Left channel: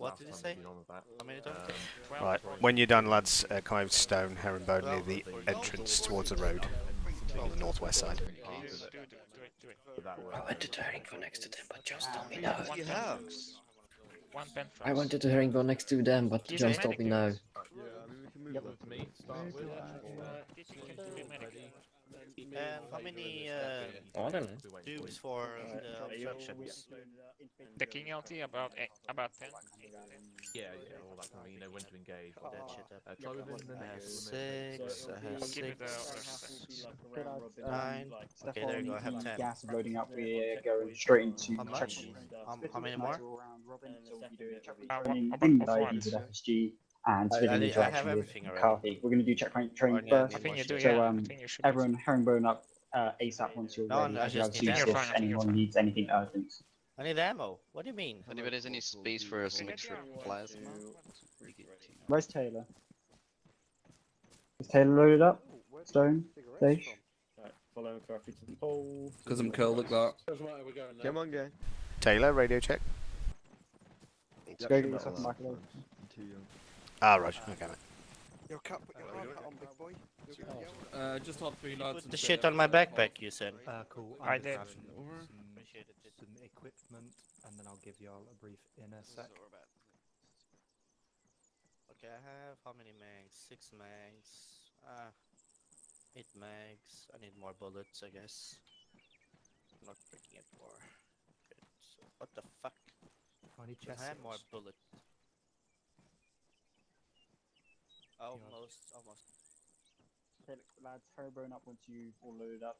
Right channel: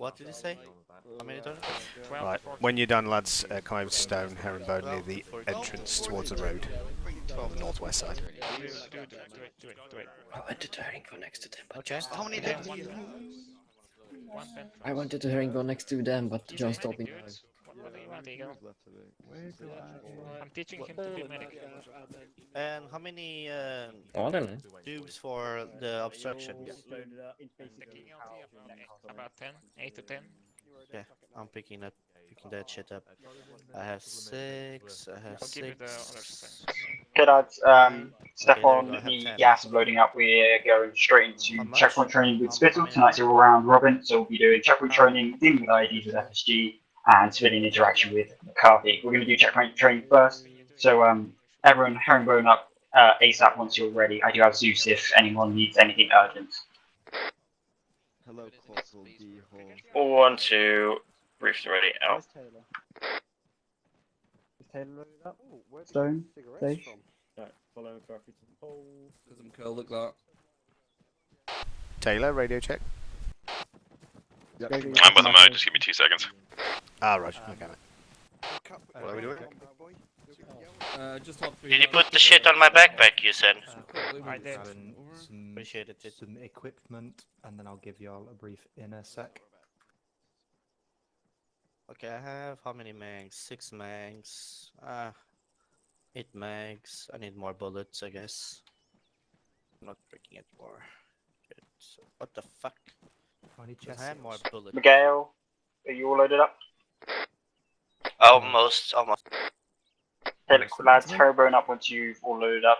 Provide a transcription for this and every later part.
What did you say? How many turns? Right, when you're done, lads, come over to Stone, Herringbone, near the entrance towards the road on the northwest side. I went to the herringbone next to them, but just How many turns do you have? I wanted to herringbone next to them, but John stopped me now. I'm teaching him to be medic. And how many Oh, I don't know. tubes for the obstructions? The King LT about 10, 8 to 10. Yeah, I'm picking that shit up. I have 6, I have I'll give you the other 6. stuff. Okay, lads. 9. Step Okay, there we on go, I have the 10. gas loading up. We're going straight How into much? checkpoint training with How Spittle. many Tonight's more? all round robin, so we'll be doing checkpoint training, About dealing with 4 IEDs with minutes. FSG, and I civilian have interaction with everything already. McCarthy. We're going to do checkpoint training I first. think you do, So, yeah. I think you should. everyone, herringbone up ASAP once you're No, ready. no, I do just have need Zeus ammo. if anyone needs anything urgent. I need ammo. What do you mean? Anybody has any space for a signature? 1, 2, briefs ready, out. Where's Taylor? Is Taylor loaded up? Stone? Safe? Right, follow McCarthy to the pole. Because I'm cool, look that. Come on, guys. Taylor, radio check. I'm with them now, just give me 2 seconds. Ah, Roger, okay, mate. What are we doing? Just hop through. Did you put the shit on my backpack, you said? I did. Appreciate it. Some equipment, and then I'll give y'all a brief in a sec. Okay, I have how many mags? 6 mags. 8 mags. I need more bullets, I guess. I'm not breaking it more. Good. So, what the fuck? I had more bullets. Miguel, are you all loaded up? Almost. Okay, lads, herringbone up once you've all loaded up.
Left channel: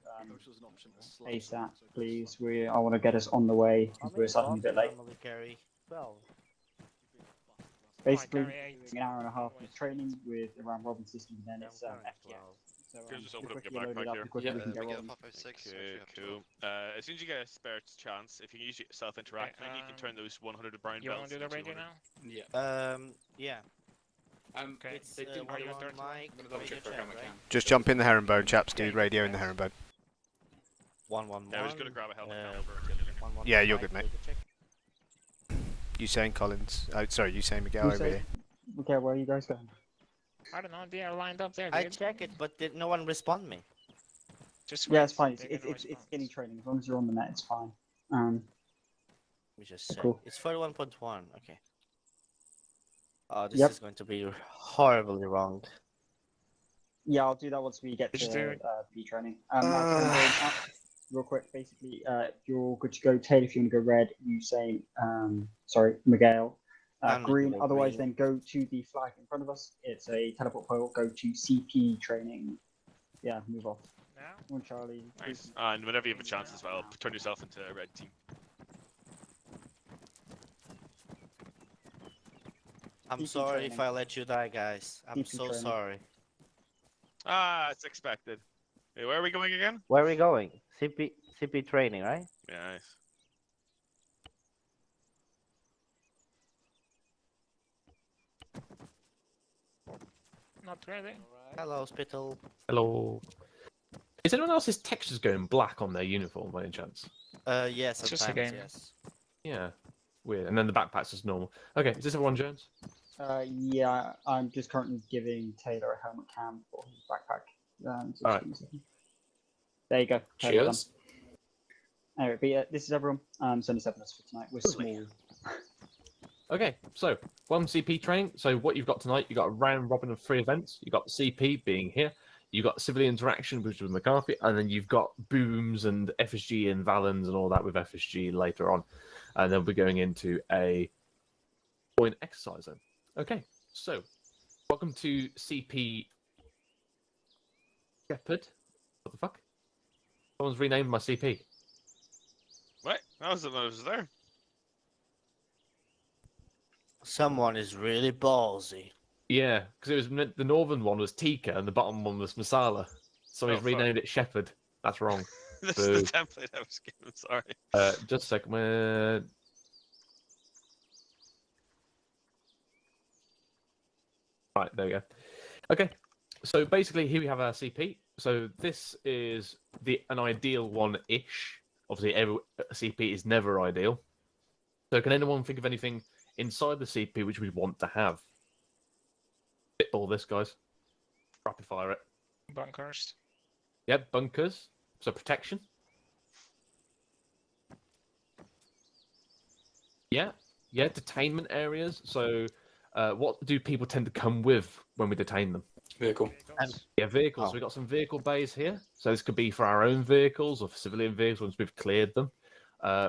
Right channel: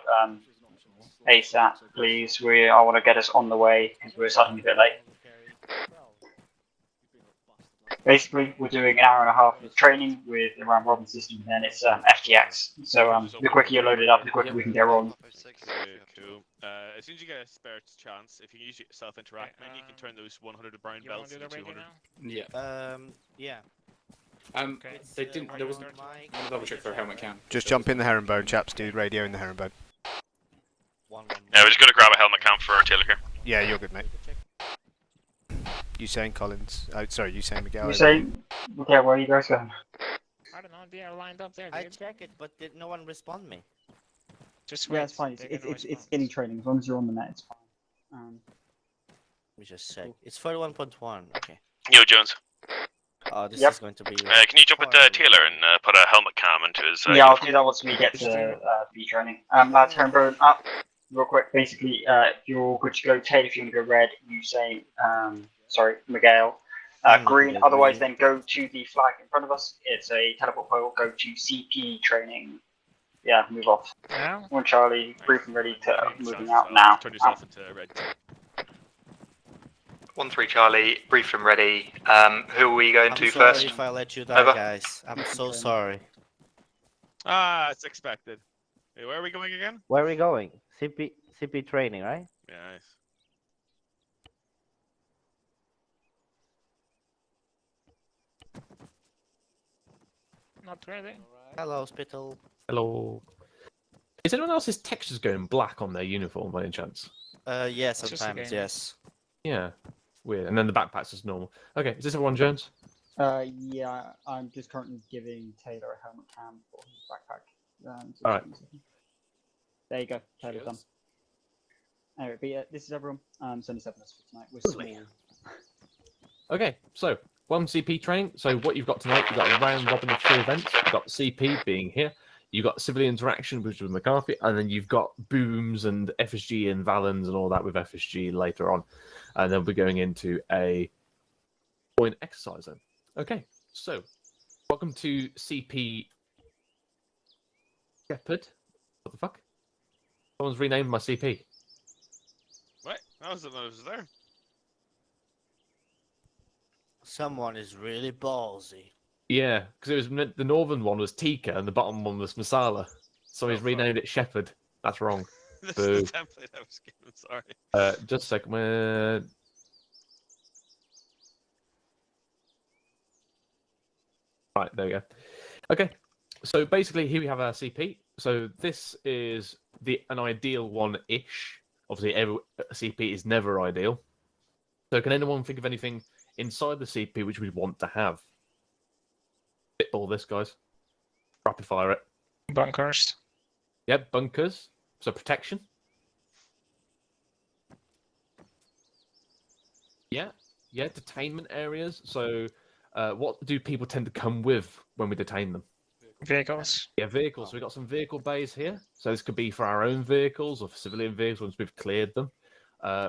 ASAP, please. I want to get us on the way because we're starting a bit late. Basically, we're doing an hour and a half of training with the round robin system, and then it's FTX. So the quicker you're loaded up, the quicker we can get rolling. Cool. As soon as you get a spare chance, if you can use your self-interact menu, you can turn those 100 brown You want belts to do into the radio 200. now? Yeah. Okay. They didn't. There was. I'm gonna double check for helmet cam. Just jump in the herringbone, chaps. Do radio in the herringbone. One. Yeah, we're just gonna grab a helmet cam for Taylor here. Yeah, you're good, mate. You saying Collins? Oh, sorry, you saying Miguel? You saying? Okay, where are you guys going? I don't know, they are lined up there, I dude. check it, but did no one respond me? Just Yeah, wait. it's fine. They It's didn't it's respond. getting training. As long as you're on the net, it's fine. Let me just check. Cool. It's 41.1. Okay. Yo, Jones. Oh, this Yep. is going to be. Can you jump with horribly Taylor long. and put a helmet cam into his Yeah, I'll uniform? do that once we get to B training. Lads, herringbone up. Real quick, basically, if you're good to go, Taylor, if you want to go red, you say, Miguel. Green, otherwise then go to the flag in front of us. It's a teleport pole. Go to CP training. Yeah, move off. Now? One Charlie, Nice. brief and ready And to whenever you have a chance moving as out well, now. turn yourself into red. 1-3 Charlie, brief and ready. Who are we going I'm to sorry first? if I let you die, Over. guys. I'm so Training. sorry. It's expected. Hey, where are we going again? Where are we going? CP training, right? Yeah, nice. Not ready. Hello, Spittle. Hello. Is anyone else's textures going black on their uniform by any chance? Yeah, just a sometimes, game. yes. Yeah. Weird. And then the backpack's just normal. Okay, is this everyone, Jones? Yeah, I'm just currently giving Taylor a helmet cam for his backpack. So Alright. there you go. Taylor's done. Cheers. Anyway, but yeah, this is everyone. It's only 7 of us for tonight. We're small. Okay, so 1 CP training. So what you've got tonight, you've got a round robin of 3 events. You've got CP being here. You've got civilian interaction, which is with McCarthy, and then you've got booms and FSG and Valens and all that with FSG later on. And then we're going into a point exercise zone. Okay, so welcome to CP Shepherd. What the fuck? Someone's renamed my CP. What? I was there. Someone is really ballsy. Yeah, because it was the northern one was Tika and the bottom one was Masala. So he's fuck. renamed it Shepherd. That's wrong. This Boo. is the template I was given, sorry. Just a second. Right, there we go. Okay, so basically here we have our CP. So this is an ideal one-ish. Obviously, every CP is never ideal. So can anyone think of anything inside the CP which we want to have. Spitball this, guys. Rapid fire it. Bunkers. Yep, bunkers. So protection. Yeah, detainment areas. So, what do people tend to come with when we detain them? Vehicles. Yeah, vehicles. Oh. So we've got some vehicle bays here. So this could be for our own vehicles or for civilian vehicles once we've cleared them.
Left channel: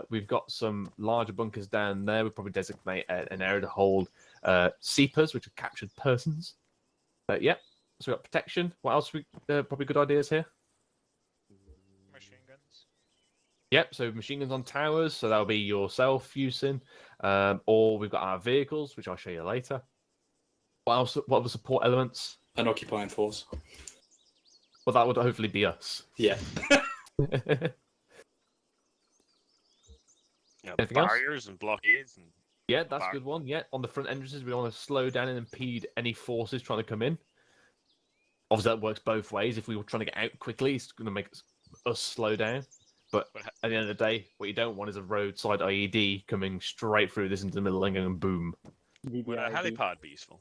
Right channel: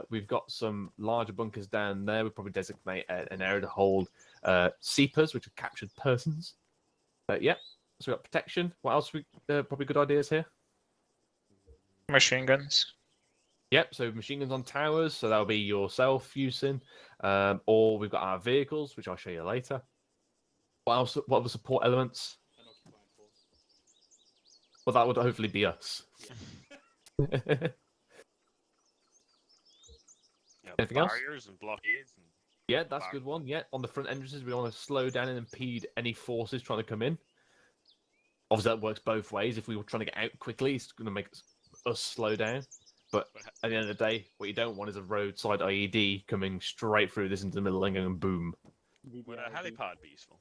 We've got some larger bunkers down there. We'll probably designate an area to hold seepers, which are captured persons. Yeah, so we've got protection. What else? Probably good ideas here. Machine guns. Yep, so machine guns on towers, so that'll be yourself using. Or we've got our vehicles, which I'll show you later. What else? What other support elements? An occupying force. Well, that would hopefully be us. Yeah. Anything else? Barriers and blockades. And Yeah, that's a good one. Yeah, on the front entrances, we want to slow down and impede any forces trying to come in. Obviously, that works both ways. If we were trying to get out quickly, it's going to make us slow down. But at the end of the day, what you don't want is a roadside IED coming straight through this into the middle and going boom. would a helipad be useful?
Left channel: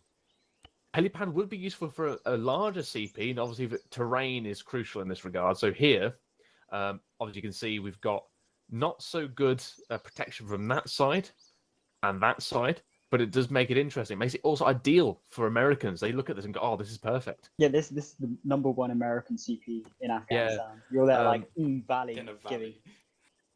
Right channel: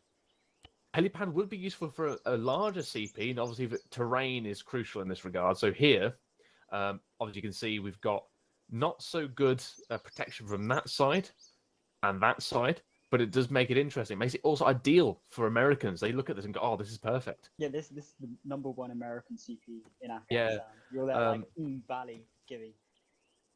Helipad would be useful for a larger CP, and obviously the terrain is crucial in this regard. So here, obviously you can see we've got not so good protection from that side and that side, but it does make it interesting. It makes it also ideal for Americans. They look at this and go, "Oh, this is perfect." Yeah, this is the #1 American CP in Afghanistan. You're there like Valley giving.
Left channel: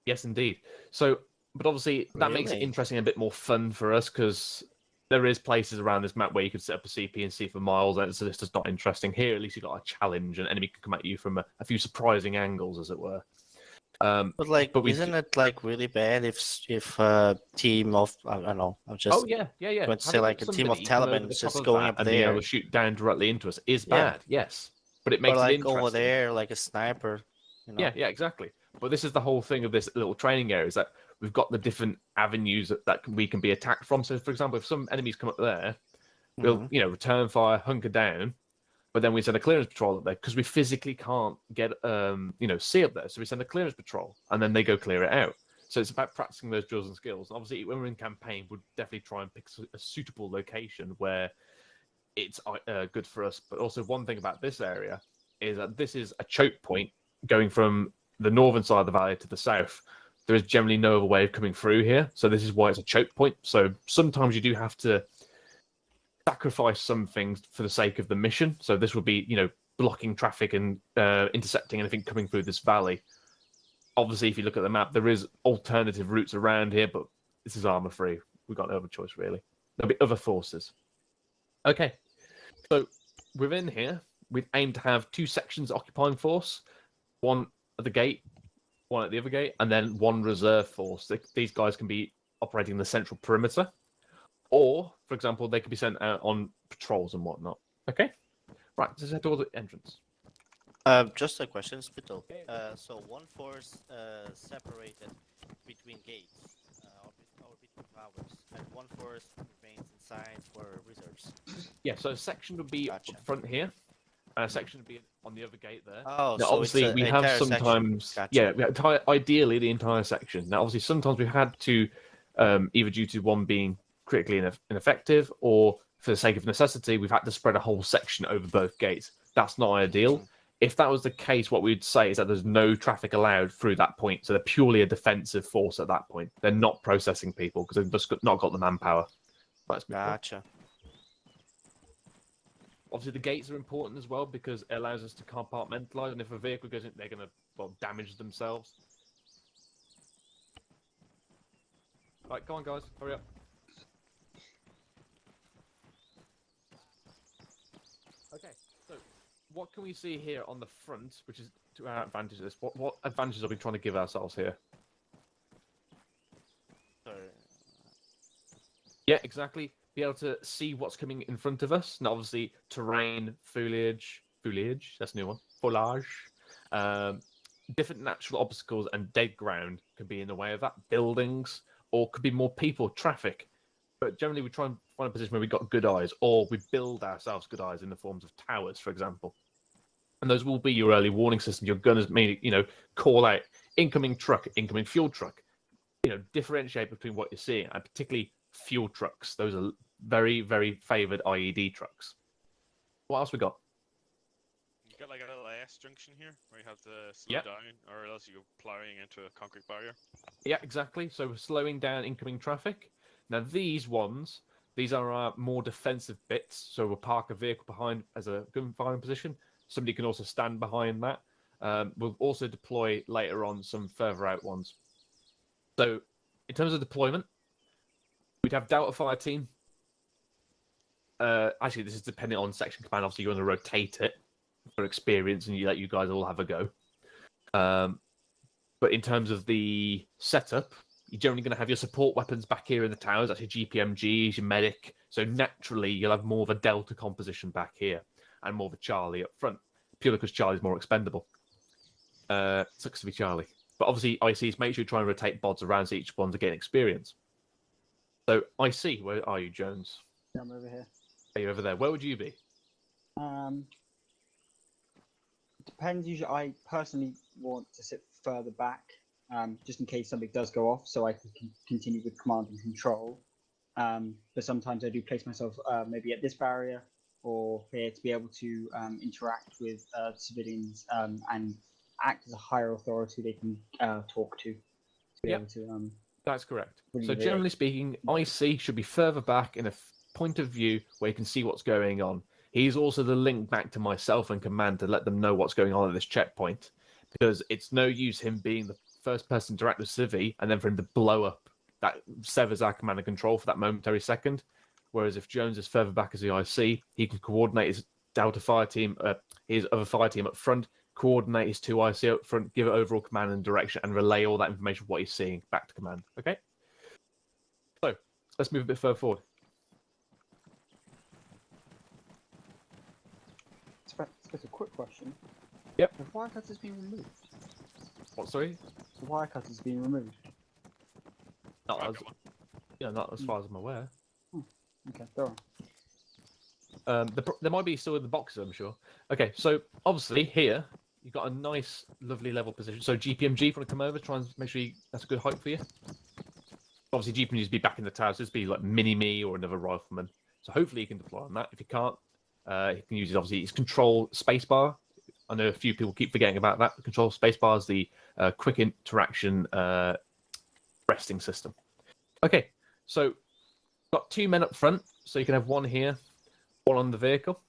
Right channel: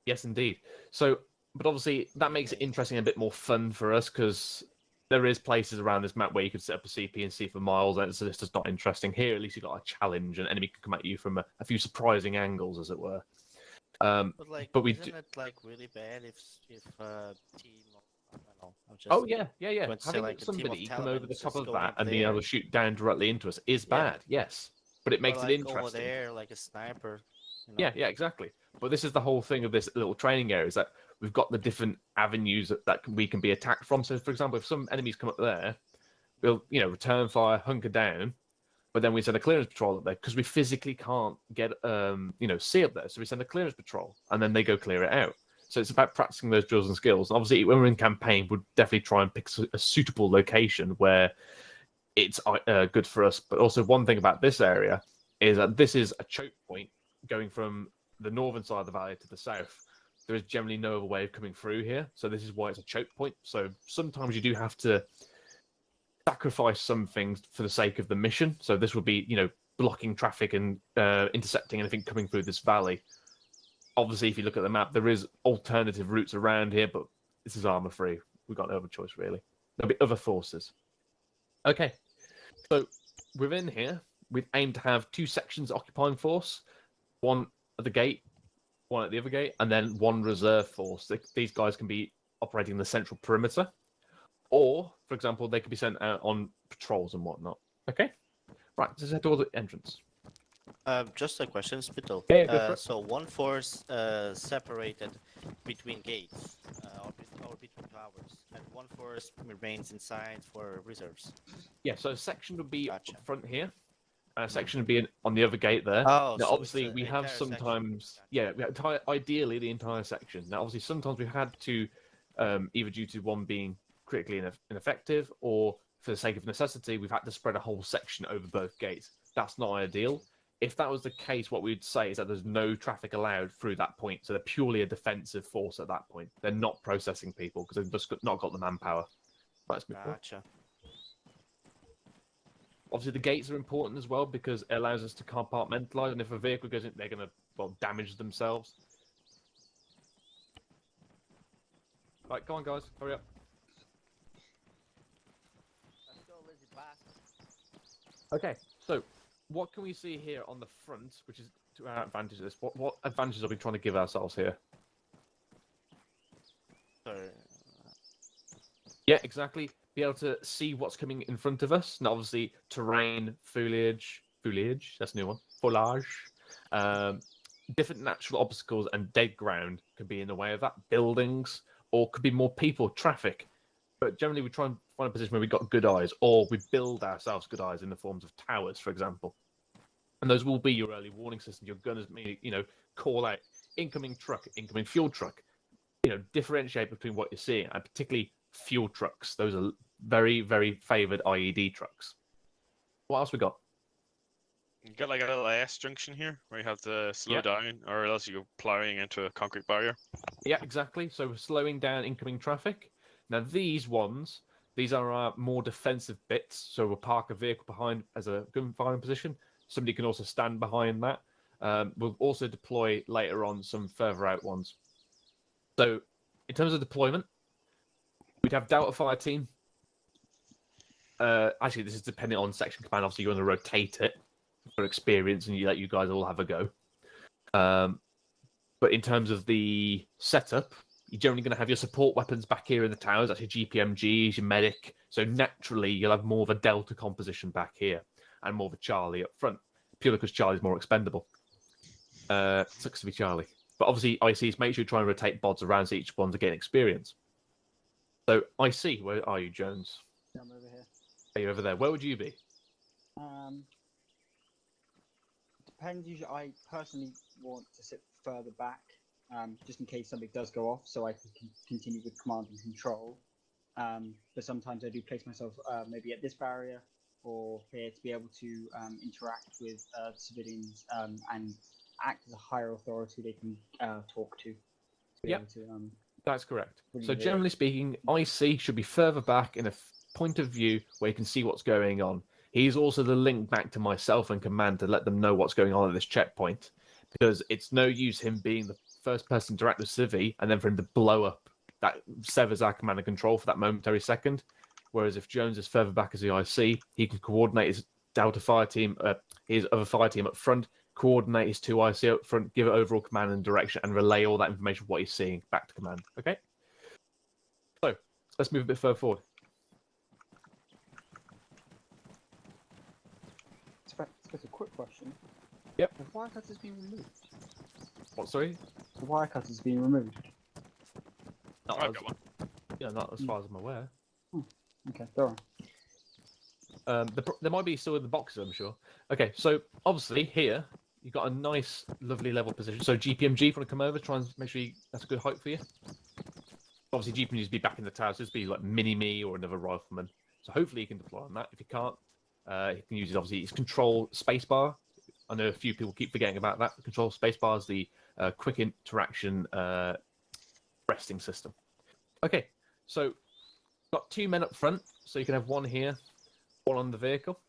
Yes, indeed. So, but obviously that makes it Really? interesting and a bit more fun for us because there is places around this map where you could set up a CP and see for miles, and so this is not interesting. Here, at least you've got a challenge, and enemy can come at you from a few surprising angles, as it were. But like, but we isn't it like really bad if a team of I don't know, I'm just Oh yeah. going to say like a team of Somebody come over Taliban the is top just of going that up and being there, able to shoot down directly into us is Yeah. bad. Yes, but it or makes it like interesting. over there like a sniper. You know? Yeah, exactly. But this is the whole thing of this little training area is that we've got the different avenues that we can be attacked from. So, for example, if some enemies come up there, we'll Mhm. return fire, hunker down, but then we send a clearance patrol up there because we physically can't get see up there. So we send a clearance patrol and then they go clear it out. So it's about practicing those drills and skills. And obviously, when we're in campaign, we'd definitely try and pick a suitable location where it's good for us. But also, one thing about this area is that this is a choke point going from the northern side of the valley to the south. There is generally no other way of coming through here. So this is why it's a choke point. So sometimes you do have to sacrifice some things for the sake of the mission. So this would be, blocking traffic and intercepting anything coming through this valley. Obviously, if you look at the map, there is alternative routes around here, but this is armor free. We've got no other choice, really. There'll be other forces. Okay, so within here, we'd aim to have 2 sections occupying force, one at the gate, one at the other gate, and then 1 reserve force. These guys can be operating in the central perimeter, or, for example, they could be sent out on patrols and whatnot. Okay, right. Let's head towards the entrance. Just a question, Spittle. Yeah, go for it. So one force separated between gates or between towers, and one force remains inside for reserves. Yeah, so a section would be Gotcha. up front here. A section would be on the other gate there. Oh, Now, so obviously, it's we have entire section. sometimes, Gotcha. ideally the entire section. Now, obviously, sometimes we've had to, either due to one being critically ineffective, or for the sake of necessity, we've had to spread a whole section over both gates. That's not ideal. If that was the case, what we'd say is that there's no traffic allowed through that point. So they're purely a defensive force at that point. They're not processing people because they've just not got the manpower. That's Gotcha. Obviously, the gates are important as well because it allows us to compartmentalize, and if a vehicle goes in, they're going to damage themselves. Right, come on, guys, hurry up. Okay, so what can we see here on the front, which is to our advantage of this? What advantages are we trying to give ourselves here? Yeah, exactly. Be able to see what's coming in front of us. And obviously, terrain, foliage, that's a new one, foliage. Different natural obstacles and dead ground could be in the way of that. Buildings, or could be more people, traffic. But generally, we try and find a position where we've got good eyes, or we build ourselves good eyes in the forms of towers, for example. And those will be your early warning system. Your gunners may, call out incoming truck, incoming fuel truck. Differentiate between what you're seeing, and particularly fuel trucks. Those are very, very favoured IED trucks. What else we got? You got like a little S junction here where you have to slow Yep. down, or else you go plowing into a concrete barrier. Yeah, exactly. So we're slowing down incoming traffic. Now these are our more defensive bits. So we'll park a vehicle behind as a gun firing position. Somebody can also stand behind that. We'll also deploy later on some further out ones. So in terms of deployment, we'd have Delta Fire Team. Actually, this is depending on section command. Obviously, you want to rotate it for experience, and you let you guys all have a go. But in terms of the setup, you're generally going to have your support weapons back here in the towers. That's your GPMGs, your medic. So naturally, you'll have more of a Delta composition back here and more of a Charlie up front, purely because Charlie's more expendable. Sucks to be Charlie. But obviously, ICs, make sure you try and rotate bods around so each one's getting experience. So, IC, where are you, Jones? I'm over here. Are you over there? Where would you be? Depends. Usually, I personally want to sit further back, just in case something does go off, so I can continue with command and control. But sometimes I do place myself maybe at this barrier or here to be able to interact with civilians and act as a higher authority they can talk to. Be Yep. able to, That's correct. Really So good. generally speaking, IC should be further back in a point of view where you can see what's going on. He's also the link back to myself and command to let them know what's going on at this checkpoint, because it's no use him being the first person to interact with Civi and then for him to blow up. That severs our command and control for that momentary second. Whereas if Jones is further back as the IC, he can coordinate his Delta fire team, his other fire team up front, coordinate his two IC up front, give it overall command and direction, and relay all that information, what he's seeing, back to command. Okay? So, let's move a bit further forward. Just a quick question. Yep. The wire cut has been removed. What, sorry? The wire cut has been removed. Not as, not as far as I'm aware. Okay, go on. There might be still in the boxes, I'm sure. Okay, so obviously here you've got a nice, lovely level position. So GPMG, if you want to come over, try and make sure that's a good height for you. Obviously, GPMGs be back in the towers. This be like mini me or another rifleman. So hopefully you can deploy on that. If you can't, you can use his control spacebar. I know a few people keep forgetting about that. The control spacebar is the quick interaction resting system. Okay, so got 2 men up front, so you can have one here, one on the vehicle.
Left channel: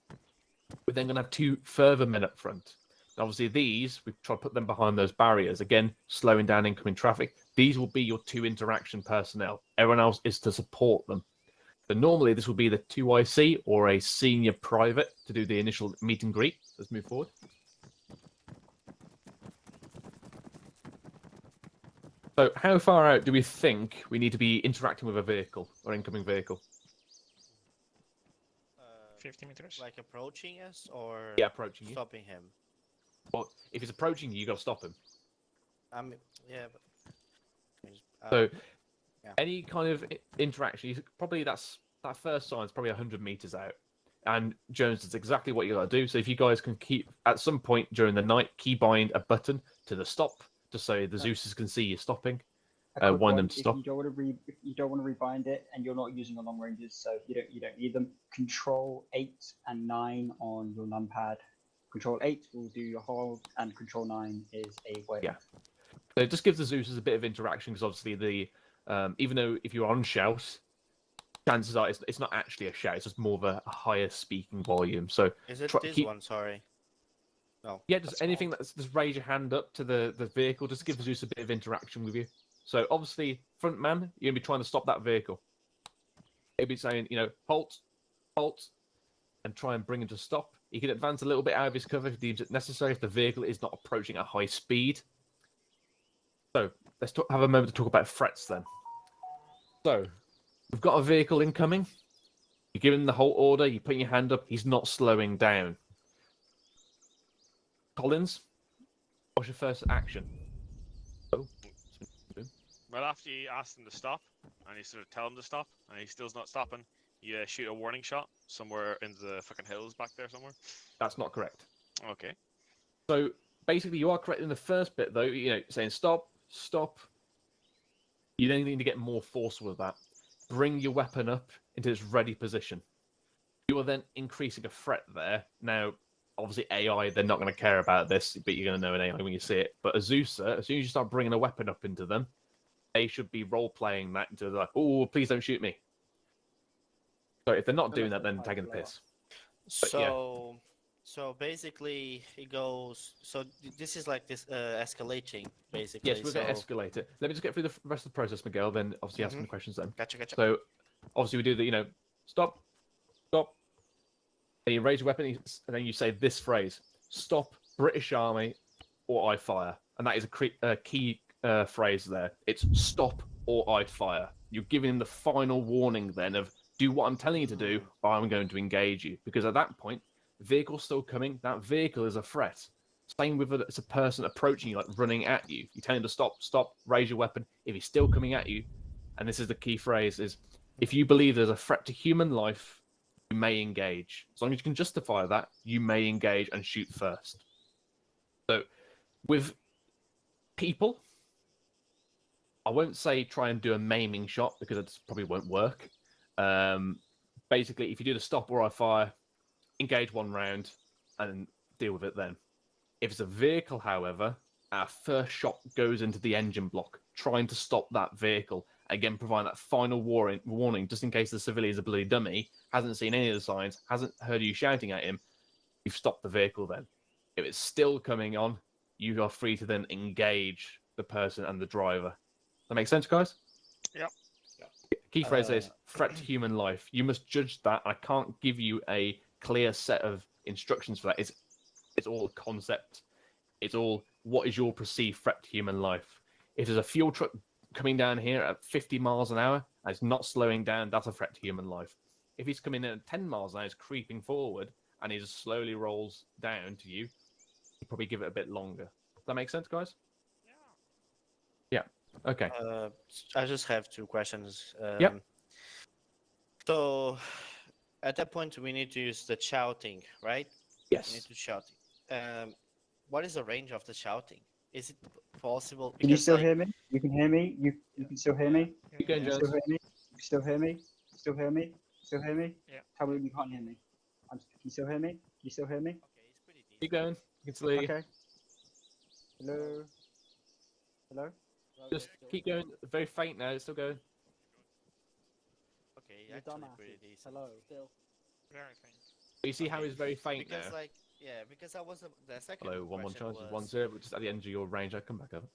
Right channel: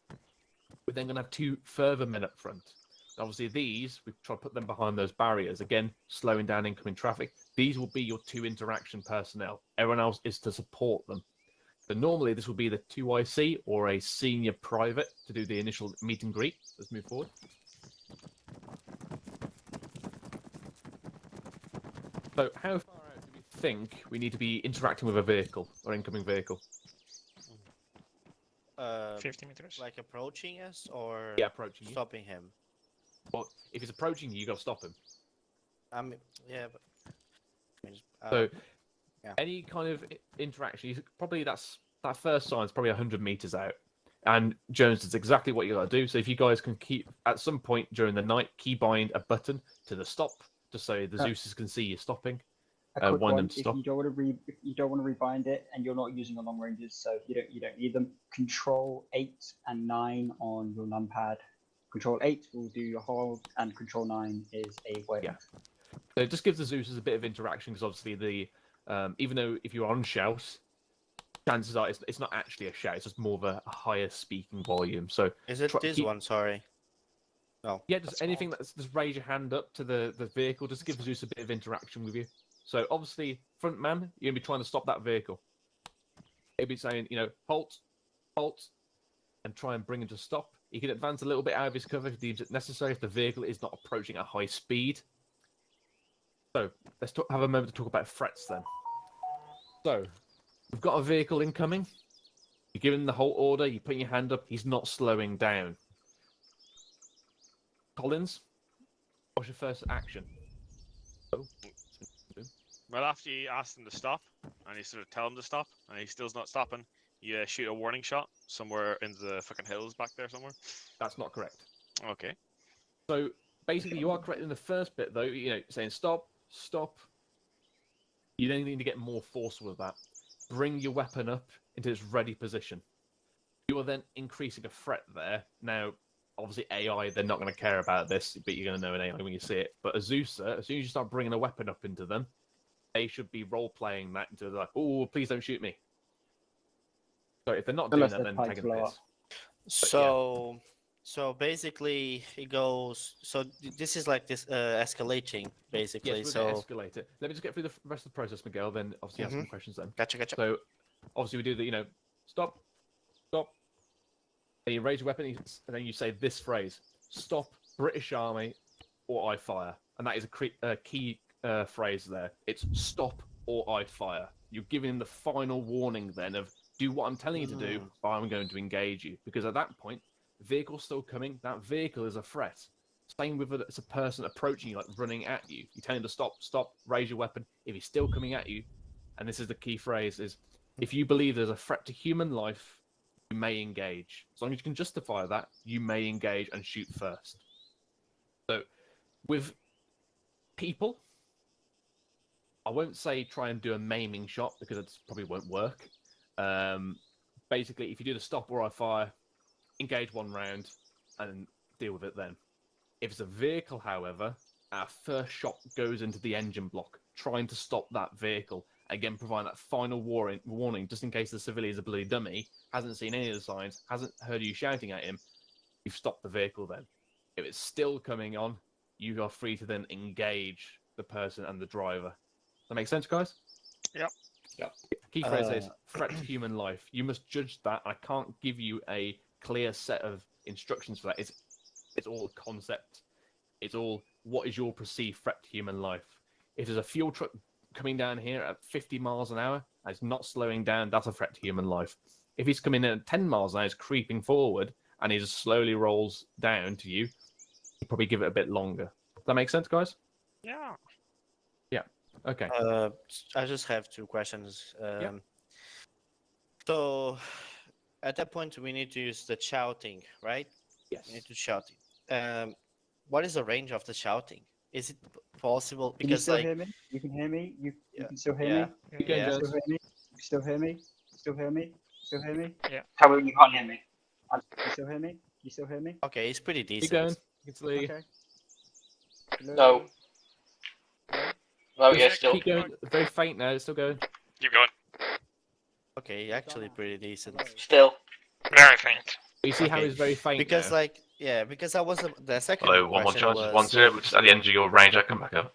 We're then going to have 2 further men up front. And obviously these, we try to put them behind those barriers, again, slowing down incoming traffic. These will be your 2 interaction personnel. Everyone else is to support them. So normally this will be the 2 IC or a senior private to do the initial meet and greet. Let's move forward. So how far out do we think we need to be interacting with a vehicle or incoming vehicle? 50 meters. Like approaching us or Yeah, approaching you. stopping him? Well, if he's approaching you, you got to stop him. Yeah, but So yeah. any kind of interaction, probably that first sign is probably 100 meters out. And Jones does exactly what you got to do. So if you guys can keep, at some point during the night, keybind a button to the stop, just so the Zeus's can see you stopping. Want them to stop. If you don't want to rebind it, and you're not using the long ranges, so you don't need them. Control 8 and 9 on your numpad. Control 8 will do your hold, and Control 9 is a wave. Yeah. So it just gives the Zeus's a bit of interaction because obviously even though if you're on shout, chances are it's not actually a shout; it's just more of a higher speaking volume. So is it this one? Sorry. No. Yeah, just anything that's just raise your hand up to the vehicle, just give Zeus a bit of interaction with you. So obviously, front man, you're gonna be trying to stop that vehicle. It'll be saying, halt, and try and bring him to stop. He can advance a little bit out of his cover if he deems it necessary if the vehicle is not approaching at high speed. So let's have a moment to talk about threats then. So we've got a vehicle incoming. You give him the halt order. You put your hand up. He's not slowing down. Collins, what's your first action? Well, after you ask him to stop, and you sort of tell him to stop, and he still's not stopping, you shoot a warning shot somewhere in the fucking hills back there somewhere. That's not correct. Okay. So basically, you are correct in the first bit, though. Saying stop. You then need to get more forceful with that. bring your weapon up into its ready position. You are then increasing a threat there. Now, obviously AI, they're not going to care about this, but you're going to know an AI when you see it. But Azusa, as soon as you start bringing a weapon up into them, they should be role-playing that into like, oh, please don't shoot me. So if they're not doing that, then taking the piss. So, so basically, it goes. So this is like this escalating, basically. Yes, we're so going to escalate it. Let me just get through the rest of the process, Miguel. Then obviously ask some questions. Then Gotcha. So obviously we do the stop, stop. Then you raise your weapon, and then you say this phrase: "Stop, British Army, or I fire." And that is a key phrase there. It's "Stop, or I fire." You're giving them the final warning then of do what I'm telling you to do, or I'm going to engage you. Because at that point, the vehicle's still coming. That vehicle is a threat. Same with it's a person approaching you, like running at you. You tell him to stop, raise your weapon. If he's still coming at you, and this is the key phrase, is if you believe there's a threat to human life, you may engage. As long as you can justify that, you may engage and shoot first. So, with people, I won't say try and do a maiming shot because it probably won't work. Basically, if you do the stop or I fire, engage one round and deal with it then. If it's a vehicle, however, our first shot goes into the engine block, trying to stop that vehicle. Again, provide that final warning, just in case the civilian is a bloody dummy, hasn't seen any of the signs, hasn't heard you shouting at him. You've stopped the vehicle then. If it's still coming on, you are free to then engage the person and the driver. That makes sense, guys? Yep. Key phrase is threat to human life. You must judge that. I can't give you a clear set of instructions for that. It's all concept. It's all what is your perceived threat to human life. If there's a fuel truck coming down here at 50 miles an hour and it's not slowing down, that's a threat to human life. If he's coming in at 10 miles an hour, he's creeping forward and he just slowly rolls down to you, you probably give it a bit longer. Does that make sense, guys? Yeah. Yeah. Okay. I just have two questions. Yep. So, at that point, we need to use the shouting, right? Yes. We need to shout. What is the range of the shouting? Is it possible? Can you Because still like, hear me? You can hear me? You can still hear me? Keep going, You Jones. still hear me? You still hear me? You still hear me? You still hear me? Yeah. How about you can't hear me? You still hear me? You still hear me? Okay, it's pretty decent. Keep going. You can still hear you. Okay. Hello? No. Hello? No, yeah, still. Keep going. Very faint now. It's still going. Keep going. Okay, actually pretty decent. Hello? Still. Very faint. You see how Okay. he's very faint Because now? like, yeah, because I was the second Hello, one more question charge. was 1-0, which is at the end of your range. I come back up.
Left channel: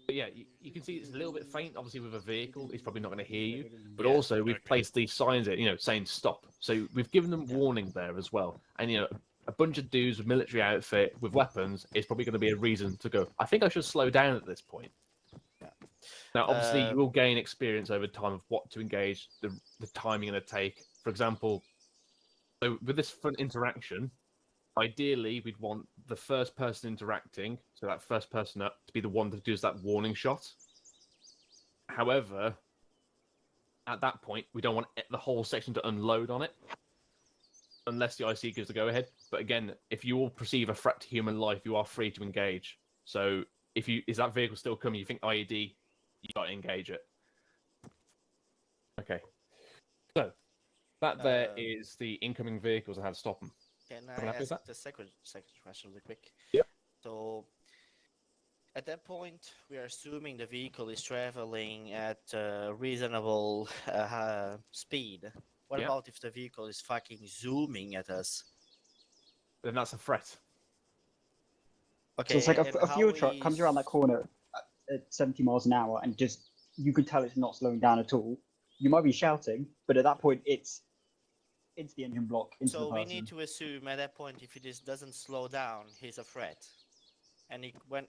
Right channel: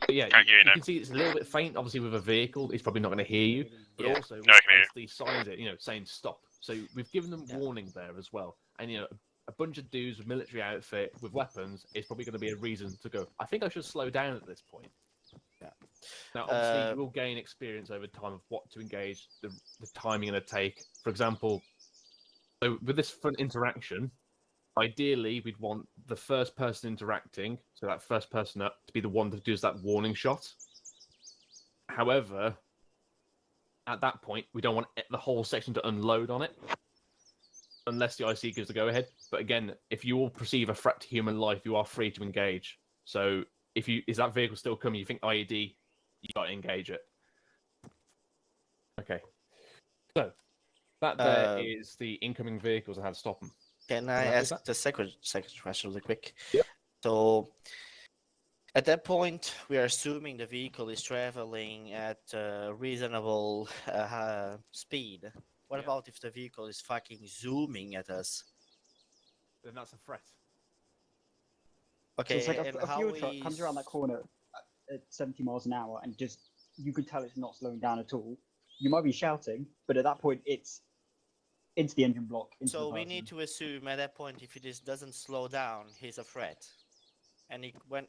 But yeah, Can't hear you you now. can see it's a little bit faint. Obviously, with a vehicle, he's probably not going to hear you. But Yeah. also, we've I can hear placed these signs there, saying stop. So we've given them warning there as well. And a bunch of dudes with military outfit with weapons is probably going to be a reason to go, I think I should slow down at this point. Yeah. Now, obviously, you will gain experience over time of what to engage, the timing going to take. For example, so with this front interaction, ideally, we'd want the first person interacting, so that first person up, to be the one that does that warning shot. However, at that point, we don't want the whole section to unload on it, unless the IC gives the go-ahead. But again, if you all perceive a threat to human life, you are free to engage. So is that vehicle still coming, you think IED, you got to engage it. Okay. So, that there is the incoming vehicles and how to stop them. Can I ask the second question really quick? Yep. So, at that point, we are assuming the vehicle is traveling at a reasonable speed. What Yeah. about if the vehicle is fucking zooming at us? Then that's a threat. Okay, So it's like and a how fuel truck comes around that is- corner at 70 miles an hour and just, you can tell it's not slowing down at all. You might be shouting, but at that point, it's into the engine block. Into So the we person. need to assume at that point, if it doesn't slow down, he's a threat. And he went.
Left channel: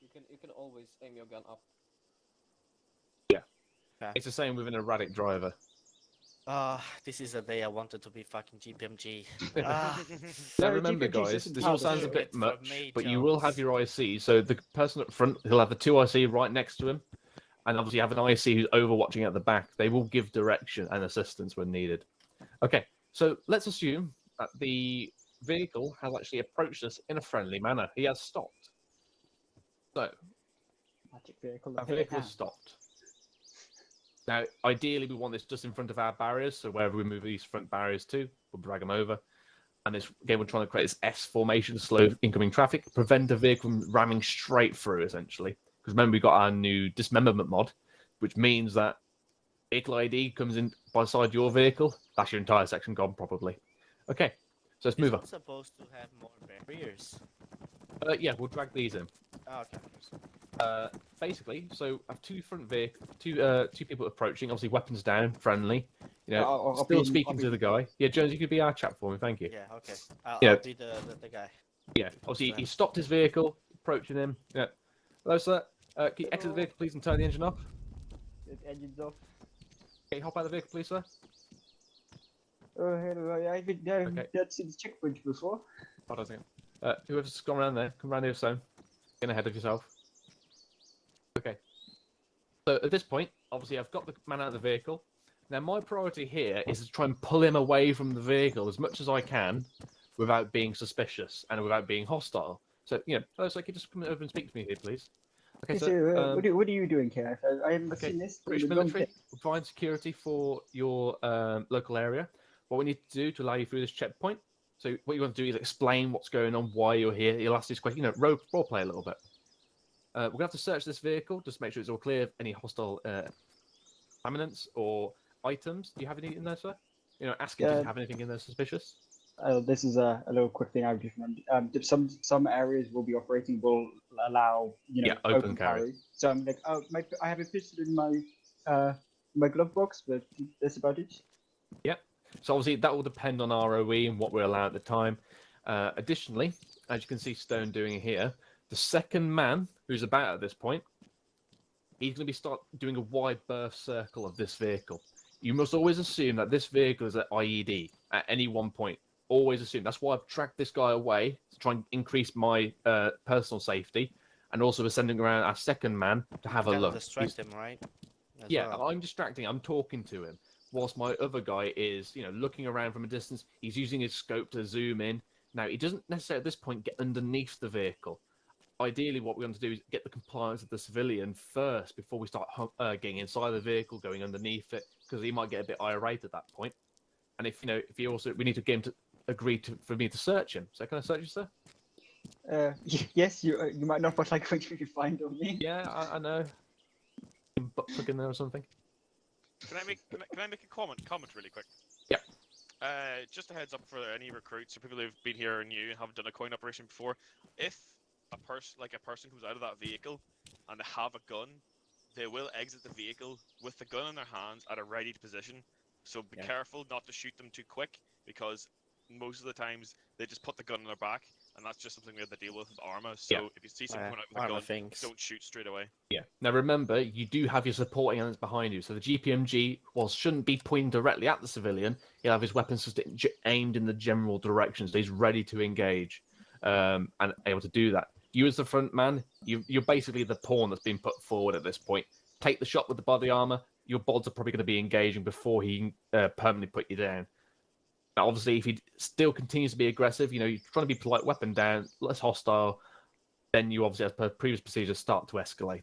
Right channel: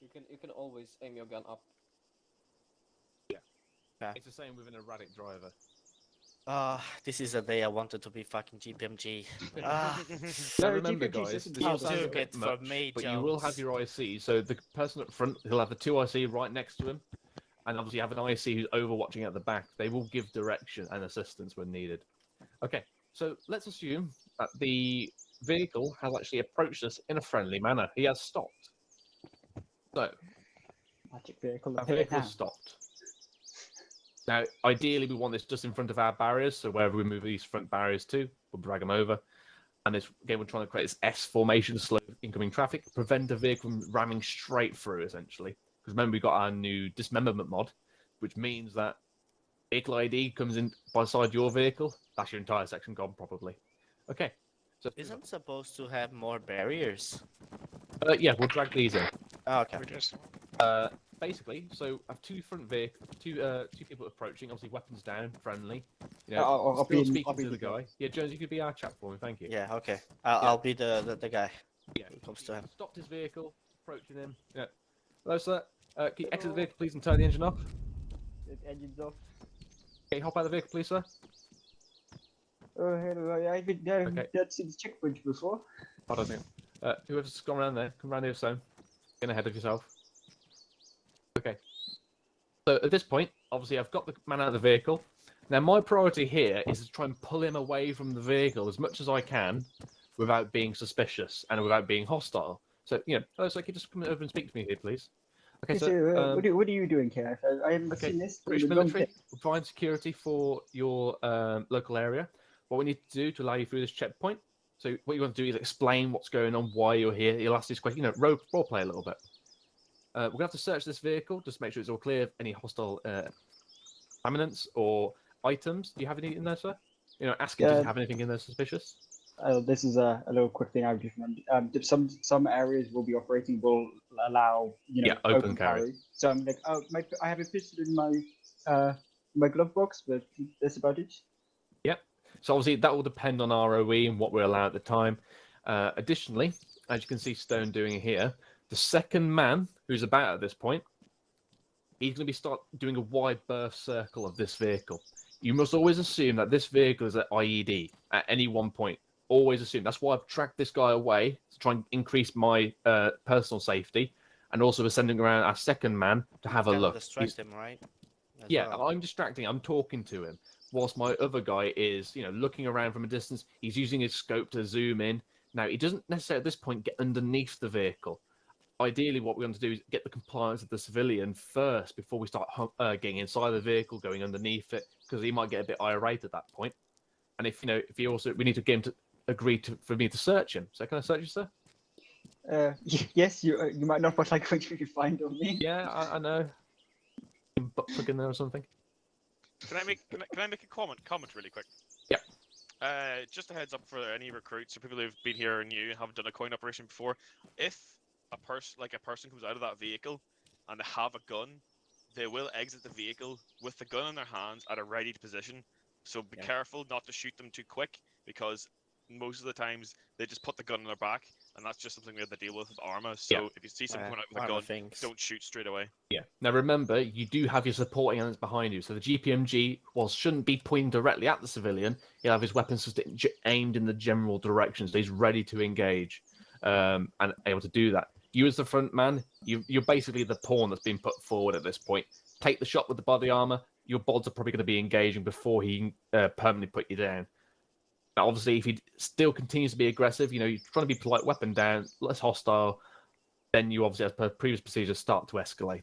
You can always aim your gun up. Yeah. It's the same with an erratic driver. This is the day I wanted to be fucking GPMG. Now No, remember, GPMG guys, system this all does sounds a it. bit For much, me, but you will have Jones. your IC. So the person up front, he'll have the two IC right next to him, and obviously have an IC who's overwatching at the back. They will give direction and assistance when needed. Okay, so let's assume that the vehicle has actually approached us in a friendly manner. He has stopped. So Magic vehicle. Our Hit it vehicle now. has stopped. Now, ideally, we want this just in front of our barriers, so wherever we move these front barriers to, we'll drag them over. And this game, we're trying to create this S formation to slow incoming traffic, prevent a vehicle from ramming straight through, essentially. Because remember, we got our new dismemberment mod, which means that vehicle ID comes in by side your vehicle, that's your entire section gone, probably. Okay, so let's move on. Isn't supposed to have more barriers? Yeah, we'll drag these in. Oh, okay. Basically, so I have two front vehicles, two people approaching. Obviously, weapons down, friendly. You know, I'll still be- speaking I'll be to the the guy. guy. Yeah, Jones, you could be our chap for me. Thank you. Yeah, okay. Yeah. I'll be the guy. Yeah, obviously he stopped his vehicle, approaching him. Yeah. Hello, sir. Can you exit the vehicle, please, and turn the engine off? The engine's off. Can you hop out of the vehicle, please, sir? Oh, hello. I've been down to the checkpoint before. Hold on a second. Whoever's gone around there, come around here, Stone. Get ahead of yourself. Okay. So at this point, obviously, I've got the man out of the vehicle. Now, my priority here is to try and pull him away from the vehicle as much as I can without being suspicious and without being hostile. So, you know, hello, sir, can you just come over and speak to me here, please? Okay, Yes, so, sir, what are you doing here? I haven't seen this. British in a long military, time. we'll provide security for your local area. What we need to do to allow you through this checkpoint. So what you want to do is explain what's going on, why you're here. You'll ask this question, you know, role play a little bit. We're going to have to search this vehicle just to make sure it's all clear of any hostile eminence or items. Do you have anything in there, sir? You know, asking, do you have anything in there suspicious? This is a little quick thing I would just remember. Some areas will be operating will allow open carry. So I'm like, I have a pistol in my glove box, but that's about it. Yep. So obviously that will depend on ROE and what we're allowed at the time. Additionally, as you can see Stone doing here, the second man who's about at this point, he's going to start doing a wide berth circle of this vehicle. You must always assume that this vehicle is at IED at any one point. Always assume. That's why I've tracked this guy away to try and increase my personal safety, and also we're sending around our second man to have a look. Distract him, right? Yeah, I'm distracting. I'm talking to him, whilst my other guy is, you know, looking around from a distance. He's using his scope to zoom in. Now, he doesn't necessarily at this point get underneath the vehicle. Ideally, what we want to do is get the compliance of the civilian first before we start getting inside the vehicle, going underneath it, because he might get a bit irate at that point. And if we need to get him to agree for me to search him. So can I search you, sir? Yes, you might not, but like what you can find on me. Yeah, I know. Butt plug in there or something. Can I make a comment really quick? Yeah. Just a heads up for any recruits or people who've been here and new and haven't done a coin operation before. If a person comes out of that vehicle and they have a gun, they will exit the vehicle with the gun in their hands at a ready position. So be careful not to shoot them too quick, because most of the times they just put the gun in their back, and that's just something we have to deal with Arma. So if you see someone coming out with a gun, don't shoot straight away. Yeah. Now remember, you do have your supporting elements behind you. So the GPMG, shouldn't be pointing directly at the civilian. He'll have his weapons aimed in the general direction, so he's ready to engage and able to do that. You as the front man, you're basically the pawn that's been put forward at this point. Take the shot with the body armor. Your bods are probably going to be engaging before he can permanently put you down. Now, obviously, if he still continues to be aggressive, you're trying to be polite, weapon down, less hostile, then you obviously, as per previous procedures, start to escalate.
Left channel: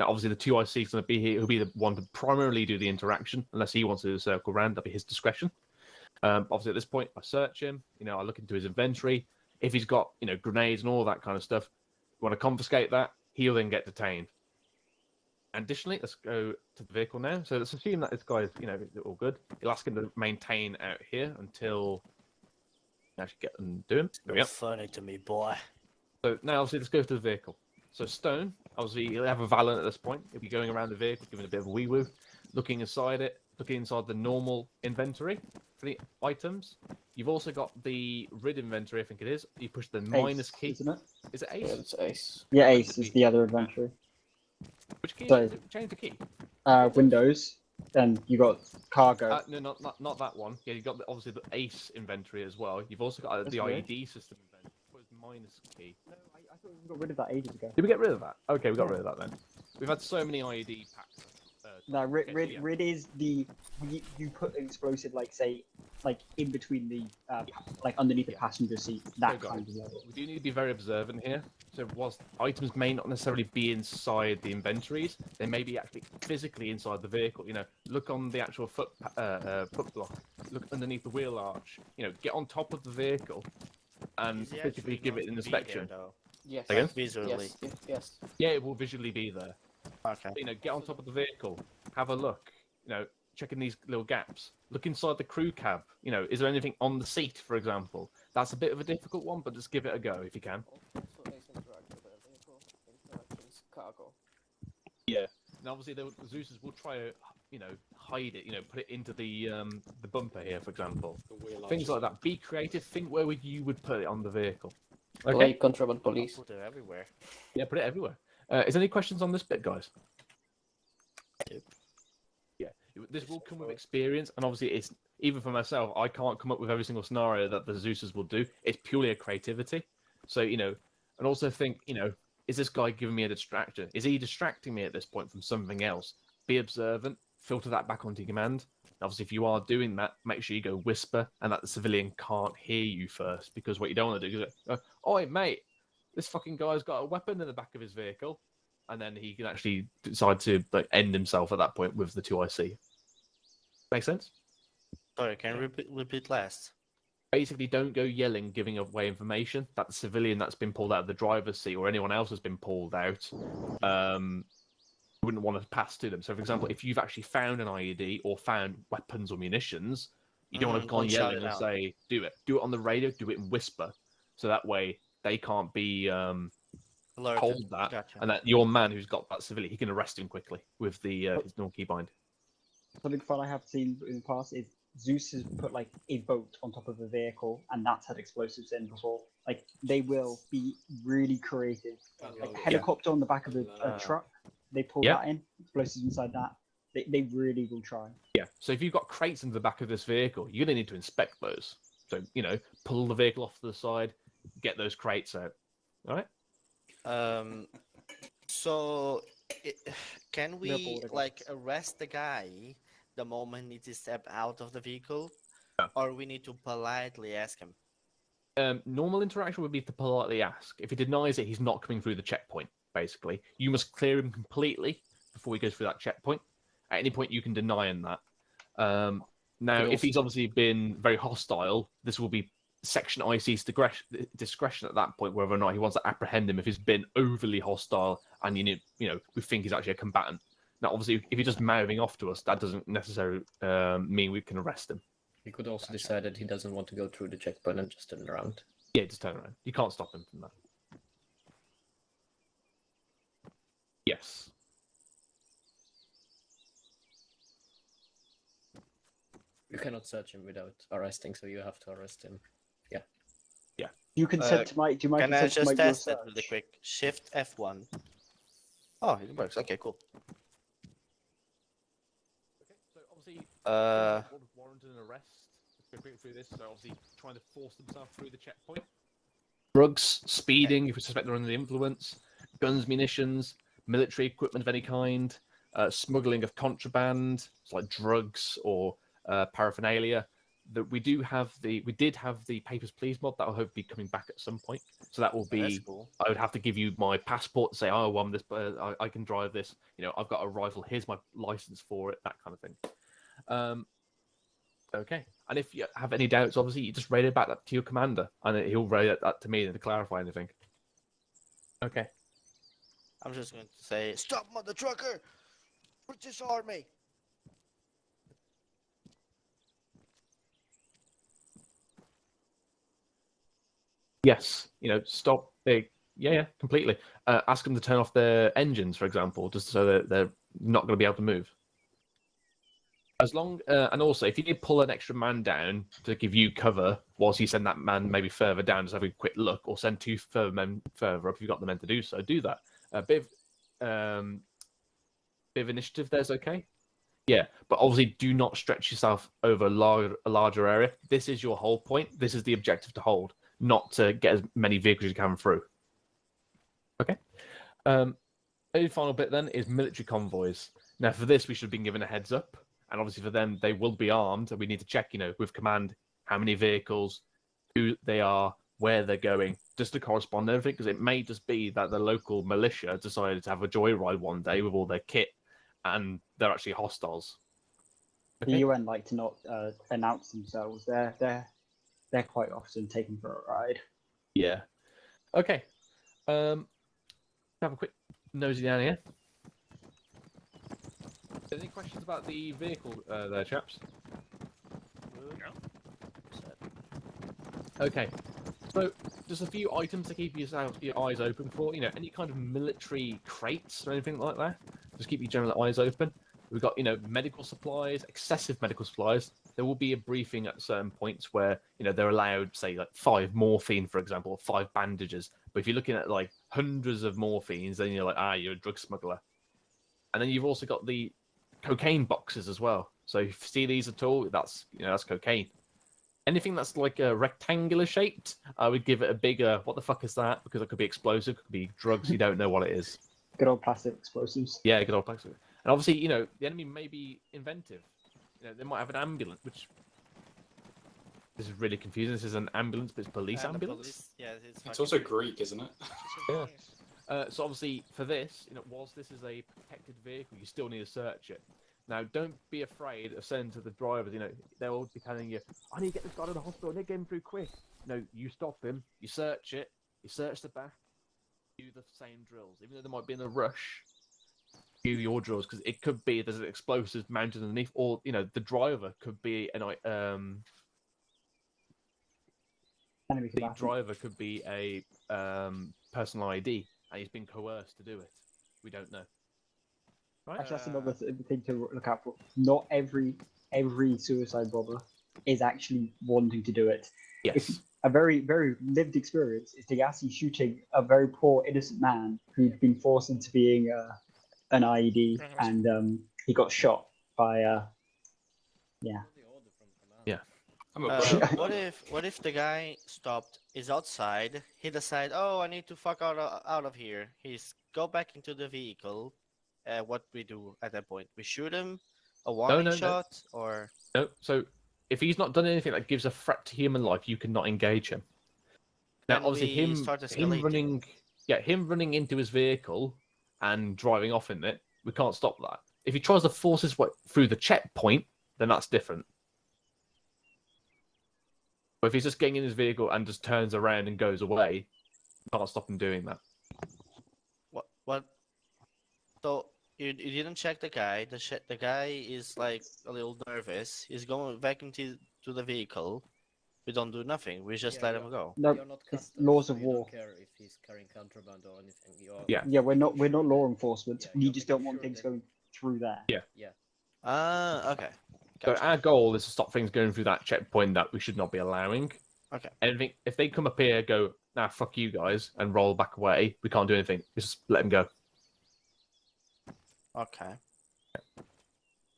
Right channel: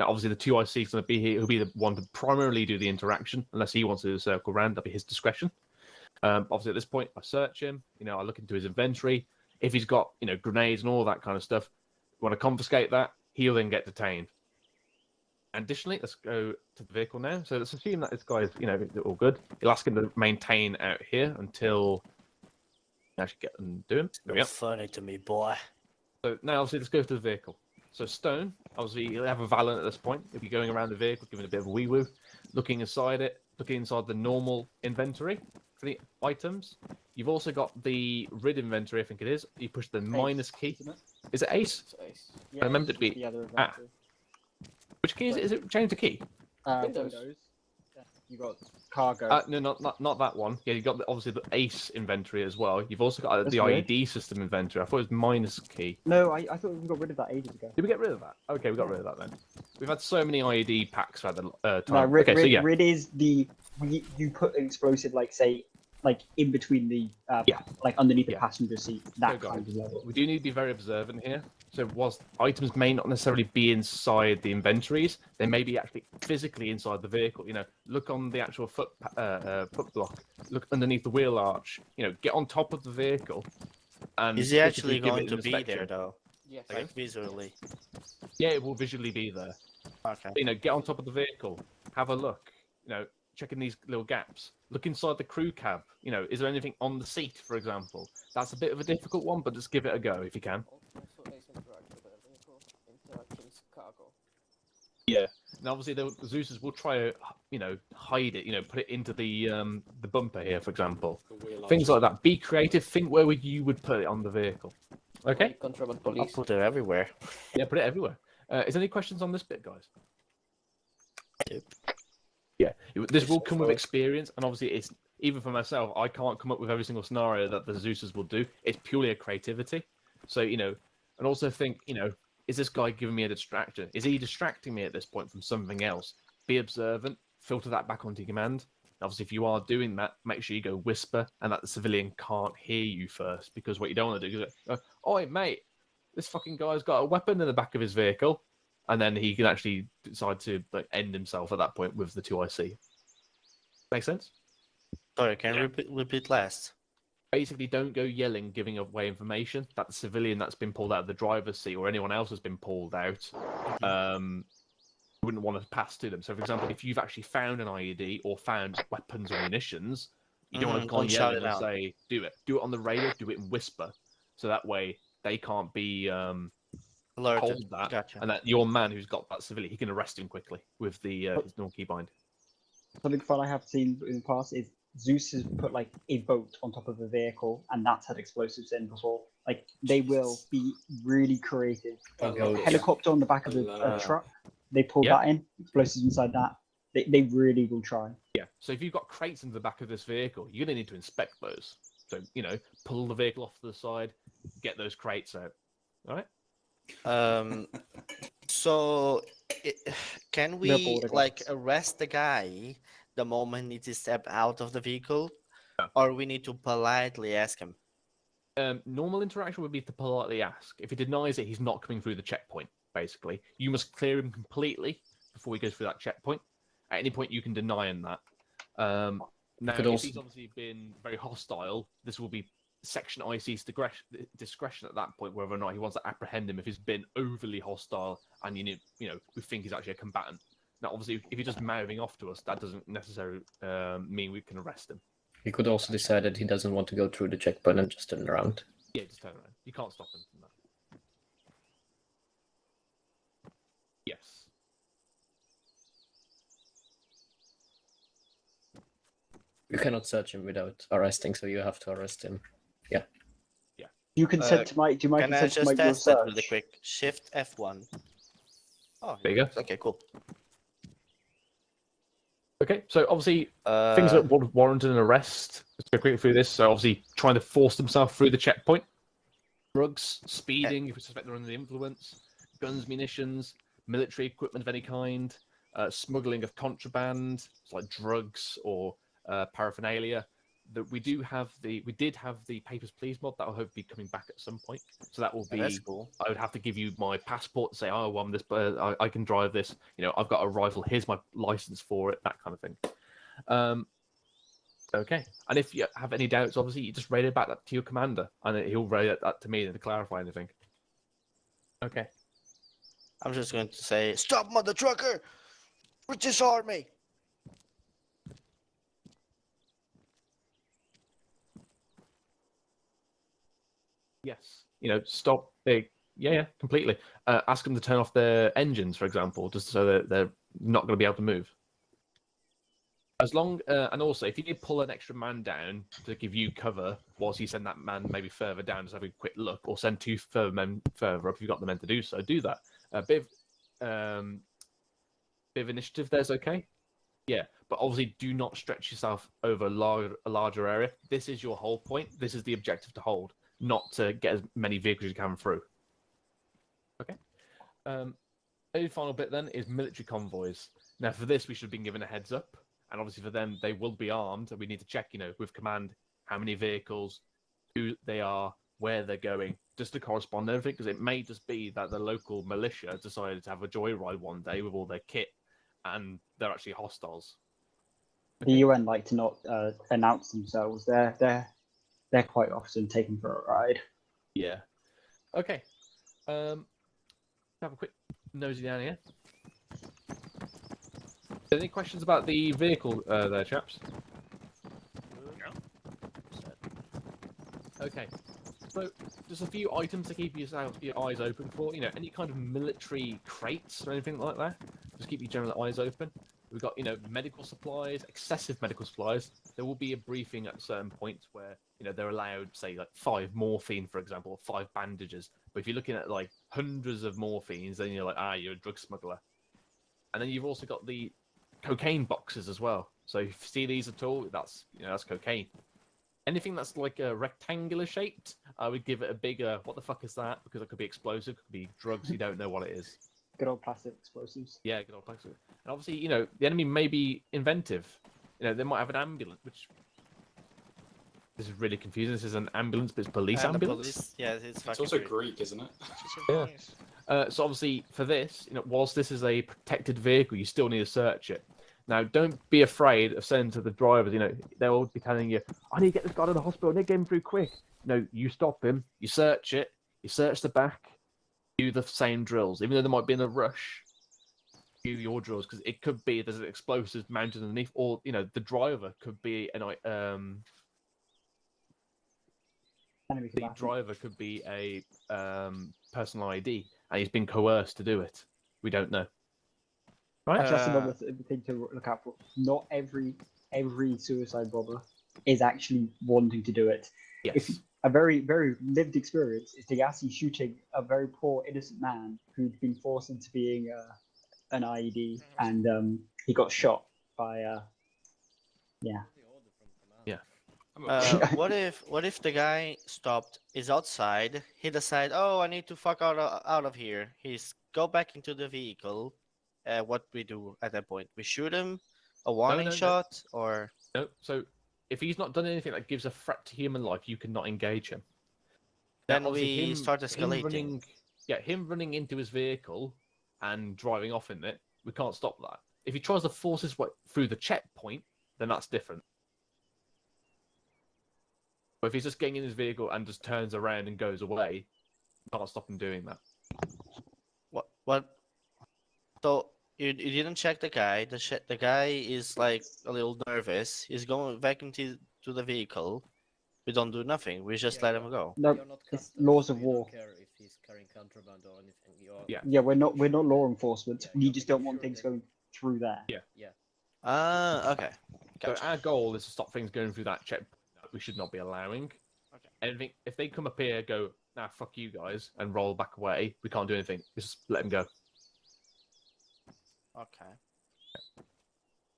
Now, obviously, the 2IC is going to be here. He'll be the one to primarily do the interaction, unless he wants to do the circle round. That'll be his discretion. Obviously, at this point, I search him. I look into his inventory. If he's got, grenades and all that kind of stuff, we want to confiscate that. He'll then get detained. Additionally, let's go to the vehicle now. So let's assume that this guy is, all good. You'll ask him to maintain out here until you actually get and do him. There we go. Funny to me, boy. So now, obviously, let's go to the vehicle. So Stone, obviously, he'll have a Valent at this point. He'll be going around the vehicle, giving a bit of a wee-woo, looking inside it, looking inside the normal inventory for the items. You've also got the RID inventory, I think it is. You push the minus key. Isn't it? Is it Ace? Yeah, it's Ace. Yeah, Ace is the other inventory. Which key is it? Change the key. Windows. Then you got cargo. No, not that one. Yeah, you got obviously the Ace inventory as well. You've also got the IED system inventory. I thought it was minus key. No, I thought we got rid of that ages ago. Did we get rid of that? Okay, we got rid of that then. We've had so many IED packs for the time. No, RID, okay, so yeah. RID is the you put an explosive, like say like in between the like underneath the passenger seat, that kind of level. We do need to be very observant here. So whilst items may not necessarily be inside the inventories, they may be actually physically inside the vehicle. You know, look on the actual foot block, look underneath the wheel arch. You know, get on top of the vehicle. And Is he physically actually give going it an to be there inspection. though? Yes. Again? Like visually. Yes. Yeah, it will visually be there. Okay. You know, get on top of the vehicle, have a look. You know, checking these little gaps. Look inside the crew cab. You know, is there anything on the seat, for example? That's a bit of a difficult one, but just give it a go if you can. Also, ace interact with a vehicle, interactions, cargo. Yeah. And obviously, the Zeus's will try to, you know, hide it. You know, put it into the bumper here, for example. Things like that. Be creative. Think where you would put it on the vehicle. Okay. Like contraband police. I'll put it everywhere. Yeah, put it everywhere. Is there any questions on this bit, guys? Yeah, this will come with experience, and obviously, it's even for myself. I can't come up with every single scenario that the Zeus's will do. It's purely a creativity. So you know, and also think, you know, is this guy giving me a distraction? Is he distracting me at this point from something else? Be observant. Filter that back onto your command. And obviously, if you are doing that, make sure you go whisper, and that the civilian can't hear you first, because what you don't want to do is go, "Oi, mate, this fucking guy's got a weapon in the back of his vehicle," and then he can actually decide to like end himself at that point with the 2IC. Make sense? Sorry, can you repeat last? Basically, don't go yelling, giving away information that the civilian that's been pulled out of the driver's seat or anyone else has been pulled out. Wouldn't want to pass to them. So, for example, if you've actually found an IED or found weapons or munitions, you don't want to go on yelling and say, "Do it." Do it on the radio. Do it in whisper, so that way they can't be told that, Gotcha. and that your man who's got that civilian, he can arrest him quickly with the his normal keybind. Something fun I have seen in the past is Zeus has put like a boat on top of a vehicle, and that's had explosives in before. Like they will be really creative. Helicopter on the back of a truck, they pull that in, explosives inside that. They really will try. Yeah. So if you've got crates in the back of this vehicle, you're going to need to inspect those. So you know, pull the vehicle off to the side, get those crates out. All right. So can we like arrest the guy the moment he step out of the vehicle, or we need to politely ask him? Normal interaction would be to politely ask. If he denies it, he's not coming through the checkpoint. Basically, you must clear him completely before he goes through that checkpoint. At any point, you can deny him that. Now, if he's obviously been very hostile, this will be Section IC's discretion at that point, whether or not he wants to apprehend him if he's been overly hostile and you know we think he's actually a combatant. Now, obviously, if he's just mouthing off to us, that doesn't necessarily mean we can arrest him. He could also decide that he doesn't want to go through the checkpoint and just turn around. Yeah, just turn around. You can't stop him from that. Yes. You cannot search him without arresting, so you have to arrest him. Yeah. Yeah. You can set to my. Do you mind Can I set to just my your test it search? really quick? Shift F1. Oh, There you go. Okay, cool. Okay, so obviously things that would warrant an arrest. Let's go quickly through this. So obviously trying to force themselves through the checkpoint, drugs, speeding if we suspect they're under the influence, guns, munitions, military equipment of any kind, smuggling of contraband, like drugs or paraphernalia. That we did have the Papers Please mod that will hopefully be coming back at some point. So that will be. That's cool. I would have to give you my passport to say, "Oh, well, I'm this. I can drive this. You know, I've got a rifle. Here's my license for it." That kind of thing. Okay. And if you have any doubts, obviously, you just radio back that to your commander, and he'll radio that to me to clarify anything. Okay. I'm just going to say, "Stop, mother trucker! British Army!" Yes, you know, stop. Yeah, completely. Ask them to turn off their engines, for example, just so that they're not going to be able to move. As long, and also, if you need to pull an extra man down to give you cover, whilst you send that man maybe further down, just have a quick look, or send two further men further up if you've got the men to do so. Do that. A bit of initiative. There's okay. Yeah, but obviously, do not stretch yourself over a larger area. This is your whole point. This is the objective to hold, not to get as many vehicles as you can through. Okay. Only final bit then is military convoys. Now, for this, we should have been given a heads up. and obviously for them, they will be armed, and we need to check, with command how many vehicles, who they are, where they're going, just to correspond everything, because it may just be that the local militia decided to have a joyride one day with all their kit, and they're actually hostiles. The UN like to not announce themselves. They're quite often taken for a ride. Yeah. Okay. Have a quick nosy down here. Any questions about the vehicle there, chaps? Okay. So, just a few items to keep your eyes open for. Any kind of military crates or anything like that. Just keep your general eyes open. We've got, medical supplies, excessive medical supplies. There will be a briefing at certain points where, they're allowed, say, like 5 morphine, for example, or 5 bandages. But if you're looking at, like, hundreds of morphines, then you're like, you're a drug smuggler. And then you've also got the cocaine boxes as well. So if you see these at all, that's, that's cocaine. Anything that's like a rectangular shaped, I would give it a bigger, what the fuck is that? Because it could be explosive, it could be drugs, you don't know what it is. Good old plastic explosives. Yeah, good old plastic. And obviously, the enemy may be inventive. They might have an ambulance, which... This is really confusing. This is an ambulance, but it's police ambulance? Yeah, It's also Greek, isn't it? Yeah. So obviously, for this, whilst this is a protected vehicle, you still need to search it. Now, don't be afraid of saying to the drivers, they'll be telling you, I need to get this guy to the hospital, I need to get him through quick. You stop him, you search it, you search the back, do the same drills. Even though they might be in a rush, do your drills, because it could be there's an explosive mounted underneath, or, the driver could be a personal ID, and he's been coerced to do it. We don't know. Right? Actually, that's another thing to look out for. Not every suicide bomber is actually wanting to do it. Yes. A very, very lived experience is Degassi shooting a very poor innocent man who'd been forced into being an IED, and he got shot by yeah. What if the guy stopped, is outside, he decide, oh, I need to fuck out of here. He's go back into the vehicle. What we do at that point? We shoot him, a warning shot, or no. So if he's not done anything that gives a threat to human life, you cannot engage him. Now, then obviously, we start escalating. him running into his vehicle and driving off in it, we can't stop that. If he tries to force his way through the checkpoint, then that's different. But if he's just getting in his vehicle and just turns around and goes away, you can't stop him doing that. What? So you didn't check the guy. The guy is like a little nervous. He's going back into the vehicle. We don't do nothing. We just let him go. No, it's laws of war. Don't care if he's carrying contraband or anything. Yeah, we're not law enforcement. We just don't want things going through there. Yeah. Okay. Gotcha. So our goal is to stop things going through that checkpoint that we should not be allowing. Okay. Anything, if they come up here, go, nah, fuck you guys, and roll back away, we can't do anything. Just let them go. Okay.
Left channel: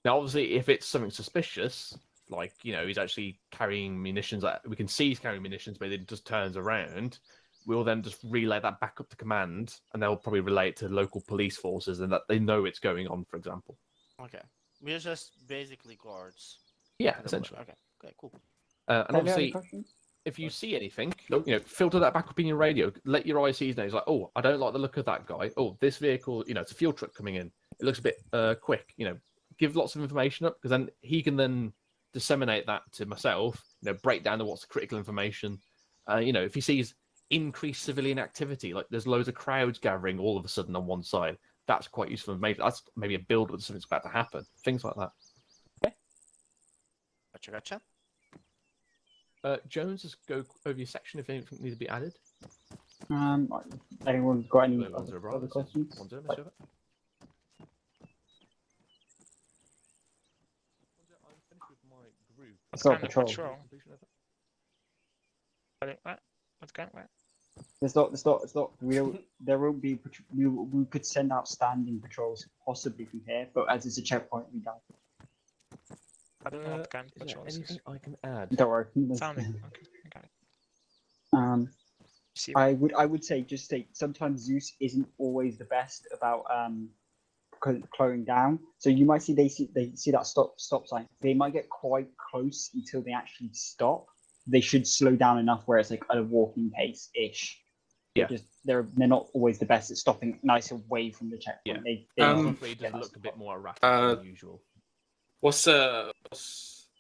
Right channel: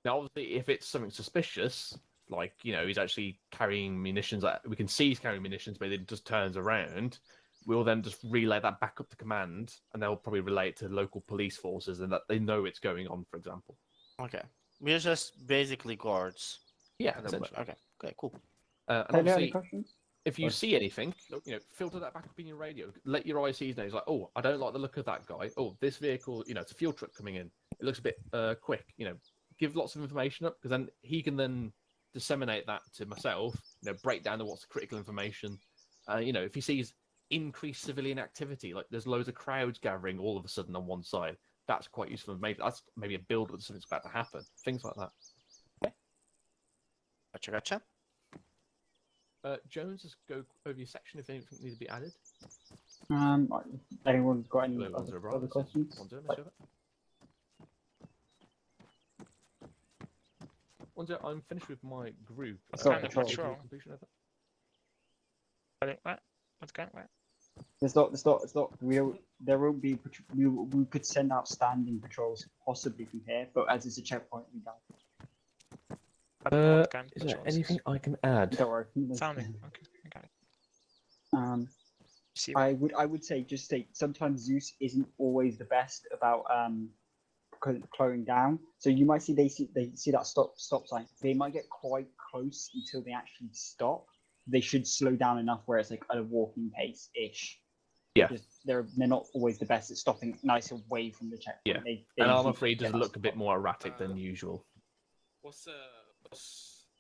Now, obviously, if it's something suspicious, like, he's actually carrying munitions, we can see he's carrying munitions, but it just turns around, we'll then just relay that back up to command, and they'll probably relay it to local police forces, and that they know it's going on, for example. Okay. We're just basically guards. Yeah, essentially. Okay, cool. And obviously, if you see anything, filter that back up in your radio. Let your ICs know. It's like, oh, I don't like the look of that guy. Oh, this vehicle, it's a fuel truck coming in. It looks a bit quick. Give lots of information up, because then he can then disseminate that to myself. Break down to what's critical information. If he sees increased civilian activity, like there's loads of crowds gathering all of a sudden on one side, that's quite useful information. That's maybe a build with something's about to happen. Things like that. Okay. Gotcha. Jones, just go over your section if anything needs to be added. Anyone got any other questions? I'm finished with my group. What kind of patrol? What kind of It's not. There won't be. We could send out standing patrols possibly from here, but as it's a checkpoint, we don't. What kind of Is there patrols? anything I can add? Don't worry. Sounding. Okay, I got it. I would say sometimes Zeus isn't always the best about slowing down. So you might see they see that stop sign. They might get quite close until they actually stop. They should slow down enough where it's like at a walking pace ish. Yeah. They're not always the best at stopping nice away from the checkpoint. Yeah. They I'm afraid it does look a bit more erratic than usual. What's the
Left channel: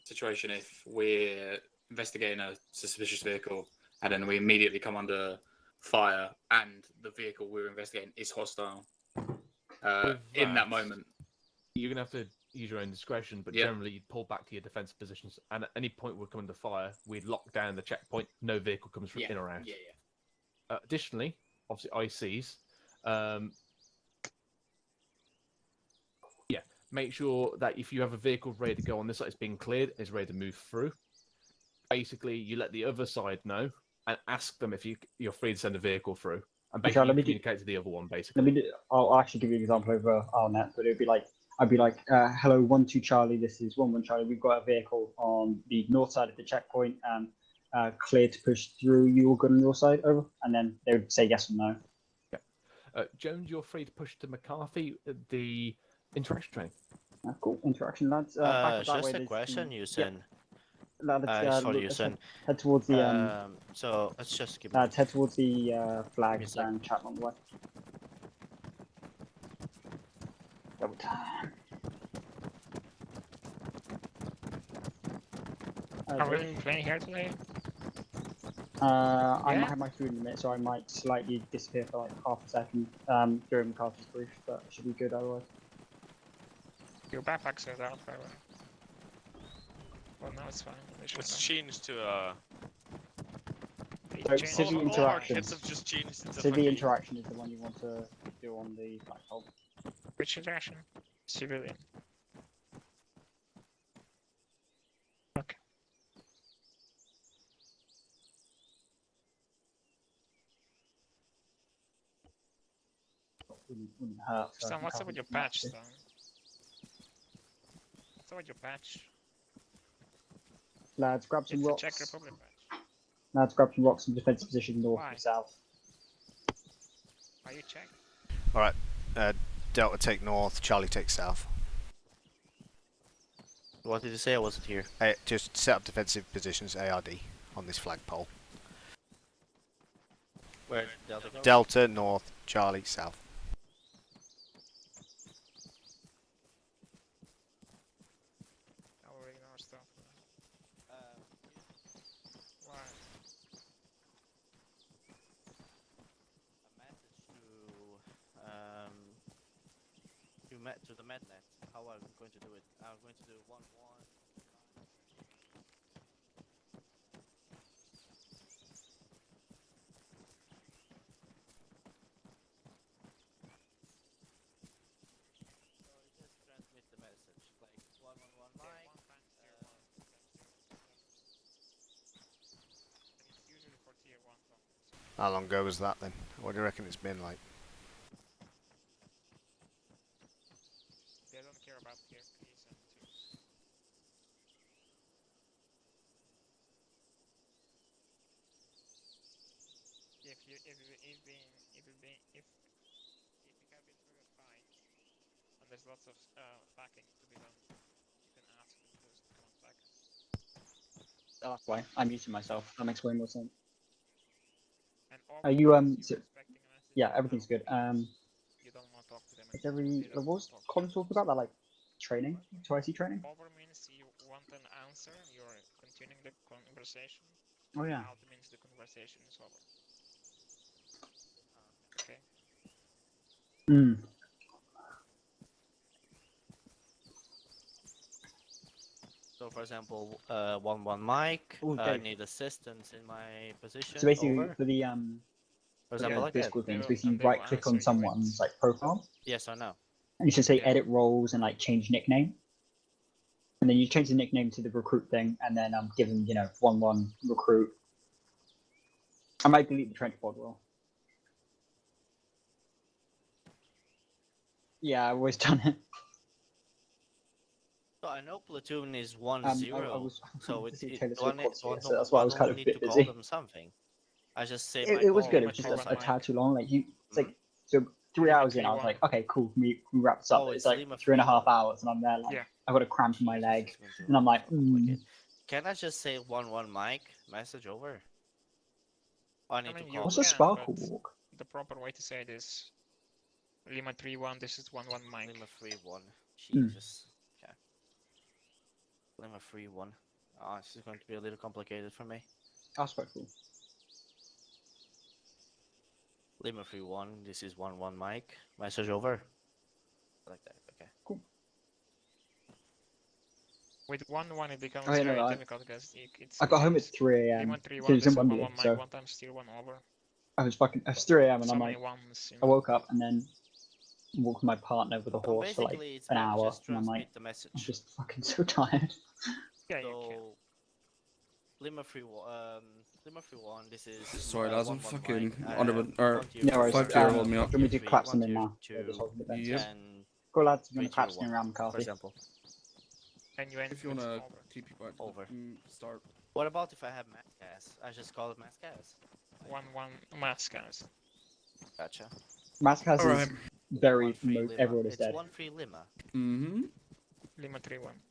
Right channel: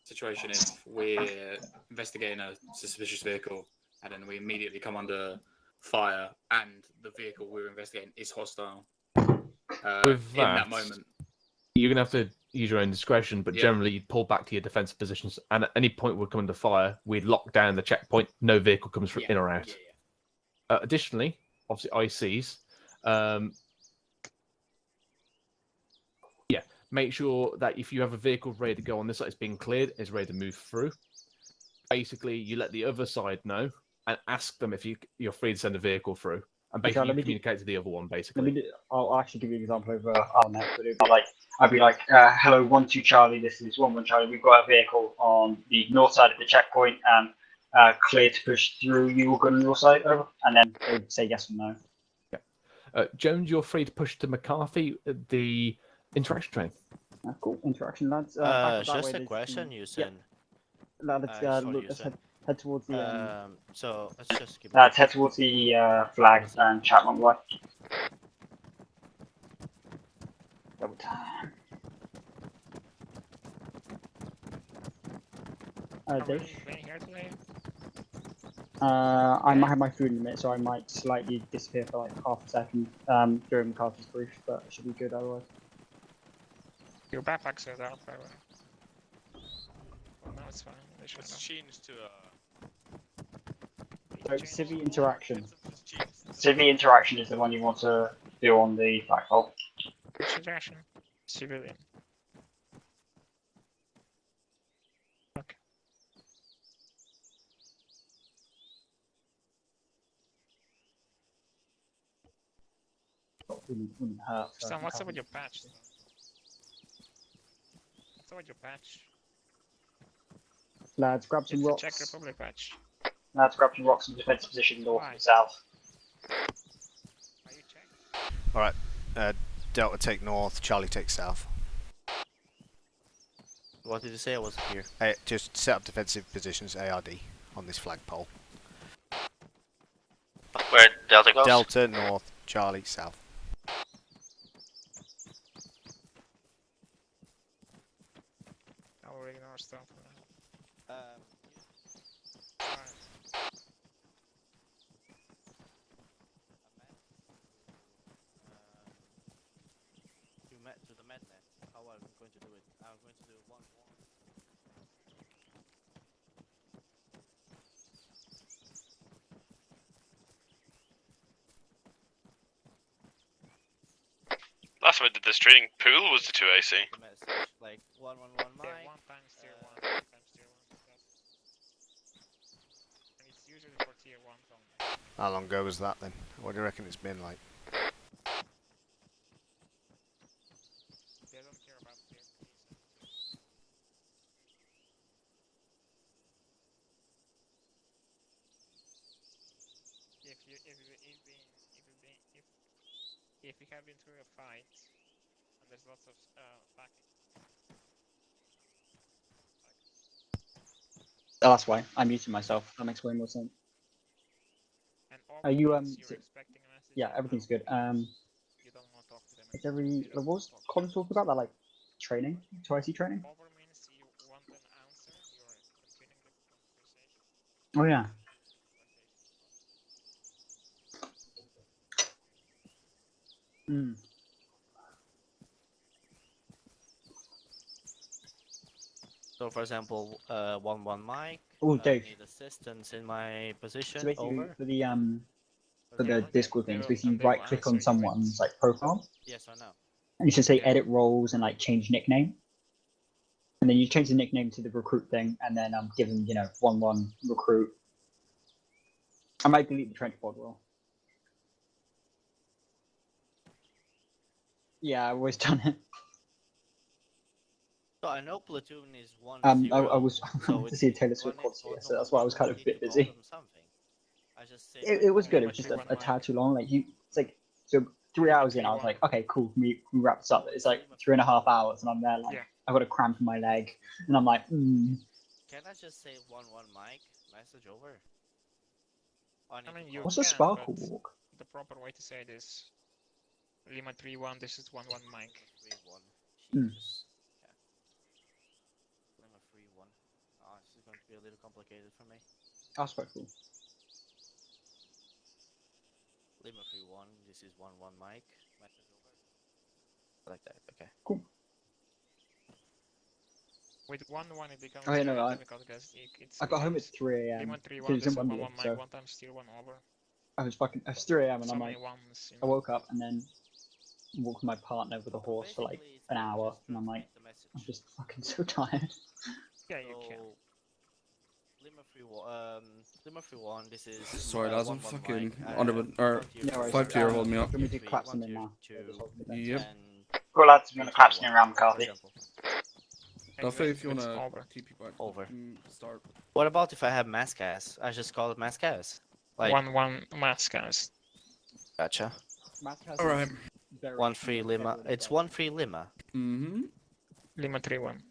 situation if we're investigating a suspicious vehicle and then we immediately come under fire and the vehicle we're investigating is hostile? With In that moment, you're gonna have to use your own discretion, but Yeah. generally you'd pull back to your defensive positions, and at any point we'd come under fire, we'd lock down the checkpoint. No vehicle comes from in or out. Additionally, obviously ICs. Make sure that if you have a vehicle ready to go on this side, it's being cleared, it's ready to move through. Basically, you let the other side know and ask them if you're free to send a vehicle through, and basically let me communicate to the other one. Basically, I'll actually give you an example over Arnet, but it'd be like I'd be like, hello, 1-2 Charlie, this is 1-1 Charlie. We've got a vehicle on the north side of the checkpoint and clear to push through. You all good on your side, over? And then they would say yes or no. Jones, you're free to push to McCarthy. The interaction train. Cool interaction, lads. Just a question, you said. Let's head towards the. So let's just give. Head towards the flags and Chapman Way. Double time. Are we playing here today? I might have my food in a minute, so I might slightly disappear for like half a second during McCarthy's brief, but it should be good otherwise. Your backpacks are down, by the way. Well, no, it's fine. It's changed to So civvy interaction. Civvy interaction is the one you want to do on the flagpole. Which interaction? Civilian. Okay. Wouldn't hurt. Sam, what's up with your patch, Sam? What's up with your patch? Lads, grab some It's rocks. a Czech Republic patch. Lads, grab some rocks and defensive position north and south. Are you Czech? All right, Delta take north, Charlie take south. What did you say? I wasn't here. Just set up defensive positions, ARD, on this flagpole. Where Delta goes? Delta north, Charlie south. I'll ignore stuff. To the mednet. How are we going to do it? I'm going to do 1-1. Last time I did this training pool was the 2 AC. Like 1-1-1 Mike. 1 times tier 1, 2 times tier 1. And it's usually for tier 1s only. How long ago was that then? What do you reckon it's been like? They don't care about tier 3s and 2s. If you have been through a fight and there's lots of backing to be done, you can ask for some backing. Oh, that's why I'm muting myself. That makes way more sense. And all Are you you're expecting a message, yeah, everything's good. you don't want to talk to them. What was Colin talking about? That like training, 2IC training. Over means you want an answer. You're continuing the conversation. Oh yeah. Out means the conversation is over. Okay. Hmm. So, for example, 1-1 Mike. Oh, I Dave. need assistance in my position. So basically, over. for the For for example, the like that. Discord things, we can right click on someone's like profile, Yes or no? and you can say edit roles and like change nickname, and then you change the nickname to the recruit thing, and then give them 1-1 recruit. I might delete the trench pod role. Yeah, I've always done it. So I know platoon is 1-0. I was so to see a Taylor do I Swift need- concert, do I so that's why I was do kind of a need bit to call busy. them something. I just say It was good. It was just a tad too long. Like it's like so 3 hours in, I was like, okay, cool, can we wrap this up? It's like 3.5 hours, and I'm there like, I've got a cramp in my leg, and I'm like, Can I just say 1-1 Mike? Message over. I need I mean, to you call. what's a can, sparkle but walk? the proper way to say it is Lima 3-1, this is 1-1 Mike. Lima 3-1. Jesus. Okay. Lima 3-1. Oh, this is going to be a little complicated for me. That's quite cool. Lima 3-1. This is 1-1 Mike. Message over. I like that. Okay. Cool. With 1-1 it becomes Oh, yeah, very no, difficult because it's I got home at 3 a.m. Lima It 3-1, was this in is 1-1 Wonderland, Mike, so one time still 1 over. it was 3 a.m. and So I'm many like, ones, I woke up and then walked with my partner with a So horse for like basically, it's an better hour, just and I'm like, transmit the message. I'm just fucking so tired. Yeah, you can. So Lima 3-1. Lima 3-1. This is. Sorry, lads, I'm 1-1 fucking Mike. under or No worries. 5-2 holding me up. Do you want me to collapse them in now? Two, Just hold them in. Yep. Cool, lads, I'm gonna 3, collapse 2, them 1, around for McCarthy. example. Duffy, if you It's wanna over. TP back, Over. Start. What about if I have mass gas? I just call it mass gas. Like 1-1 mask, guys. Gotcha. Mask has Alright. very 1-3 Lima. everyone is It's dead. 1-3 Lima. Mm-hmm. Lima 3-1.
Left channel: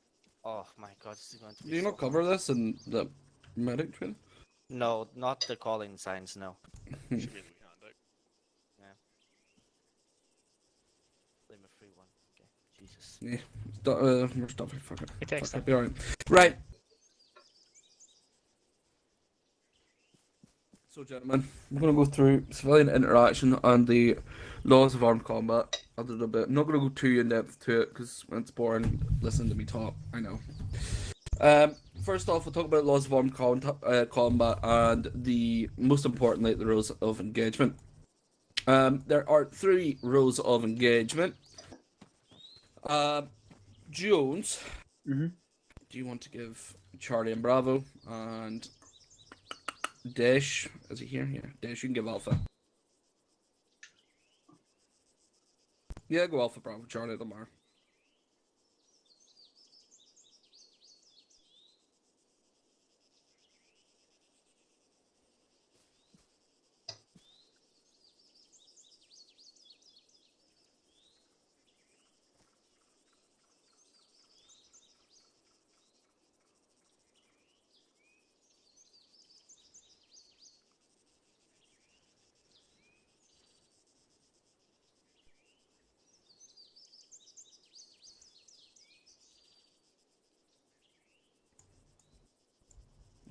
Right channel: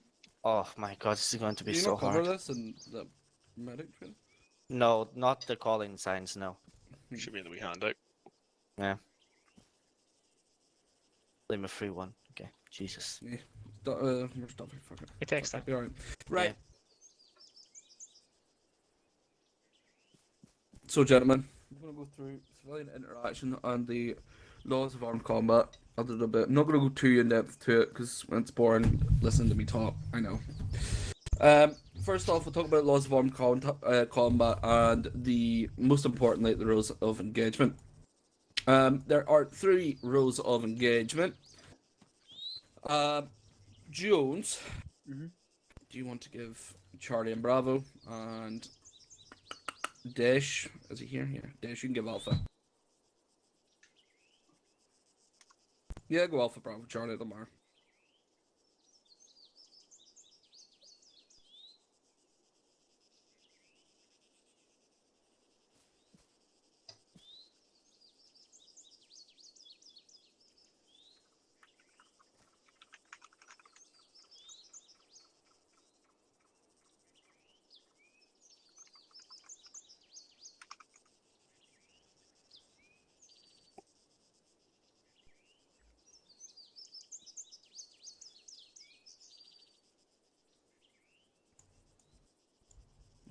Oh my god, this is going to be Do you so not cover hard. this in the medic training? No, not the calling signs. No. Should be in the wee handout. Yeah. Lima 3-1. Okay. Jesus. Yeah. Where's Duffy? Fuck it. It takes Fuck time. it, alright. Right. So, gentlemen, we're going to go through civilian interaction and the laws of armed combat a little bit. I'm not going to go too in depth to it because it's boring listening to me talk. I know. First off, we'll talk about laws of armed combat and most importantly, the rules of engagement. There are 3 rules of engagement. Jones, do you want to give Charlie and Bravo and Dash, is he here? Yeah, Dash, you can give Alpha. Yeah, go Alpha, Bravo, Charlie, Lamar.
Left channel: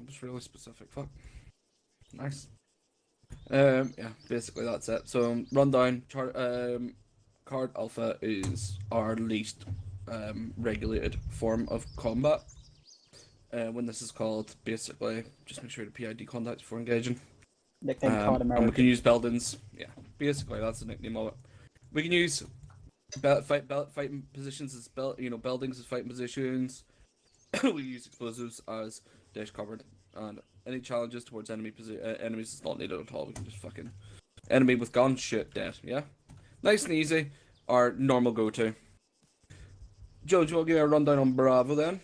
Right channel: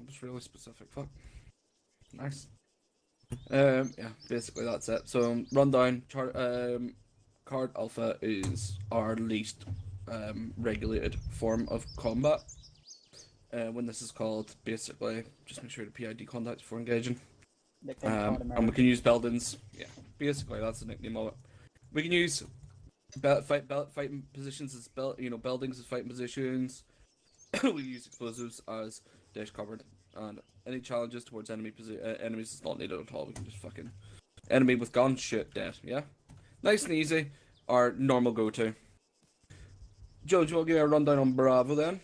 That was really specific, fuck. Nice. Yeah, basically that's it. So, rundown, card Alpha is our least regulated form of combat. When this is called, basically, just make sure to PID contacts before engaging. Nickname Card And we America. can use buildings. Yeah, basically that's the nickname of it. We can use fighting positions as buildings as fighting positions. We use explosives as dash covered, and any challenges towards enemies is not needed at all. We can just fucking enemy with gun shit dead. Yeah, nice and easy. Our normal go-to. Joe, do you want to give a rundown on Bravo then?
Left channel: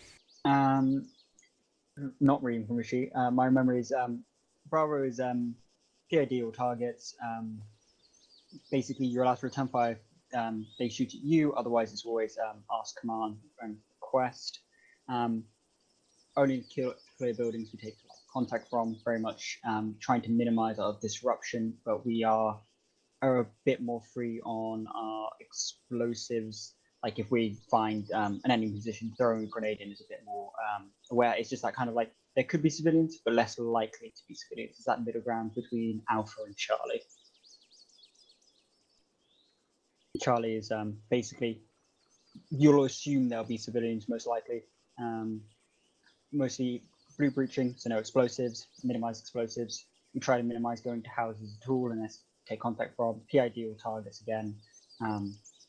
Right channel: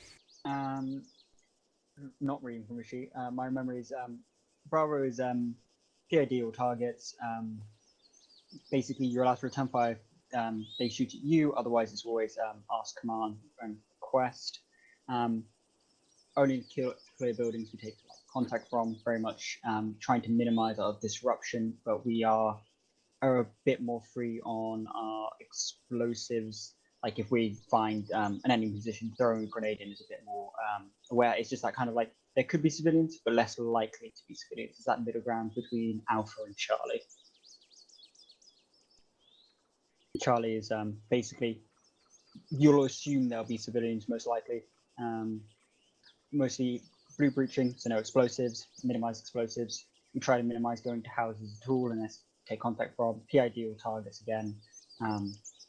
Not reading from a sheet. My memory is Bravo is PID or targets. Basically, you're allowed to return fire. They shoot at you. Otherwise, it's always ask command and request. Only clear buildings we take contact from. Very much trying to minimize our disruption, but we are a bit more free on our explosives. Like if we find an enemy position, throwing a grenade in is a bit more aware. It's just that kind of like there could be civilians, but less likely to be civilians. It's that middle ground between Alpha and Charlie. Charlie is basically, you'll assume there'll be civilians most likely. Mostly blue breaching, so no explosives, minimize explosives. We try to minimize going to houses at all unless take contact from PID or targets again.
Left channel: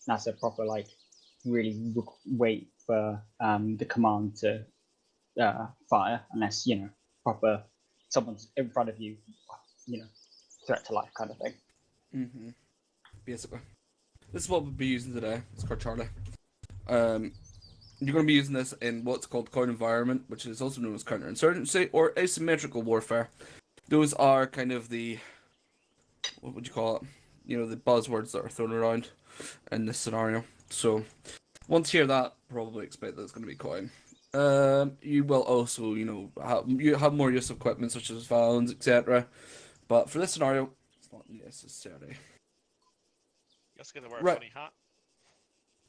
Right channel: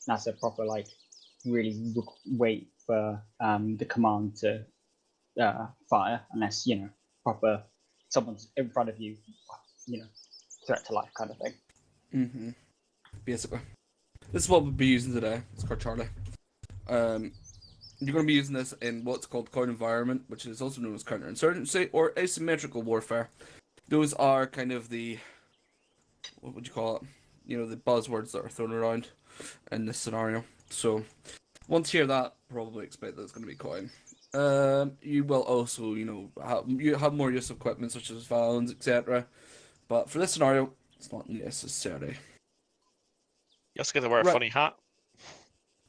That's a proper like really wait for the command to fire unless proper someone's in front of you, threat to life kind of thing. Mm-hmm. Basically, this is what we'll be using today. It's called Charlie. You're going to be using this in what's called counter environment, which is also known as counterinsurgency or asymmetrical warfare. Those are kind of the, what would you call it? the buzzwords that are thrown around in this scenario. So once you hear that, probably expect that it's going to be coin. You will also, you have more use of equipment such as valves, etc. But for this scenario, it's not necessary. You also get to wear a Right. funny hat.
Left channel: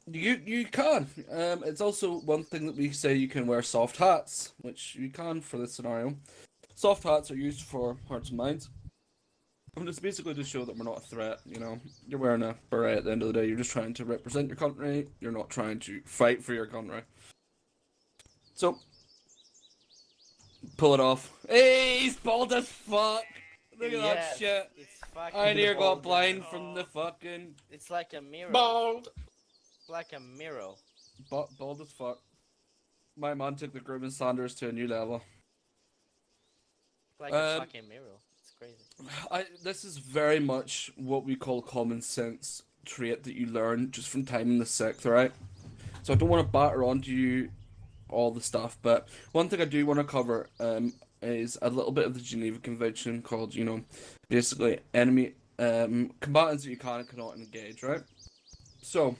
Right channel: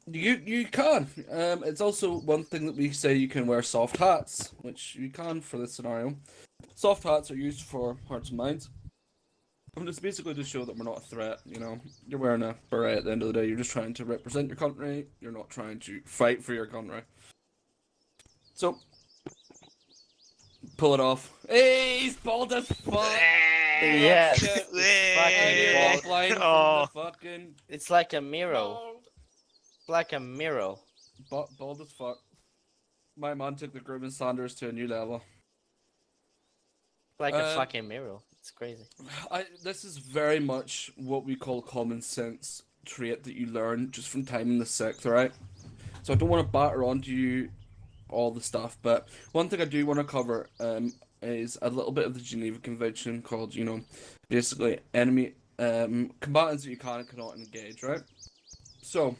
You can. It's also one thing that we say you can wear soft hats, which you can for this scenario. Soft hats are used for hearts and minds. And it's basically to show that we're not a threat, You're wearing a beret at the end of the day, you're just trying to represent your country, you're not trying to fight for your country. So, pull it off. Hey, he's bald as fuck! Yes. Shit. It's I need fucking one blind from Oh. the fucking... It's like a mirror. Bald! It's like a mirror. Bald as fuck. My man took the grooming standards to a new level. Like a fucking mirror. It's crazy. This is very much what we call common sense trait that you learn just from time in the sector, right? So I don't want to batter onto you all the stuff, but one thing I do want to cover is a little bit of the Geneva Convention called, basically enemy combatants that you can and cannot engage, right? So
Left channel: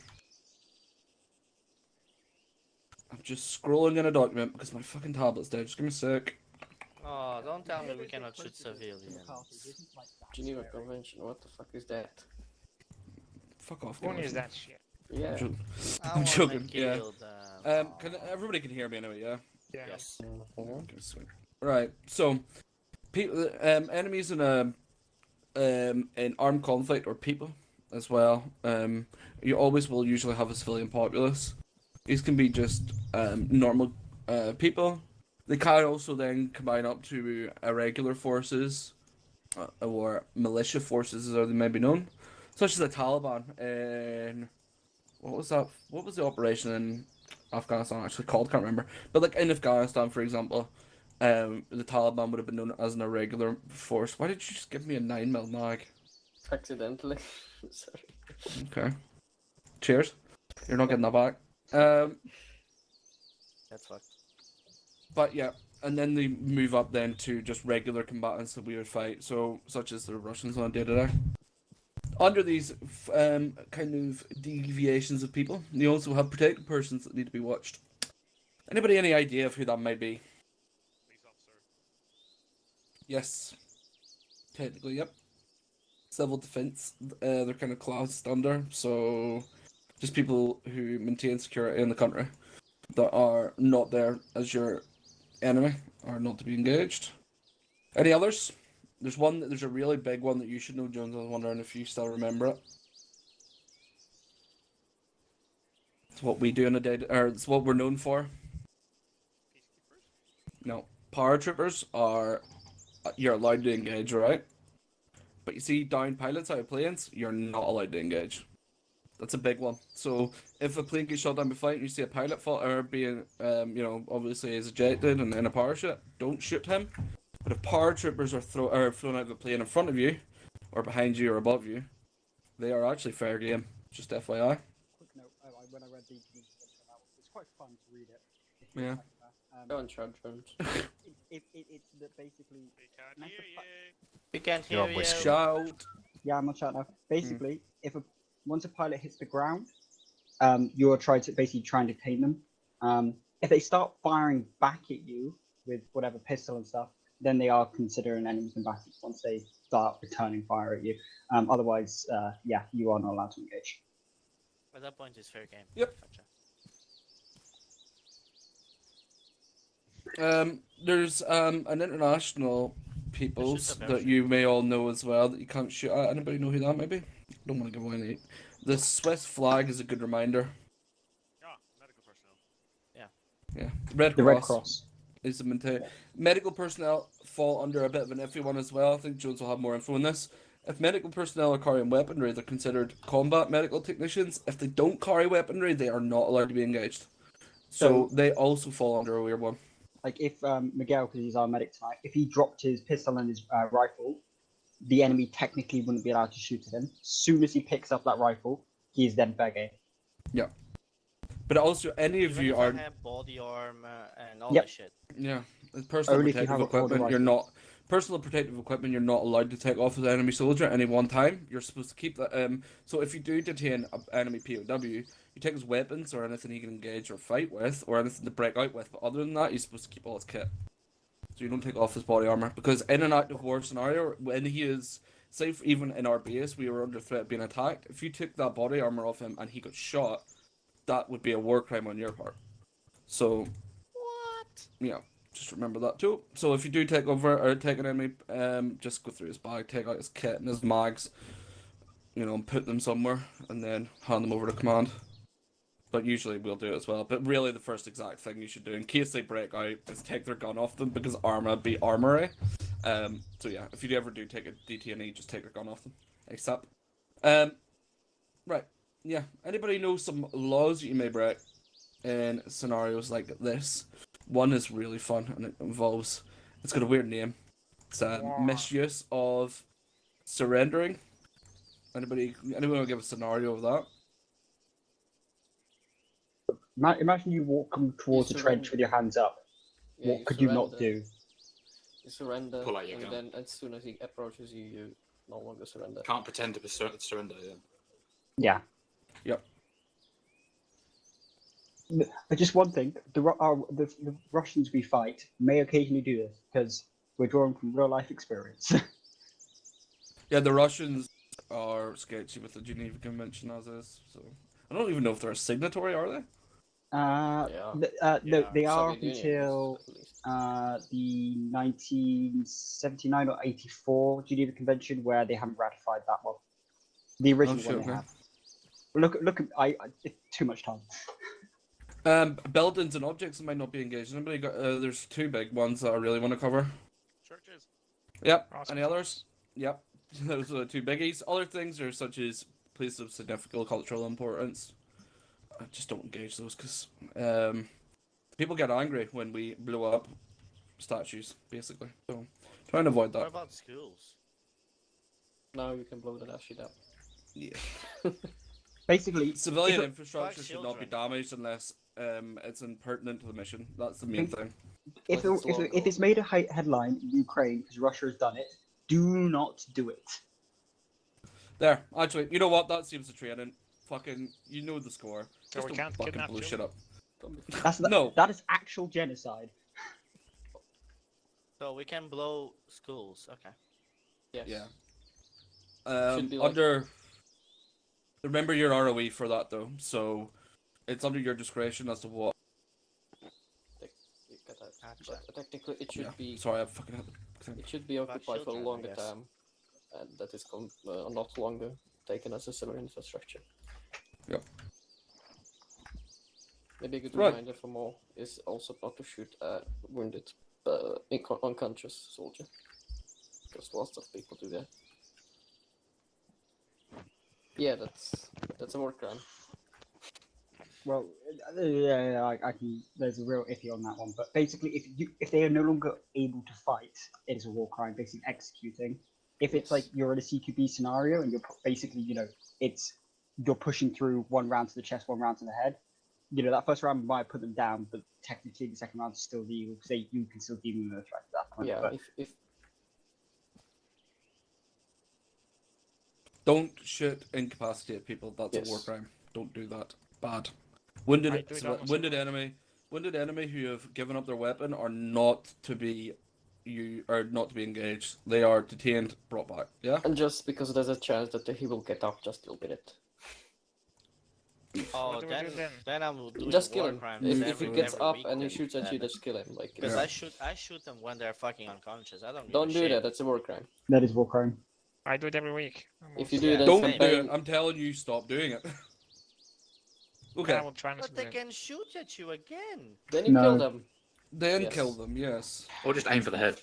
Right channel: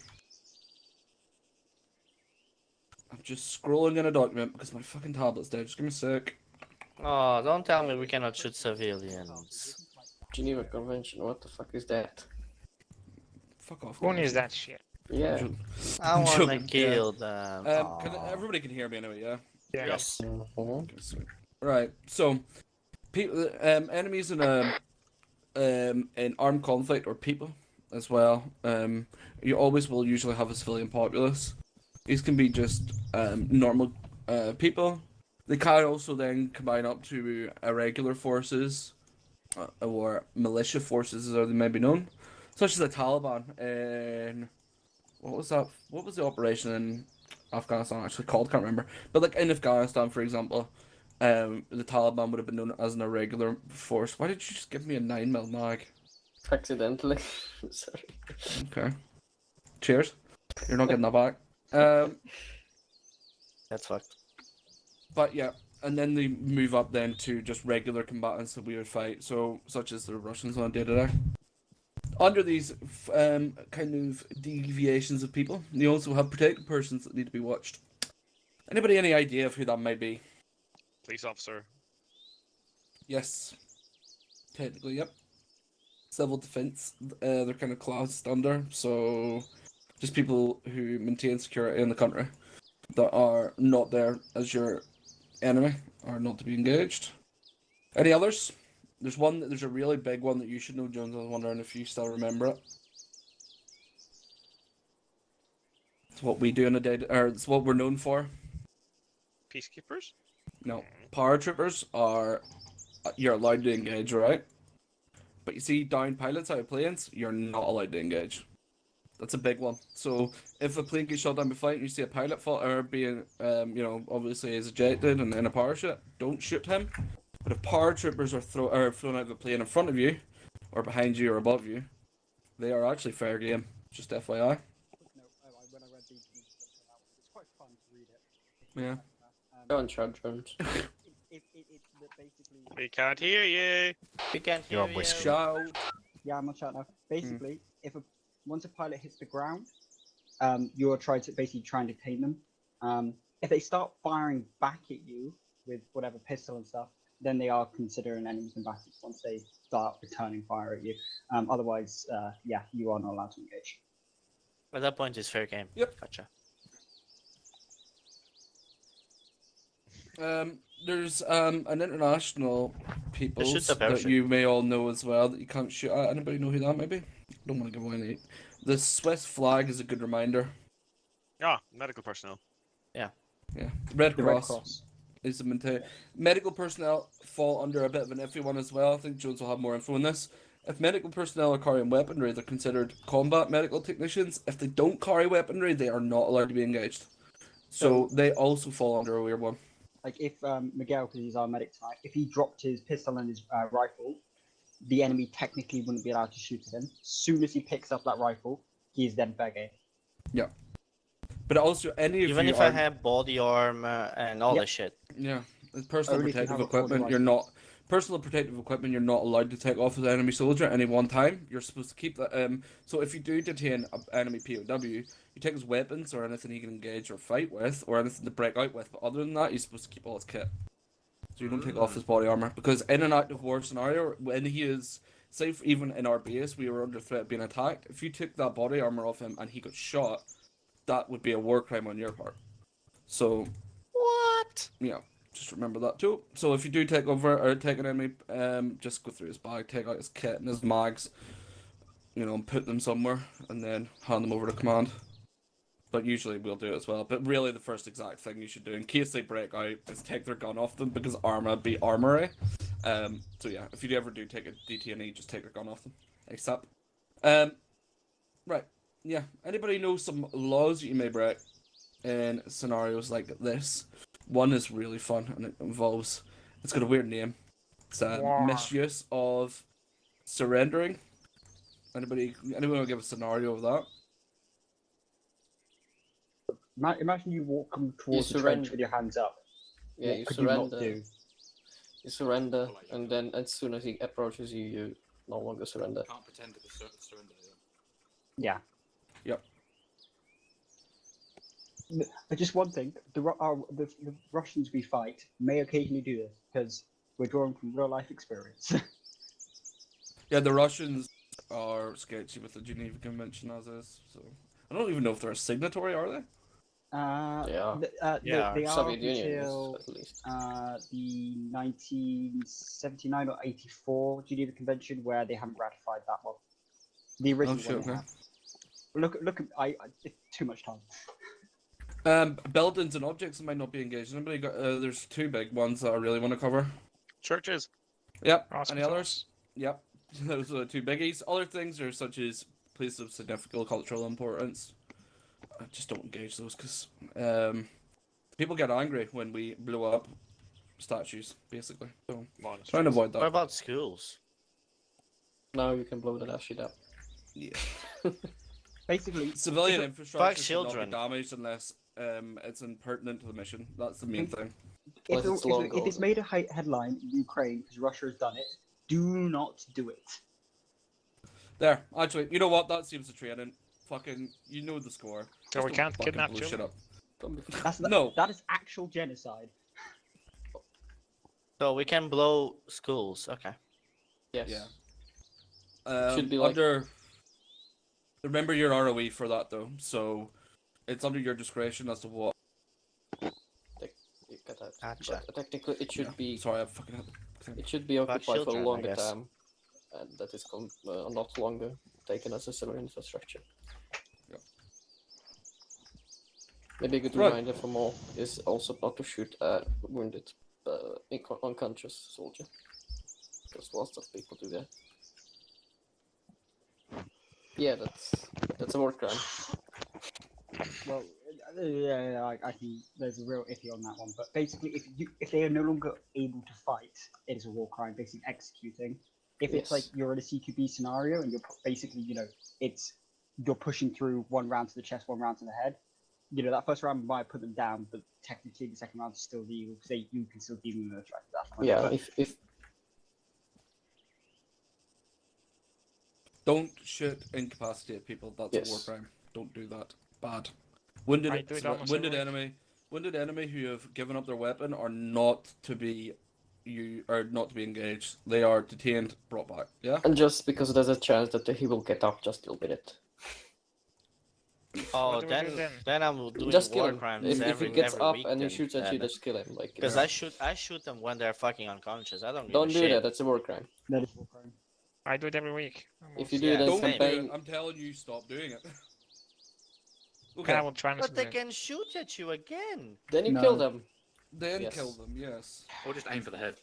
I'm just scrolling in a document because my fucking tablet's dead. Just give me a sec. Oh, don't tell me we cannot shoot civilians. Geneva Convention, what the fuck is that? Fuck off. Who guys. needs that shit? Yeah. I I'm wanna joking, kill them. Everybody can hear me anyway, yeah? Yes. Okay, sweet. Right, so people, enemies in a in armed conflict or people as well. You always will usually have a civilian populace. These can be just normal people. They can also then combine up to irregular forces or militia forces, as they may be known, such as the Taliban. And what was that? What was the operation in Afghanistan actually called? Can't remember. But like in Afghanistan, for example, the Taliban would have been known as an irregular force. Why did you just give me a 9mm mag? Accidentally. Sorry. Okay. Cheers. You're not getting that back. That's fucked. But yeah, and then they move up then to just regular combatants that we would fight, so such as the Russians on day-to-day. Under these kind of deviations of people, you also have protected persons that need to be watched. Anybody any idea of who that might be? Police officer. Yes. Technically, yep. Civil defense, they're kind of classed under, so just people who maintain security in the country that are not there as your enemy are not to be engaged. Any others? There's a really big one that you should know, Jones. I was wondering if you still remember it. It's what we do in a day, or it's what we're known for. Peacekeepers? No, paratroopers are you're allowed to engage, right? But you see, down pilots out of planes, you're not allowed to engage. That's a big one. So if a plane gets shot down by flight and you see a pilot fall or being, obviously is ejected and in a parachute, don't shoot him. But if paratroopers are flown out of a plane in front of you, or behind you or above you, they are actually fair game. Just FYI. Quick note, when I read the it's quite fun to read it. Yeah. Go on, Chad Jones. It's basically. We can't hear you. We can't You're hear on you. whisper. Shout. Yeah, I'm not shouting now. Basically, once a pilot hits the ground, you're trying to detain them. If they start firing back at you with whatever pistol and stuff, then they are considered an enemy combatant once they start returning fire at you. Otherwise, you are not allowed to engage. At that point, it's fair game. Yep. Gotcha. There's an international peoples the that parachute. you may all know as well that you can't shoot at. Anybody know who that might be? Don't want to give away any. The Swiss flag is a good reminder. Ah, medical personnel. Yeah. Red The Red Cross Cross. is the medical personnel fall under a bit of an iffy one as well. I think Jones will have more info on this. If medical personnel are carrying weaponry, they're considered combat medical technicians. If they don't carry weaponry, they are not allowed to be engaged. So they also fall under a weird one. Like if Miguel, because he's our medic tonight, if he dropped his pistol and his rifle, the enemy technically wouldn't be allowed to shoot at him. As soon as he picks up that rifle, he is then fair game. Yeah. But also, any of Even you if are... I have body armor and all Yep. that shit. Yeah, it's personal Only if you protective have a full equipment. device. You're not Personal protective equipment you're not allowed to take off as an enemy soldier at any one time. You're supposed to keep that. So if you do detain an enemy POW, you take his weapons or anything he can engage or fight with, or anything to break out with. But other than that, you're supposed to keep all his kit. So you don't take off his body armor, because in an active war scenario, when he is safe, even in our base, we were under threat of being attacked. If you took that body armor off him and he got shot, that would be a war crime on your part. So What? yeah, just remember that too. So if you do take over or take an enemy, just go through his bag, take out his kit and his mags, and put them somewhere, and then hand them over to command. But usually we'll do it as well. But really, the first exact thing you should do in case they break out is take their gun off them, because armor be armory. So yeah, if you ever do take a DTNE, just take their gun off them. ASAP. Right. Yeah. Anybody know some laws you may break in scenarios like this? One is really fun, and it involves. It's got a weird name. It's misuse of surrendering. Anyone want to give a scenario of that? Imagine you walk towards the trench with your hands up. Yeah, What could you not do? You surrender, Pull out your and gun. then as soon as he approaches you, you no longer surrender. Can't pretend to surrender. Yeah. Yep. But just one thing: the Russians we fight may occasionally do this because we're drawing from real life experience. Yeah, the Russians are sketchy with the Geneva Convention as is. So I don't even know if they're a signatory, are they? They are Soviet Union until is, at least. the 1979 or 84 Geneva Convention, where they haven't ratified that one. The original shit, one they okay. have. Look. It's too much time. Buildings and objects that might not be engaged. Anybody got? There's two big ones that I really want to cover. Churches. Yep. Awesome. Any others? Yep. Those are the two biggies. Other things are such as places of significant cultural importance. I just don't engage those because people get angry when we blow up statues, basically. So try and avoid that. What about schools? No, you can blow that shit up. Yeah. Basically, Civilian if infrastructure should not be children. damaged unless it's impertinent to the mission. That's the main thing. If it's made a headline in Ukraine because Russia has done it, do not do it. There, actually, you know what? That seems to training. Fucking, you know the score. So we don't can't fucking kidnap blow shit children? up. No. That is actual genocide. So we can blow schools. Okay. Yes. Yeah. Should be like- Under. Remember your ROE for that though, so it's under your discretion as to what. You get that. Gotcha. But technically, it should Yeah. be. Sorry, I fucking had. It should be About occupied for a children, I longer guess. time, and that is not longer taken as a civilian infrastructure. Yep. Maybe a good Right. reminder for more is also not to shoot a wounded, unconscious soldier, because lots of people do that. Yeah, that's a war crime. Well, yeah, I think there's a real iffy on that one. But basically, if they are no longer able to fight, it is a war crime, basically executing. If it's like you're in a CQB scenario and you're basically, you're pushing through one round to the chest, one round to the head. That first round might put them down, but technically the second round is still legal because you can still deal with those at that point. Yeah, But if Don't shoot incapacitate people. That's a war Yes. crime. Don't do that. Bad. I Wounded, do that myself. wounded enemy who have given up their weapon are not to be engaged. They are detained, brought back. Yeah. and just because there's a chance that he will get up, just deal with it. Oh, What do we do then? then I'm doing Just kill war him. crimes If he every gets up week and he then. shoots at you, just kill him. Like Because Yeah. I shoot them when they're fucking unconscious. I don't give don't a do shit. that. That's a war crime. that is war crime. I do it every week. If you do it, Don't then do campaign. it. I'm telling you, stop doing it. I Okay. will try But to they do it. can shoot at you again. Then you No. kill them. Then Yes. kill them. Yes. Or just aim for the head.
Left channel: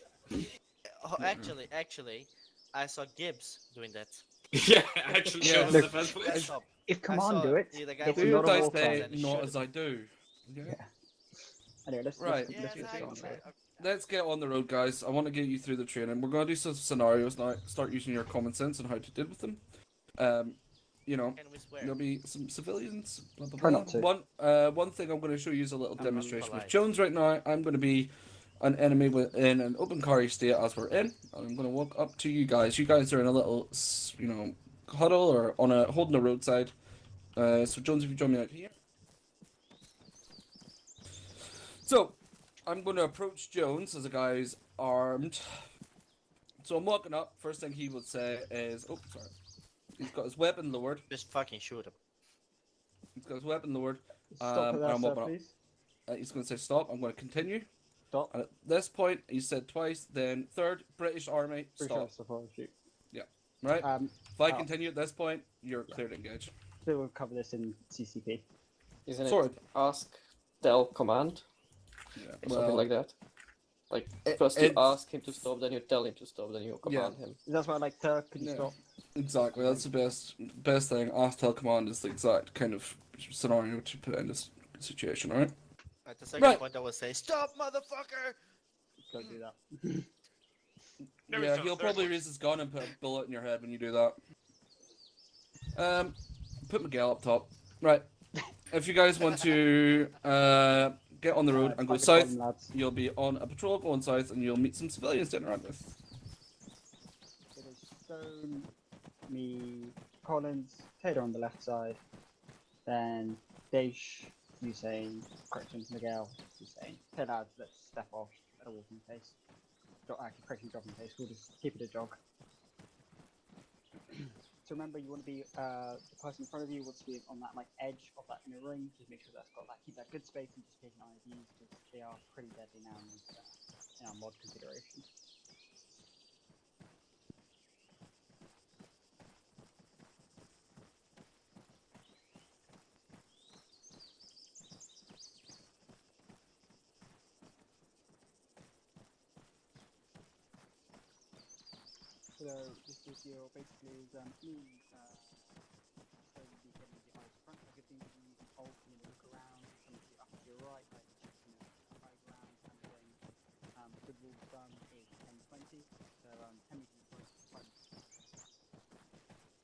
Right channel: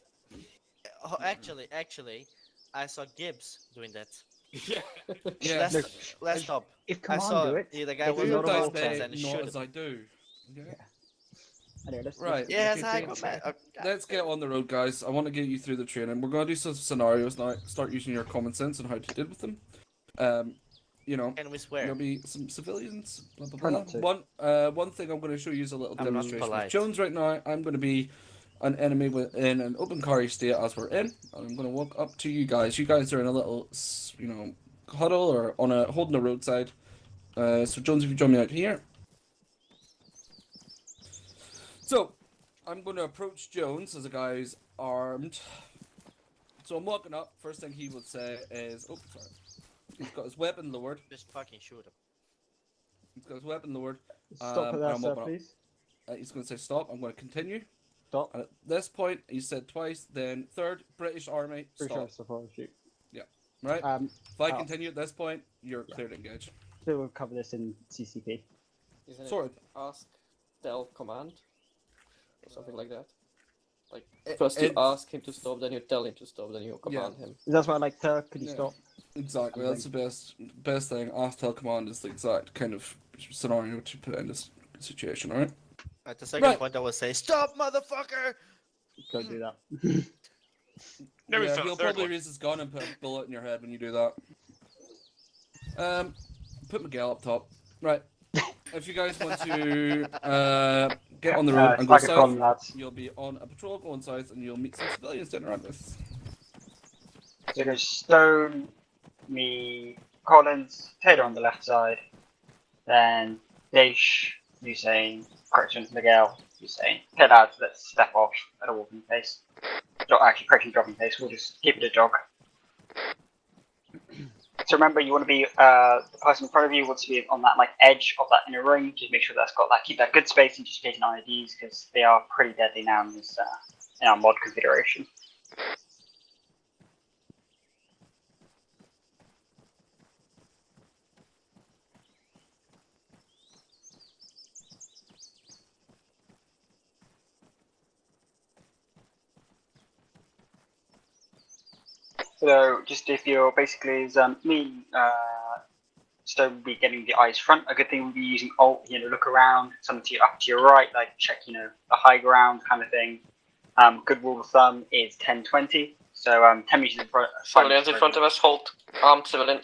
Oh, actually, I saw Gibbs doing that. Yeah, actually, Yeah. that's Look, the best way. Let's stop. If I command saw do it, the guy it's was Do not a as war I crime. say, and not shoot as I do. Okay. Anyway, let's Right. Yes, let's I keep man. going. Let's get on the road, guys. I want to get you through the training. We're going to do some scenarios now. Start using your common sense and how to deal with them. Can we swear? There'll be some civilians. Blah, blah, Try blah. not to. One thing I'm going to show you is a little I'm not demonstration of polite. Jones right now. I'm going to be an enemy in an open carry state as we're in. I'm going to walk up to you guys. You guys are in a little, huddle or holding the roadside. So Jones, if you join me out here. So I'm going to approach Jones as a guy who's armed. So I'm walking up. First thing he would say is, "Oh, sorry." He's got his weapon lowered. Just fucking shoot him. He's got his weapon lowered. Stop it and there, I'm sir, walking up. please. He's going to say stop. I'm going to continue. Stop. And at this point, he said twice. Then third, British Army, stop. Yeah. Right. If I continue at this point, you're clear to engage. So we'll cover this in CCP. Isn't Sorry. it ask, tell, command? Yeah, Or something well, like that. Like first you ask him to stop, then you tell him to stop, then you command him. That's why I like, sir, could you Yeah. stop? Exactly. That's the best thing. Ask, tell, command is the exact kind of scenario to put in this situation. All right. At the second point, I would say, "Stop, motherfucker!" Don't do that. Yeah, he'll probably raise his gun and put a bullet in your head when you do that. Put Miguel up top. Right. If you guys want to get on the road and go south, you'll be on a patrol going south, and you'll meet some civilians sitting around this. So go Stone, me, Collins, Taylor on the left side, then Daish, Hussein, Corrections, Miguel, Hussein. Okay, lads, let's step off at a walking pace. Actually, correctly jogging pace. We'll just keep it a jog. So remember, you want to be the person in front of you wants to be on that like edge of that inner ring. Just make sure that's got that, keep that good space, and just taking IEDs because they are pretty deadly now in this in our mod configuration. So just if you're basically as me, Stone will be getting the eyes front. A good thing would be using Alt, look around, something to up to your right, like check, the high ground kind of thing. Good rule of thumb is 10-20. So 10 meters in front. Civilians in front of us, hold. Armed civilian.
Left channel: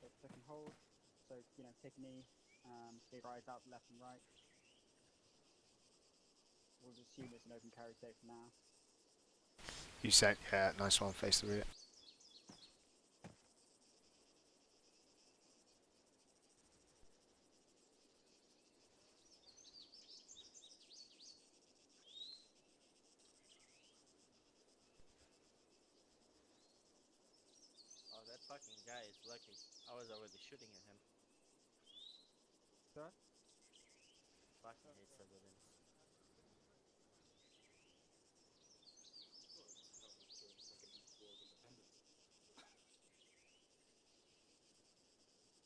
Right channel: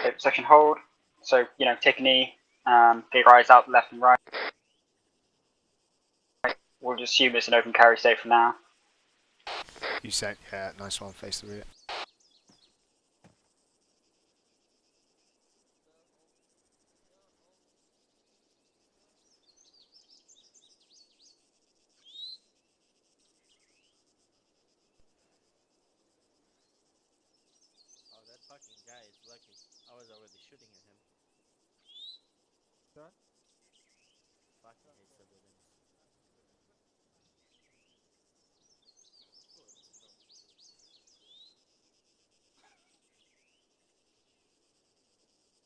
Okay, section hold. So take a knee. Get your eyes out left and right. We'll just assume it's an open carry state for now. You said, yeah, nice one, face the rear. Oh, that fucking guy is lucky. I was already shooting at him. Sir? Fucking hate civilians.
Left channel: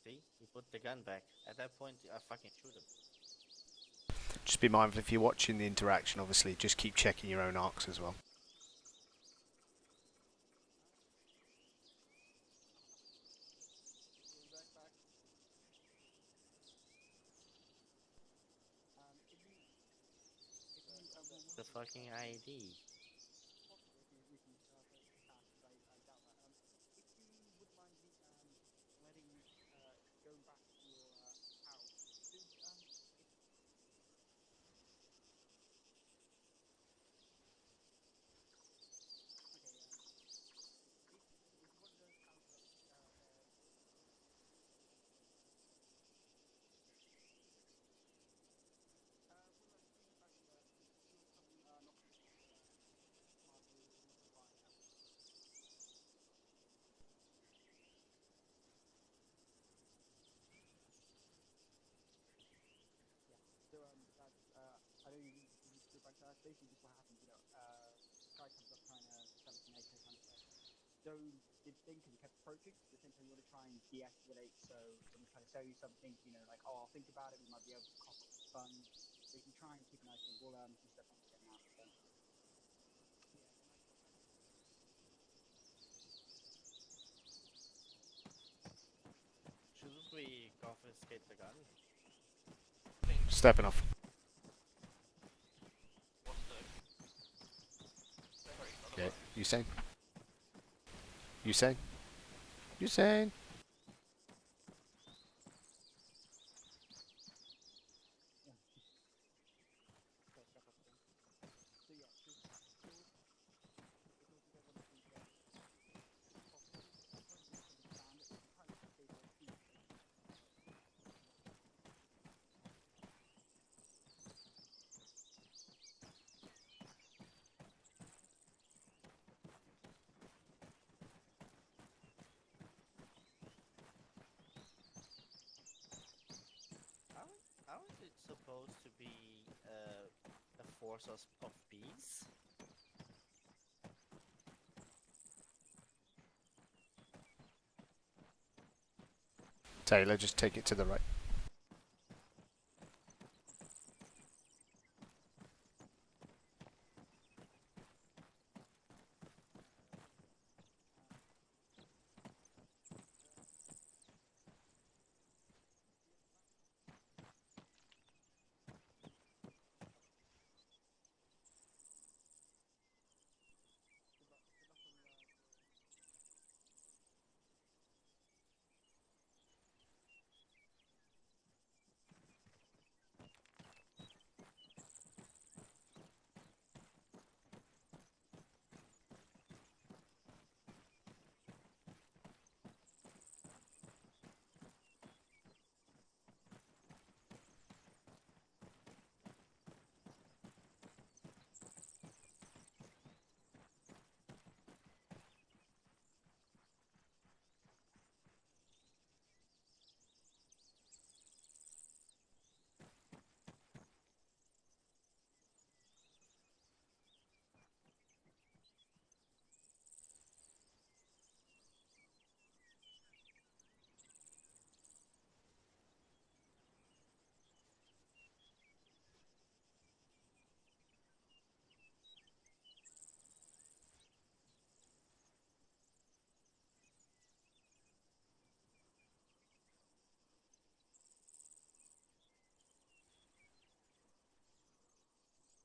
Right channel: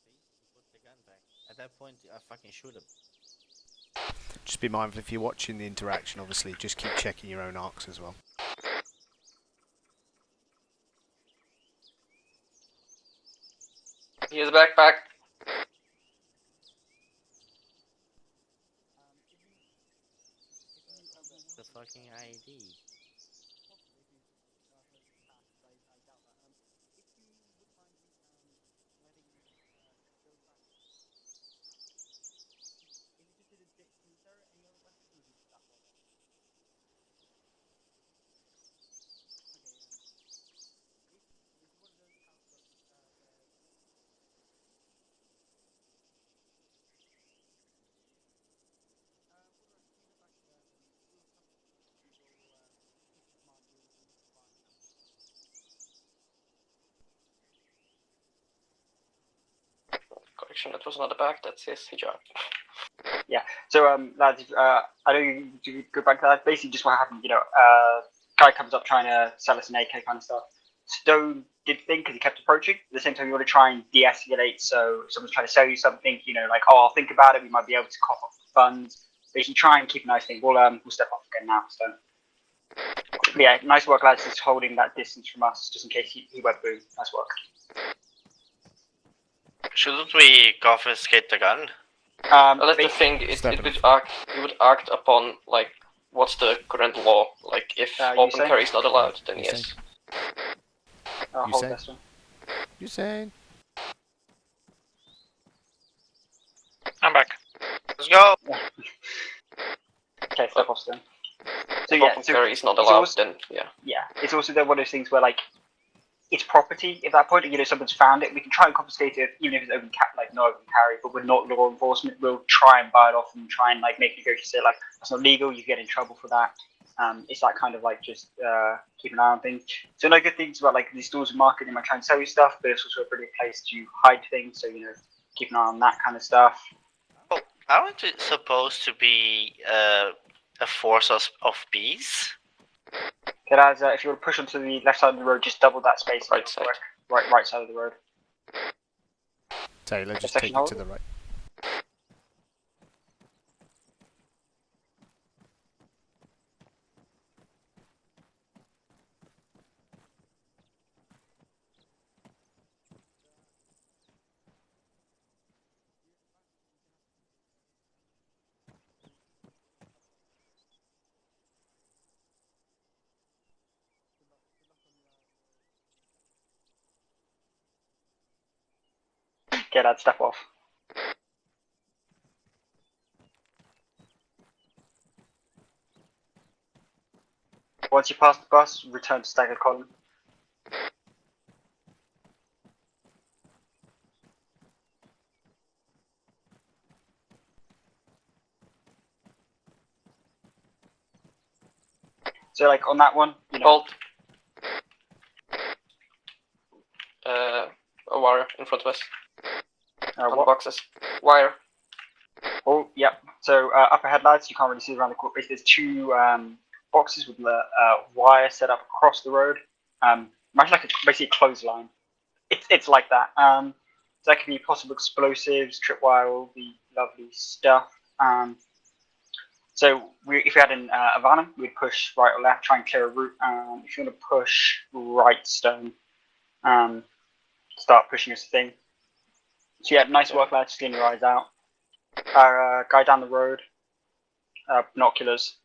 See? He put the gun back. At that point, I fucking shoot him. Just be mindful if you're watching the interaction, obviously, just keep checking your own arcs as well. Here's a backpack. The fucking IED. Correction, that was not a back, that's his hijab. Yeah. So lads, I know you do go back to that. Basically, just what happened. Guy comes up trying to sell us an AK kind of stuff. Stone did think because he kept approaching. At the same time, you want to try and de-escalate. So if someone's trying to sell you something, like, oh, I'll think about it. We might be able to cough up the funds. Basically, try and keep a nice thing. We'll step off again now. So yeah, nice work, lads. Just holding that distance from us, just in case he went boom. Nice work. Shouldn't we confiscate the gun? That's the thing, you would act upon, like, what's the current law? Like, if open carry is not allowed, then yes. Usain. I'm back. Let's go. Okay, step off then. So if yeah, open so carry is not it's allowed, also- then yeah. Yeah, it's also one of those things where like it's property at that point. You know, someone's found it. We can try and confiscate it, even if it's not open carry. But we're not law enforcement. We'll try and buy it off and try and like make negotiations. Say like that's not legal. You get in trouble for that. It's that kind of like just keep an eye on things. So no good things about like these stores and marketing might try and sell you stuff, but it's also a brilliant place to hide things. So you know, keep an eye on that kind of stuff. Well, aren't it supposed to be a force of peace? Okay, lads, if you want to push onto the left side of the road, just double that space. Right side. Right side of the road. Taylor, just take it to the right. Okay, lads, step off. Once you pass the bus, return to staggered column. So like on that one, you know. Bolt. A wire in front of us. On the boxes. Wire. Oh, yep. So up ahead, lads, you can't really see around the corner. Basically, there's two boxes with the wire set up across the road. Much like basically a clothesline. It's like that. So that could be possible explosives, tripwire, all the lovely stuff. So if we had an Havana, we'd push right or left, try and clear a route. If you want to push right stone, start pushing this thing. So yeah, nice work, lads. Just getting your eyes out. Guy down the road, binoculars.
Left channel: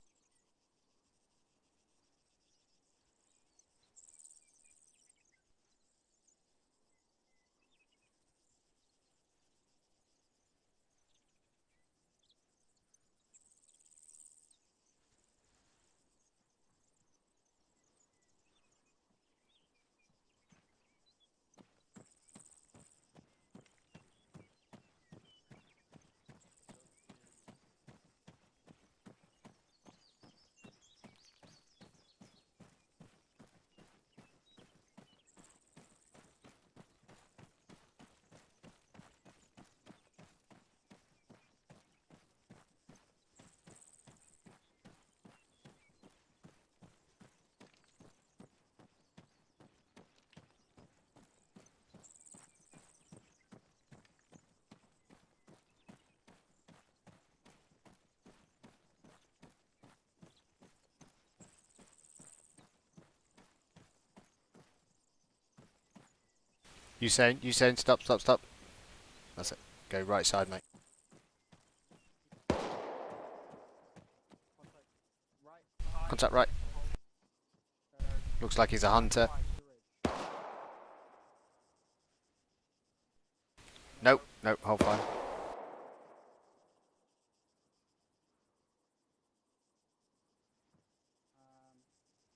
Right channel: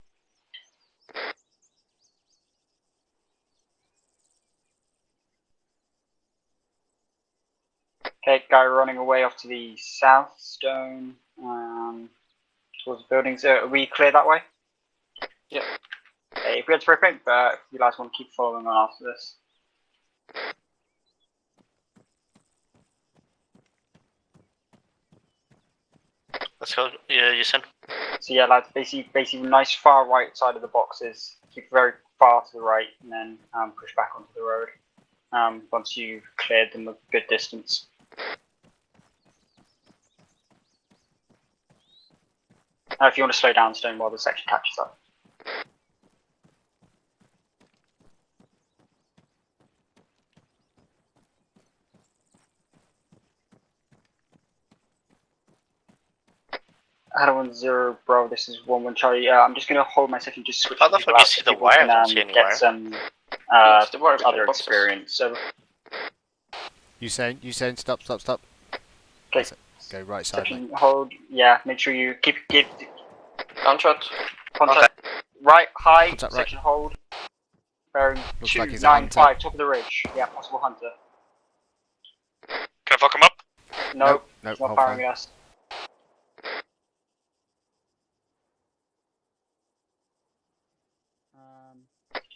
Okay, guy running away off to the south stone, towards the buildings. Are we clear that way? Yeah. Okay, if we had spray paint, but if you guys want to keep following on after this. Let's go, you said. So yeah, lads, basically nice far right side of the boxes. Keep very far to the right, and then push back onto the road. Once you've cleared them a good distance. If you want to slow down stone while the section catches up. Hello 10 Bravo, this is 11 Charlie. I'm just gonna hold my section, just switch. How the fuck you see the wire? I don't see any wire. Get some other experience. So You saying stop. okay. That's it. Go right side, mate. Section hold. Yeah, make sure you keep Contract. Right, high. Contact right. Section hold. Bearing Looks like he's a hunter. 295, top of the ridge. Yeah, possible hunter. Can I fuck him up? No, no, not hold firing fire. us.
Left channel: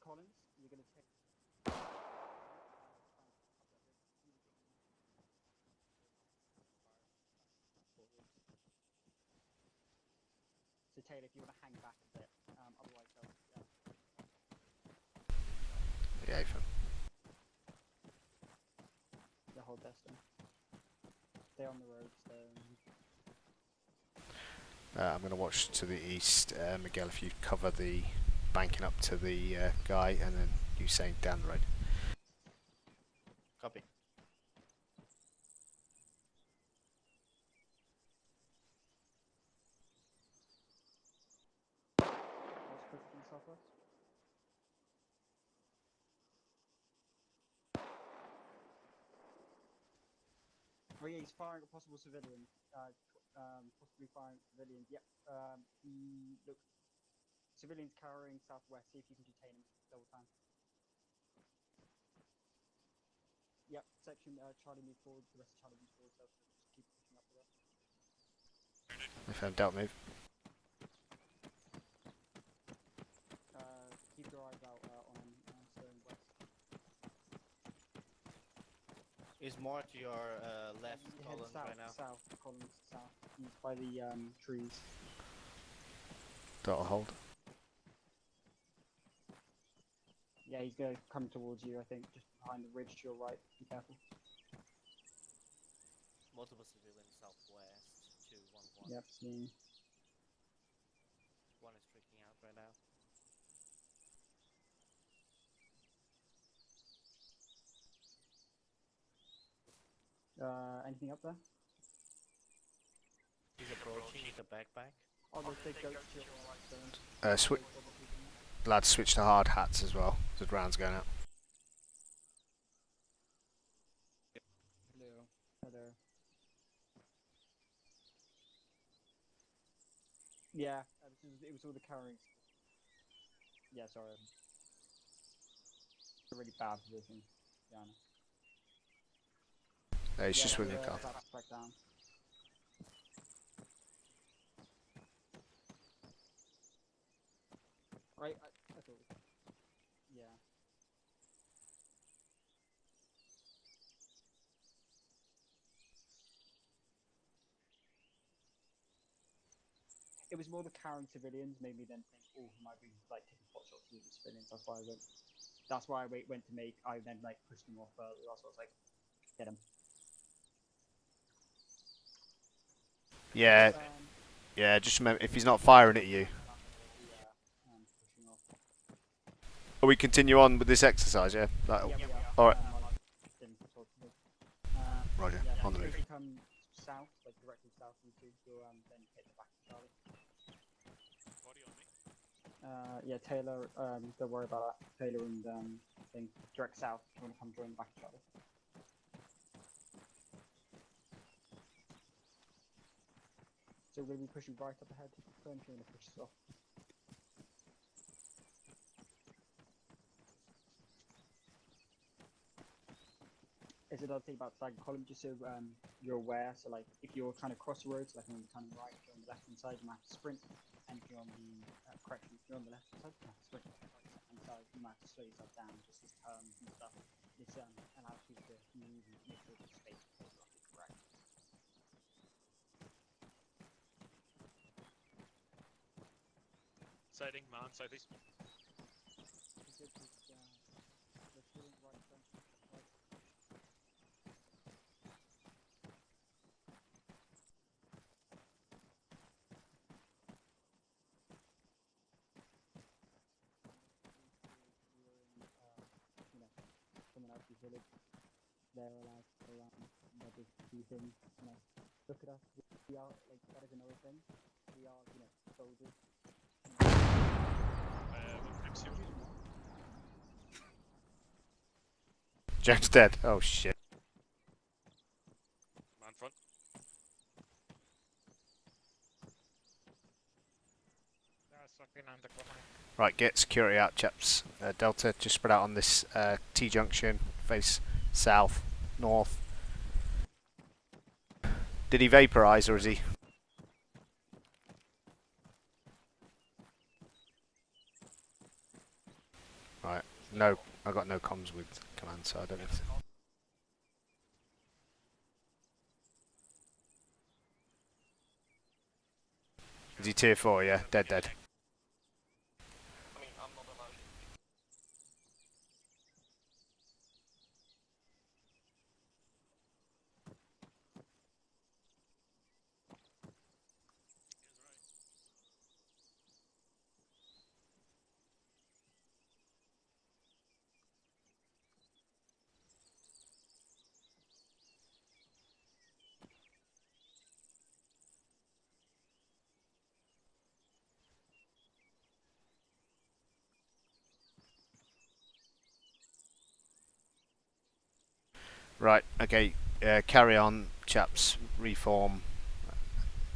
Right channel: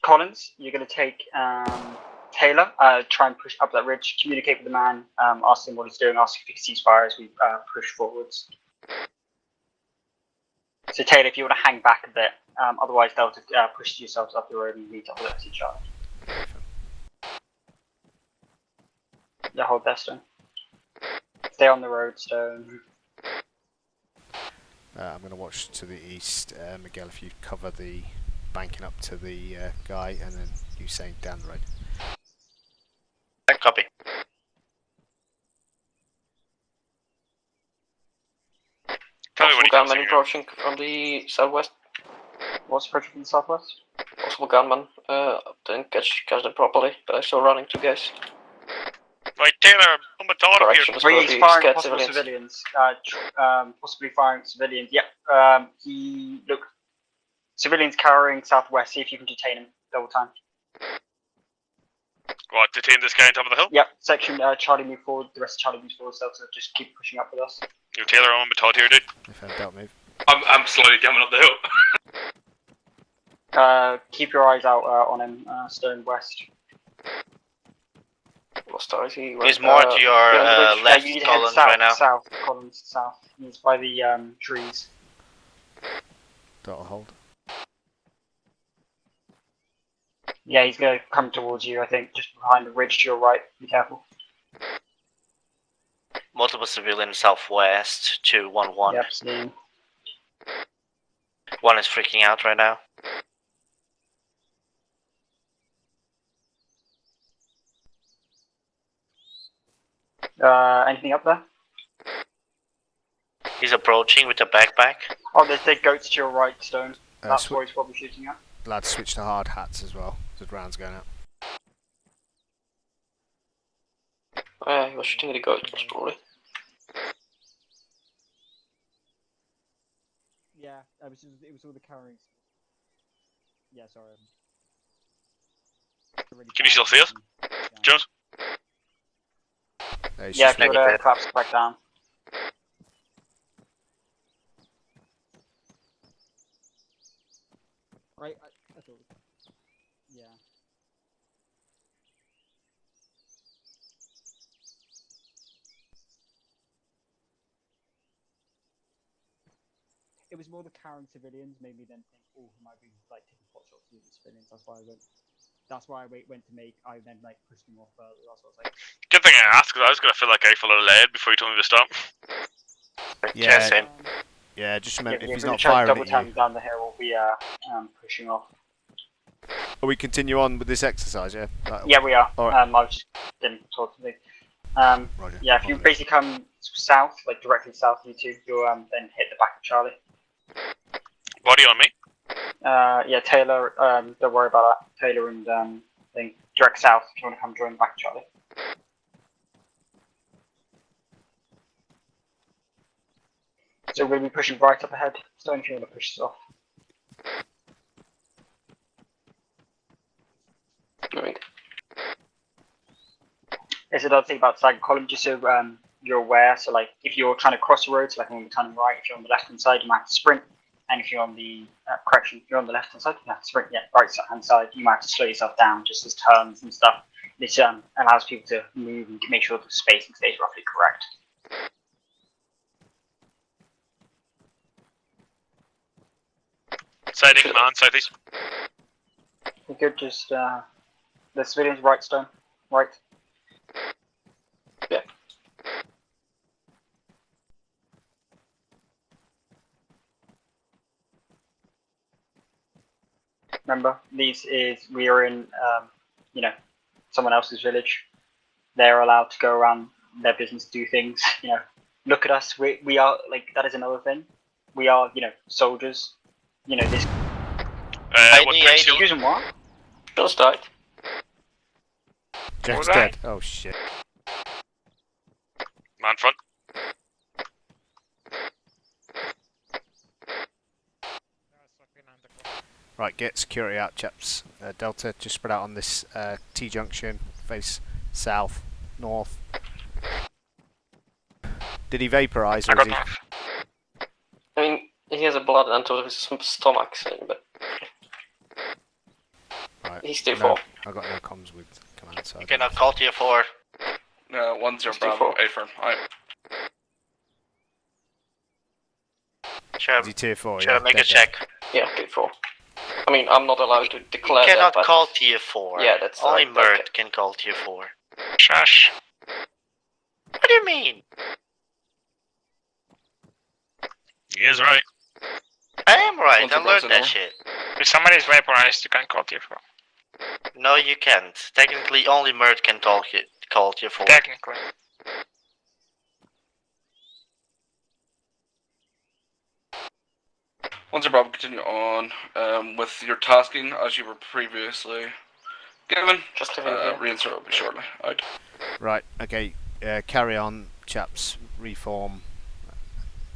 Collins, you're going to take Taylor, try and push up that ridge, communicate with the man, ask him what he's doing, ask if he can cease fire as we push forwards. So Taylor, if you want to hang back a bit, otherwise they'll push yourselves up the road and meet up with us each other. Yeah, hold there, Stone. Stay on the road, Stone. I'm going to watch to the east. Miguel, if you cover the banking up to the guy, and then Usain down the road. Copy. Possible gunman approaching from the southwest. What's approaching from the southwest? Possible gunman. Didn't catch them properly, but I saw running two guys. Right, Taylor, I'm a daughter here. Oh, he's firing possible civilians. Possibly firing civilians. Yep. Look, civilians carrying southwest. See if you can detain him. Double time. What, detain this guy on top of the hill? Yep. Section Charlie move forward. The rest of Charlie moves forward. So just keep pushing up with us. Yo, Taylor, I'm a Todd here, dude. If I don't move. I'm slowly coming up the hill. Keep your eyes out on him, Stone West. He's more to your left, you need to head Collins, south, right now. south, Collins, south. He's by the trees. That'll hold. Yeah, he's going to come towards you, I think, just behind the ridge to your right. Be careful. Multiple civilians southwest, 211. Yep, seen. One is freaking out right now. Anything up there? He's approaching with a backpack. Oh, there's dead goats to your right, Stone. That's Swi- what he's probably shooting at. Lads, switch to hard hats as well. There's rounds going out. He was shooting at the goat, probably. Yeah, it was all the carrying. Yeah, sorry. Really Can you still see us, Jones? Yeah, put flaps back down. Right, I thought. Yeah. It was more the carrying civilians made me then think, oh, he might be like taking pot shots with the civilians. That's why I went. That's why I went to make. I then like pushed him off further. That's what I was like. Good thing I asked, because I was going to feel like I full of lead before you told me to stop. Yeah, yeah. Just remember, if he's not firing at you. Down the hill, we'll be pushing off. We continue on with this exercise, yeah? Yeah, we are. All right. I was just didn't talk to me. Roger. Yeah, if you basically come south, like directly south of you two, you'll then hit the back of Charlie. Body on me. Yeah, Taylor. Don't worry about that. Taylor and thing direct south. If you want to come join the back of Charlie. So we'll be pushing right up ahead. Stone, if you want to push us off. There's another thing about staggered column, just so you're aware. So, like, if you're trying to cross the road, so like when we're turning right, if you're on the left hand side, you might have to sprint. And if you're on the correction, if you're on the left hand side, you have to sprint. Yeah, right hand side, you might have to slow yourself down, just as turns and stuff. This allows people to move and make sure the spacing stays roughly correct. Sighting man, southeast. You could just the civilians right, Stone, right. Yeah. Remember, we are in you know, someone else's village. They're allowed to go around their business, do things. You know, look at us. We are like that is another thing. We are soldiers. You know this. What tanks you using what? Just died. Jack's dead. Oh shit. Man front. Right, get security out, chaps. Delta, just spread out on this T-junction. Face south, north. Did he vaporise, or is he? I mean, he has a blood onto his stomach, so, but Right. he's still No, full. I got no comms with command, so I Okay, don't now know. call tier 4. 10 Bravo, affirm. Alright. Sure. Is he tier 4? Sure, Yeah, make a dead. check. Yeah, tier 4. I mean, I'm not allowed to declare You cannot that, but call tier 4. yeah, that's Only right, Mert okay. can call tier 4. Shush. What do you mean? He is right. I am right, Once I a learned person that more. shit. If somebody is vaporized, you can call tier 4. No, you can't. Technically, only Mert can call tier 4. Technically. Once a Bravo, continue on with your tasking as you were previously given. Just to yeah. Reinsert will be shortly. Out. Right, okay. Carry on, chaps. Reform.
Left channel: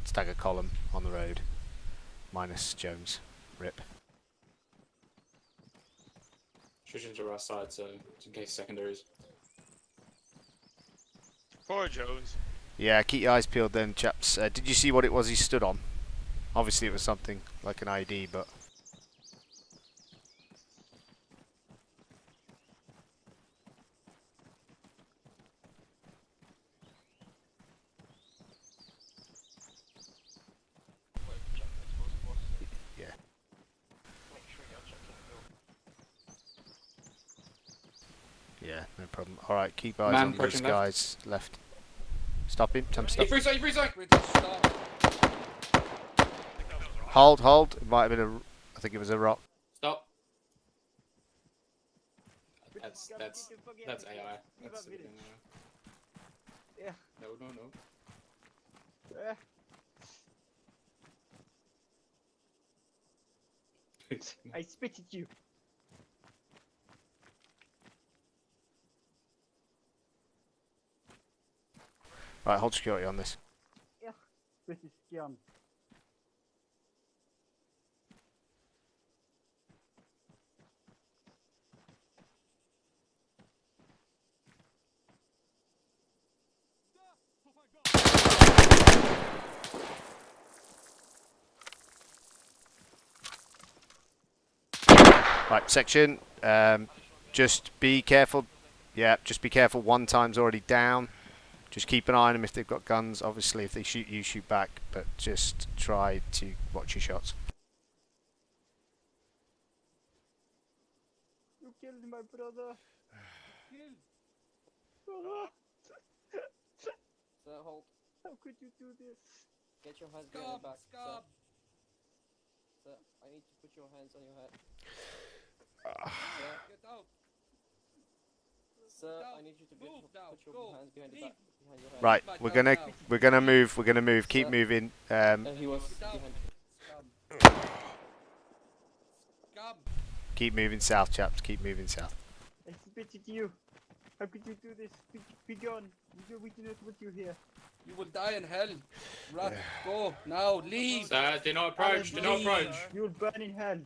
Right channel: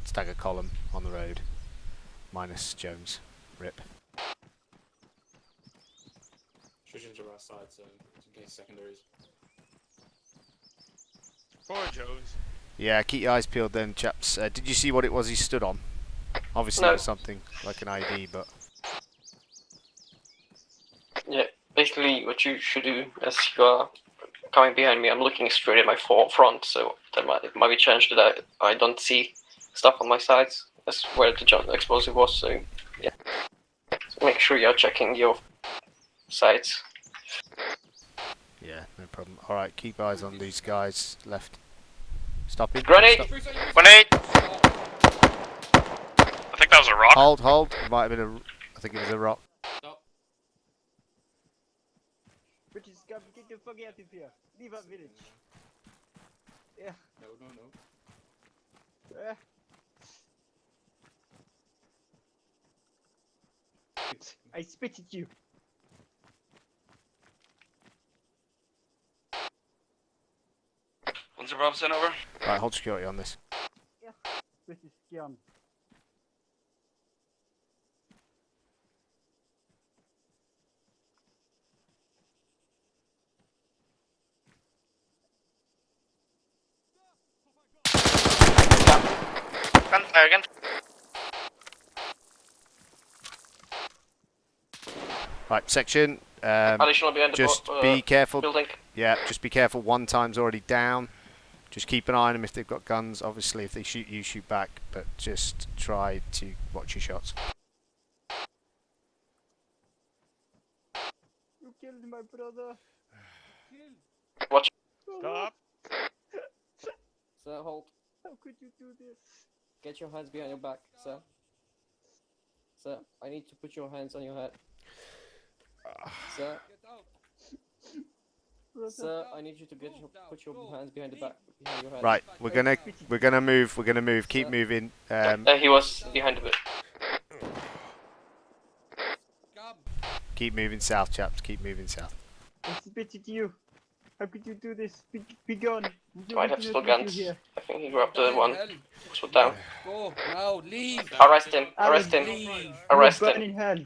Stagger column on the road. Minus Jones. Rip. Switching to our side, so in case secondaries. Poor Jones. Yeah, keep your eyes peeled then, chaps. Did you see what it was he stood on? Obviously No. it was something like an ID, but... basically what you should do as you are coming behind me, I'm looking straight at my front, so it might be changed that I don't see stuff on my sides. That's where the explosive was, so yeah. So make sure you're checking your sides. Yeah, no problem. Alright, keep eyes Man on these pushing guys left. Stop him. Grenade! Stop. Grenade! I think that was a rock. Hold. It might have been a. I think it was a rock. Stop. That's AI. That's Yeah. No. I spit at you. Once Rob sent over. Right, hold security on this. Yeah. British scum. Gunfire again. Right, section. Additional behind the Just be careful. building. Yeah, just be careful. One time's already down. Just keep an eye on them if they've got guns. Obviously, if they shoot you, shoot back. But just try to watch your shots. You killed my brother. Watch. Stop. Sir, hold. How could you do this? Get your hands behind your back, sir. Sir, I need to put your hands on your head. Sir. Get out. Sir, I need you to put your hands behind the back. Behind your head. Right, we're gonna move. We're gonna move. Keep moving. He was behind the. Keep moving south, chaps. Keep moving south. I spit at you. How could you do this? Be gone. Might have still guns. I think he grabbed the one. Put down. Go now, leave. Arrest him. Arrest him. Arrest him. In hell.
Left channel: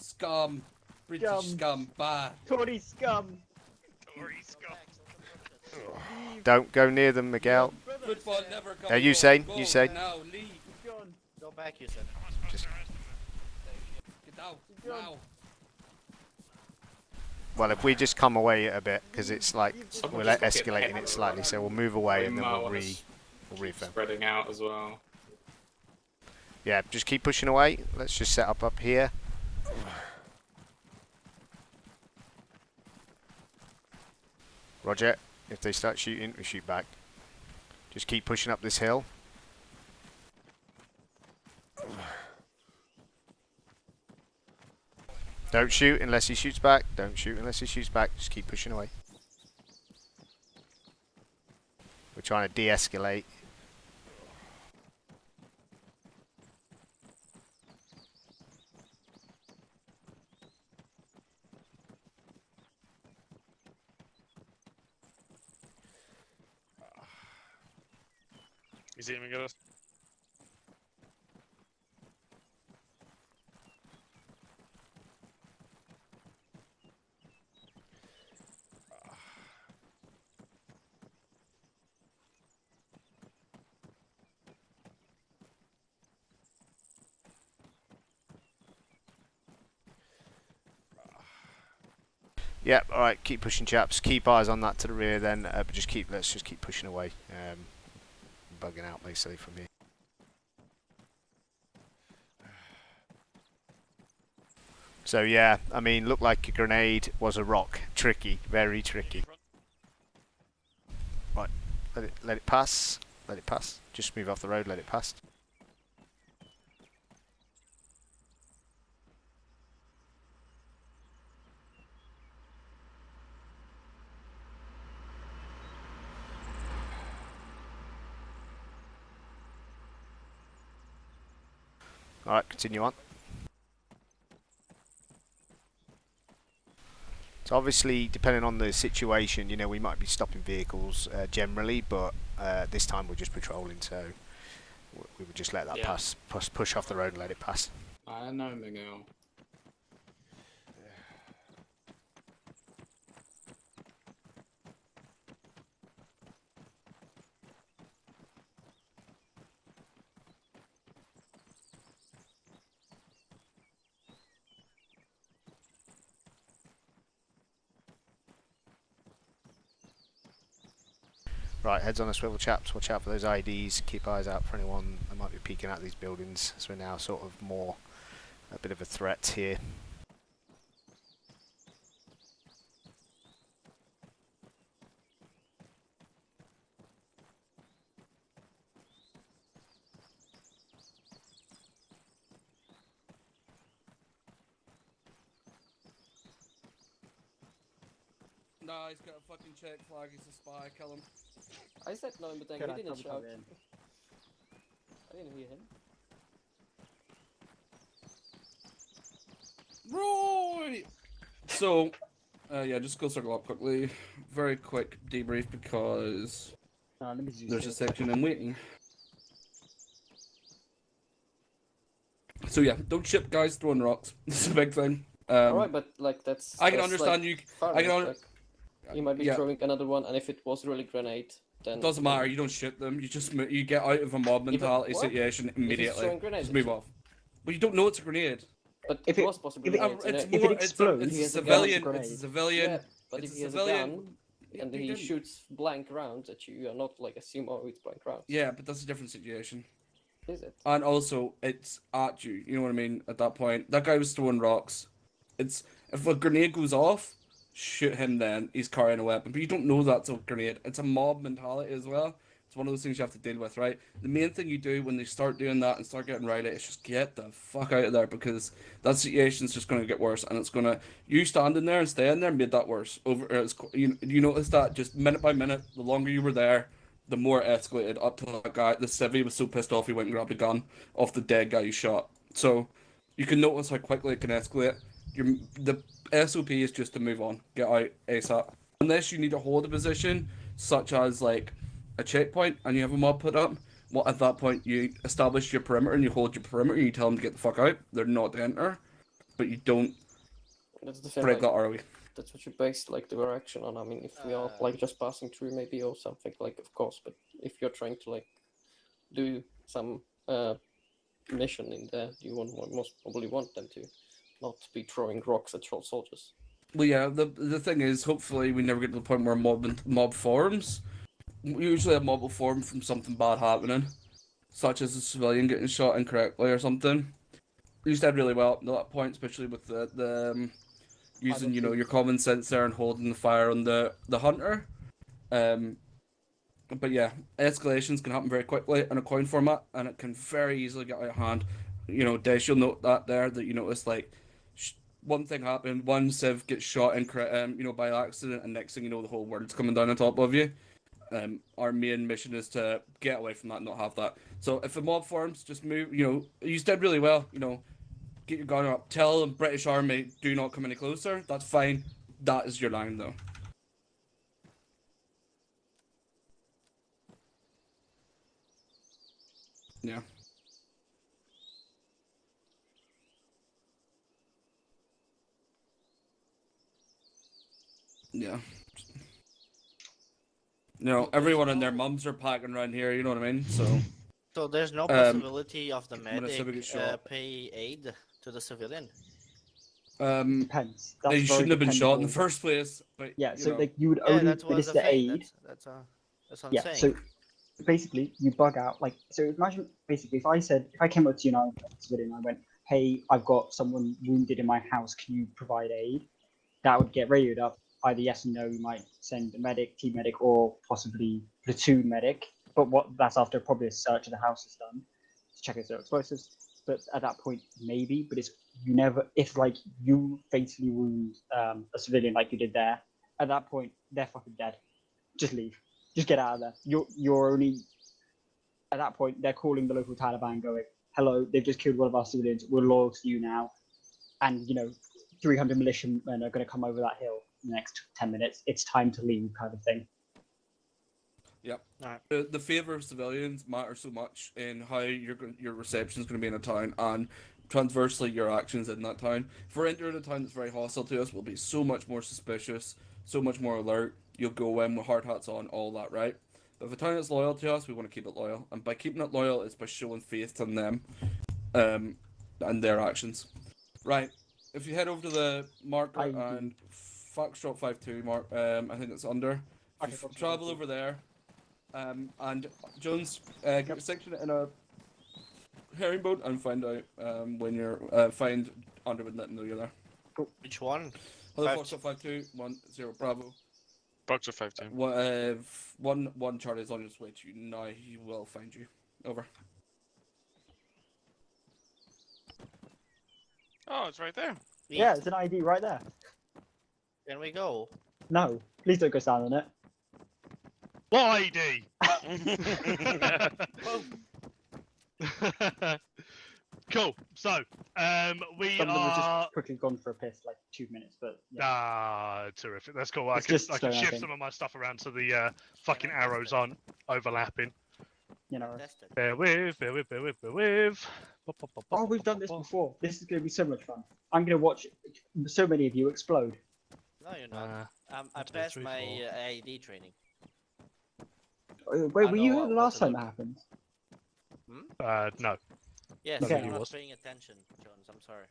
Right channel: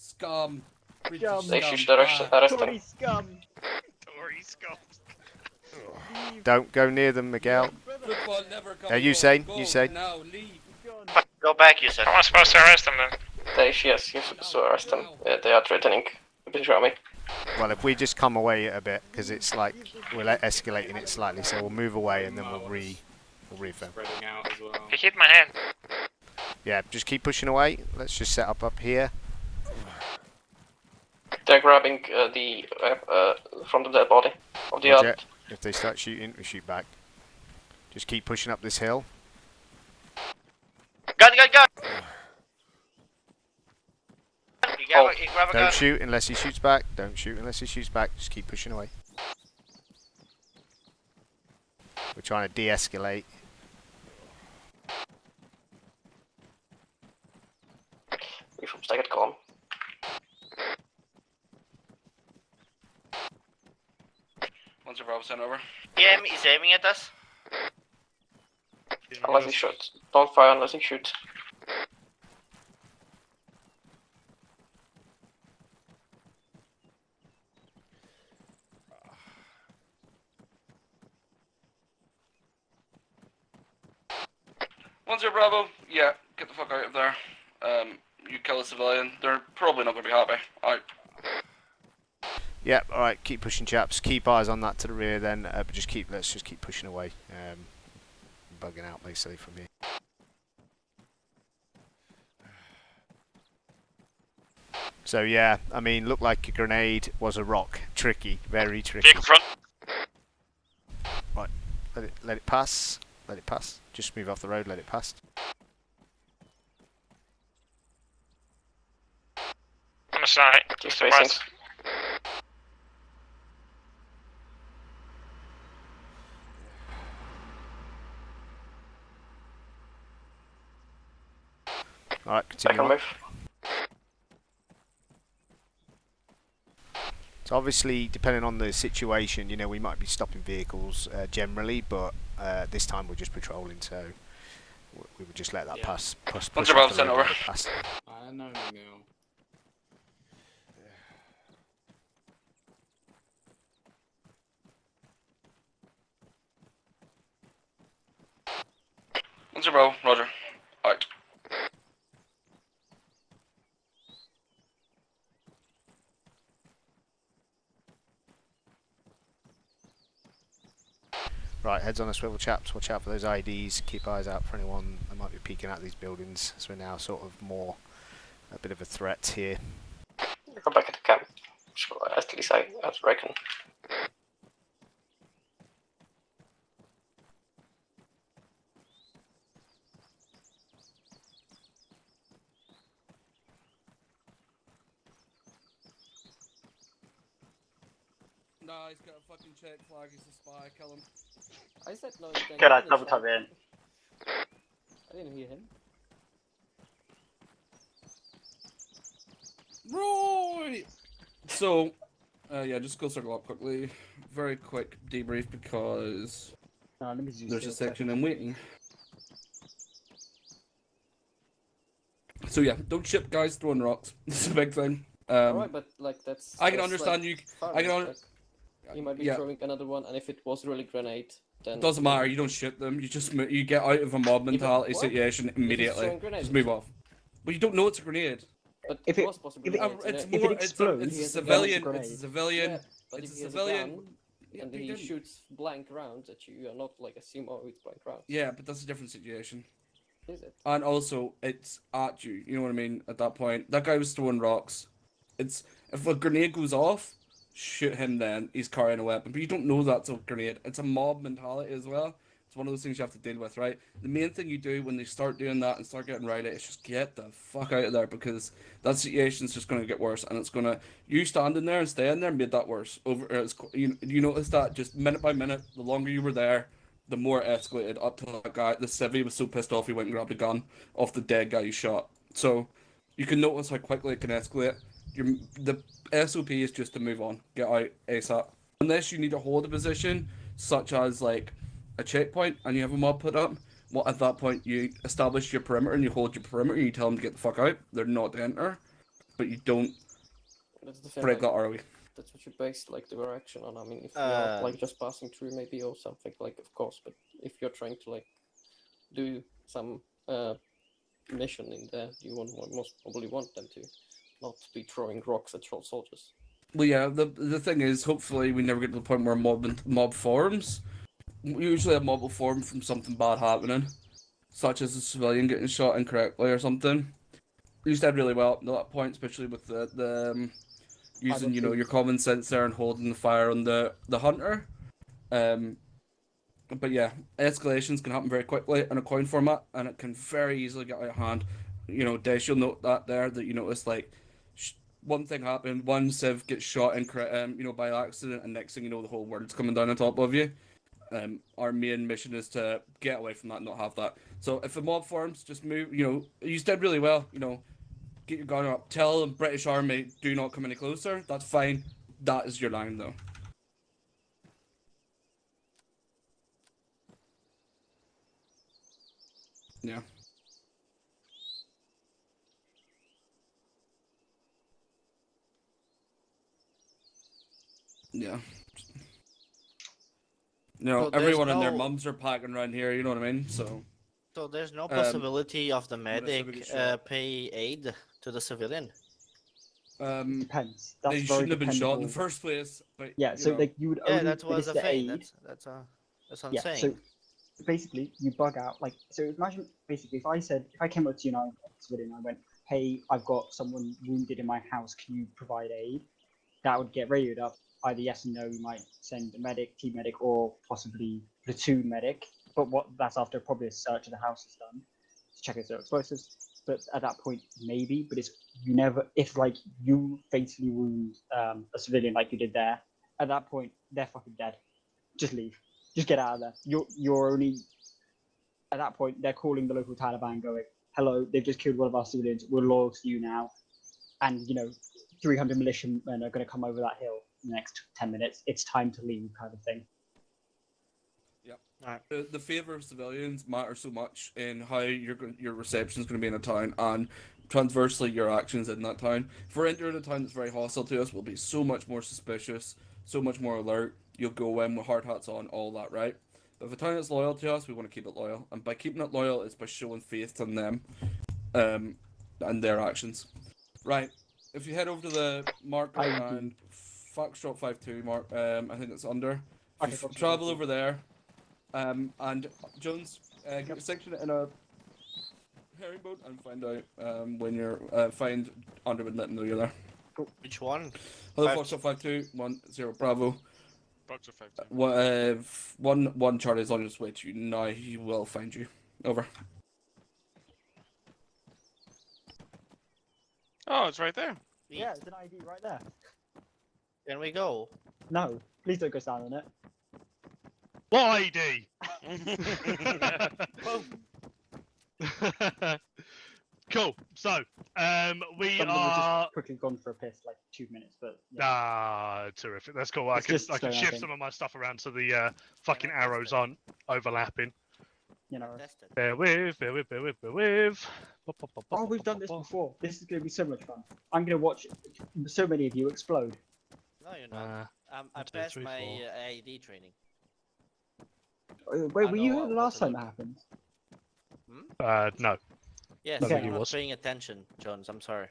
Scum. Scum. They should arrest Tory him. scum. Tory scum. Don't go near them, Miguel. Football never comes Usain. home. Usain. Now, leave. Go back, you said. How am I supposed to arrest him then? Yes, you're supposed to arrest them. They are threatening the British army. Well, if we just come away a bit, because it's like we're escalating it slightly, so we'll move away and then we'll refilm. Spreading out as well. He hit my hand. Yeah, just keep pushing away. Let's just set up here. They're grabbing the from the dead body of the Roger. other. If they start shooting, we shoot back. Just keep pushing up this hill. Gun! Don't shoot unless he shoots back. Don't shoot unless he shoots back. Just keep pushing away. We're trying to de-escalate. We from staggered column. Once Rob sent over. Yeah, he's aiming at us. Unless he shoots. Don't fire unless he shoots. Once Bravo. Yeah, get the fuck out of there. You kill a civilian. They're probably not gonna be happy. Alright. Yep. All right. Keep pushing, chaps. Keep eyes on that to the rear. Then, but let's just keep pushing away. Bugging out basically from here. So yeah, I mean, looked like a grenade, was a rock. Tricky, very tricky. Right, let it pass. Let it pass. Just move off the road. Let it pass. On the side. Keep Just the facing. west. All right, continue on. So obviously, depending on the situation, you know, we might be stopping vehicles generally, but this time we're just patrolling, so we would just let that pass, push off the road, let it pass. I know, Miguel. Once Bravo. Roger. Alright. Right, heads on a swivel, chaps. Watch out for those IEDs. Keep eyes out for anyone that might be peeking out these buildings. So we're now sort of more a bit of a threat here. Go back at the camp. So at least I reckon. Nah, he's got a fucking check flag. He's a spy. Kill him. I said no in the tank. Good, He I didn't double shout. tap in. I didn't hear him. Right. So, yeah, just go circle up quickly. Very quick debrief because let me see there's a this. section I'm waiting. So yeah, don't ship guys throwing rocks. This is a big thing. Alright, but like that's. I can that's, understand like, you. far I can. away, like, you might be yeah. throwing another one, and if it was really grenade, then It doesn't matter. You don't ship them. You just you get out of a mob mentality what? situation If it's immediately. throwing grenades Just at move you. off. But you don't know it's a grenade. But If it it- was possibly if it- grenades, It's innit? more. it explodes, It's he a has a gun, civilian. it's a It's a grenade. civilian. Yeah, but It's if a he has civilian. a gun, Yeah, and but he he didn't. shoots blank rounds at you, you're not like assume, oh, it's blank rounds. Yeah, but that's a different situation. Is it? And also, it's at you. You know what I mean? At that point, that guy was throwing rocks. It's if a grenade goes off, shoot him. Then he's carrying a weapon. But you don't know that's a grenade. It's a mob mentality as well. It's one of those things you have to deal with, right? The main thing you do when they start doing that and start getting rowdy is just get the fuck out of there, because that situation's just going to get worse, and it's going to you standing there and staying there made that worse. You notice that just minute by minute, the longer you were there, the more it escalated up to that guy. The civvy was so pissed off he went and grabbed a gun off the dead guy you shot. So you can notice how quickly it can escalate. The SOP is just to move on, get out ASAP. Unless you need to hold a position, such as like a checkpoint, and you have a mob put up. Well, at that point, you establish your perimeter and you hold your perimeter. And you tell them to get the fuck out. They're not to enter, but you don't That's the thing. break Like, that ROE. that's what you base like the direction on. I mean, if you're like just passing through, maybe or something like, of course. But if you're trying to like do some mission in there, you most probably want them to not be throwing rocks at soldiers. Well, yeah. The thing is, hopefully, we never get to the point where mob forms. Usually, a mob will form from something bad happening, such as a civilian getting shot incorrectly or something. You said really well up to that point, especially with the using your common sense there and holding the fire on the hunter. But yeah, escalations can happen very quickly in a coin format, and it can very easily get out of hand. Dash, you'll note that there, that you notice like one thing happened, one civ gets shot by accident, and next thing you know, the whole world's coming down on top of you. Our main mission is to get away from that and not have that. So if a mob forms, just move. You did really well. Get your gun up. Tell the British Army, do not come any closer. That's fine. That is your line, though. Yeah. Yeah. So everyone there's and their no- mums are packing around here, you know what I mean? So there's no possibility of the when a civvy medic gets shot. pay aid to the civilian. Depends. That's They very shouldn't have been shot in the dependable. first place. But Yeah, so like you would Yeah, only that was the solicit thing. aid. That's what I'm Yeah, saying. so basically you bug out so imagine basically if I came up to you and I was civilian, I went, hey, I've got someone wounded in my house, can you provide aid? That would get radioed up, either yes or no. You might send a medic, team medic, or possibly platoon medic, but that's after probably a search of the house is done to check if there are explosives. But at that point, maybe, but if like you fatally wound a civilian like you did there, at that point they're fucking dead. Just leave. Just get out of there. You're only at that point they're calling the local Taliban, going, "Hello, they've just killed one of our civilians. We're loyal to you now," and 300 militiamen are going to come over that hill in the next 10 minutes. It's time to leave, kind of thing. Yep. The favour of civilians matters so much in how your reception is going to be in a town, and transversely your actions in that town. If we're entering a town that's very hostile to us, we'll be so much more suspicious, so much more alert. You'll go in with hard hats on, all that, right? But if a town is loyal to us, we want to keep it loyal, and by keeping it loyal, it's by showing faith in them, and their actions. Right. If you head over to the marker and Foxtrot 52 mark, I think it's under. If you travel over there, And Jones, get a section in a herringbone and find out when you're find Andre and let him know you're there. Cool. Which one? Hello, Foxtrot 5210 Bravo. Foxtrot 52. One Charlie is on his way to you now. He will find you. Over. Oh, it's right there. Yeah, it's an ID right there. Can we go? No, please don't go stand on it. What ID? Cool. So, we Some of them have are. just quickly gone for a piss, like 2 minutes, but yeah. Ah, terrific. That's cool. I It's can just I can stone, I shift think. some of my stuff around so the fucking arrows aren't overlapping. You know. Bear with. Pop, pop, pop, Oh, pop, we've pop, done pop, this pop. before. This is going to be so much fun. I'm going to watch so many of you explode. No, you're not. I two, passed three, my four. IED training. Wait, I were you know here the what last to time look. that happened? No. Yes, Okay. you're not was. paying attention, Jones. I'm sorry.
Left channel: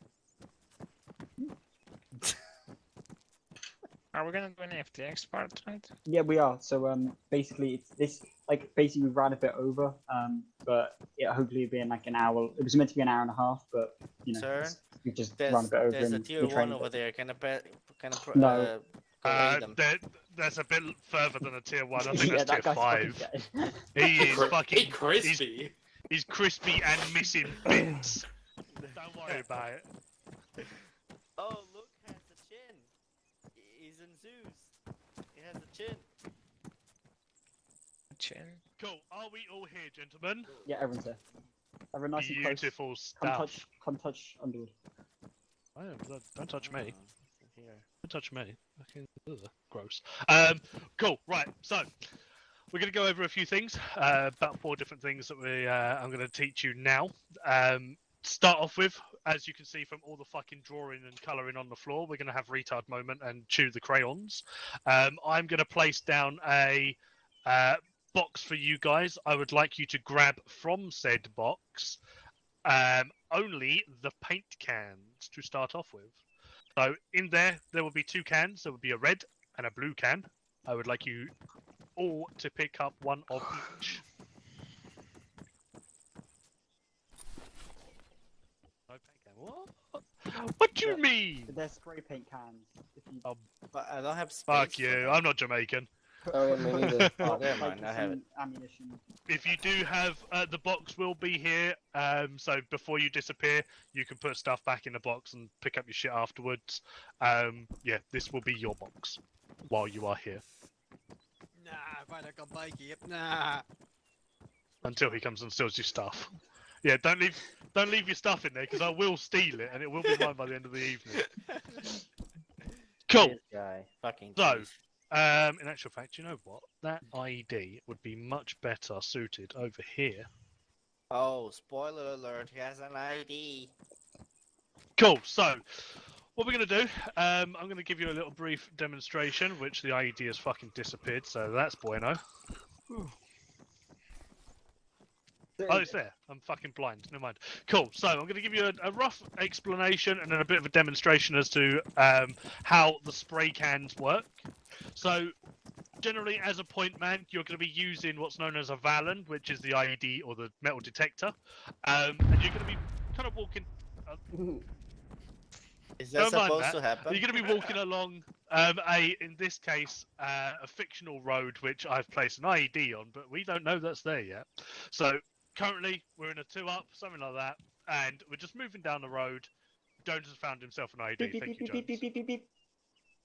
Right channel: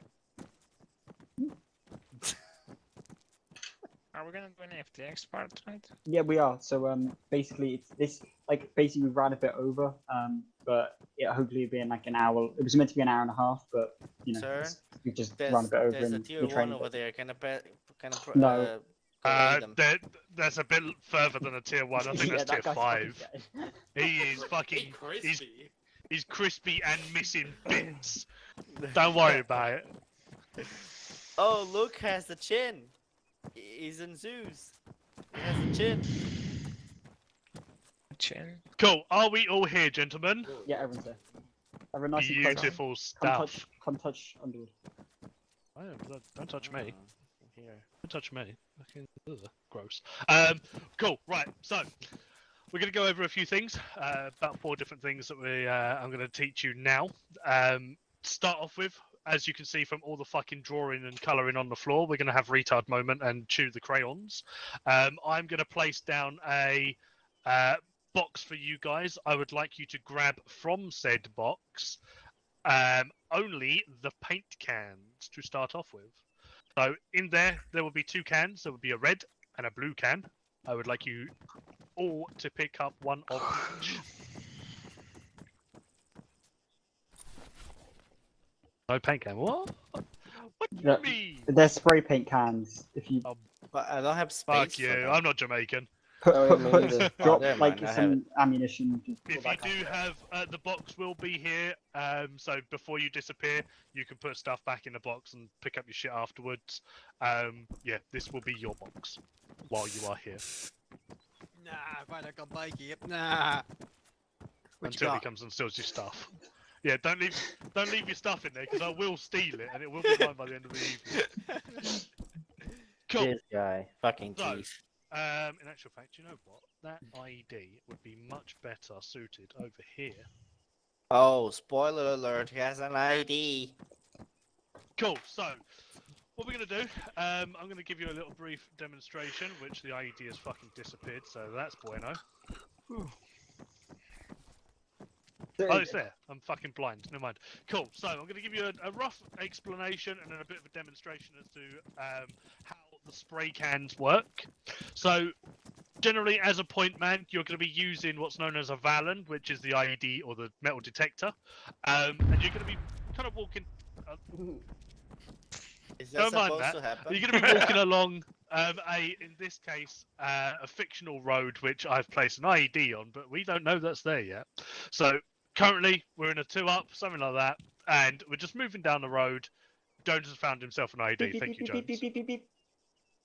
Are we gonna do an FTX part tonight? Yeah, we are. So basically, it's this. Like, basically, we ran a bit over. But yeah, hopefully, it'll be in like an hour. It was meant to be an hour and a half, but you know, Sir, we just ran a bit over there's a in tier the 1 training. over there. Can I No. go aid them? That's a bit further than a tier 1. I think Yeah, that's tier that guy's fucking 5. gay. He is fucking crispy. He's crispy and missing bits. Don't worry about it. Oh, Luke has the chin. He's in Zeus. He has the chin. Chin. Cool. Are we all here, gentlemen? Yeah, everyone's there. Everyone nice and close. Beautiful Come stuff. touch Underwood. Don't touch me. Here. Don't touch me. Fucking gross. Cool. Right. So we're going to go over a few things. About 4 different things that I'm going to teach you now. Start off with, as you can see from all the fucking drawing and colouring on the floor, we're going to have retard moment and chew the crayons. I'm going to place down a box for you guys. I would like you to grab from said box only the paint cans to start off with. So in there will be 2 cans. There will be a red and a blue can. I would like you all to pick up one of each. No paint can. What? What do you mean? They're spray paint cans. If you But I don't have space. Fuck you. I'm not Jamaican. drop never like mind, I have some ammunition. If you do have, the box will be here. So before you disappear, you can put stuff back in the box and pick up your shit afterwards. Yeah, this will be your box while you are here. Nah, if I can bike it. Nah. Until he comes and steals your stuff. Yeah, don't leave your stuff in there because I will steal it and it will be mine by the end of the evening. Cool. This guy. Fucking So, cheese. in actual fact, you know what? That IED would be much better suited over here. Oh, spoiler alert, he has an ID. Cool, so what we're going to do, I'm going to give you a little brief demonstration, which the IED has fucking disappeared, so that's bueno. Oh, it's there. I'm fucking blind. Never mind. Cool. So I'm going to give you a rough explanation and then a bit of a demonstration as to how the spray cans work. So generally, as a point man, you're going to be using what's known as a Valen, which is the IED or the metal detector, and you're going to be kind of walking. Is that Don't mind supposed that. to happen? You're going to be walking along in this case, a fictional road which I've placed an IED on, but we don't know that's there yet. So currently, we're in a 2-up, something like that, and we're just moving down the road. Jones has found himself an IED. Thank you, Jones.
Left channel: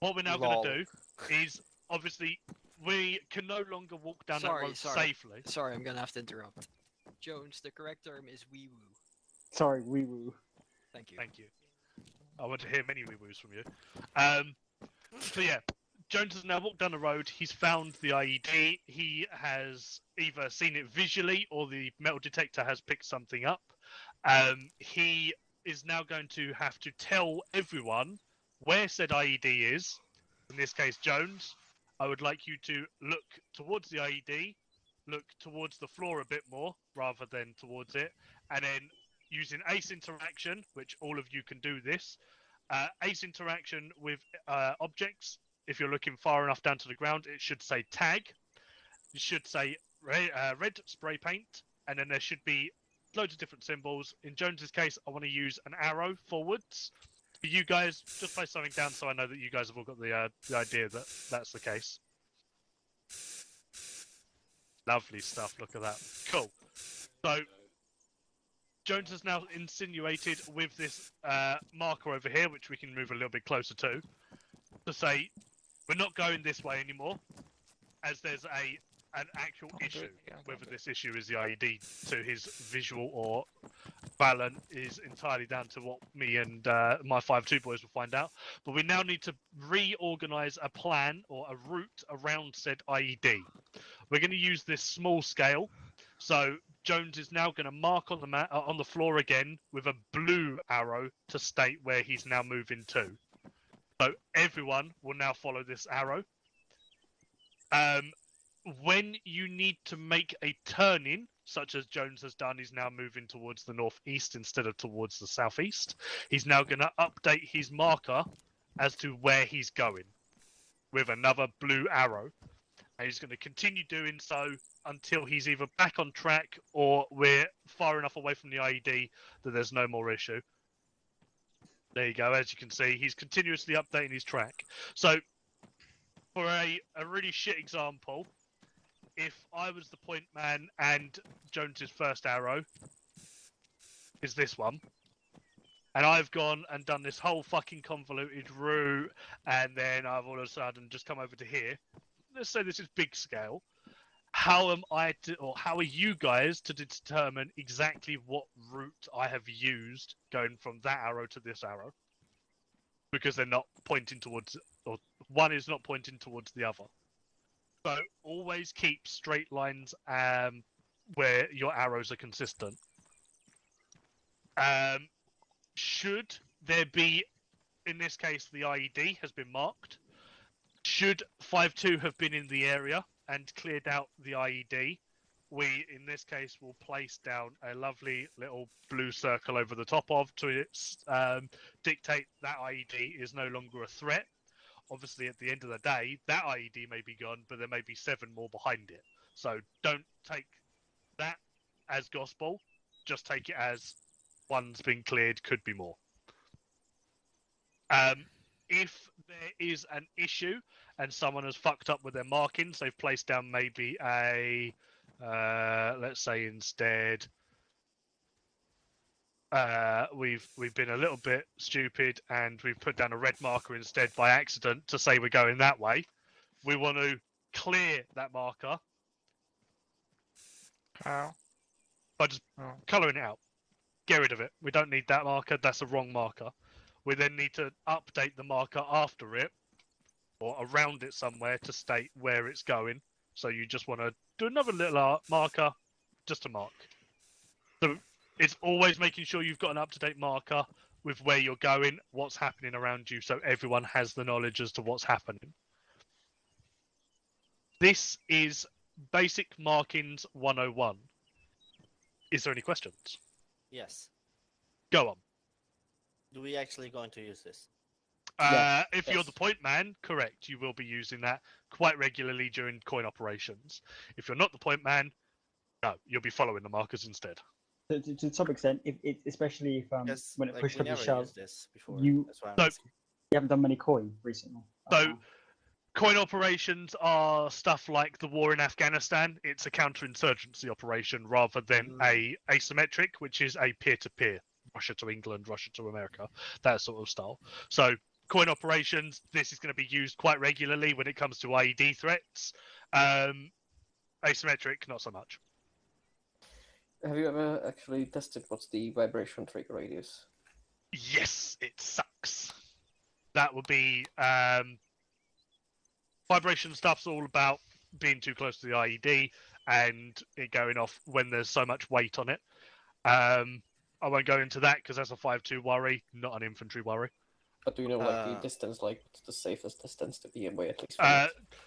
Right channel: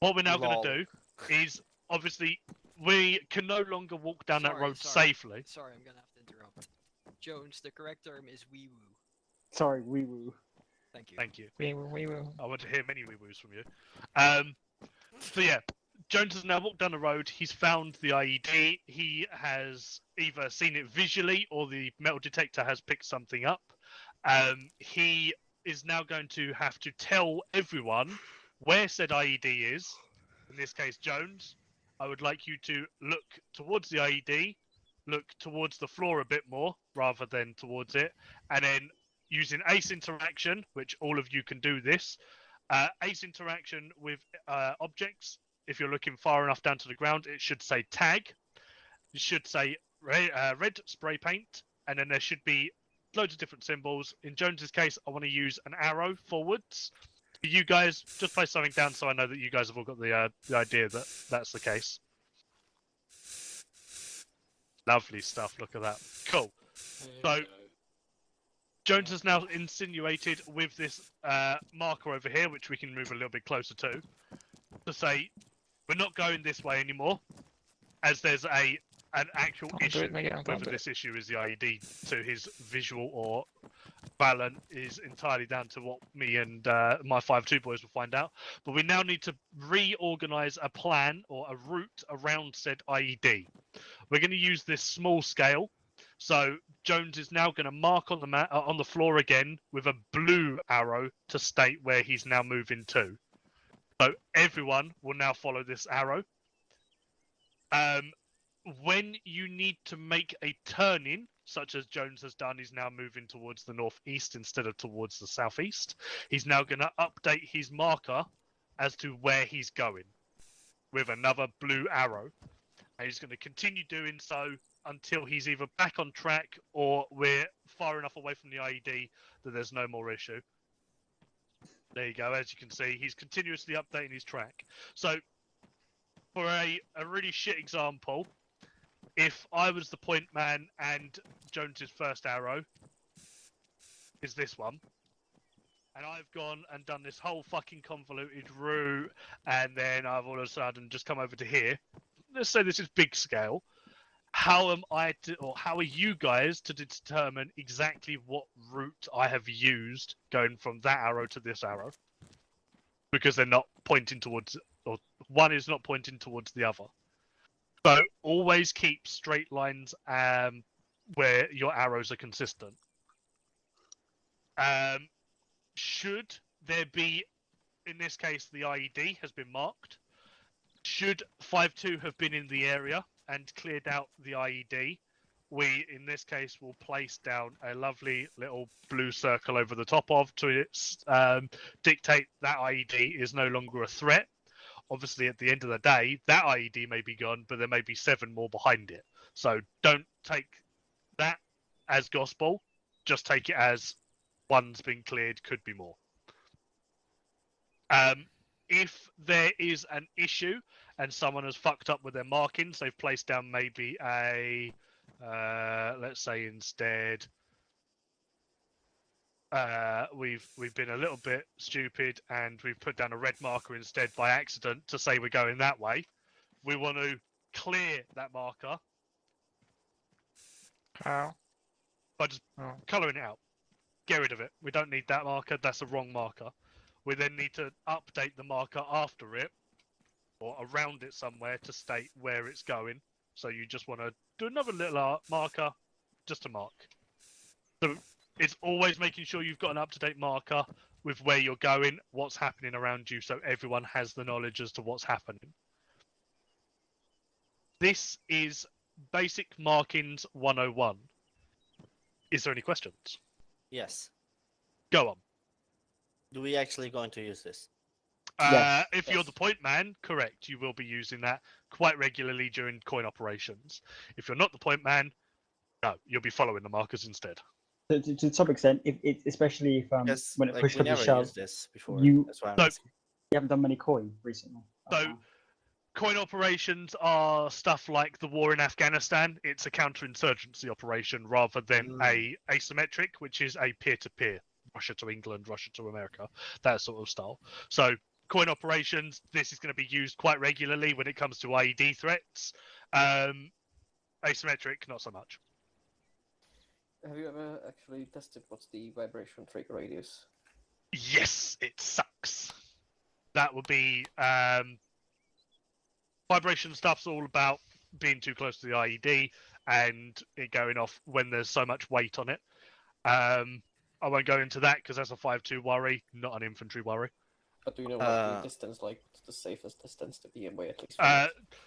What we're now going to do is, obviously, we can no longer walk down that road safely. Sorry, I'm gonna have to interrupt. Jones, the correct term is wee woo. Sorry, wee woo. Thank you. Thank you. Wee woo, wee woo. I want to hear many wee woos from you. So yeah, Jones has now walked down the road. He's found the IED. He has either seen it visually or the metal detector has picked something up. He is now going to have to tell everyone where said IED is. In this case, Jones, I would like you to look towards the IED, look towards the floor a bit more rather than towards it, and then using ace interaction, which all of you can do this, ace interaction with objects. If you're looking far enough down to the ground, it should say tag. It should say red spray paint, and then there should be loads of different symbols. In Jones's case, I want to use an arrow forwards. For you guys, just place something down so I know that you guys have all got the idea that that's the case. Lovely stuff. Look at that. Cool. So Jones has now insinuated with this marker over here, which we can move a little bit closer to say we're not going this way anymore, as there's an actual issue. Whether this issue is the IED to his visual or Balan is entirely down to what me and my 5-2 boys will find out. But we now need to reorganize a plan or a route around said IED. We're going to use this small scale. So Jones is now going to mark on the on the floor again with a blue arrow to state where he's now moving to. So everyone will now follow this arrow. When you need to make a turn-in, such as Jones has done, he's now moving towards the northeast instead of towards the southeast. He's now going to update his marker as to where he's going with another blue arrow. And he's going to continue doing so until he's either back on track or we're far enough away from the IED that there's no more issue. There you go. As you can see, he's continuously updating his track. So, for a really shit example, if I was the point man and Jones's first arrow is this one, and I've gone and done this whole fucking convoluted route, and then I've all of a sudden just come over to here. Let's say this is big scale. How am I to, or how are you guys to determine exactly what route I have used going from that arrow to this arrow? Because they're not pointing towards, or one is not pointing towards the other. So always keep straight lines where your arrows are consistent. Should there be, in this case, the IED has been marked. Should 5-2 have been in the area and cleared out the IED, we, in this case, will place down a lovely little blue circle over the top of to dictate that IED is no longer a threat. Obviously, at the end of the day, that IED may be gone, but there may be 7 more behind it. So don't take that as gospel. Just take it as one's been cleared, could be more. If there is an issue and someone has fucked up with their markings, they've placed down maybe a, let's say instead, we've been a little bit stupid and we've put down a red marker instead by accident to say we're going that way. We want to clear that marker. How? By just colouring it out. Get rid of it. We don't need that marker. That's a wrong marker. We then need to update the marker after it or around it somewhere to state where it's going. So you just want to do another little marker just to mark. So it's always making sure you've got an up-to-date marker with where you're going, what's happening around you, so everyone has the knowledge as to what's happening. This is Basic Markings 101. Is there any questions? Yes. Go on. Do we actually going to use this? If you're the point man, correct, you will be using that quite regularly during coin operations. If you're not the point man, no, you'll be following the markers instead. To some extent, especially if when it like, pushed we up the never shove, used this before. you That's why I'm So- asking. you haven't done many coin recently. So, coin operations are stuff like the war in Afghanistan. It's a counterinsurgency operation rather than a asymmetric, which is a peer-to-peer, Russia to England, Russia to America, that sort of style. So, coin operations, this is going to be used quite regularly when it comes to IED threats. Asymmetric, not so much. Have you ever actually tested what's the vibration trigger radius? Yes, it sucks. That would be vibration stuff's all about being too close to the IED and it going off when there's so much weight on it. I won't go into that because that's a 5-2 worry, not an infantry worry. But do you know what the distance, like what's the safest distance to be away at least?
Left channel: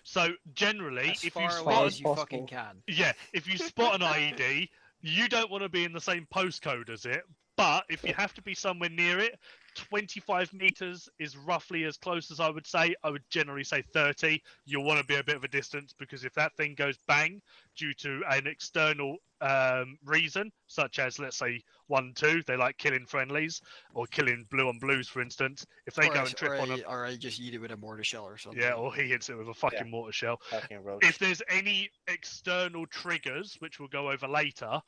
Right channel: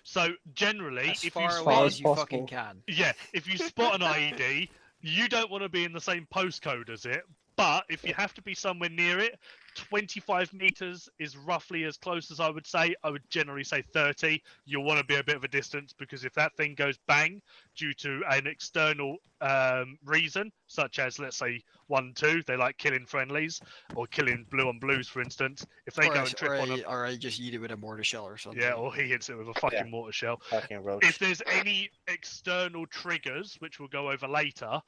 So generally, As if far you away spot, as you fucking can. yeah, if you spot an IED, you don't want to be in the same postcode as it. But if you have to be somewhere near it, 25 meters is roughly as close as I would say. I would generally say 30. You'll want to be a bit of a distance because if that thing goes bang due to an external reason, such as let's say 1-2, they like killing friendlies or killing blue on blues, for instance. If they go and trip on a or I just eat it with a mortar shell or something. yeah, or he hits it with a fucking mortar shell. Fucking roach. If there's any external triggers, which we'll go over later,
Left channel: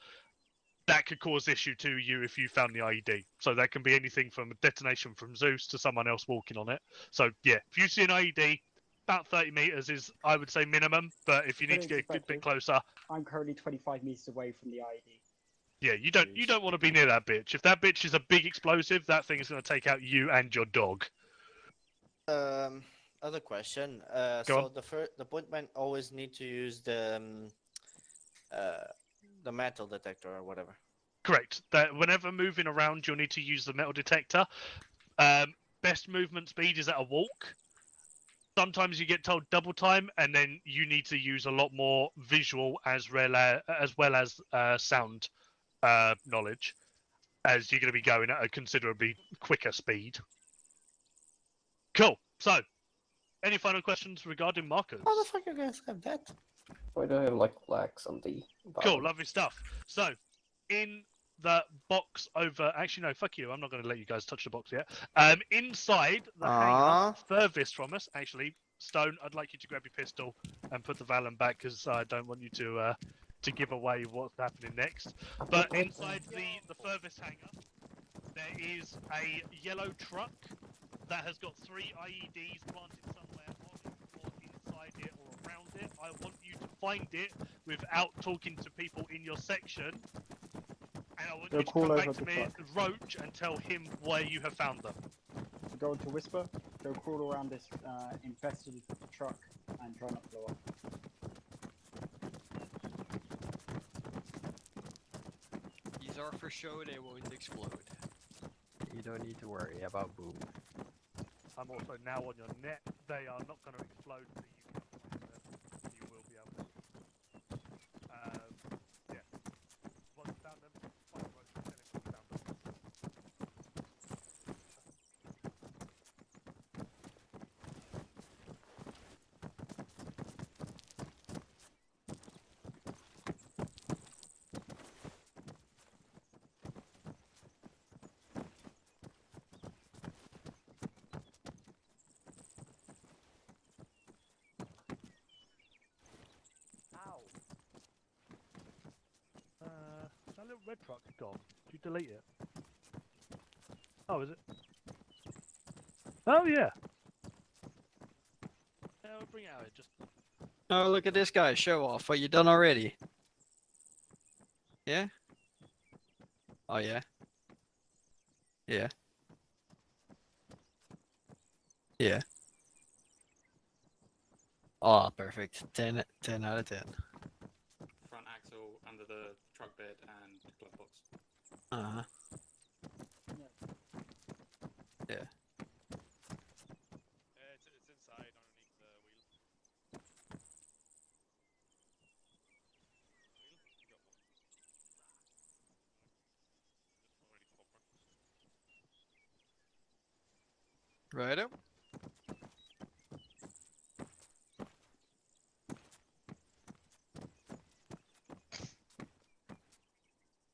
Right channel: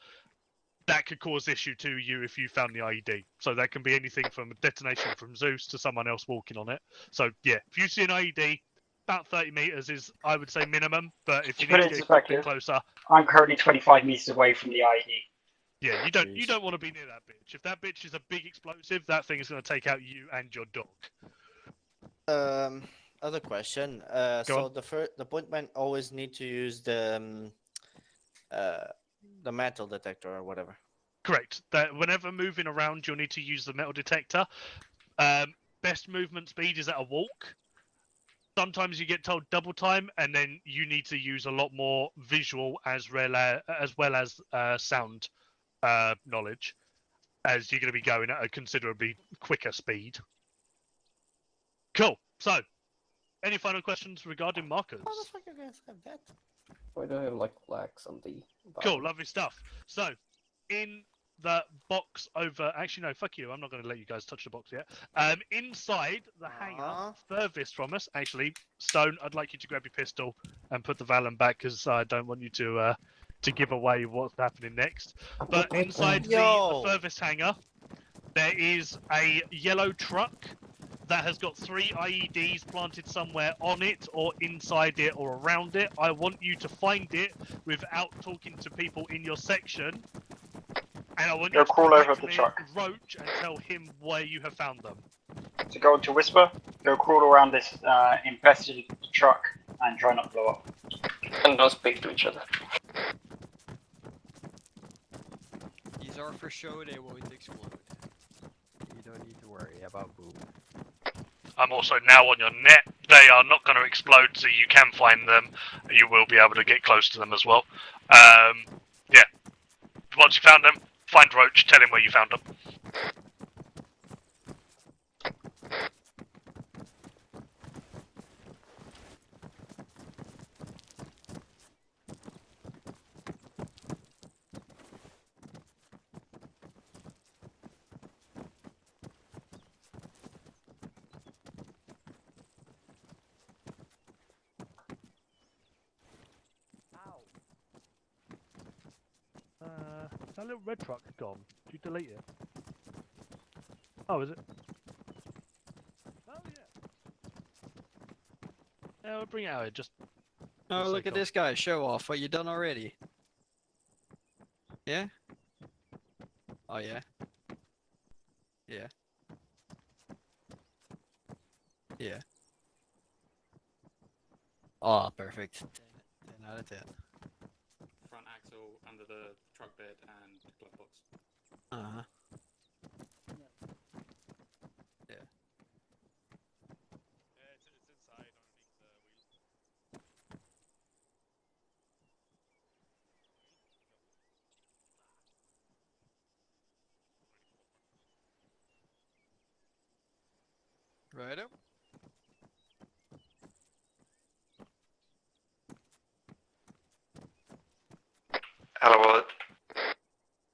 that could cause issue to you if you found the IED. So that can be anything from a detonation from Zeus to someone else walking on it. So yeah, if you see an IED, about 30 meters is, I would say, minimum. But if you put need it to in get a quick bit perspective, closer, I'm currently 25 meters away from the IED. yeah, you don't want to be near that bitch. If that bitch is a big explosive, that thing is going to take out you and your dog. Other question. Go So on. the pointman always need to use the metal detector or whatever. Correct. That whenever moving around, you'll need to use the metal detector. Best movement speed is at a walk. Sometimes you get told double time, and then you need to use a lot more visual as well as sound knowledge, as you're going to be going at a considerably quicker speed. Cool. So, any final questions regarding markers? How the fuck you guys have that? Why do I have like flags on the Cool, lovely stuff. So, in the box over, actually no, fuck you, I'm not going to let you guys touch the box yet. Inside the hangar, furthest from us, actually, Stone, I'd like you to grab your pistol and put the Valen back because I don't want you to give away what's happening next. But inside the furthest hangar, there is a yellow truck that has got 3 IEDs planted somewhere on it or inside it or around it. I want you to find it without talking to people in your section. And I want you to crawl over contact the me, truck. Roach, and tell him where you have found them. So go to Whisper, go crawl around this infested truck and try not to blow up. And don't speak to each other. These are for show, they won't explode. You don't need to worry about boom. I'm also now on your net. They are not going to explode, so you can find them. You will be able to get close to them as well. Yeah. Once you found them, find Roach, tell him where you found them. That little red truck is gone. Did you delete it? Oh, is it? Oh, yeah. Yeah, we'll bring it out here. Just. Oh, look at this guy. Show off. What you done already? Yeah? Oh, yeah. Yeah. Yeah. Oh, perfect. 10 out of 10. Front axle under the truck bed and glove box. Uh-huh. Yeah. It's inside underneath the wheel. Righto. Hello, Wallet.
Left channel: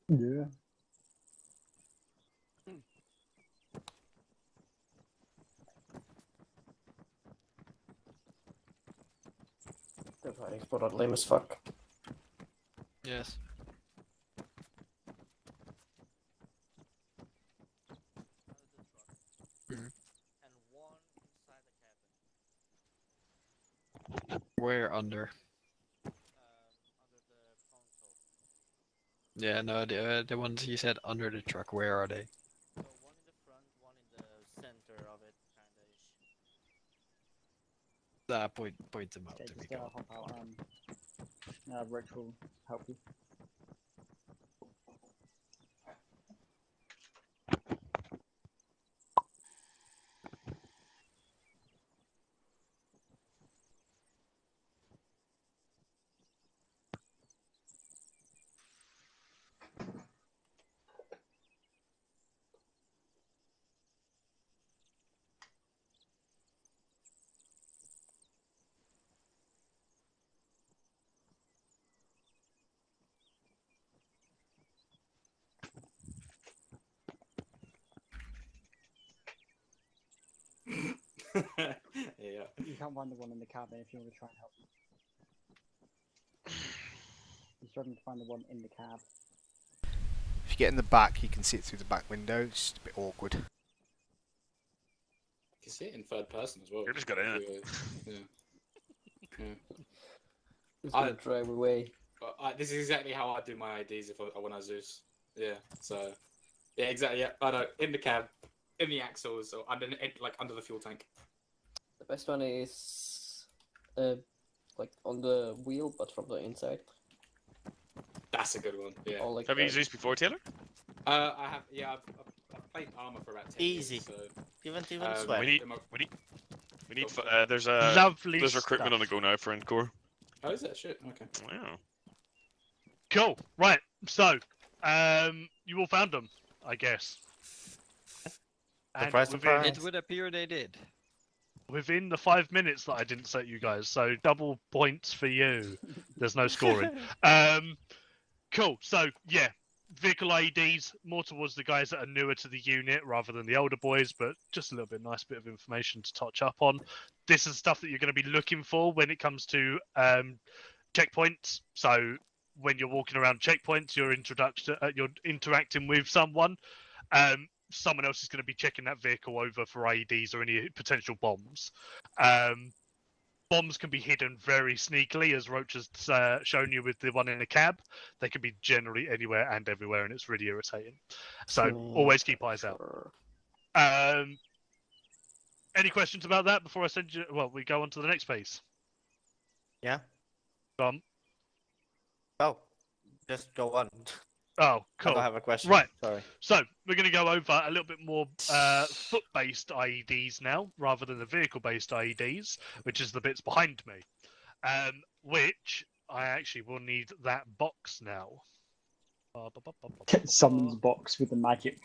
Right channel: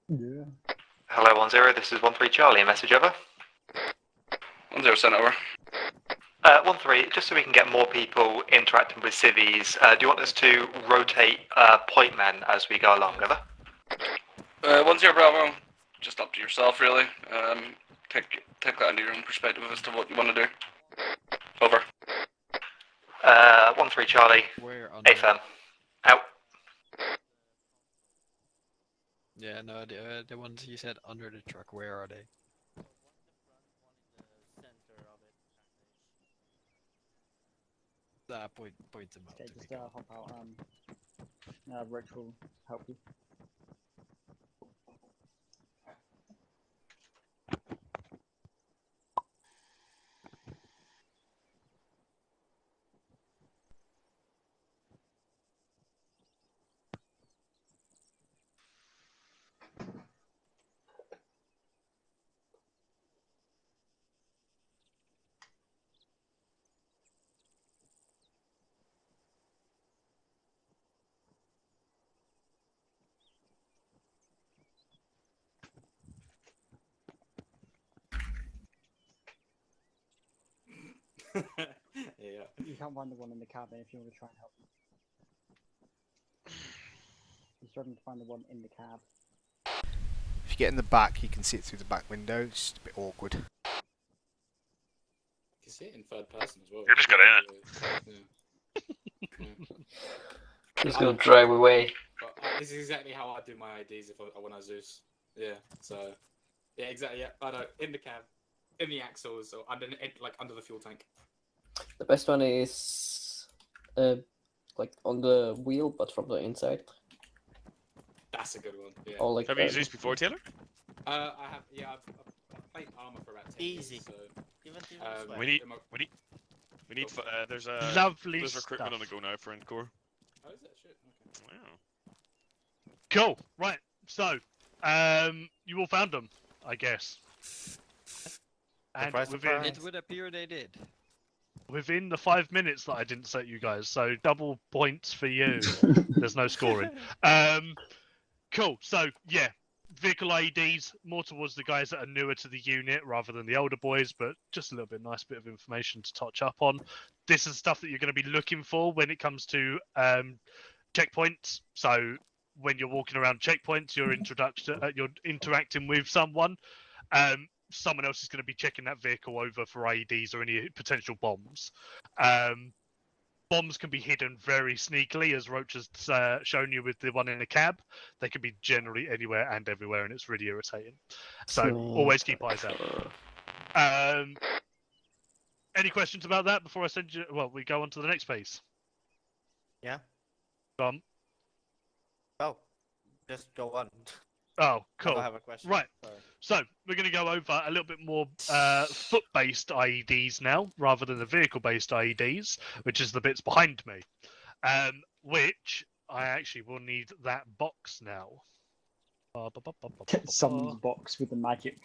Yeah. Hello, 10. This is 13 Charlie. A message over. 10 sent over. 13, just so we can get more people interacting with civvies, do you want us to rotate point men as we go along, over? 10 Bravo. Just up to yourself, really. Take that into your own perspective as to what you want to do. Over. 13 Charlie. Where on AFM. Out. Yeah, no, the ones you said under the truck, where are they? Point them out. Okay, to just me. hop out. Rich will help you. Yeah. You can't find the one in the cabin if you want to try and help. You're struggling to find the one in the cab. If you get in the back, you can see it through the back window. It's just a bit awkward. You can see it in third person as well. You just got in it. Yeah. He's gonna drive away. But, this is exactly how I do my IDs when I Zeus. Yeah. So. Yeah, exactly. Yeah. I know. In the cab, in the axles, or under the fuel tank. The best one is like on the wheel, but from the inside. That's a good one. Yeah. Or like Have you used these before, Taylor? I have. Yeah, I've played armor for about 10 Easy. years, so. Even We need. There's Lovely There's recruitment on stuff. the go now for Encore. Oh, is that shit? Okay. Wow. Cool. Right. So, you all found them, I guess. And Surprise, within surprise. It would appear they did. within the 5 minutes that I didn't set you guys, so double points for you. There's no scoring. Cool. So yeah, vehicle IEDs more towards the guys that are newer to the unit rather than the older boys, but just a little bit nice bit of information to touch up on. This is stuff that you're going to be looking for when it comes to checkpoints. So when you're walking around checkpoints, you're interacting with someone. Someone else is going to be checking that vehicle over for IEDs or any potential bombs. Bombs can be hidden very sneakily, as Roach has shown you with the one in the cab. They can be generally anywhere and everywhere, and it's really irritating. So always keep eyes out. Any questions about that before I send you? Well, we go on to the next piece. Yeah. Oh, just go on. Oh, cool. I have a question. Right. Sorry. So we're going to go over a little bit more foot-based IEDs now, rather than the vehicle-based IEDs, which is the bits behind me. Which I actually will need that box now. Someone's box with the magic.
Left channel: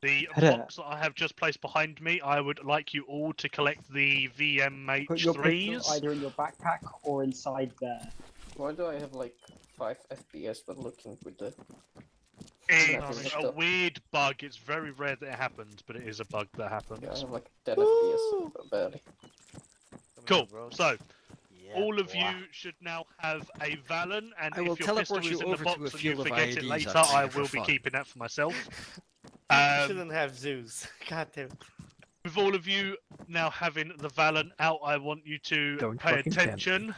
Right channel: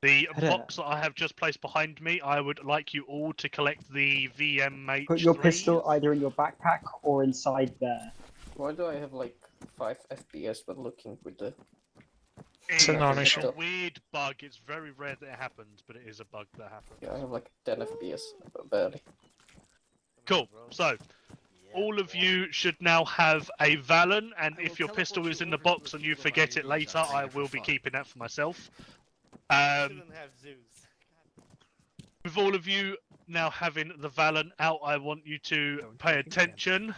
The box that I have just placed behind me, I would like you all to collect the VMH3s. Put your pistol either in your backpack or inside there. Why do I have like 5 FPS when looking with the... It's a weird bug. It's very rare that it happens, but it is a bug that happens. Yeah, I have like 10 FPS, barely. Cool. So, all of you should now have a Valen, and I will if your teleport pistol you is in the over to a box and you field of forget it IEDs, later, I'd say, I for will be fun. keeping that for myself. You shouldn't have Zeus. God damn. With all of you now having the Valen out, I want you to pay attention.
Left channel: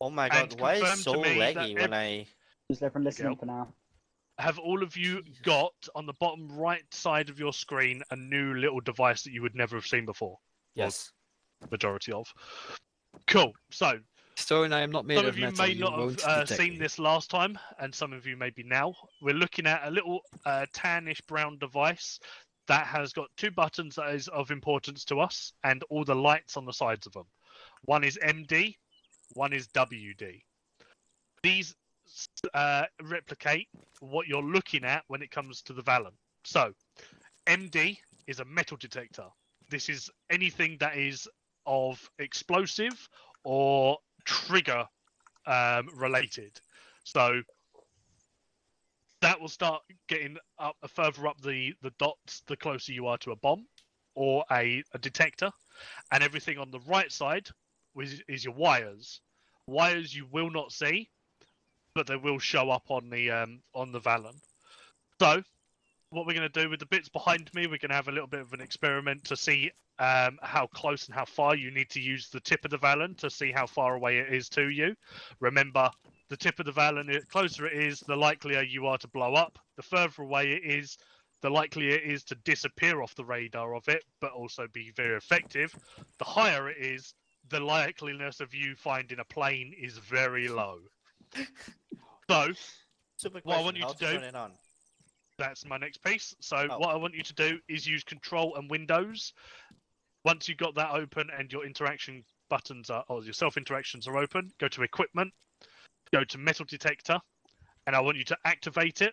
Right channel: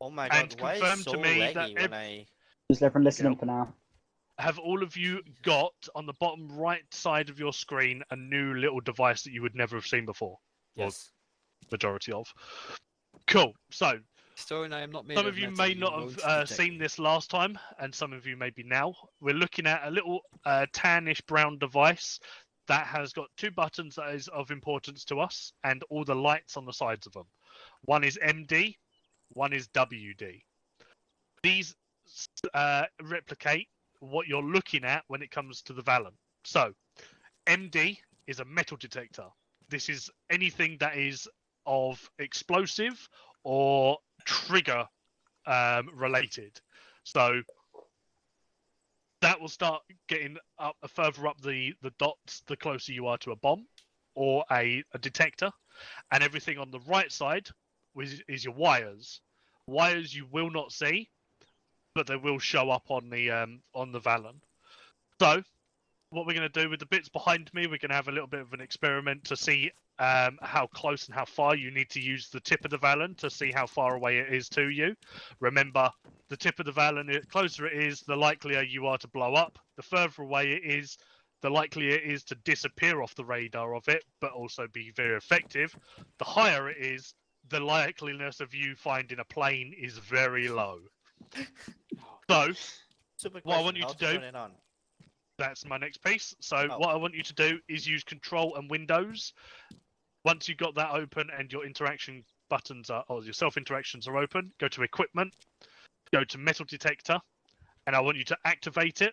Oh my and god, why is confirm it so to me that laggy when I... Just let everyone listen in for now. Have all of you got on the bottom right side of your screen a new little device that you would never have seen before? Yes. Or majority of. Cool. So, Stone, I am not made some of of you metal, may not won't have detect seen me. this last time, and some of you maybe now. We're looking at a little tannish brown device that has got 2 buttons that is of importance to us, and all the lights on the sides of them. One is MD, one is WD. These replicate what you're looking at when it comes to the Valen. So, MD is a metal detector. This is anything that is of explosive or trigger related. So that will start getting up further up the dots the closer you are to a bomb or a detector. And everything on the right side is your wires. Wires you will not see, but they will show up on the Valen. So what we're going to do with the bits behind me, we're going to have a little bit of an experiment to see how close and how far you need to use the tip of the Valen to see how far away it is to you. Remember, the tip of the Valen, the closer it is, the likelier you are to blow up. The further away it is, the likelier it is to disappear off the radar of it, but also be very effective. The higher it is, the likeliness of you finding a plane is very low. So, Super what I question, want you how to do... turn it on? That's my next piece. So what I want you to do is use Control and Windows. Once you've got that open and your interaction buttons are, or your self-interactions are open, go to Equipment, go to Metal Detector, and I want you to activate it.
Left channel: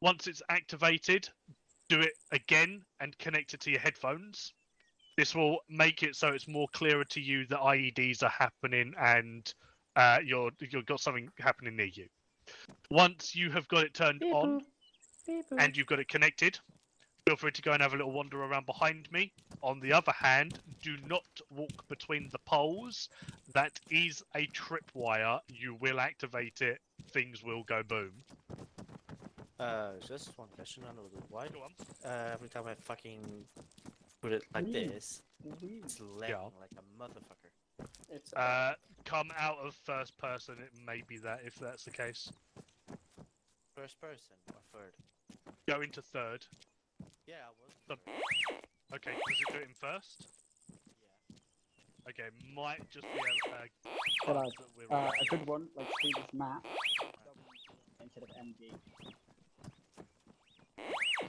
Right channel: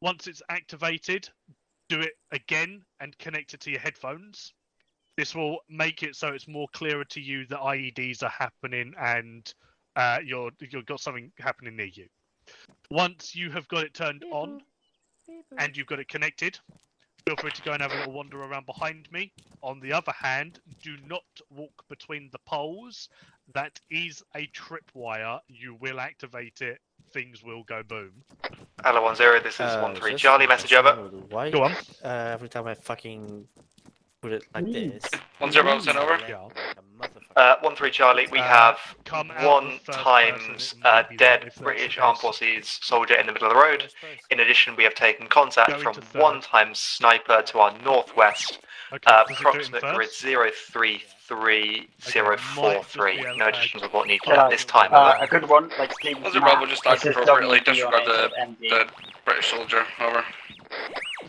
Once it's activated, do it again and connect it to your headphones. This will make it so it's more clearer to you that IEDs are happening and you've got something happening near you. Once you have got it turned on, and you've got it connected, feel free to go and have a little wander around behind me. On the other hand, do not walk between the poles. That is a tripwire. You will activate it. Things will go boom. Hello 10, this is 13 Charlie, message over. Why? Go on. Every time I fucking put it like this. 10 send over. 13 Charlie, we have come out one of first times person, it may be dead that if that's British the Armed case. Forces soldier in the middle of the road. In addition, we have taken contact Going from to third. one times sniper to our northwest, Okay, does it do it in approximate grid first? 033043. No additional support needed Yeah, at this time. a good one, like Steve's Once your Bravo just died This is appropriately, WD disregard on the HMD. British soldier. Over.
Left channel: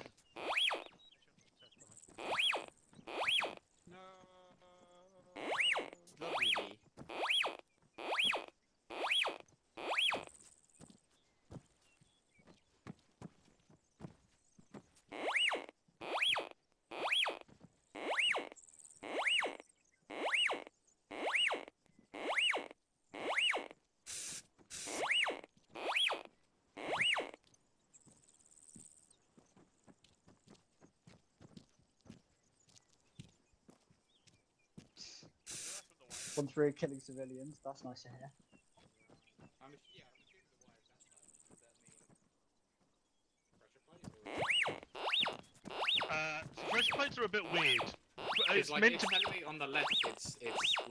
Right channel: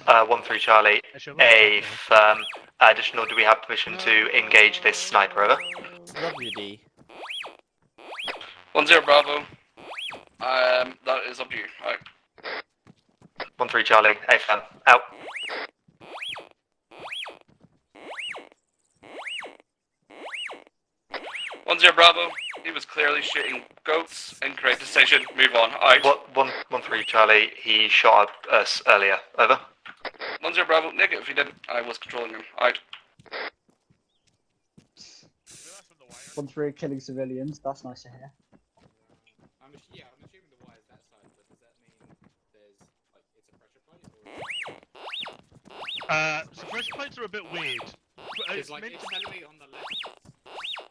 13 Charlie, a firm. Additional, do we have permission to engage this sniper? Over. WD. 10 Bravo. That is up to you. Alright. 13 Charlie, a firm. Out. One zero Bravo. He was clearly shooting goats. Incorrect decision. Move on. Alright. 13 Charlie, he shot us earlier. Over. 10 Bravo. Negative. He didn't. I was controlling him. Alright. 13 killing civilians. That's nice to hear. I'm assuming the wire's that side, but does that mean there's like it's a pressure plate or? So pressure plates are a bit weird. It's like it's telling me on the left it's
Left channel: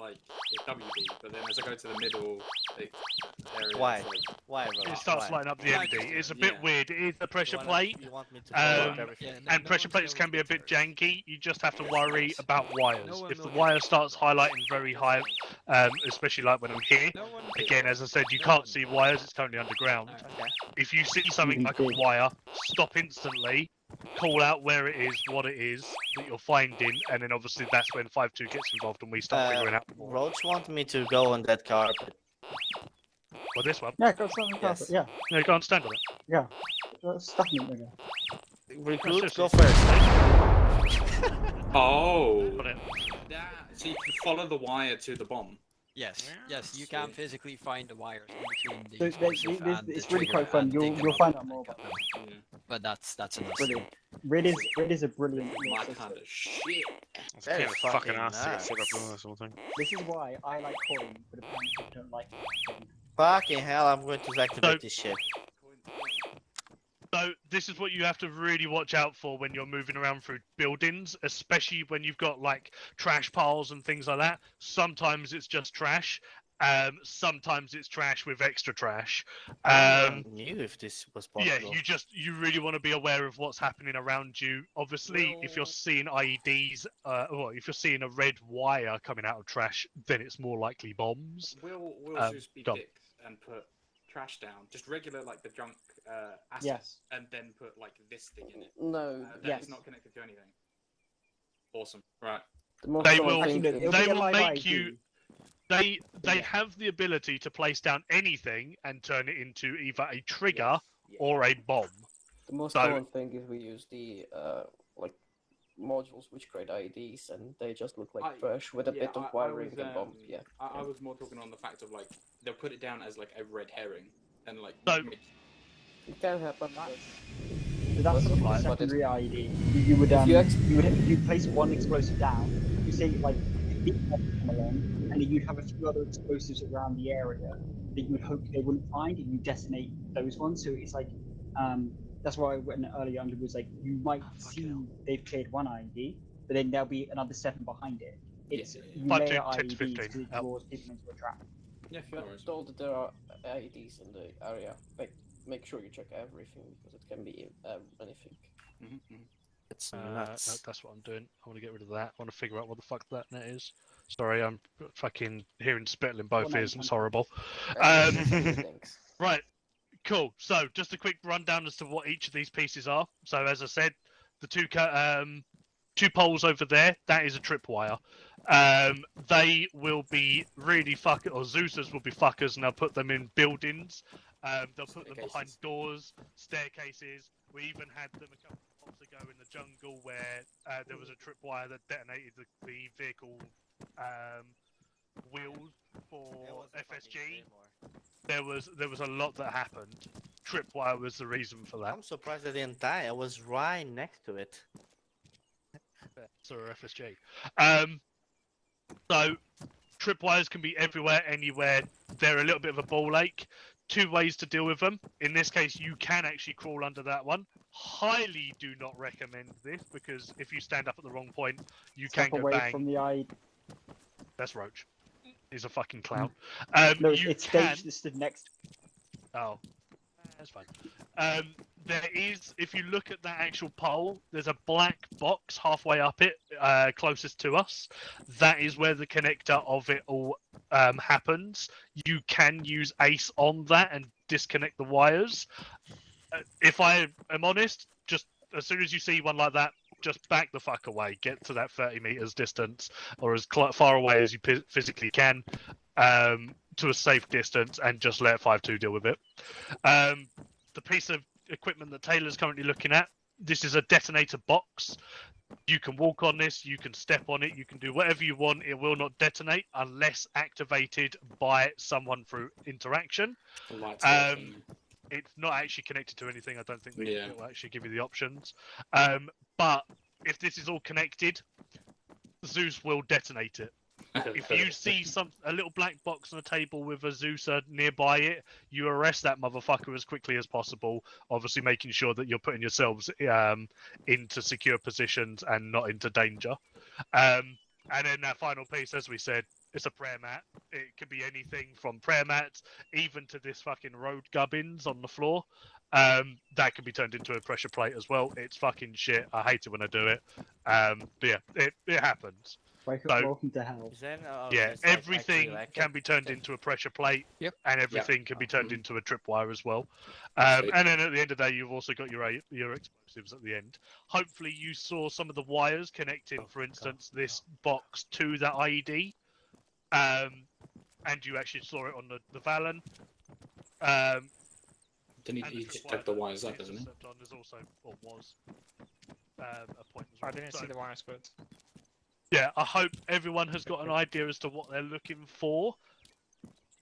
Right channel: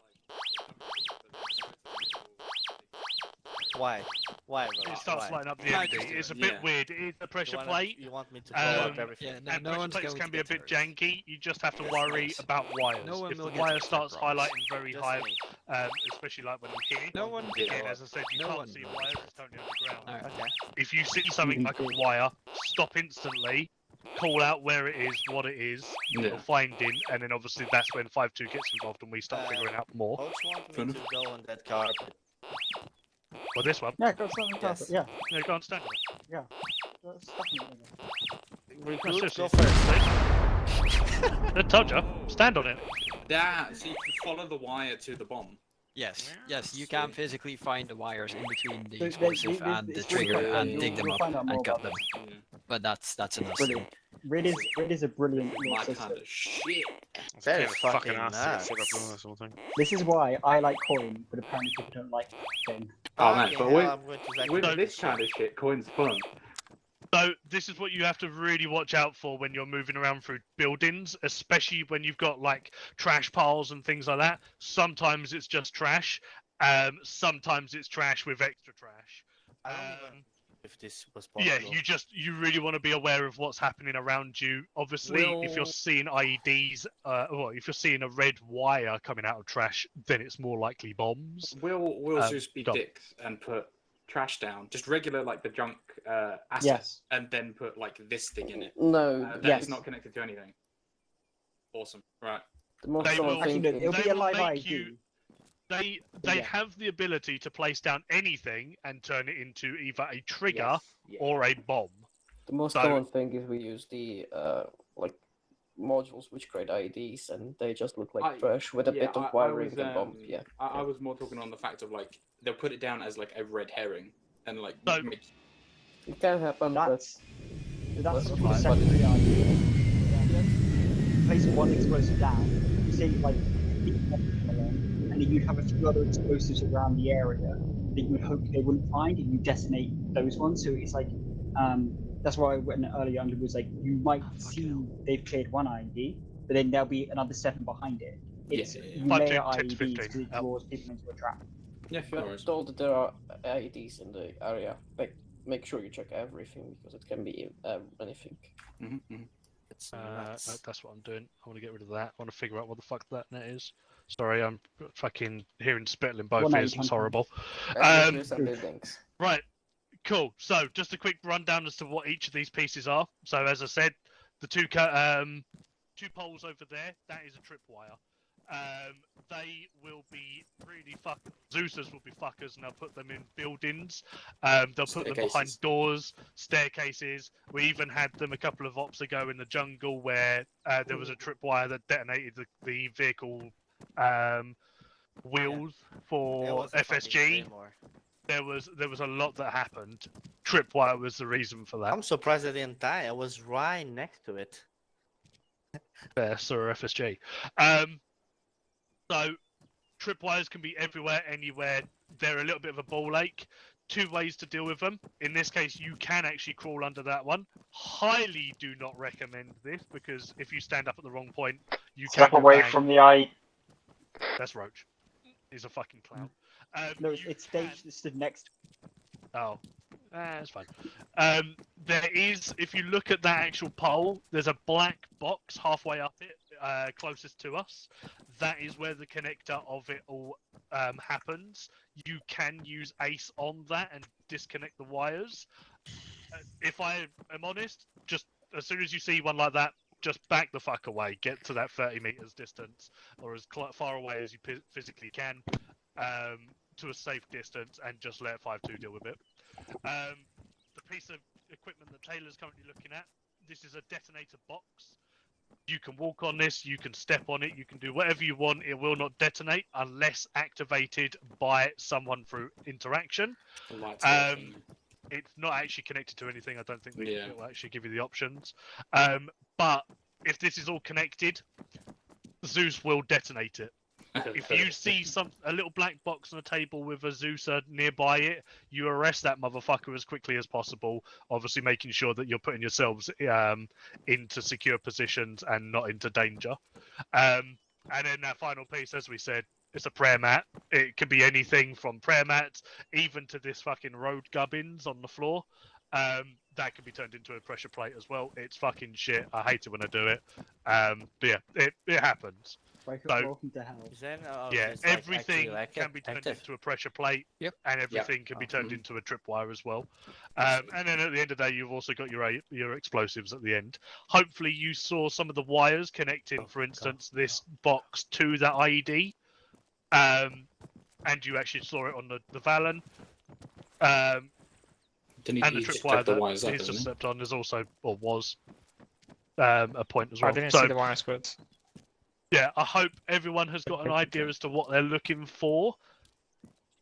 like it's WD, but then as I go to the middle, Why? Why? It starts lighting up the MD. It's a bit weird. It is a pressure wanna- plate. you want me to blow up everything? And no pressure one's plates going can to be a get bit janky. You just have to worry about wires. If the wire starts highlighting very high, especially like when I'm here, again, as I said, you can't see wires. It's totally underground. If you see something like a wire, stop instantly. Call out where it is, what it is, you'll find him, and then obviously that's when 5-2 gets involved and we start figuring out more. Roach want me to go on that carpet. Well, this one. Yeah, go stand on the carpet. Yeah. Yeah, go and stand on it. Yeah. Stuff in it. Recruit, That's go just- first. I told you, stand on it. That so you can follow the wire to the bomb. Yes, yes, you can physically find the wires in between the They- explosive they- and the it's really trigger quite fun. and dig You'll them find up out more and cut about them. But that's enough. Brilliant. Rid is a brilliant little My system. kind of shit. It's kind of fucking ass to get set up on this whole thing. This is why I like coin, but apparently people don't like coin. Fucking hell, I'm going to With activate this this kind shit. of shit, coin's fun. So this is what you have to really watch out for when you're moving around through buildings, especially when you've got like trash piles and things like that. Sometimes it's just trash. Sometimes it's trash with extra trash. I knew if this was possible. Yeah, you really want to be aware of what's happening around you. Obviously, if you're seeing IEDs, well, if you're seeing a red wire coming out of trash, then it's more likely bombs. Will Zeus be go on. dicks and put trash down, just regular like the junk asset, Yes. and then put like this thing in it? No, that yes. is not connected to anything. Awesome. Right. The most They common will- thing Actually, it'll is be a will live make ID. you- They Yeah. have the ability to place down anything and turn it into either a trigger Yes, yeah. or a bomb. the most So- common thing is we use the like modules which create IEDs and they just look like trash with a bit of wiring and bombs. Yeah. I was more talking on the fact of like they'll put it down as like a red herring and like So- It can happen, That's That's something fine, but secondary ID. You would if you place one explosive down, you say like come along, and then you'd have a few other explosives around the area that you would hope they wouldn't find, and you detonate those ones. So it's like that's why when earlier under was like you might see they've cleared one ID, but then there'll be another 7 behind it. It's Yeah. you 5, layer 10 to IEDs 15. to draw people into a trap. Yeah, But told that there are IEDs in the area. Like, make sure you check everything because it can be anything. It's That's what I'm doing. I want to get rid of that. I want to figure out what the fuck that net is. Sorry, I'm fucking hearing spittle in both Well, no, ears. you It's can't. horrible. Thanks. Right, cool. So, just a quick rundown as to what each of these pieces are. So, as I said, the two poles over there, that is a tripwire. They will be really fuckers, or Zeusers will be fuckers, and they'll put them in buildings. They'll put them behind Staircases. doors, staircases. We even had them a couple of ops ago in the jungle where there was a tripwire that detonated the vehicle wheels for FSG. There was a lot that happened. Tripwire was the reason for that. I'm surprised I didn't die. I was right next to it. FS or FSG. So tripwires can be everywhere, anywhere. They're a little bit of a ball ache. 2 ways to deal with them. In this case, you can actually crawl under that one. Highly do not recommend this, because if you stand up at the wrong point, you Step can go away bang. from the eye. That's Roach. He's a fucking clown. No, You it's can... Stage that stood next. Oh, that's fine. There is, if you look at that actual pole, there's a black box halfway up it, closest to us. That is where the connector of it all happens. You can use Ace on that and disconnect the wires. If I am honest, just as soon as you see one like that, just back the fuck away. Get to that 30 meters distance, or as far away as you physically can. To a safe distance, and just let 5-2 deal with it. The piece of equipment that Taylor's currently looking at, this is a detonator box. You can walk on this, you can step on it, you can do whatever you want. It will not detonate unless activated by someone through interaction. It's not actually connected to anything. I don't think it will actually give you the options. But if this is all connected, Zeus will detonate it. If you see a little black box on a table with a Zeuser nearby it, you arrest that motherfucker as quickly as possible. Obviously, making sure that you're putting yourselves into secure positions and not into danger. And then that final piece, as we said, it's a prayer mat. It could be anything from prayer mats, even to this fucking road gubbins on the floor. That can be turned into a pressure plate as well. It's fucking shit. I hate it when I do it. But yeah, it happens. Welcome to hell. Yeah, everything can be turned into a pressure plate, and everything can be turned into a tripwire as well. And then at the end of the day, you've also got your explosives at the end. Hopefully, you saw some of the wires connecting, for instance, this box to that IED, and you actually saw it on the Valen. And the tripwire that is just stepped on. There's also, or was, a point as well. I didn't see the wires, but... Yeah, I hope everyone has got an idea as to what they're looking for.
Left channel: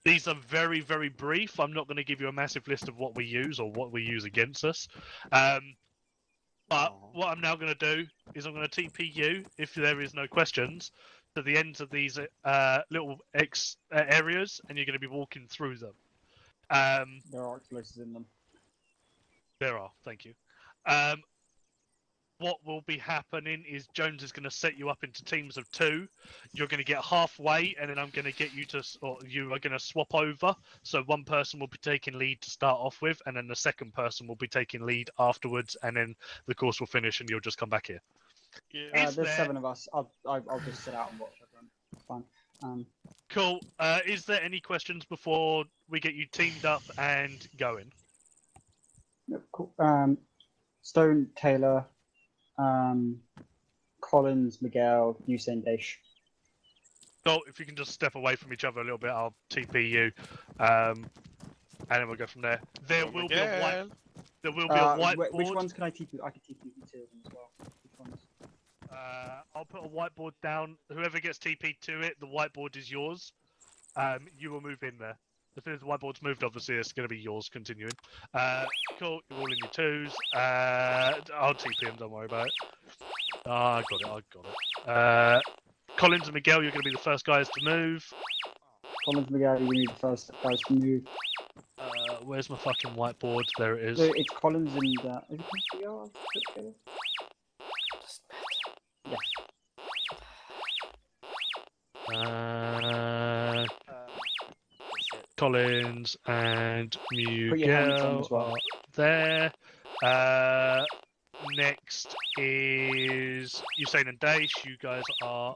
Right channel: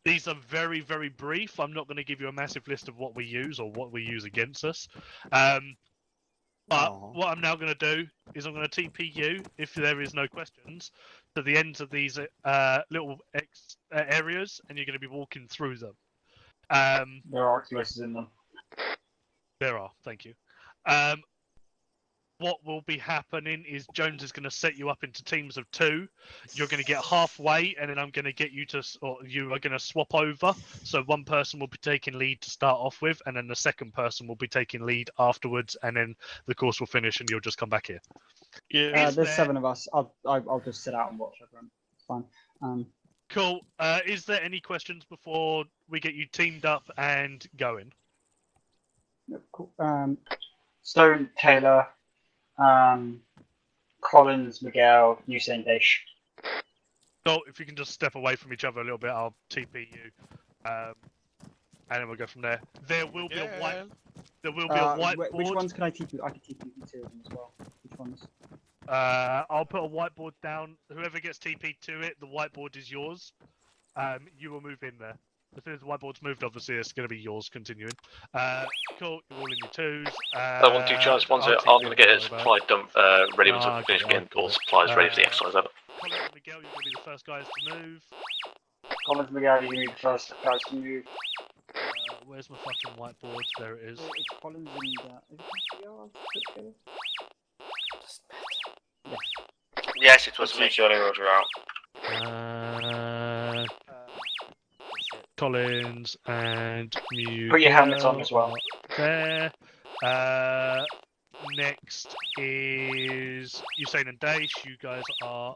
These are very, very brief. I'm not going to give you a massive list of what we use or what we use against us. But what I'm now going to do is I'm going to TP you, if there is no questions, to the ends of these little areas, and you're going to be walking through them. There are explosives in them. There are, thank you. What will be happening is Jones is going to set you up into teams of 2. You're going to get halfway, and then I'm going to get you to, or you are going to swap over. So one person will be taking lead to start off with, and then the second person will be taking lead afterwards, and then the course will finish, and you'll just come back here. There's 7 of us. I'll just sit out and watch everyone. Fine. Cool. Is there any questions before we get you teamed up and going? Yep, cool. Stone, Taylor, Collins, Miguel, Usain Dash. So if you can just step away from each other a little bit, I'll TP you, and then we'll go from there. There will be a whiteboard. Which ones can I TP? I can TP you 2 of them as well. Which ones? I'll put a whiteboard down. Whoever gets TP'd to it, the whiteboard is yours. You will move in there. As soon as the whiteboard's moved, obviously it's going to be yours continuing. Cool, you're all in your 2s. I want to charge one, so I'm going to get his supply dump ready once I finish getting all supplies ready to exercise over. Collins and Miguel, you're going to be the first guys to move. Collins and Miguel, you're going to be the first guys to move. Where's my fucking whiteboard? There it is. So it's Collins and... is it Miguel? Yeah. Yes, it was me. Johnny Roger out. Collins and Miguel. Put your helmets on as well. There. Next is Usain and Daesh. You guys are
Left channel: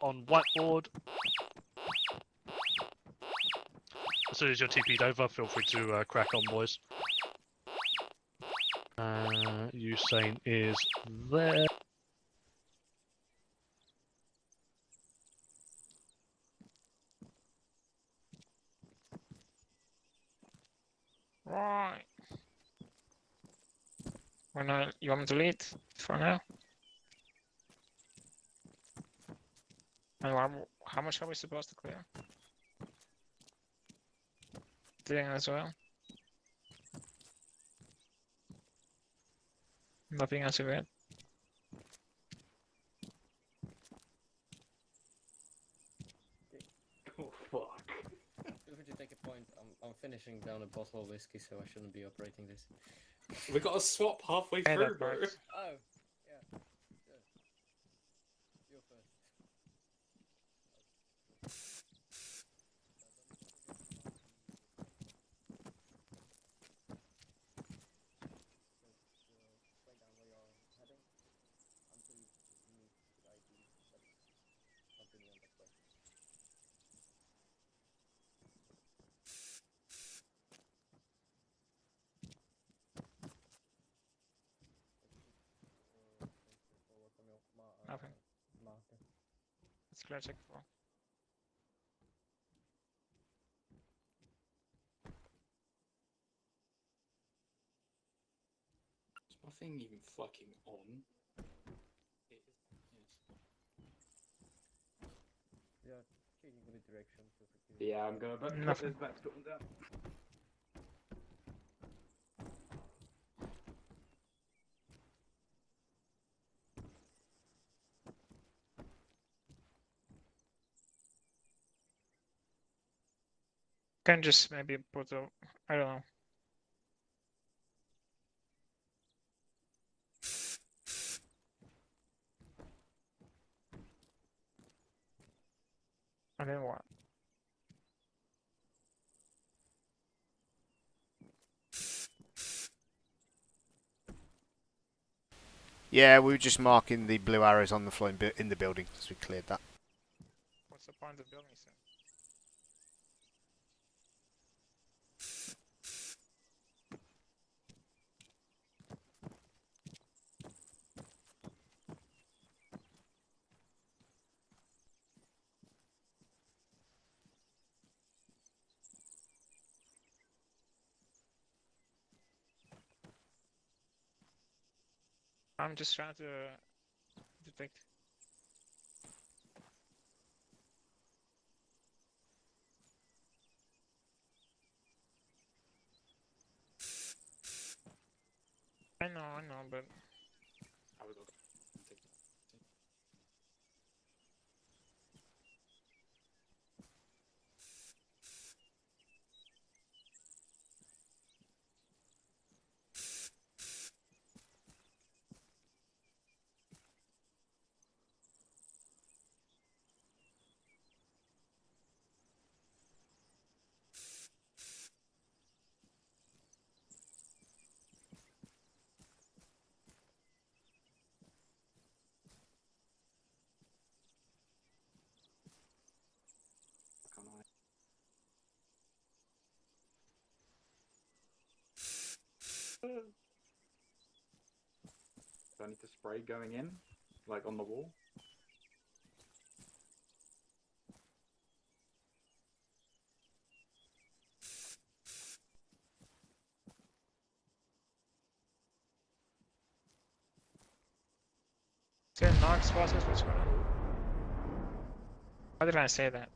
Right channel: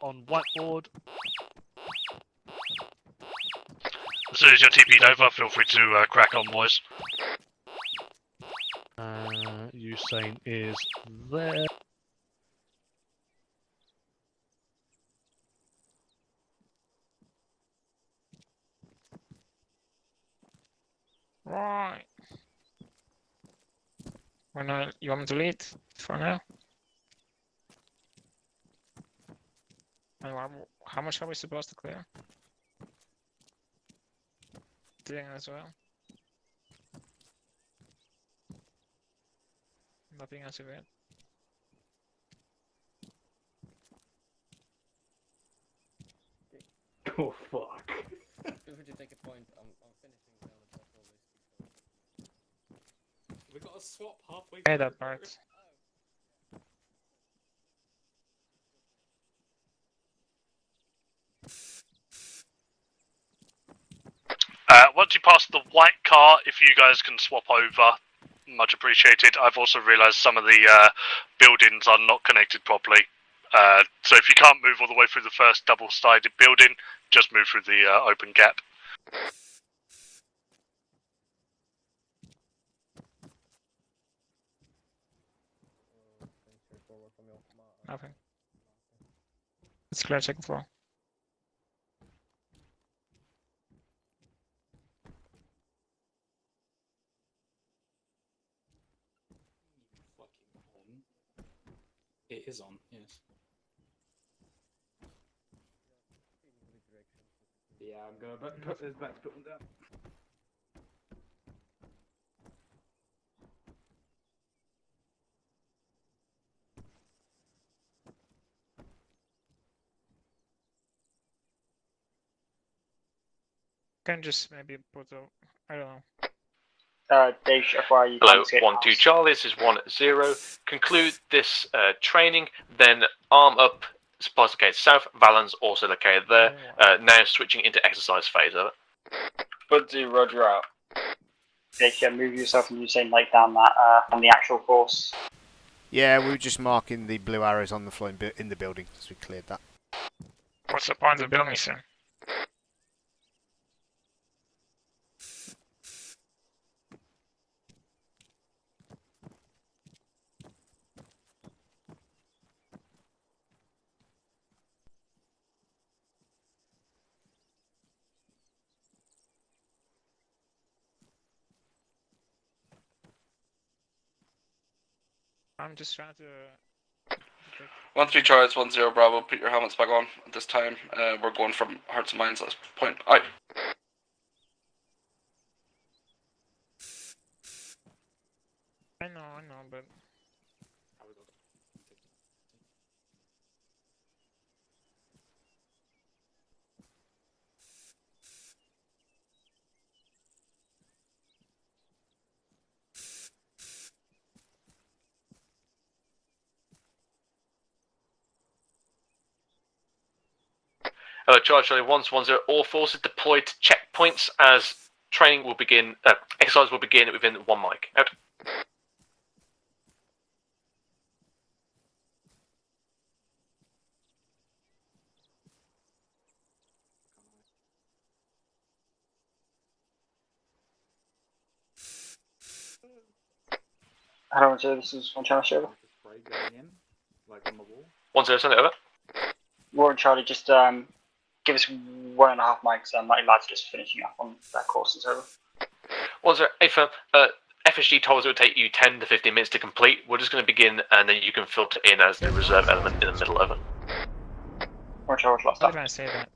on whiteboard. As soon as you're TP'd over, feel free to crack on, boys. Usain is there. Right. You want me to lead for now? How much are we supposed to clear? Clearing as well. Nothing else yet. Oh fuck. Feel free to take a point. I'm finishing down a bottle of whiskey, so I shouldn't be operating this. We got to swap halfway Yeah, through, that bro. works. Oh, yeah. You're first. Once you pass the white car, if you guys can swap over, much appreciated. I've also realised some of the buildings are not connected properly. So if you can't move all the way through the first double-sided building, just move through the open gap. Nothing. It's clear second floor. Is my thing even fucking on? It is on, yes. Yeah, I'm gonna put this back to down. Can just maybe put a, I don't know. Dave, FYI, you Hello, can't escape 1-2 Charlie, this is 1-0. Conclude this training, then arm up, supplies located south, Valens also located there. Now switching into exercise phase, over. 1-2, Roger out. Dave, yeah, move yourself and you're saying like down that on the actual course. Yeah, we were just marking the blue arrows on the floor in the building as we cleared that. What's the point of building, sir? I'm just trying to... 1-3 Charlie, 1-0 Bravo. Put your helmets back on at this time. We're going from hearts and minds at this point. Aye. I know, but... Hello, Charlie 1-1-0. All forces deployed to checkpoints as training will begin. Exercise will begin within 1 mic. Out. Hello, this is 1 Charlie Server. Spray going in, like on the wall. 1-0, send it over. Warren Charlie, just give us 1.5 mics. My lads just finishing up on that course and over. 1-0, hey firm. FSG told us it would take you 10 to 15 minutes to complete. We're just going to begin, and then you can filter in as the reserve element in the middle over. Warren Charlie, last How did I say that?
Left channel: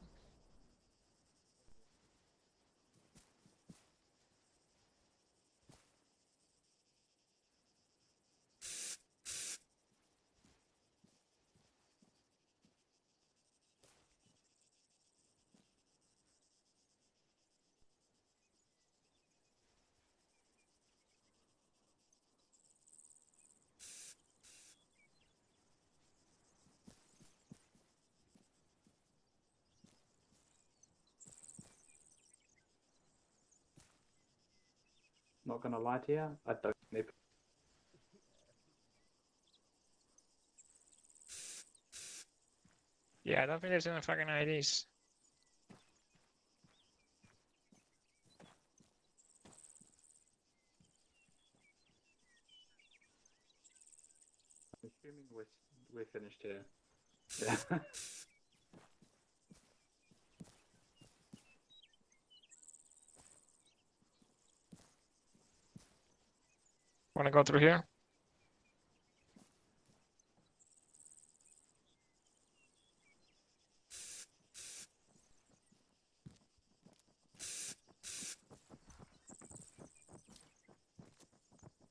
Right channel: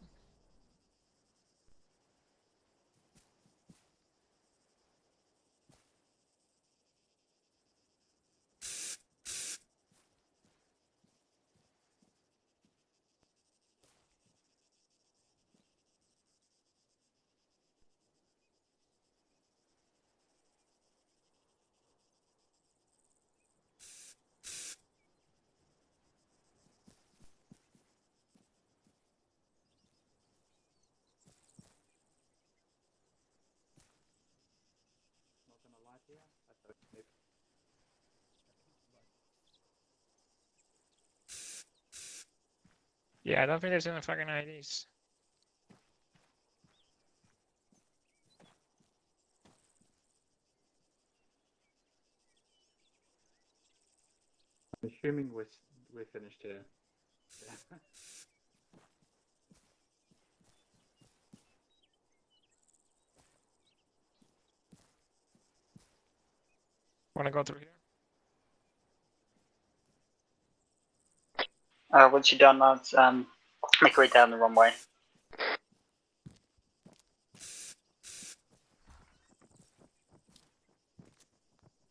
Not gonna lie to you, I don't know. Yeah, I don't think there's any fucking IDs. I'm assuming we're finished here. Yeah. Wanna go through here? Once you're done, lads, make your way down the runway.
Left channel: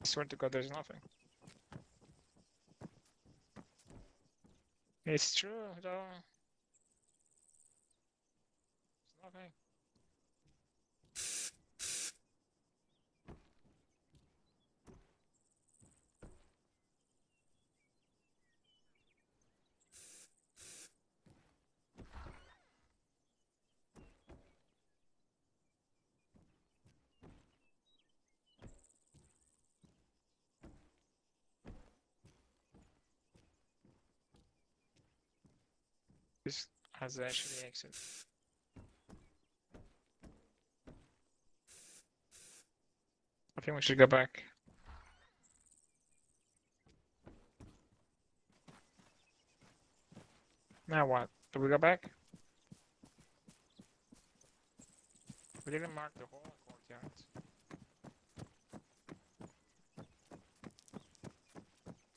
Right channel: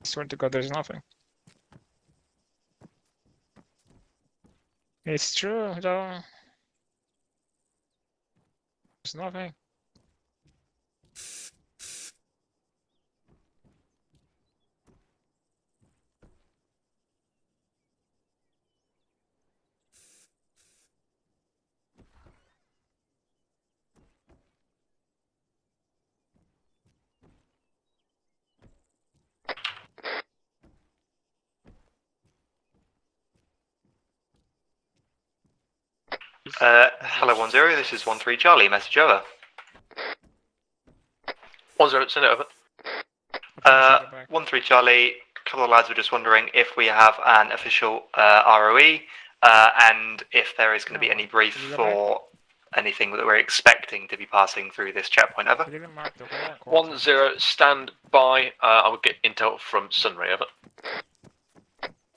Swear to God, there's nothing. It's true, though. There's nothing. Hello 10, this is 13 Charlie, message over. 10, send it over. 13 Charlie, a couple of lads were just wondering if we have an official ROE, and if there is going to be any brief for anything that we're expecting to be passing through this checkpoint, over. 10, stand by. I will get intel from Sunray, over.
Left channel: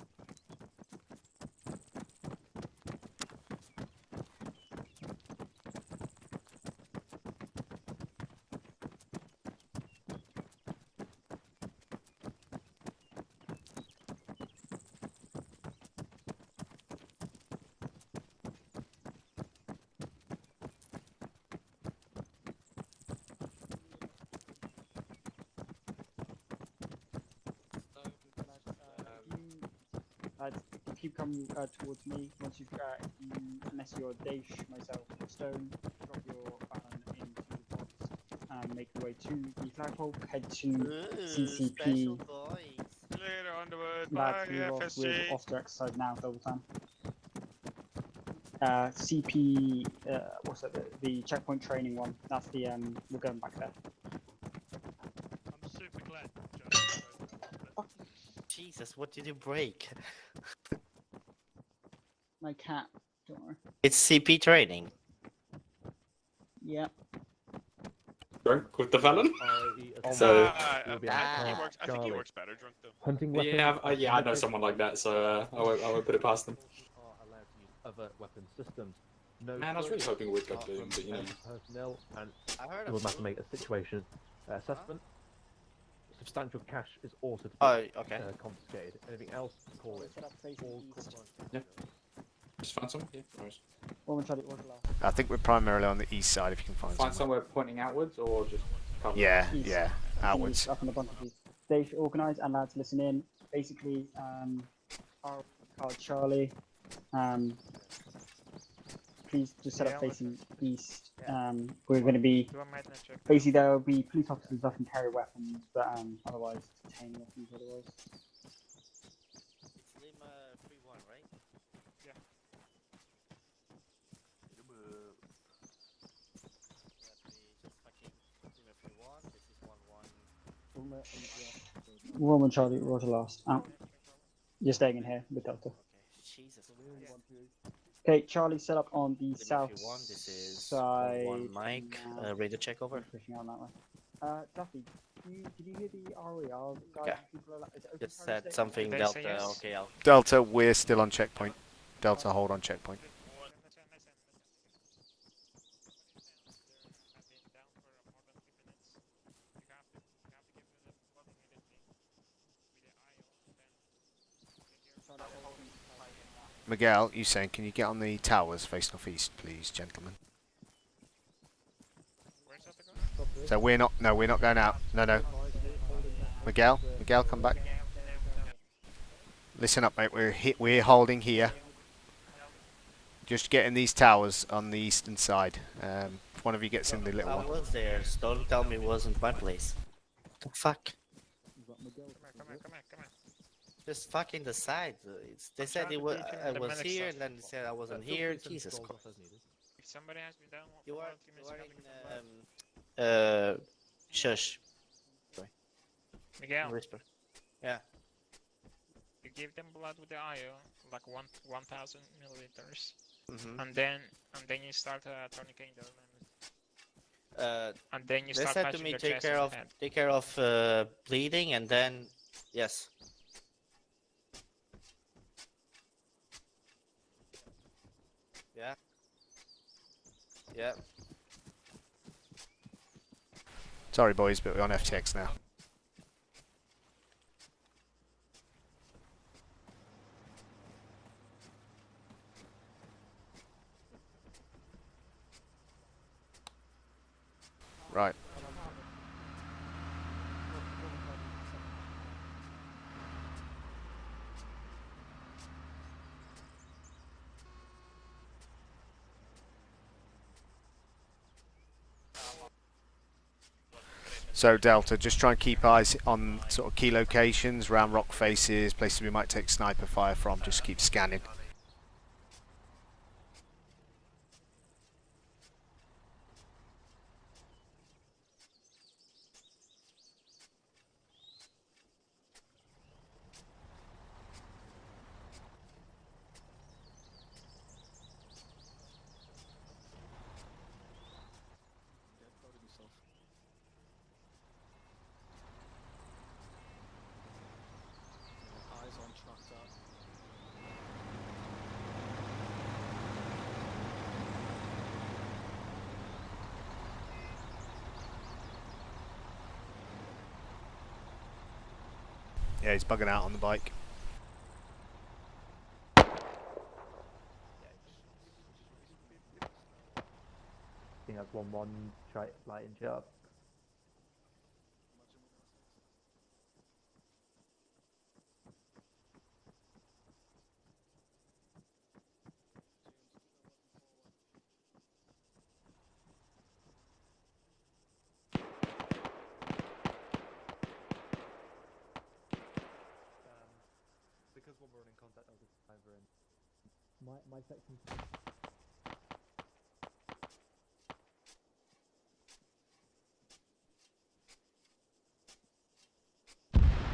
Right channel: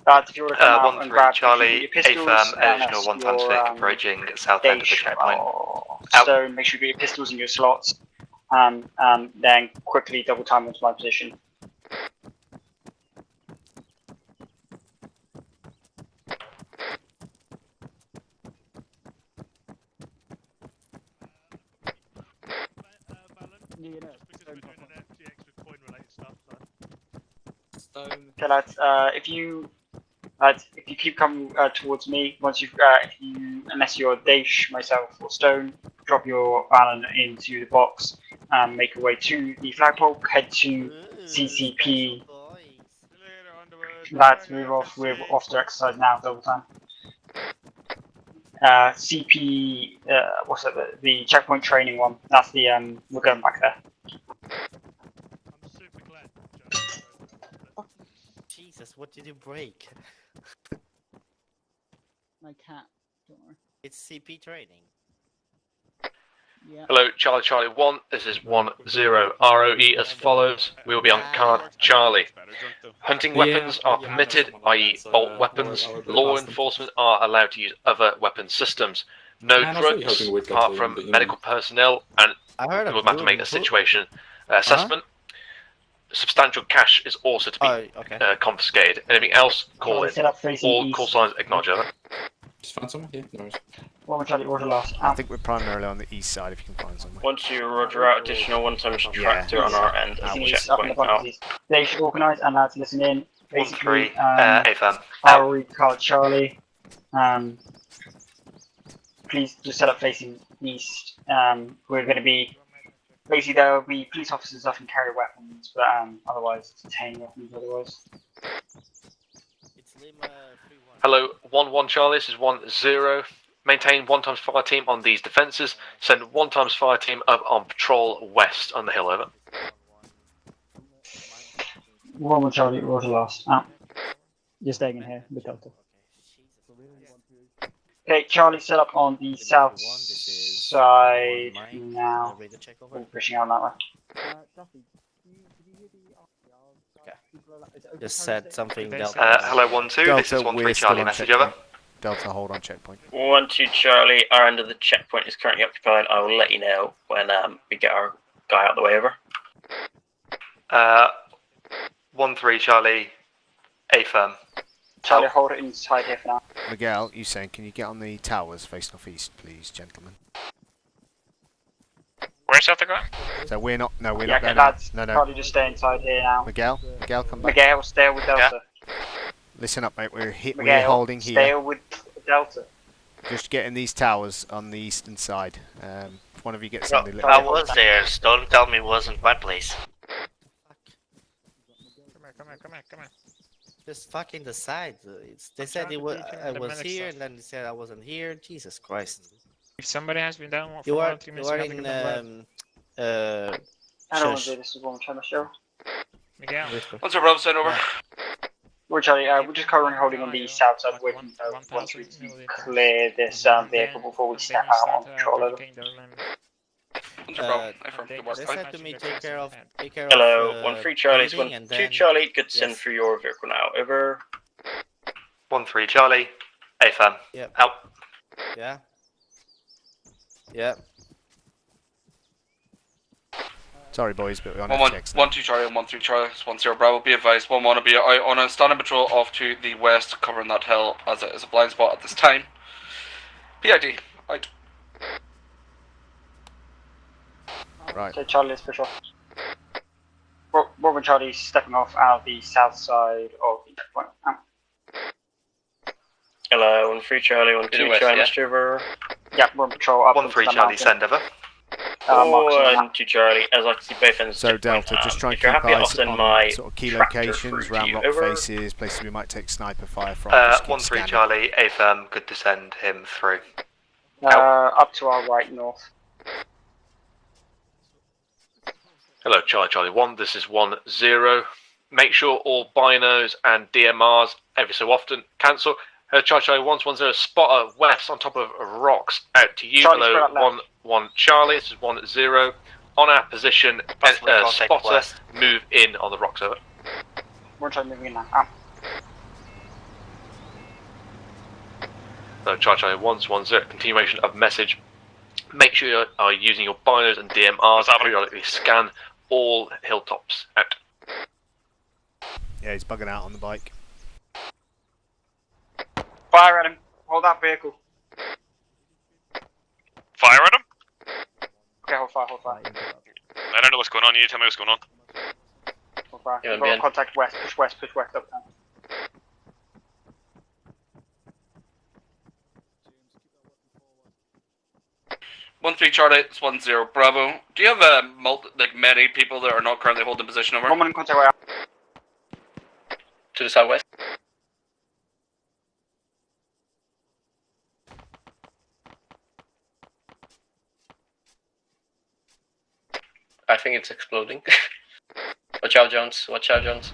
If you want to come out and 13 grab Charlie, your pistols, additional 1 times fake approaching south end of the checkpoint. Stone, make sure you get your pistols in your slots, and then quickly double time into my position. Okay, lads, if you keep coming towards me, unless you're Daesh, myself, or Stone, drop your Alan into the box and make your way to the flagpole, head to CCP. Lads, move off, we're off to exercise now, double time. CP, what's it, the checkpoint training one, that's the, we're going back there. Jesus, what did you break? My cat. Don't worry. It's CP training. Yeah. Hello, Charlie 1. This is 10 ROE as follows. We will be on card Charlie. Hunting weapons are permitted, i.e. bolt weapons. Law enforcement are allowed to use other weapon systems. No drugs apart from medical personnel, and we will have to make a situation assessment. Substantial cash is also to be confiscated. Anything else, call in. All call signs acknowledge over. Just find someone? Yeah, no worries. I think we're primarily on the east side if you can find someone. Once you roger out additional 1 times tractor on our end as a checkpoint out. They should organise and lads listen in. Basically, AFM. ROE card Charlie. Please just set up facing east. We're going to be basically there will be police officers often carry weapons, but otherwise detain weapons otherwise. Hello, 1 Charlie, this is 10. Maintain 1 times fire team on these defences. Send 1 times fire team up on patrol west on the hill, over. 1 Charlie, roger last. You're staying in here with Delta. Okay, Charlie set up on the south side now. Radar check over. Pushing out that way. Duffy, did you hear the RER? Yeah. Just said something Delta. Hello 12. Delta, we're still on checkpoint. Delta, hold on checkpoint. 12 Charlie, our end of the checkpoint is currently occupied. I will let you know when we get our guy out of the way, over. 13 Charlie, A-firm. Charlie, hold it inside here for now. Miguel, you saying, can you get on the towers facing off east, please, gentlemen? Where's Delta going? So we're not going out. No. Charlie, just stay inside here now. Miguel, come back. Miguel, stay with Delta. Listen up, mate. We're holding here. Stay with Delta. Just getting these towers on the eastern side. If one of you gets in the little. I was there, so don't tell me it wasn't my place. The fuck? Come here. Just fucking the side. They said I was here, and then they said I wasn't here. Jesus Christ. If somebody has been down for You are 3 minutes, in I don't want to do this is one time show. Miguel. What's up, Rob? Send over. We're Charlie, we're just currently holding on the south side waiting once we clear this vehicle before we step out on patrol over. They said to me take care of Hello, 13 Charlie, bleeding, and 2 then Charlie, good to send yes. through your vehicle now, over. 13 Charlie, A-firm. Yep. Out. Yeah. Yeah. Sorry, boys, but we're on FTX now. 1 2 Charlie and 1 3 Charlie. 1 0 Bravo. Be advised. 1 1 will be on a standing patrol off to the west, covering that hill as it is a blind spot at this time. PID. Out. Right. Okay, Charlie, let's push off. Robin Charlie stepping off out the south side of the checkpoint. Hello, 1-3 Charlie, 1-2 Charlie, message over. Yeah, we're on patrol up 1-3 Charlie, send over. 1-2 Charlie, as I can see both ends. So Delta, just try and if you're keep happy, I'll eyes send on my sort of key tractor locations, through to round you. rock Over. faces, places we might take sniper fire from. Just keep 1-3 scanning. Charlie, Affirm, good to send him through. Up to our right north. Hello, Charlie 1, this is 1-0. Make sure all binos and DMRs every so often cancel. Charlie 1-1-0, spotter west on top of rocks out to you. Charlie, Hello, 1-1 Charlie, this is 1-0. On our position, spotter, move in on the rocks, over. We're trying moving in now. So Charlie 1-1-0, continuation of message. Make sure you are using your binos and DMRs to periodically scan all hilltops out. Yeah, he's bugging out on the bike. Fire at him. Hold that vehicle. Fire at him? Okay, hold fire. I don't know what's going on. You need to tell me what's going on. Hold fire. Yeah, We've got contact west. Push west up now. 1-3 Charlie, it's 1-0 Bravo. Do you have many people that are not currently holding position over? One in contact right To the southwest. I think it's exploding. Watch out, Jones. Watch out, Jones.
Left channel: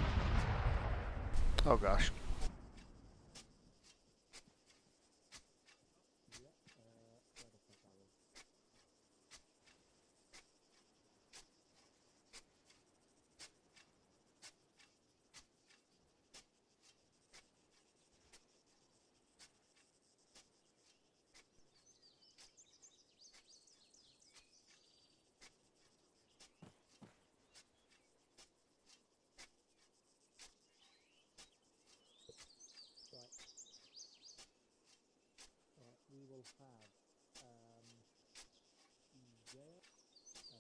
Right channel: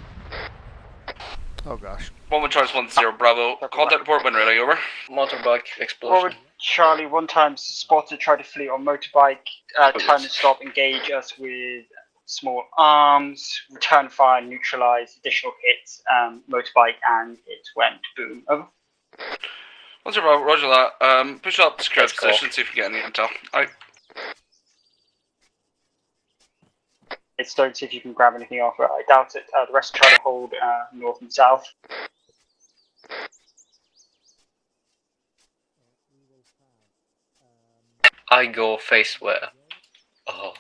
Oh gosh. 1-1 Charlie, 1-0 Bravo. Contact report when ready, over. Motorbike explosion. Forward Charlie, one time spotted, tried to flee on motorbike, turn and stop, engage us with small arms, return fire, neutralize, additional hits, motorbike, and it went boom. Over. 1-0 Bravo, roger that. Push up, secure position, see if you get any intel. Alright. It's don't see if you can grab anything off. I doubt it. The rest try to hold north and south. I go face where? Oh.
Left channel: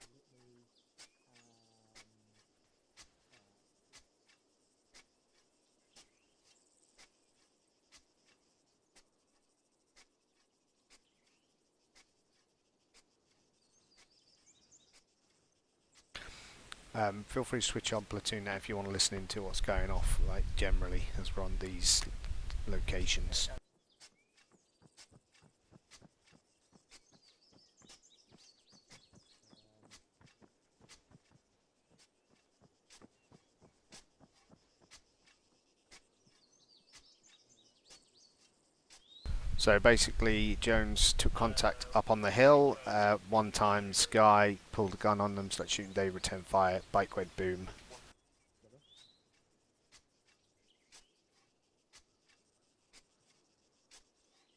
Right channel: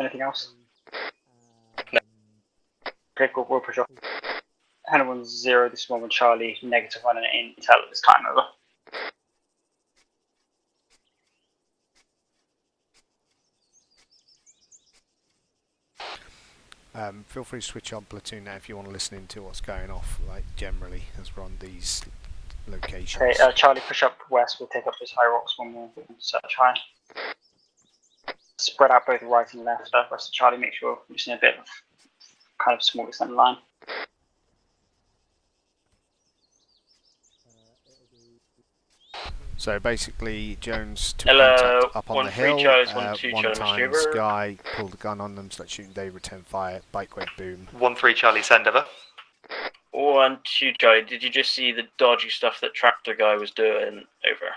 Anything else? No. Okay, cool. We'll push off. Henry 1-0. This is 1-1 Charlie. Negative on an intel at this time. Over. Feel free to switch on platoon now if you want to listen into what's going off, like generally, as we're on these locations. Okay, Charlie, push up west. We'll take up those high rocks when we'll search high. Spread out both right and left. Rest of Charlie, make sure we're just in a bit of kind of small extended line. So basically, Jones took contact up on the hill. One time, Sky pulled a gun on them, started shooting. They return fire. Bike went boom. 1-3 Charlie, send over. 1-2 Charlie, did you just see the dodgy stuff that Tractor guy was doing? Over.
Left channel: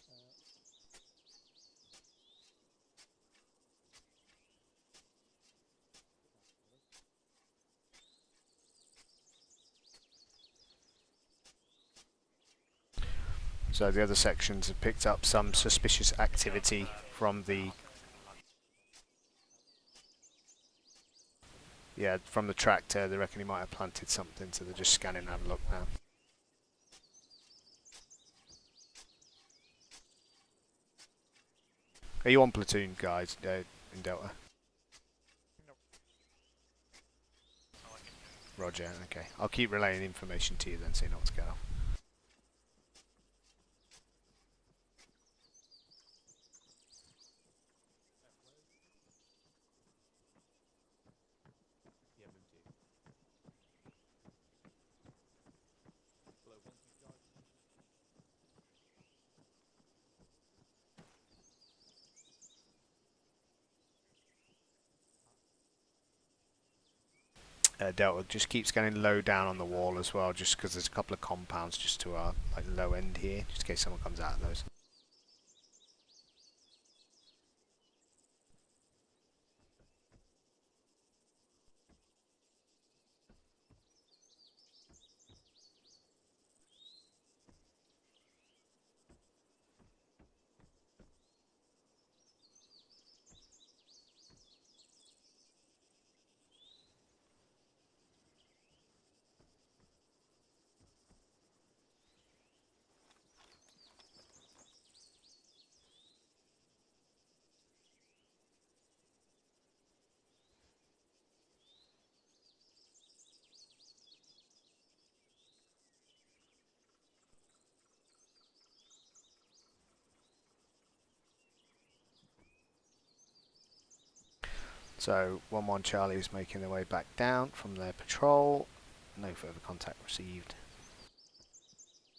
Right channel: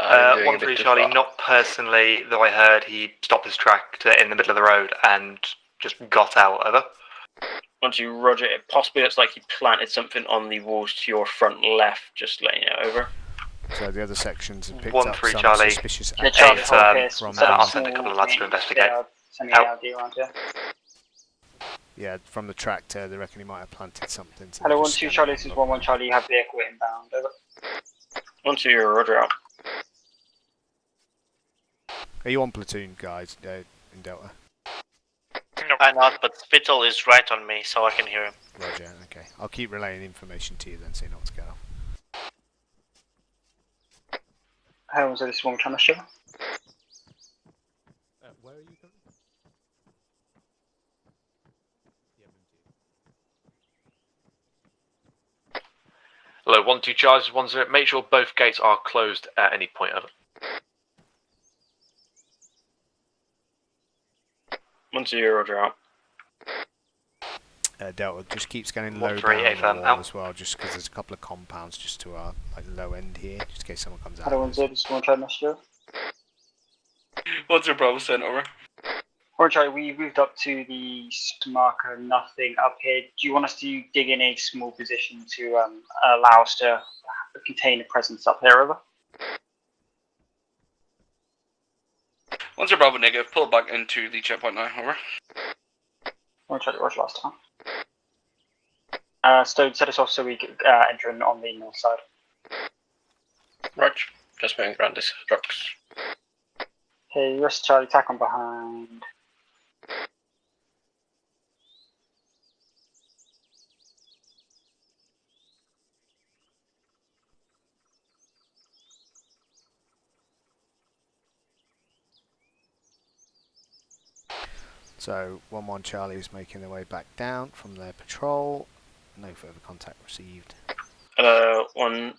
1-3 Charlie, not personally, though I heard he stopped his tractor in the middle of the road and just got out. Over. 1-2 Roger, it possibly looks like he planted something on the walls to your front left, just letting you know. Over. So the other sections have picked 1-3 up some Charlie. suspicious Charlie, activity from I'll the send a couple of lads to investigate. yeah from the tractor. They reckon he might have planted something. So Hello, 1-2 Charlie. This is 1-1 Charlie. You have vehicle inbound. Over. 1-2, you're Roger out. Are you on platoon, guys? In Delta. I'm not, but Spittle is right on me, so I can hear him. Roger. Okay, I'll keep relaying information to you then, so you know what's going on. How was this one trying to show? Where are you coming Hello, 1-2 Charles, 1-0. Make sure both gates are closed at any point. Over. 1-2, Roger out. Delta, just keep scanning low 1-3 down on the wall as well, just because there's a couple of compounds just to our low end here, just in case someone comes out. Hello, 1-0. This is 1 Charlie. Message. 1-0 Bravo, sent over. Alright, Charlie, we moved up to the marker, nothing up here. Do you want us to dig in a small position to allow us to contain a presence up here, over? Once you're Bravo negative, pull back into the checkpoint now. Over. I'll try to rush last time. Stone, set us off so we can enter in on the north side. Right, just moving around these rocks. Okay, rest Charlie, tack on behind. So 1-1 Charlie is making their way back down from their patrol. No further contact received. 1-0,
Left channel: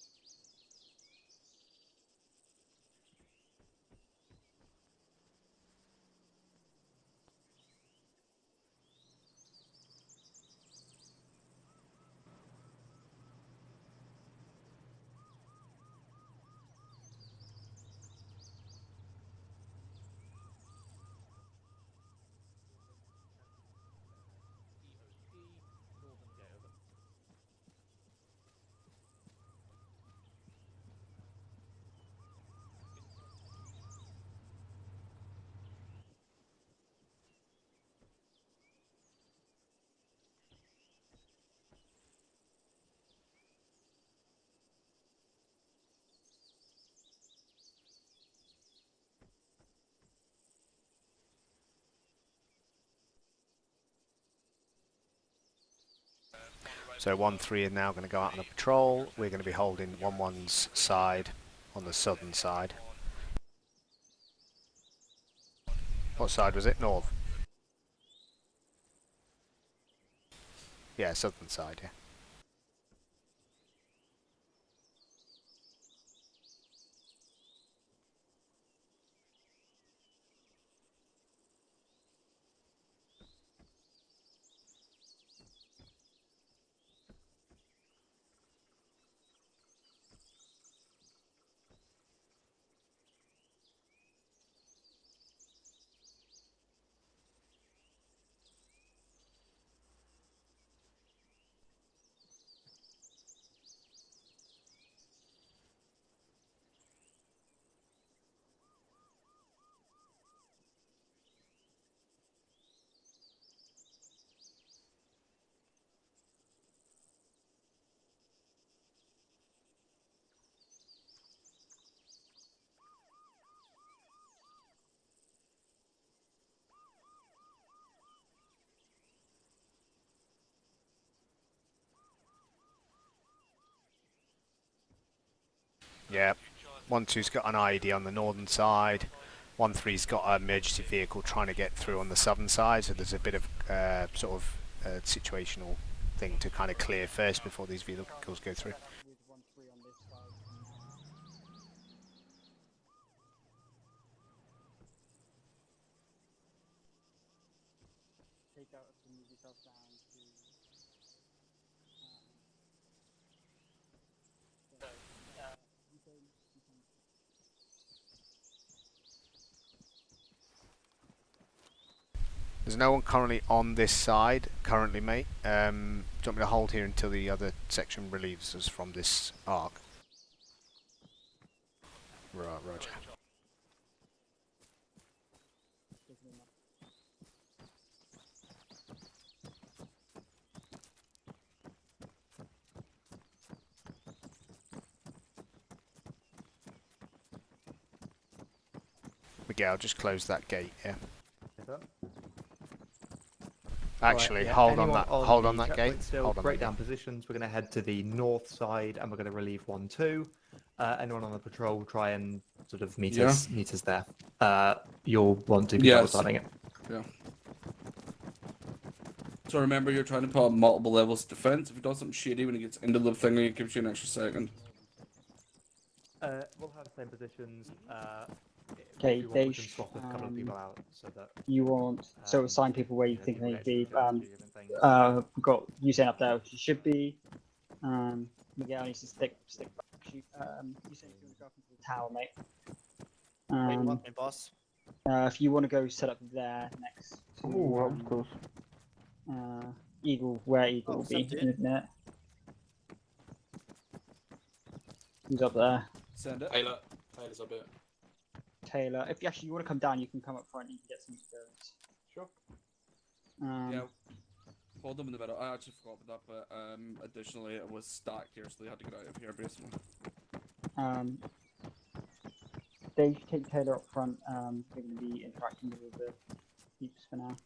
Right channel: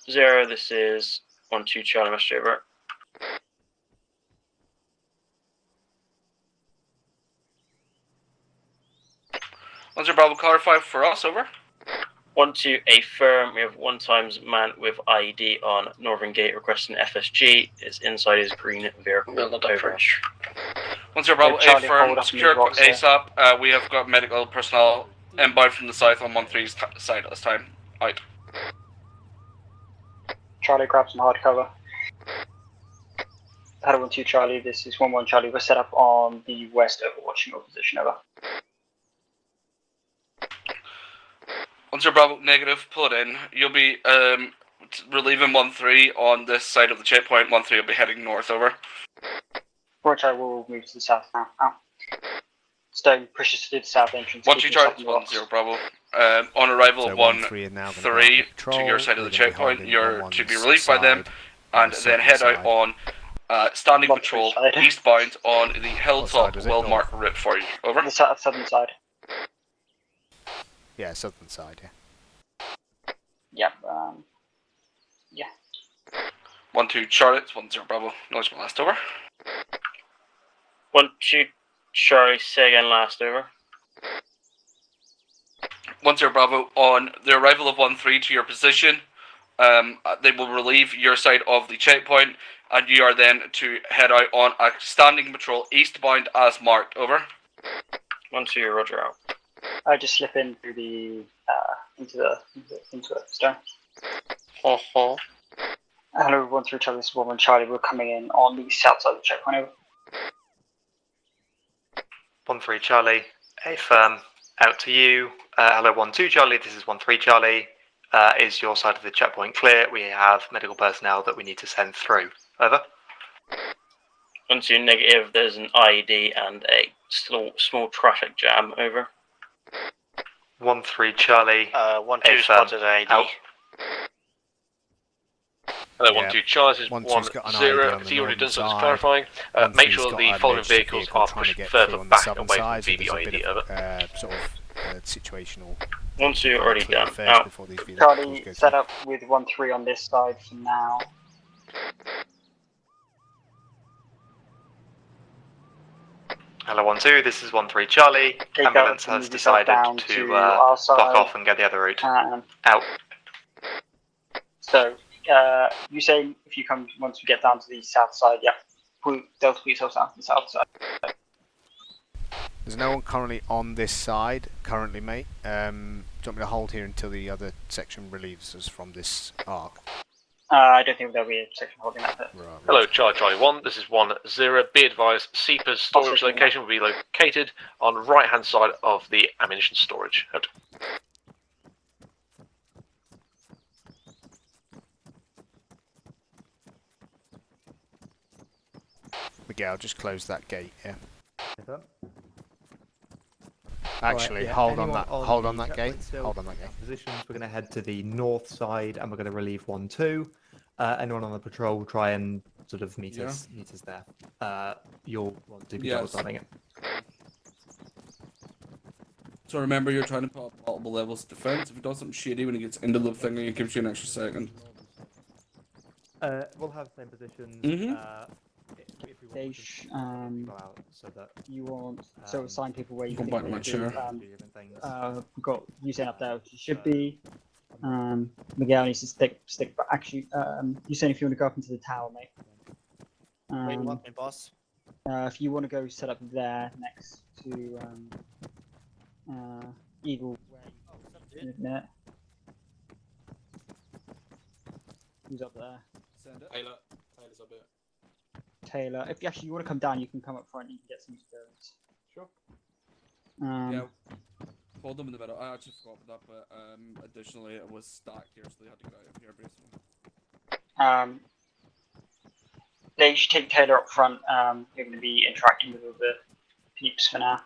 this is 1-2 Charlie, message over. Once you're Bravo, clarify for us. Over. 1-2, a firm. We have 1 times man with IED on Northern Gate requesting FSG. Is inside his green vehicle. Over. Once you're Bravo, Charlie, a firm, hold up secure in the box there. ASAP. We have got medical personnel inbound from the south on 1-3's side at this time. Out. Charlie, grab some hard cover. Hello 1-2 Charlie, this is 1-1 Charlie. We're set up on the west overwatching your position. Over. Once you're Bravo negative, pull it in. You'll be relieving 1-3 on this side of the checkpoint. 1-3 will be heading north. Over. Roger, we'll move to the south now. Stone pushes to the south entrance. 1-2 Charlie, 1-0 Bravo. On arrival So of 1-3 are now going to go out on to patrol. your side of the They're gonna be checkpoint, holding you're 1-1's to be relieved by them, side on and the then southern head side. out on standing patrol eastbound on the side hilltop was it? well North? marked route for you. Over. The southern side. Yeah, southern side, yeah. Yeah, yeah. 1-2 Charlotte, 1-0 Bravo. Noise my last. Over. 1-2 Charlie, say again last. Over. 1-0 Bravo. On the arrival of 1-3 to your position, they will relieve your side of the checkpoint, and you are then to head out on a standing patrol eastbound as marked. Over. 1-2, Roger out. I just slip in through the into it. Stone. Hello, 1-3 Charlie, this is 1-1 Charlie. We're coming in on the south side of the checkpoint. Over. 1-3 Charlie, a firm, out to you. Hello 1-2 Charlie, this is 1-3 Charlie. Is your side of the checkpoint clear? We have medical personnel that we need to send through. Over. 1-2 negative, there's an IED and a small traffic jam. Over. 1-3 Charlie, 1-2 spotted IED. out. Hello, Yeah. 1-2 Charlie, this is 1-2's got an 1-0. IED on the If you already northern done some side. clarifying, make 1-3's sure got the an following emergency vehicles vehicle are trying to pushed get further through on the back southern away side, so from there's a bit VVID. of Over. sort of situational. 1-2 things already clear done. first Out. before these vehicles Charlie, go set through. up with 1-3 on this side for now. Hello 1-2, this is 1-3 Charlie. Okay, Ambulance go, has move yourself decided down to our side. block off and go the other route. Out. So, you say if you come once we get down to the south side, yeah. Delta, put yourself down to the south side. There's no one currently on this side, currently, mate. Do you want me to hold here until the other section relieves us from this arc? I don't think there'll be a section holding that bit. Right. Hello, Charlie 1, this is 1-0. Be advised, SEPA's storage location will be located on the right-hand side of the ammunition storage. Out. Miguel, just close that gate, yeah. Right, Actually, yeah, hold on anyone that. Hold on the that gate. checkpoint still, Hold on that break gate. down positions. We're going to head to the north side, and we're going to relieve 1-2. Anyone on the patrol, try and sort of meet us there. You'll want to be double starting it. So remember, you're trying to put up multiple levels of defense. If it does something shitty when it gets into the thing, it gives you an extra second. We'll have the same positions. Okay, they you want so assign people where you think they would be. We've got you saying up there which you should be. Miguel needs to stick. But actually, you saying if you want to go up into the tower, mate. Boss. If you want to go set up there next to Eagle, where Eagle will be in a minute. He's up there. Send it. Taylor's up here. Taylor. If you want to come down, you can come up front and you can get some experience. Sure. Um, Hold them in the middle. I actually forgot about that, but additionally, it was stacked here, so they had to get out of here basically. They should take Taylor up front. You're going to be interacting with all the peeps for now.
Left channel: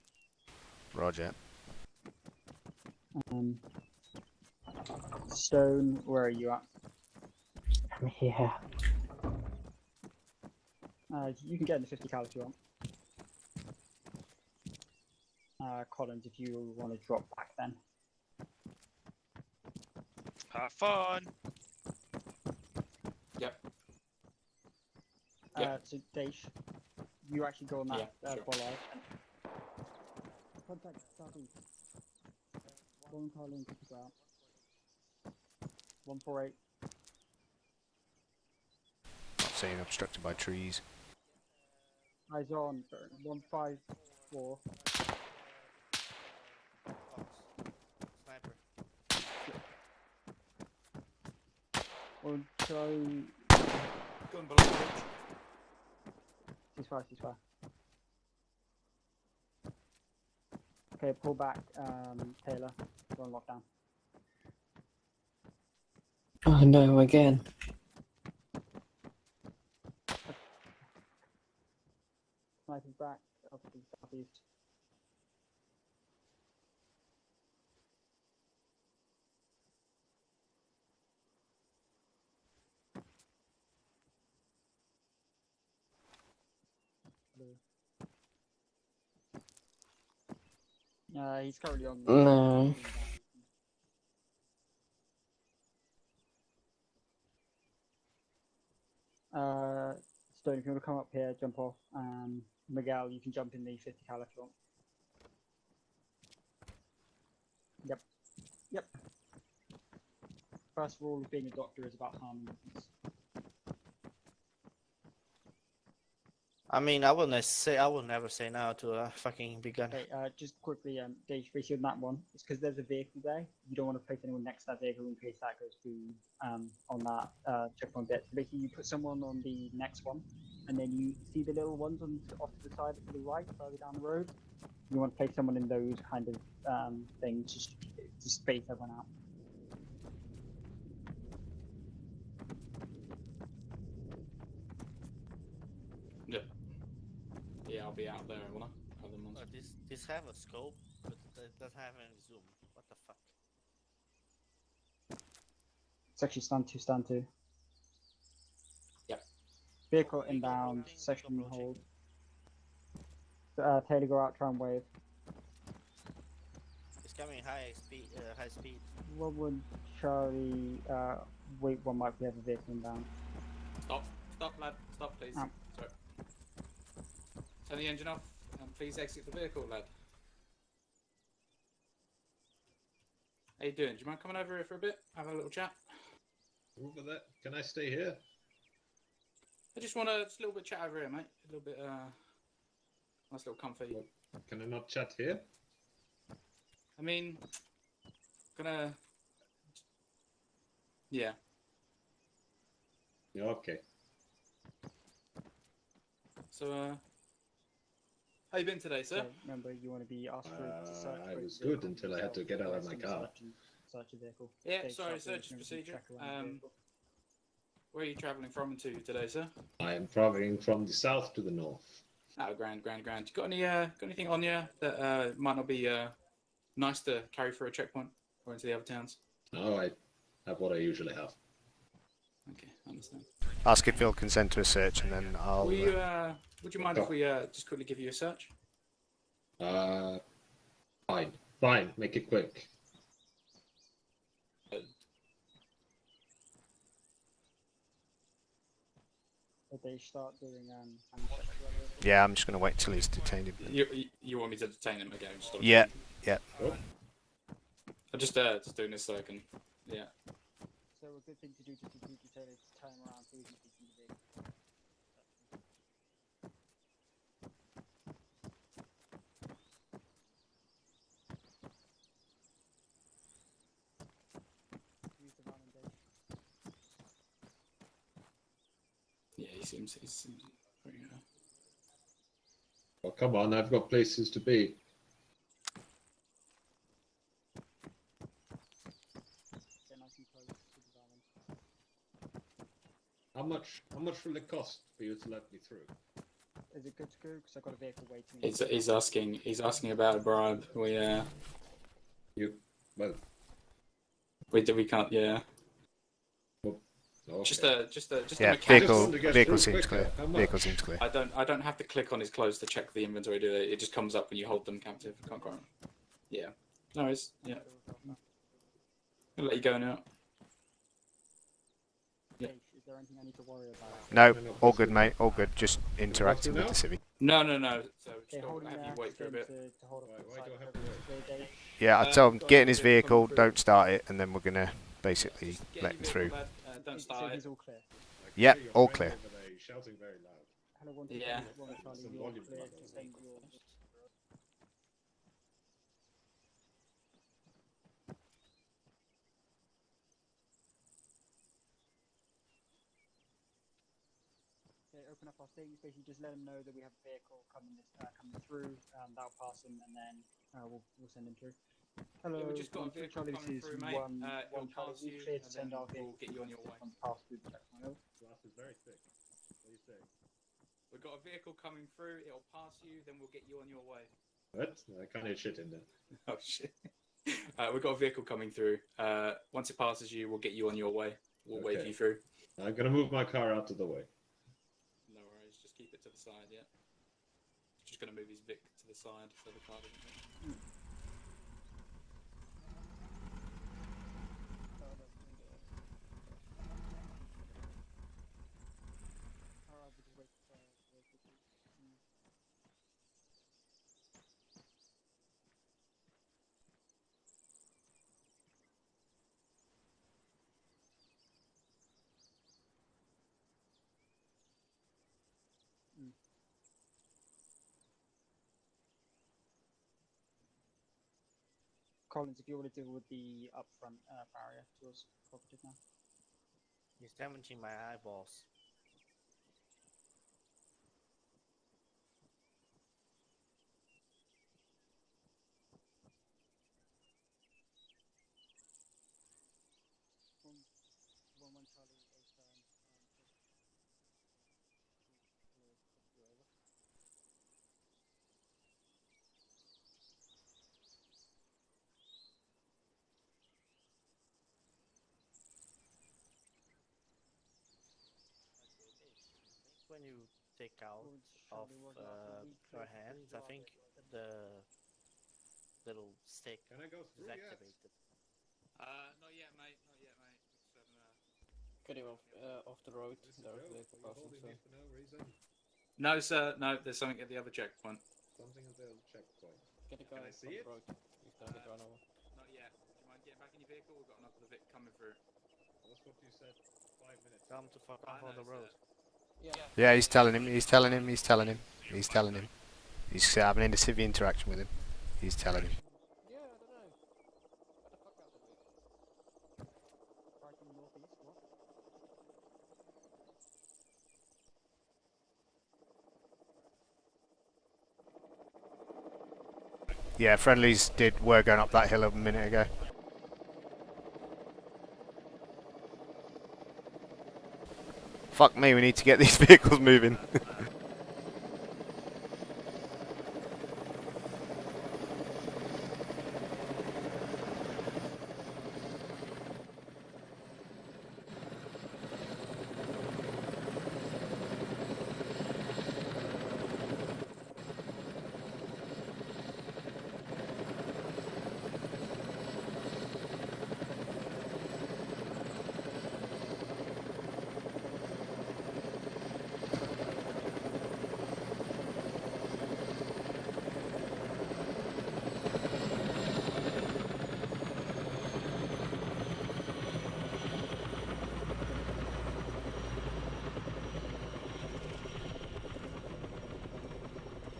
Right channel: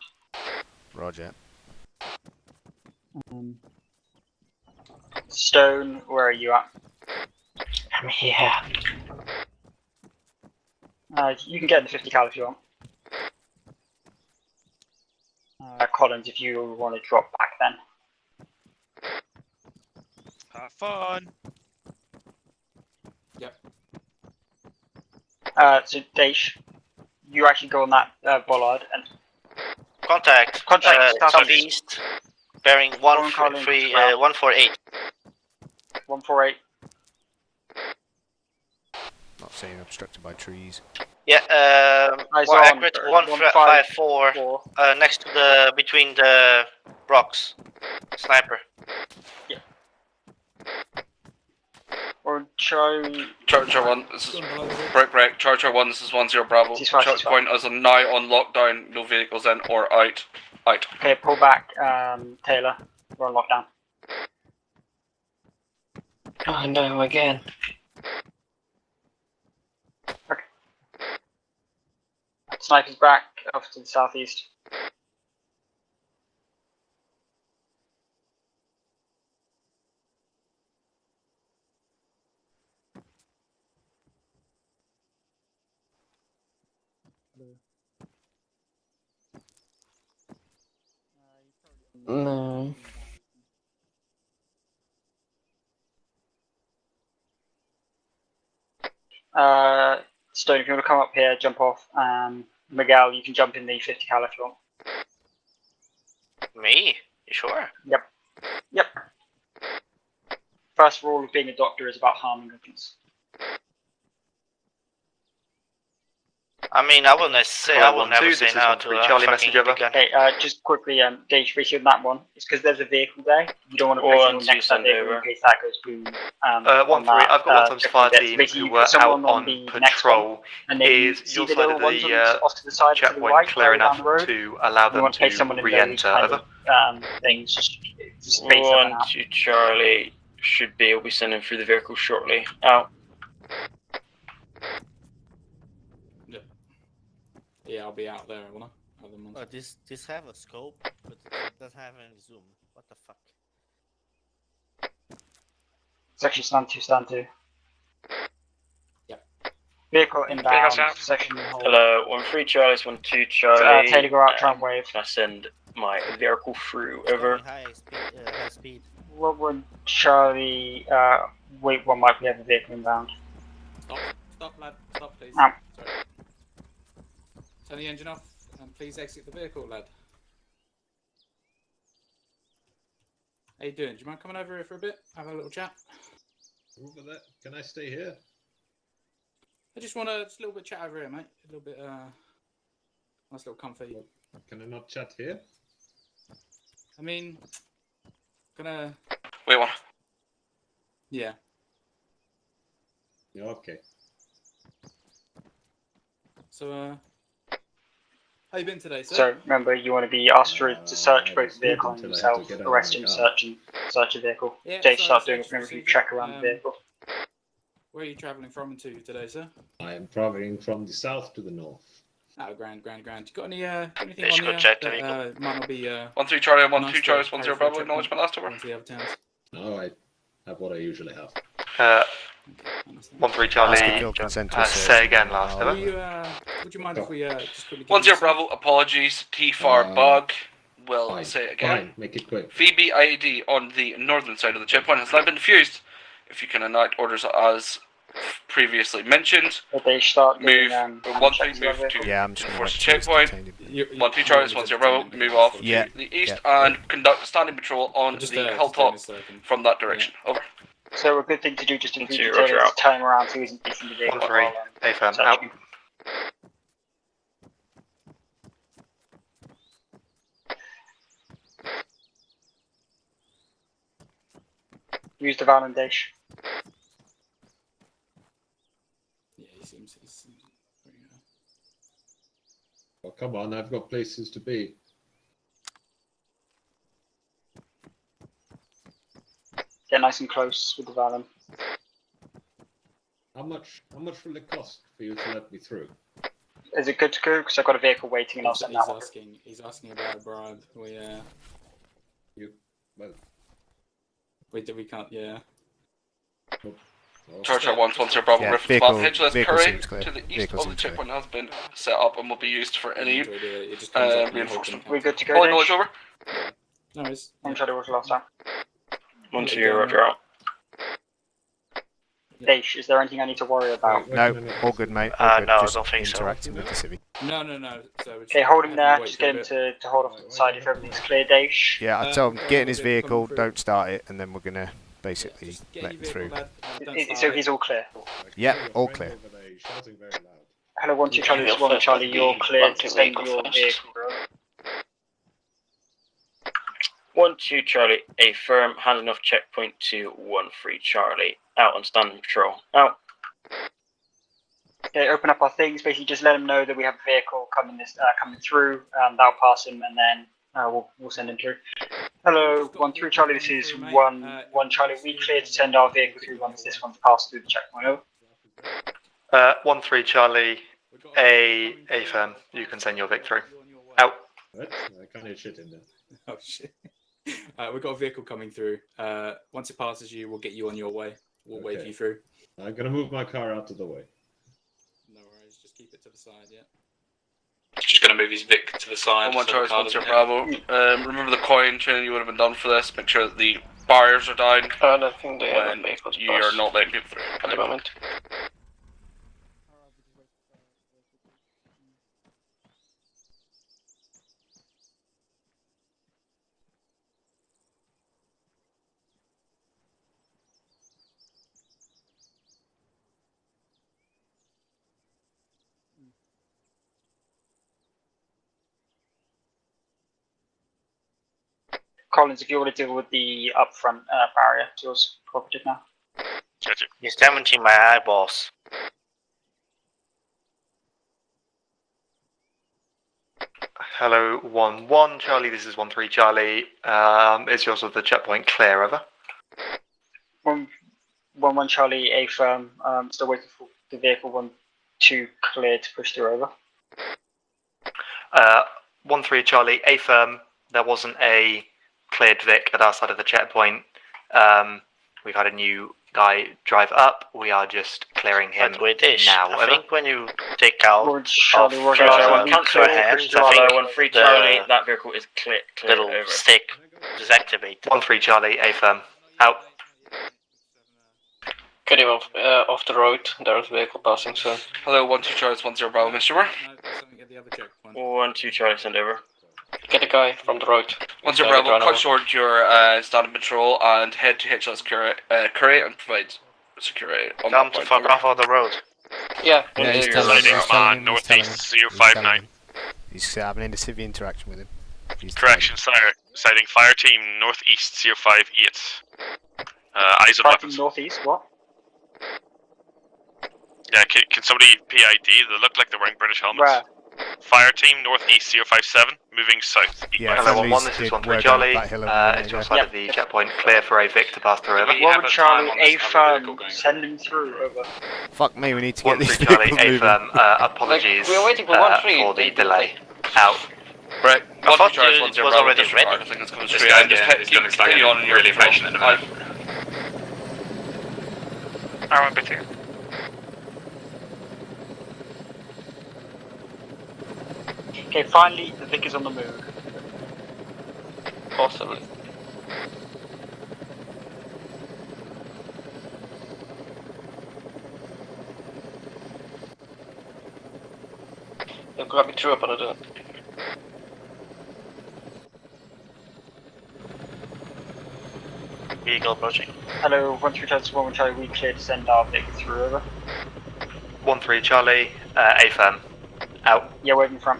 Roger. Stone, where are you at? I'm here. You can get the 50 cal if you want. Collins, if you want to drop back then. Have fun. Yep. So Daish, you actually go on that bollard and Contact. Southeast. Bearing 148. 148. Not saying obstructed by trees. Yeah, more on, accurate, 154, next to the, between the rocks. Sniper. Yeah. Or Charlie. Charger 1, this is break. Charger 1, this is 10 Bravo. Checkpoint is now on lockdown, no vehicles in or out. Okay, pull back, Taylor. We're on lockdown. Oh no, again. Okay. Sniper's back, off to the southeast. he's currently on. No. Stone, if you want to come up here, jump off. Miguel, you can jump in the 50 cal if you want. Me? You sure? Yep. First rule of being a doctor is about harming others. I mean, I will never say no to a Charlie fucking messenger. beginner. Okay, just quickly, Dave, receive that one. It's because there's a vehicle there. You don't want to place anyone next to that vehicle in case that goes boom. 1-3, I've got one times fire team who were out on patrol. You'll see the off to the side, checkpoint clear enough to allow them to re-enter. Things. Just place them 1 out. 2 Charlie should be able to be sending through the vehicle shortly. Out. Yeah, I'll be out there, won't I? This have a scope, but it doesn't have any zoom. What the fuck? It's actually stand 2. Yep. Vehicle inbound, section hold. Hello, 1-3 Charlie, 1-2 Charlie. Taylor, go out, try and wave. Can I send my vehicle through? Over. High speed. What would Charlie, wait 1 might we have a vehicle inbound. Stop, lad. Stop, please. Sorry. Turn the engine off and please exit the vehicle, lad. How you doing? Do you mind coming over here for a bit? Have a little chat? Over there. Can I stay here? I just want a little bit chat over here, mate. A little bit, nice little comfy. Can I not chat here? I mean, gonna... Wait, what? Yeah. Yeah, okay. So, how you been today, sir? So remember, you want to be asked to search both the vehicle and yourself, arrest him, search the vehicle. Yeah, Dave, so start doing a search preliminary procedure. check around the vehicle. Where are you travelling from and to today, sir? I am traveling from the south to the north. Oh, grand. You got any anything Fish on could you check that might not be 1-3 Charlie, 1-2 nice Charlie, to 1-0 carry for a Bravo, checkpoint acknowledgement last over. going to the other towns? No, I have what I usually have. 1-3 Charlie. Ask if you'll consent to a search. Say again, last I'll- Would you mind if we just quickly... 1-0 Bravo, apologies. T-Far bug. Will Fine, say it again. fine, make it quick. Phoebe IED on the northern side of the checkpoint has now been defused. If you can enact orders as previously mentioned, But they start move doing, 1-3 move to Yeah, I'm just going to wait till he's checkpoint. detained. 1-2 Charlie, 1-0 Bravo, move off Yeah, to the east yeah. and conduct a standing patrol on the hilltop from that direction. Over. So a good thing to do just in Two, case Roger, is out. turn around so he isn't facing the vehicle. 1-3, AFM, out. Use the van and dish. Yeah, he seems pretty Come on, I've got places to be. Get nice and close with the Valen. How much will it cost for you to let me through? Is it good to go? Because I've got a vehicle waiting and I'll send that one. He's asking about a bribe. We can't. Yeah. Charge at once your problem. Yeah, vehicle seems clear. Vehicle seems clear. I don't have to set up and will be used for any. It just comes up and you hold them. We good to go? Oh, no, it's over. Yeah. No, it's. I'm trying to work last time. 1-0, roger out. Daish, is there anything I need to worry about? No, all good, mate. All good. No, I Just don't think so. interacting with the civvy. No. So Okay, hold him there. Just get him to hold off to the side if everything's clear, Daish. Yeah, I told him get in his vehicle, don't start it, and then we're gonna basically let him through. So he's all clear. Yeah, all clear. Hello, 1-2 Charlie, this is 1 Charlie, you're clear to send your vehicle, bro. 1-2 Charlie, a firm handing off checkpoint to 1-3 Charlie. Out on standing patrol. Out. Okay, open up our things. Basically, just let him know that we have a vehicle coming through. That'll pass him, and then we'll send him through. Hello, 1-3 Charlie. This is 1 Charlie. We clear to send our vehicle through once this one's passed through the checkpoint. Over. 1-3 Charlie, a firm. You can send your Vic through. Out. What? I can't hear shit in there. Oh shit. We've got a vehicle coming through. Once it passes you, we'll get you on your way. We'll wave you through. I'm gonna move my car out of the way. No worries, just keep it to the side, yeah. Just gonna move his Vic to the side. One choice, one Bravo. Remember the coin training you would have been done for this. Make sure that the barriers are down. I don't think they have vehicles. You are not letting people through at the moment. Collins, if you want to deal with the upfront barrier, it's yours property now. Gotcha. He's damaging my eyeballs. Hello, 1-1 Charlie. This is 1-3 Charlie. Is yours of the checkpoint clear? Over. 1-1 Charlie, a firm. Still waiting for the vehicle 1-2 clear to push through. Over. 1-3 Charlie, a firm. There wasn't a cleared Vic at our side of the checkpoint. We've had a new guy drive up. We are just clearing him But with this, now. I think when you take out Charlie, off transfer hands, I think that vehicle is clear little over. Stick deactivate. 1-3 Charlie, a firm. Out. Get him off the road. There's a vehicle passing soon. Hello, 1-2 Charlie, 1-0 Bravo, Mr. Moore. No, there's something at the other checkpoint. 1-2 Charlie, send over. Get the guy from the road. 1-0 Bravo, cut short your standing patrol and head to HLS Curate and provide security. Come to fuck off on the road. Yeah. Yeah, he's telling him. He's telling him. He's telling him. He's telling 059. him. He's having a civvy interaction with him. He's Correction, sire. Sighting fire team northeast 058. Eyes on weapons. Northeast, what? Yeah, can somebody PID? They look like they're wearing British helmets. Where? Fire team northeast 057, moving south. Yeah, friendlies did work on that hill a minute ago. Side of the checkpoint, clear for a Vic to pass through. Over. 1 Charlie, a firm. Send him through. Over. Fuck me, we need to get these Charlie, vehicles a moving. firm. Apologies We're waiting for 1-3. for the delay. Out. Right, I thought it was already ready. I think it's coming This straight. guy And just doesn't look like continue on in your really patient at the moment. I'm a bit here. Okay, finally, the Vic is on the move. Possibly. Jag går through på det. Vehicle approaching. Hello, 1-3 Charlie, 1 Charlie, we clear to send our Vic through. Over. 1-3 Charlie, a firm. Out. Yeah, where are you from?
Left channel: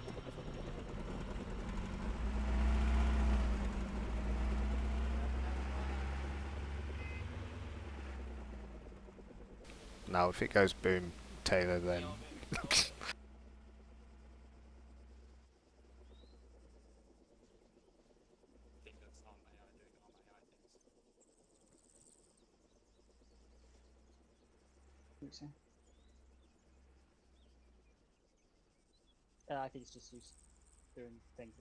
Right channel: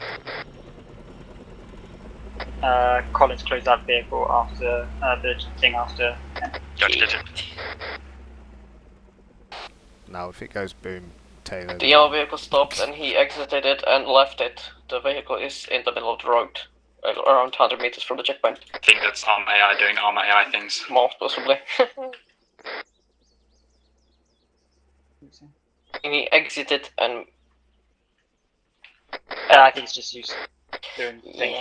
Collins closed that vehicle after the thing after. Gotcha. Now, if it goes boom, Taylor. The yellow vehicle stopped and he exited it and left it. The vehicle is in the middle of the road, around 100 meters from the checkpoint. I think that's Arm AI doing Arm AI things. Most possibly. He exited and... I think it's just used doing things.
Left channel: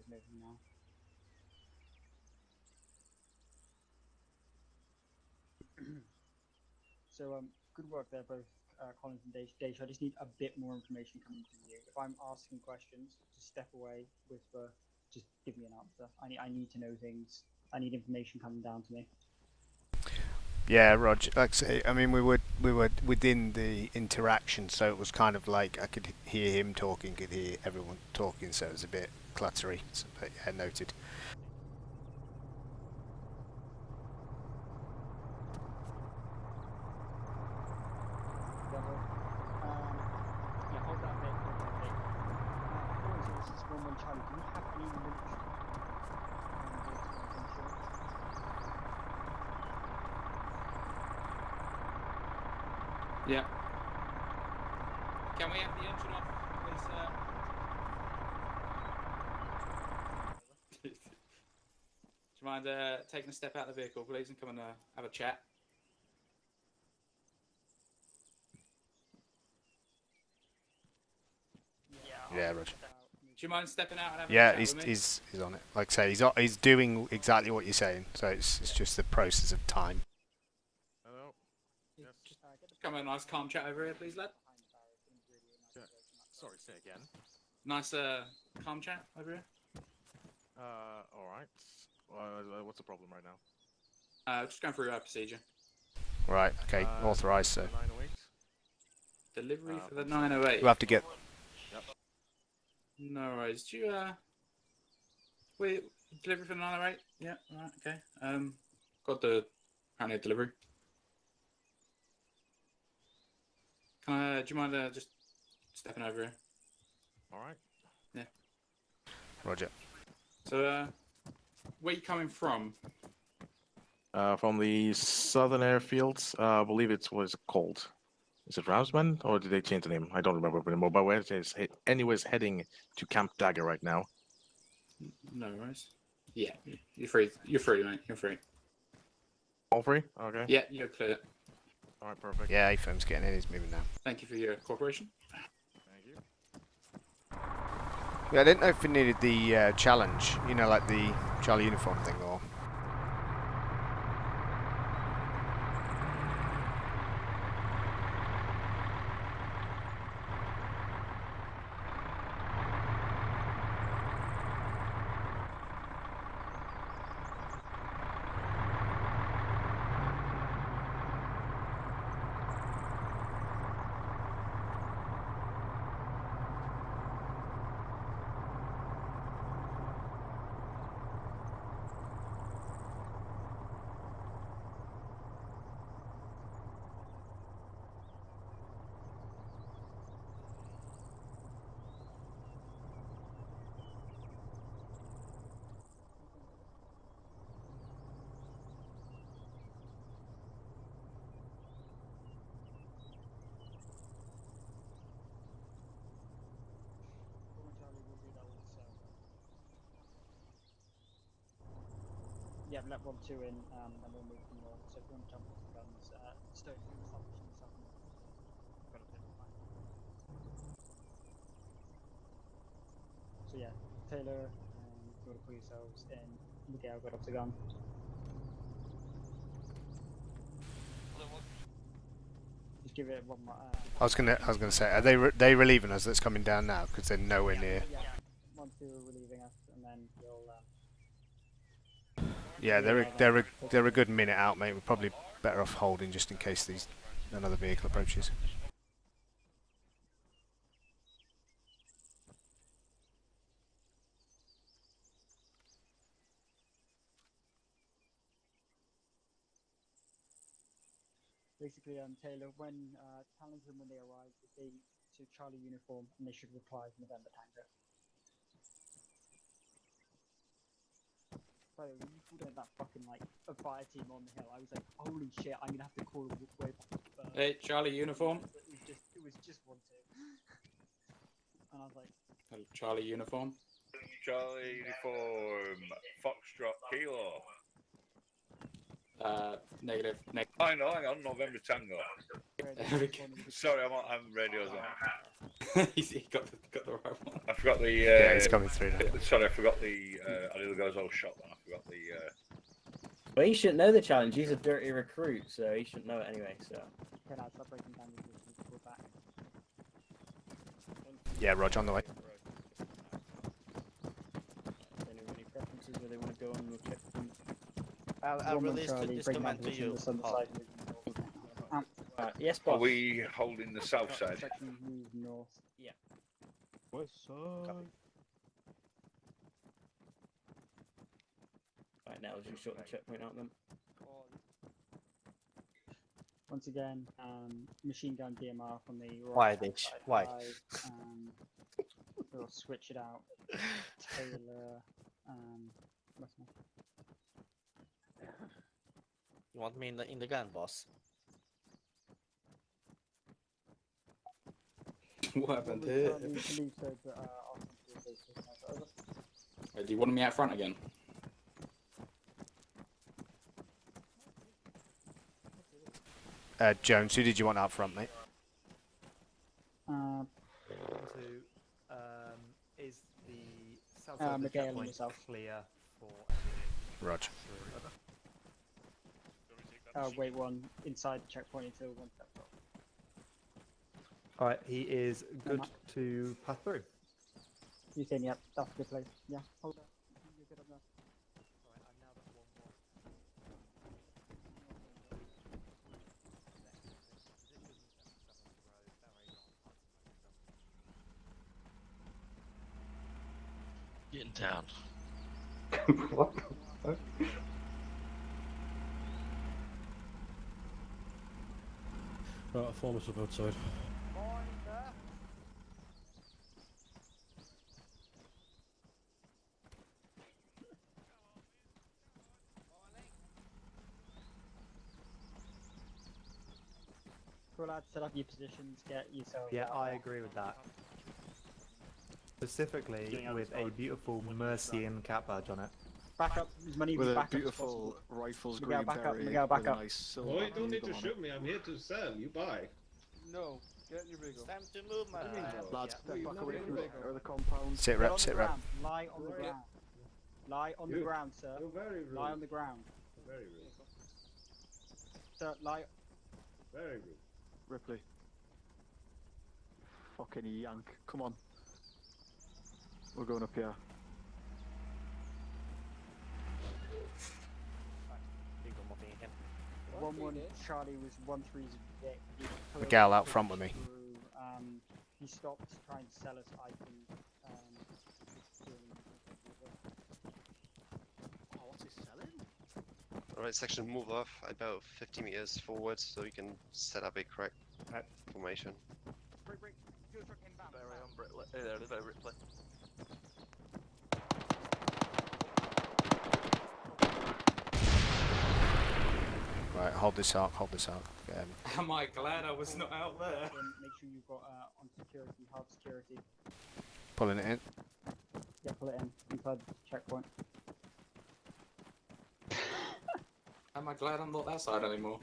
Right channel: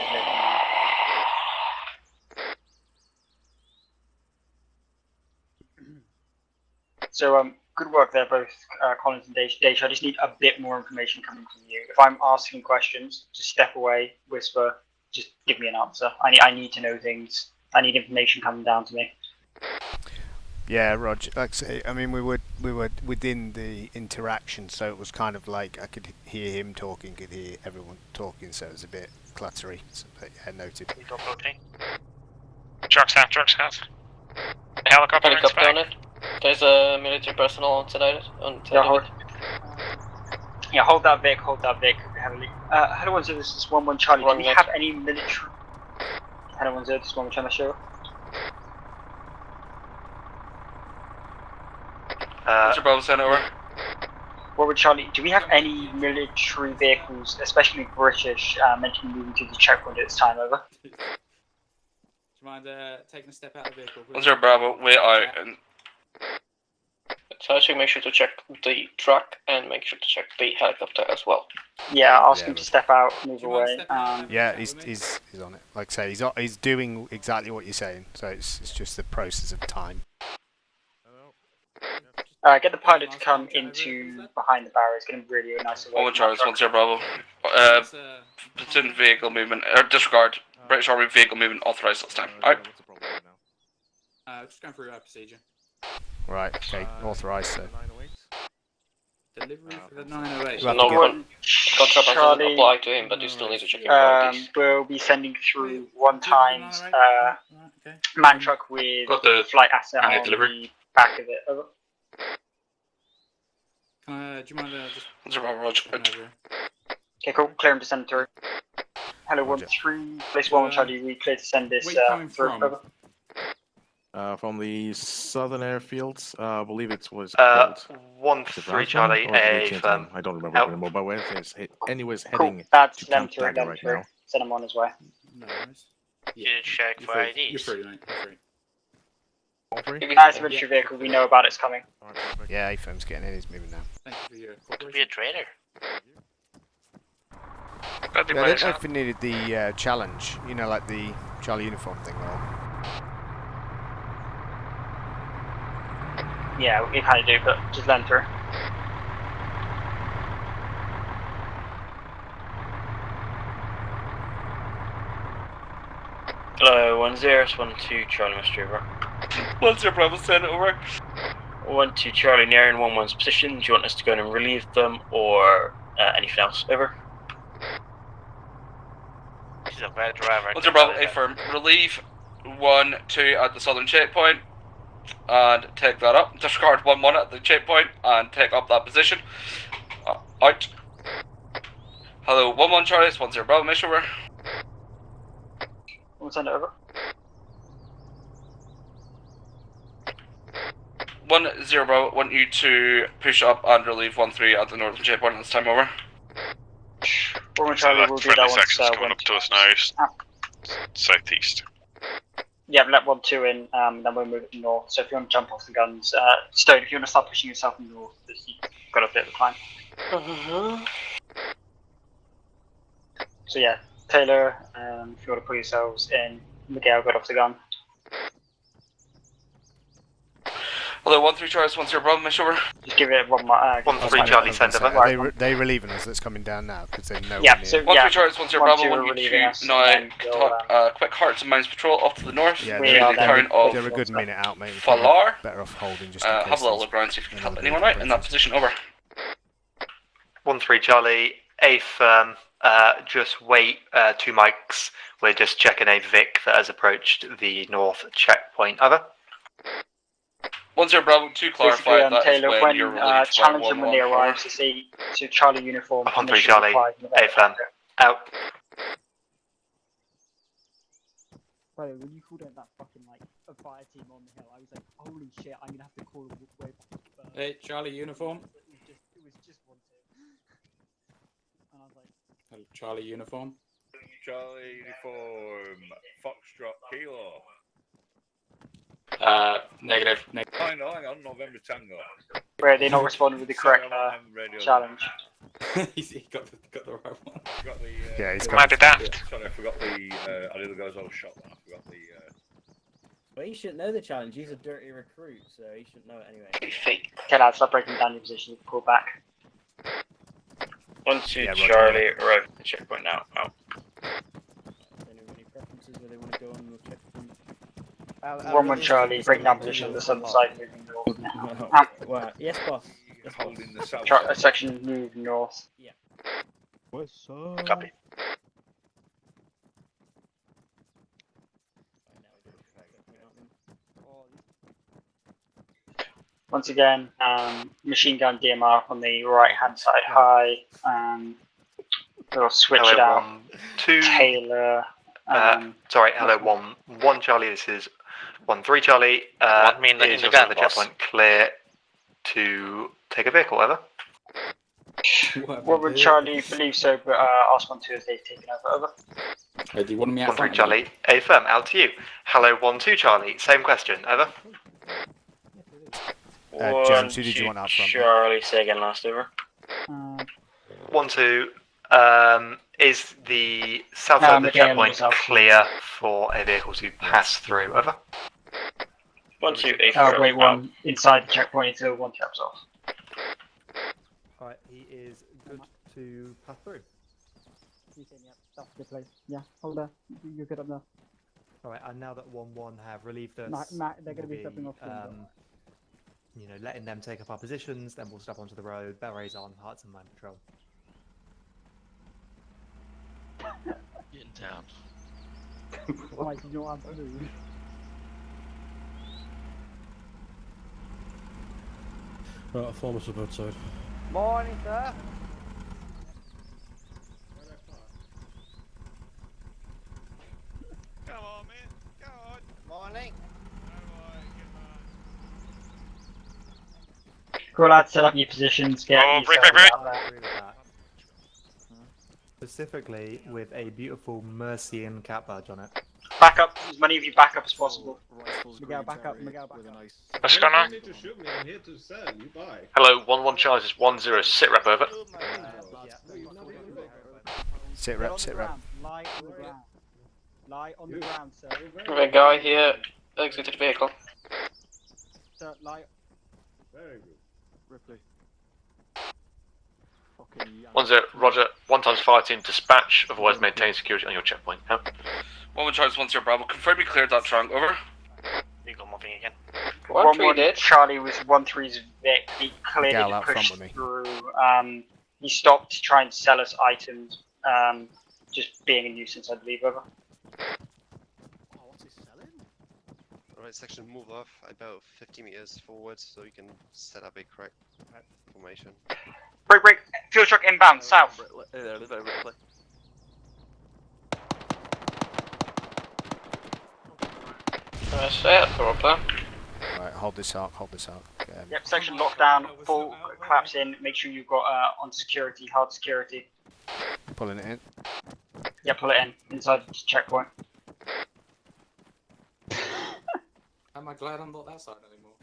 So, good work there, both Collins and Deja. I just need a bit more information coming from you. If I'm asking questions, just step away, whisper, just give me an answer. I need to know things. I need information coming down to me. Yeah, Roger. Like I say, I mean, we were within the interaction, so it was kind of like I could hear him talking, could hear everyone talking, so it was a bit cluttery. So, but yeah, noted. Trucks out. Helicopter on it. There's a military personnel on tonight. Yeah, hold that Vic. Heavily. Hello, this is 1-1 Charlie. Do we have any military? Hello, this is 1-1 Charlie. Show. Mr. Bravo, send over. Robert Charlie, do we have any military vehicles, especially British, meant to be moving to the checkpoint at this time? Over. Do you mind taking a step out of the vehicle, please? Mr. Bravo, we're out. So I should make sure to check the truck and make sure to check the helicopter as well. Yeah, ask him to step out, move away. Yeah, he's on it. Like I say, he's doing exactly what you're saying. So it's just the process of time. Get the pilot to come into behind the barrier. It's going to be really nice. Owen Charles, 1-0 Bravo. Platoon vehicle movement, disregard. British Army vehicle movement authorized this time. Out. What's the problem right now? Just going through our procedure. Right, okay, authorised, so. Delivery for the 908. You have to Contract doesn't apply to him, but you still need to check your IDs. We'll be sending through one times man truck with flight asset on the back of it. Over. Do you mind just over? Okay, cool. Clear him to send through. Hello, 1-3. Place 1 Charlie. We clear to send this through. Over. From the southern airfields, I believe it was called. 1-3 Charlie. I don't remember anymore, but where it's anyways heading to Camp Dagger right now. Send him on his way. No worries. Yeah, check You're for free. IDs. You're free, mate. You're free. All free? As a military vehicle, we know about it's coming. Alright, perfect. Yeah, A-firm's getting in, he's moving now. Thank you for your cooperation. Be a trainer. Yeah, I didn't know if we needed the challenge, you know, like the Charlie uniform thing, or... Yeah, we kind of do, but just let him through. Hello, 1-0, 1-2 Charlie, Mr. Over. 1-0 Bravo, send over. 1-2 Charlie, nearing 1-1's position. Do you want us to go in and relieve them, or anything else? Over. He's a bad driver. 1-0 Bravo, A-firm. Relieve 1-2 at the southern checkpoint, and take that up. Disregard 1-1 at the checkpoint, and take up that position. Out. Hello, 1-1 Charlie, it's 1-0 Bravo, make sure we're... We'll send it over. 1-0 Bravo, want you to push up and relieve 1-3 at the northern checkpoint at this time, over. We'll Charlie, we'll do that once. Sections coming up to us now, southeast. Yeah, let 1-2 in, then we'll move it north. So if you want to jump off the guns, Stone, if you want to start pushing yourself north, you've got a bit of time. So yeah, Taylor, if you want to put yourselves in, Miguel got off the gun. Hello, 1-3 Charles, 1-0 Bravo, make sure. Just give it 1 more. 1-3 Charlie, send them. Are they relieving us that's coming down now? Because they're nowhere near. So, 1-3 Charles, 1-0 Bravo, want you to now quick hearts and mines patrol off to the north. Yeah, they're a good minute out, mate. Falar. Better off holding just in case. Have a little look around, see if you can help anyone out in that position, over. 1-3 Charlie, A-firm, just wait 2 mics. We're just checking a Vic that has approached the north checkpoint. Over. 1-0 Bravo, to clarify that Taylor, is when you're relieved. challenge them when they arrive to see to Charlie uniform. 1-3 Charlie, A-firm, out. Bro, when you called out that fucking like a fire team on the hill, I was like, holy shit, I'm gonna have to call them way back. Hey, Charlie uniform. It was just one Charlie uniform. Charlie uniform. Foxtrot Kilo. Negative. Hang on, November Tango. Where they not responding with the Sorry, correct I'm on radio. challenge. He got the right one. I forgot the. Yeah, he's got might it. be daft. Sorry, I forgot the. I did the guy's old shot one. I forgot the. Well, he shouldn't know the challenge. He's a dirty recruit, so he shouldn't know it anyway. Okay, lads, stop breaking down your position. Pull back. 1-2 Yeah, Roger, Charlie, anyway. arrive at the checkpoint now. Out. Any preferences where they want to go on the checkpoint? 1-1 Charlie, breaking down position on the southern side, moving north. Well, yes, Are boss. we holding the south Char- side? section move north. Yeah. Copy. Right, now we'll just sort the checkpoint out then. Once again, machine gun DMR on the right hand side high. We'll switch it out. 2. Taylor. Sorry, hello, 1 Charlie. This is 1-3 Charlie. Want me in the is gun, also the boss? checkpoint clear to take a vehicle, over? What would Charlie believe so, but ask 1-2 as they've taken over. Do you want me out 1-3 front? Charlie. Affirm, out to you. Hello, 1-2 Charlie. Same question, over. Jones, who did you want out front? Charlie, say again last over. 1-2. Is the south No, side of the Miguel checkpoint was out. clear for a vehicle to pass through, over? 1-2 Wait, one inside the checkpoint until one traps off. Alright, he is good to pass through. You saying, yep, that's a good place. Yeah, hold there. You're good up there. Alright, and now that 1-1 have relieved us, Matt, they're going to be we'll stepping off. you know, letting them take up our positions, then we'll step onto the road, berets on, hearts and mind control. Getting down. Why, you know what I'm doing? Right, I'll form us up outside. Morning, sir. Come on, man. Come on. Morning. Go lads, set up your positions. Get Oh, break. I agree with that. Specifically with a beautiful Mercian cat badge on it. Back up as many of you back up as possible. Miguel, back up. Miguel, back up. What's going on? You don't need to shoot me. I'm here to sell. You buy. Hello, 1-1 Charlie, this is 1-0, sit rep, over. Sit rep, sit rep. Lie on the ground. Lie on the ground, sir. The guy here exited vehicle. Sir, lie. Very good. Ripley. 1-0, roger, 1x fire team dispatch, otherwise maintain security on your checkpoint. Yeah. 1-1 Charlie, 1-0 Bravo, confirm you cleared that trunk, over. You got moving again. 1-1 did. Charlie was 1-3's Vic. He clearly Gal out pushed front with me. through. He stopped to try and sell us items. Just being a nuisance, I believe. Over. Alright, section, move off about 50 meters forward so you can set up a correct formation. Break. Fuel truck inbound, south. Right, hold this out, hold this out. Yep, section lockdown, full collapse in. Make sure you've got on security, hard security. Pulling it in. Yeah, pull it in inside the checkpoint. Am I glad I'm not that side anymore?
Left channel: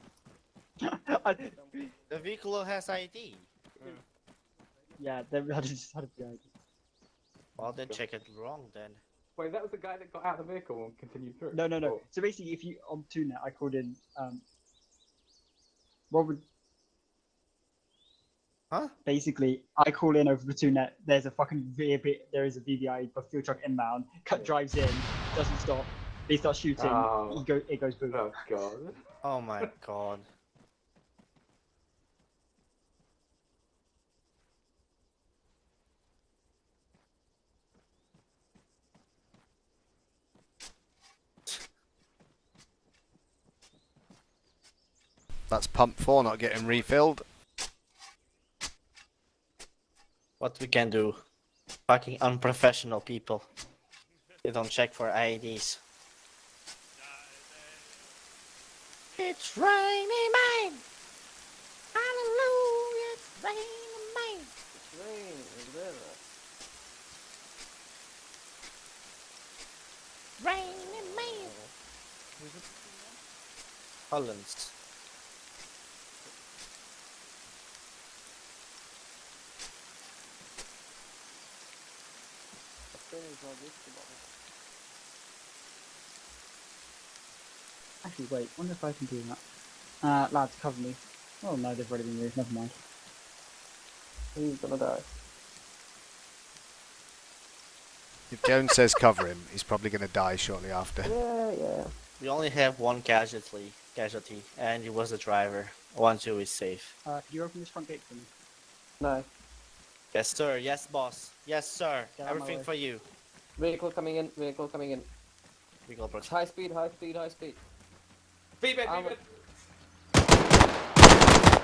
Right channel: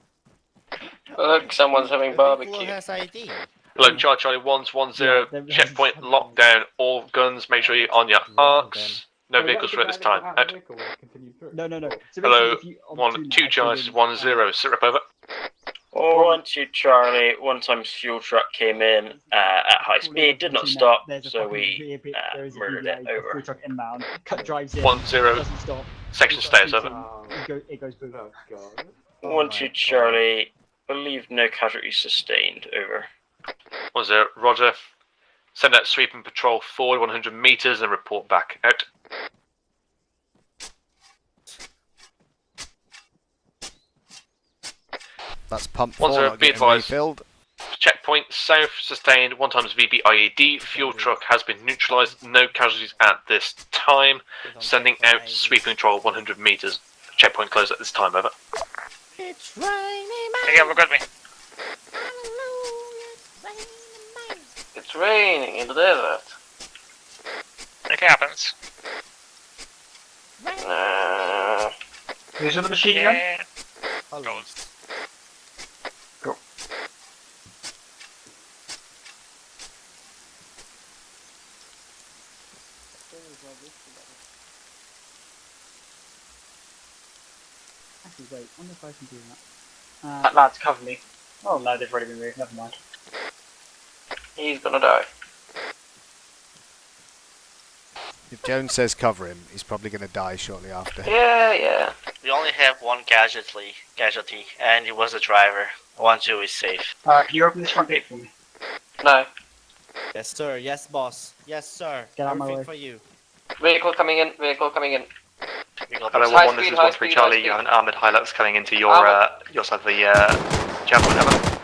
Look, someone's having barbecue. has ID. Hello, Charlie 1-1-0, checkpoint lockdown, all guns, make sure you're on your arcs. No vehicles through at this time. Out. No. So Hello, basically, if you, on 1-2 Charlie, 1-0, sit rep, over. 1-2 Charlie, one time fuel truck came in basically, at I high call in speed, over did the not two stop, There's a so fucking we there is a murdered VDA, it a over. fuel truck inbound. Drives in. 1-0, Doesn't stop. section He starts stays, over. shooting, It goes boom. Oh god. 1-2 Charlie, believe no casualties sustained, over. 1-0, roger. Send out sweeping patrol forward 100 meters and report back. Out. That's pump 4 1-0, not be getting advised. refilled. Checkpoint south, sustained, 1x VB IED. Fuel truck has been neutralised, no casualties at this time. Sending out sweeping patrol 100 meters. Checkpoint closed at this time, over. It's raining man. Again, forgot me. Hallelujah, it's raining man. It's raining in the desert. It happens. Who's with the machine gun? Hello. Go. Actually, wait. Wonder if I can do that. That lad's covered me. Oh no, they've already been moved. Never mind. He's gonna die. If Jones says cover him, he's probably going to die shortly after. Yeah. We only have one casualty, and it was the driver. 1-2 is safe. Can you open this front gate for me? No. Yes, sir. Yes, boss. Yes, sir. Get out of my Everything way. for you. Vehicle coming in. Vehicle coming in. Hello, High 1-1, this speed, is high 1-3 speed, Charlie. high You have speed. an armoured Hilux coming into Speed, your side of the javelin.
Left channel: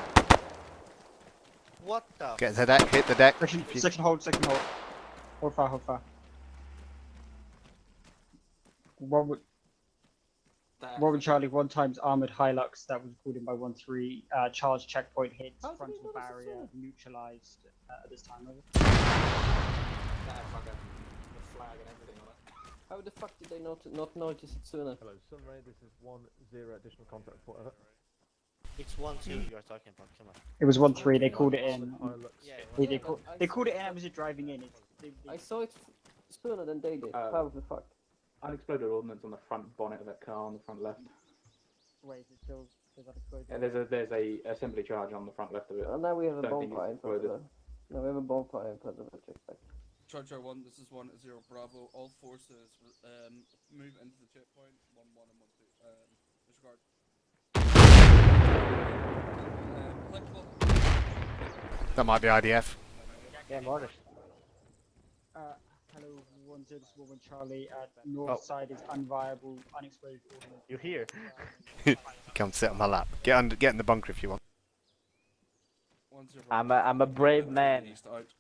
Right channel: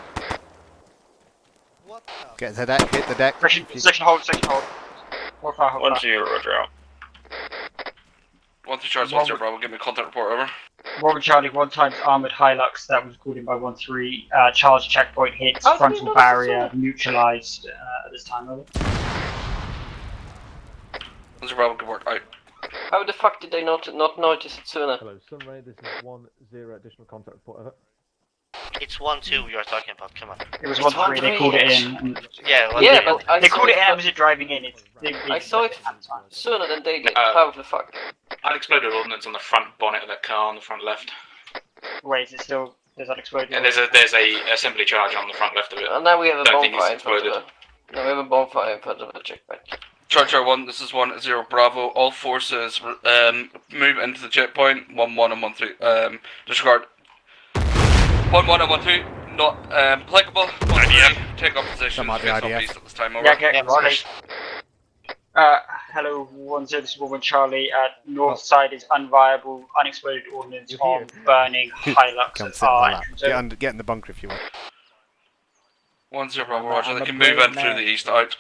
What the? Get the deck, hit the deck. Section hold, section hold. Hold fire, hold fire. 1-0, roger out. 1-3 Charlie, 1-0 Bravo, give me a contact report, over. Robert Charlie, 1 times armoured Hilux that was called in by 1-3. Charles checkpoint hits, frontal barrier neutralised at this time, over. 1-0 Bravo, good work, out. How the fuck did they not notice it sooner? Hello, Sunray, this is 1-0 additional contact report, over. It's 1-2 you're talking about, come on. It was 1-3, they called it in. And Yeah, but I they saw called it in it- and was it driving in? I saw it sooner than they did. Uh, How the fuck? Unexploded ordnance on the front bonnet of that car on the front left. Wait, is it still... Does that explode? And there's a assembly charge on the front left of it. And now we have a Don't think it's bonfire in front of exploded. the... No, we have a bonfire in front of the checkpoint. Charlie 1, this is 1-0 Bravo. All forces move into the checkpoint. 1-1 and 1-3. Disregard. 1-1 and 1-2. Not applicable. 1-3. Take up position. That might be IDF. At this time, over. Yeah, okay, right. Hello, 1-0, this is 1-1 Charlie. North side is unviable, unexploded ordnance on burning Hilux. Come sit on my lap. Get in the bunker if you want. 1-0 Bravo, I'm roger. a They can move brave in through man. the east, out.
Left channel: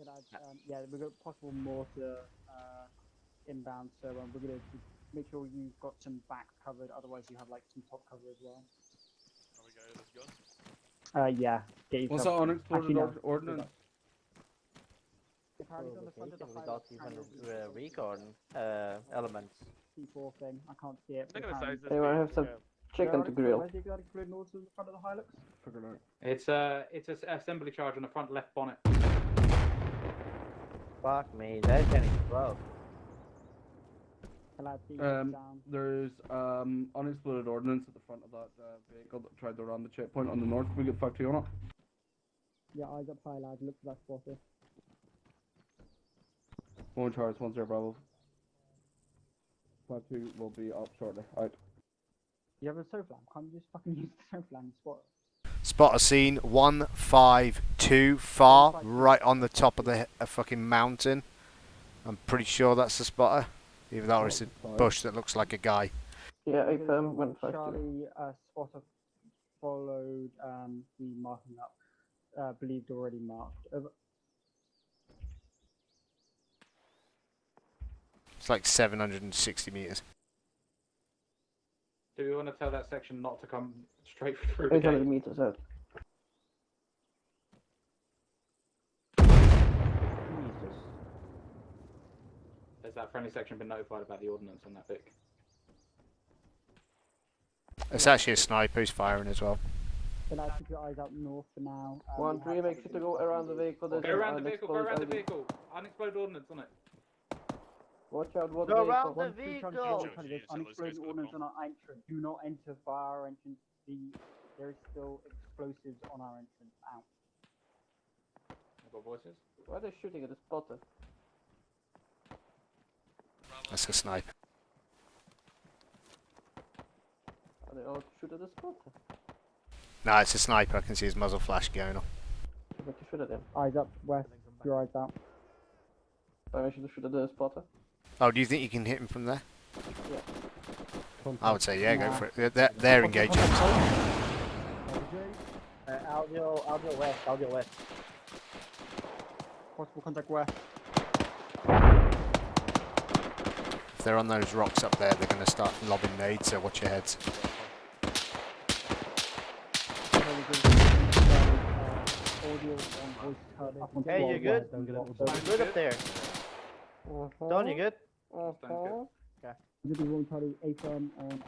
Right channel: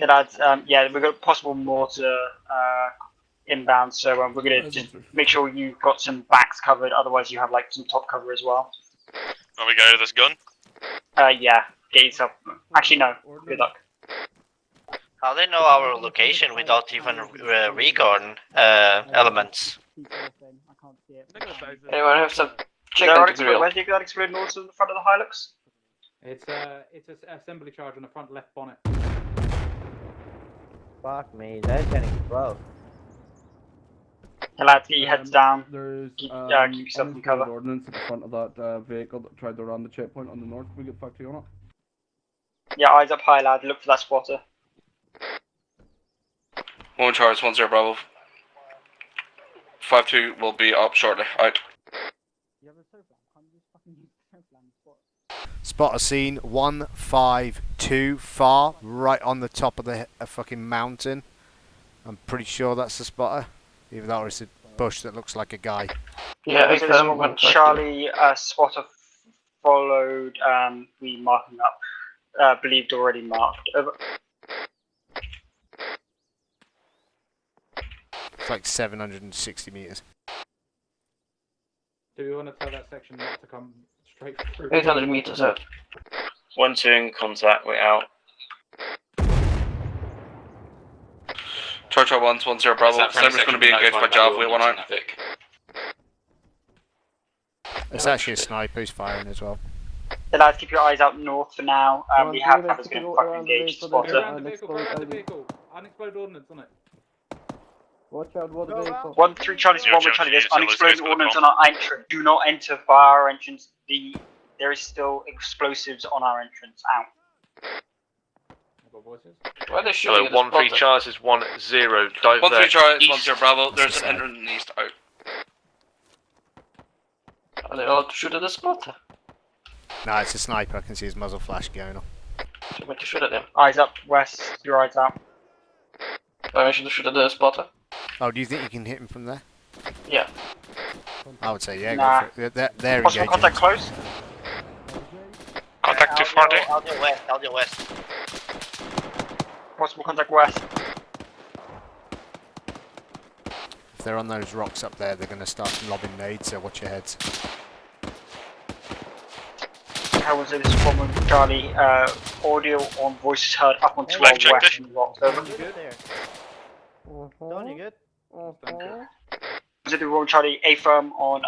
Okay, lads, yeah, we've got possible mortar inbound, so we're going to just make sure you've got some backs covered, otherwise you have like some top cover as well. Are we going to this gun? Yeah, get yourself. Actually, no, good luck. How they know our location without even recon elements? I can't see it. Anyone have some Where's the unexploded mortar in the front of the Hilux? It's an assembly charge on the front left bonnet. Fuck me, that's getting close. Okay, lads, get your heads down. There's Keep yourself in unexploded cover. ordnance at the front of that vehicle that tried to run the checkpoint on the north. Can we get back to you on it? Yeah, eyes up high, lad. Look for that spotter. 1 Charles, 1-0 Bravo. 5-2 will be up shortly, out. You have a sofa lamp. Can't you just fucking use the sofa lamp spot? Spot a scene 152 far, right on the top of the fucking mountain. I'm pretty sure that's the spotter. Either that or it's a bush that looks like a guy. Yeah, Okay, this is 1-1 Charlie, spotter followed, we marking up. Believed already marked. Over. It's like 760 meters. Do we want to tell that section not to come straight through? 800 meters out. 1-2 in contact, we're out. Charlie 1-0 Bravo. Sniper's going to be engaged by Java, we want out. It's actually a sniper who's firing as well. Yeah, lads, keep your eyes out north for now. We have hammers getting fucking engaged. Spotter. Around the vehicle. Unexploded ordnance on it. Watch out, what the vehicle. 1-3 Charlie, 1-1 Charlie. There's unexploded ordnance on our entrance. Do not enter via our entrance. There is still explosives on our entrance. Out. Why are they Hello, shooting at the 1-3 spotter? Charles is 1-0. Dive 1-3 there. Charlie, East. 1-0 Bravo. That's There's the an side. entrance in the east, out. Are they allowed to shoot at the spotter? No, it's a sniper. I can see his muzzle flash going on. Do you want to shoot at them? Eyes up, west. Your eyes out. Permission to shoot at the spotter? Oh, do you think you can hit him from there? Yeah. I would say yeah, Nah. go for it. They're Possible engaging. contact close. Contact 240. Out the west. Possible contact west. If they're on those rocks up there, they're going to start lobbing nades, so watch your heads. How was it? This is 1-1 Charlie. audio on voices heard up onto our Live check west this. blocks. Good up there. Don, you good? Zulu Roll Charlie, A firm on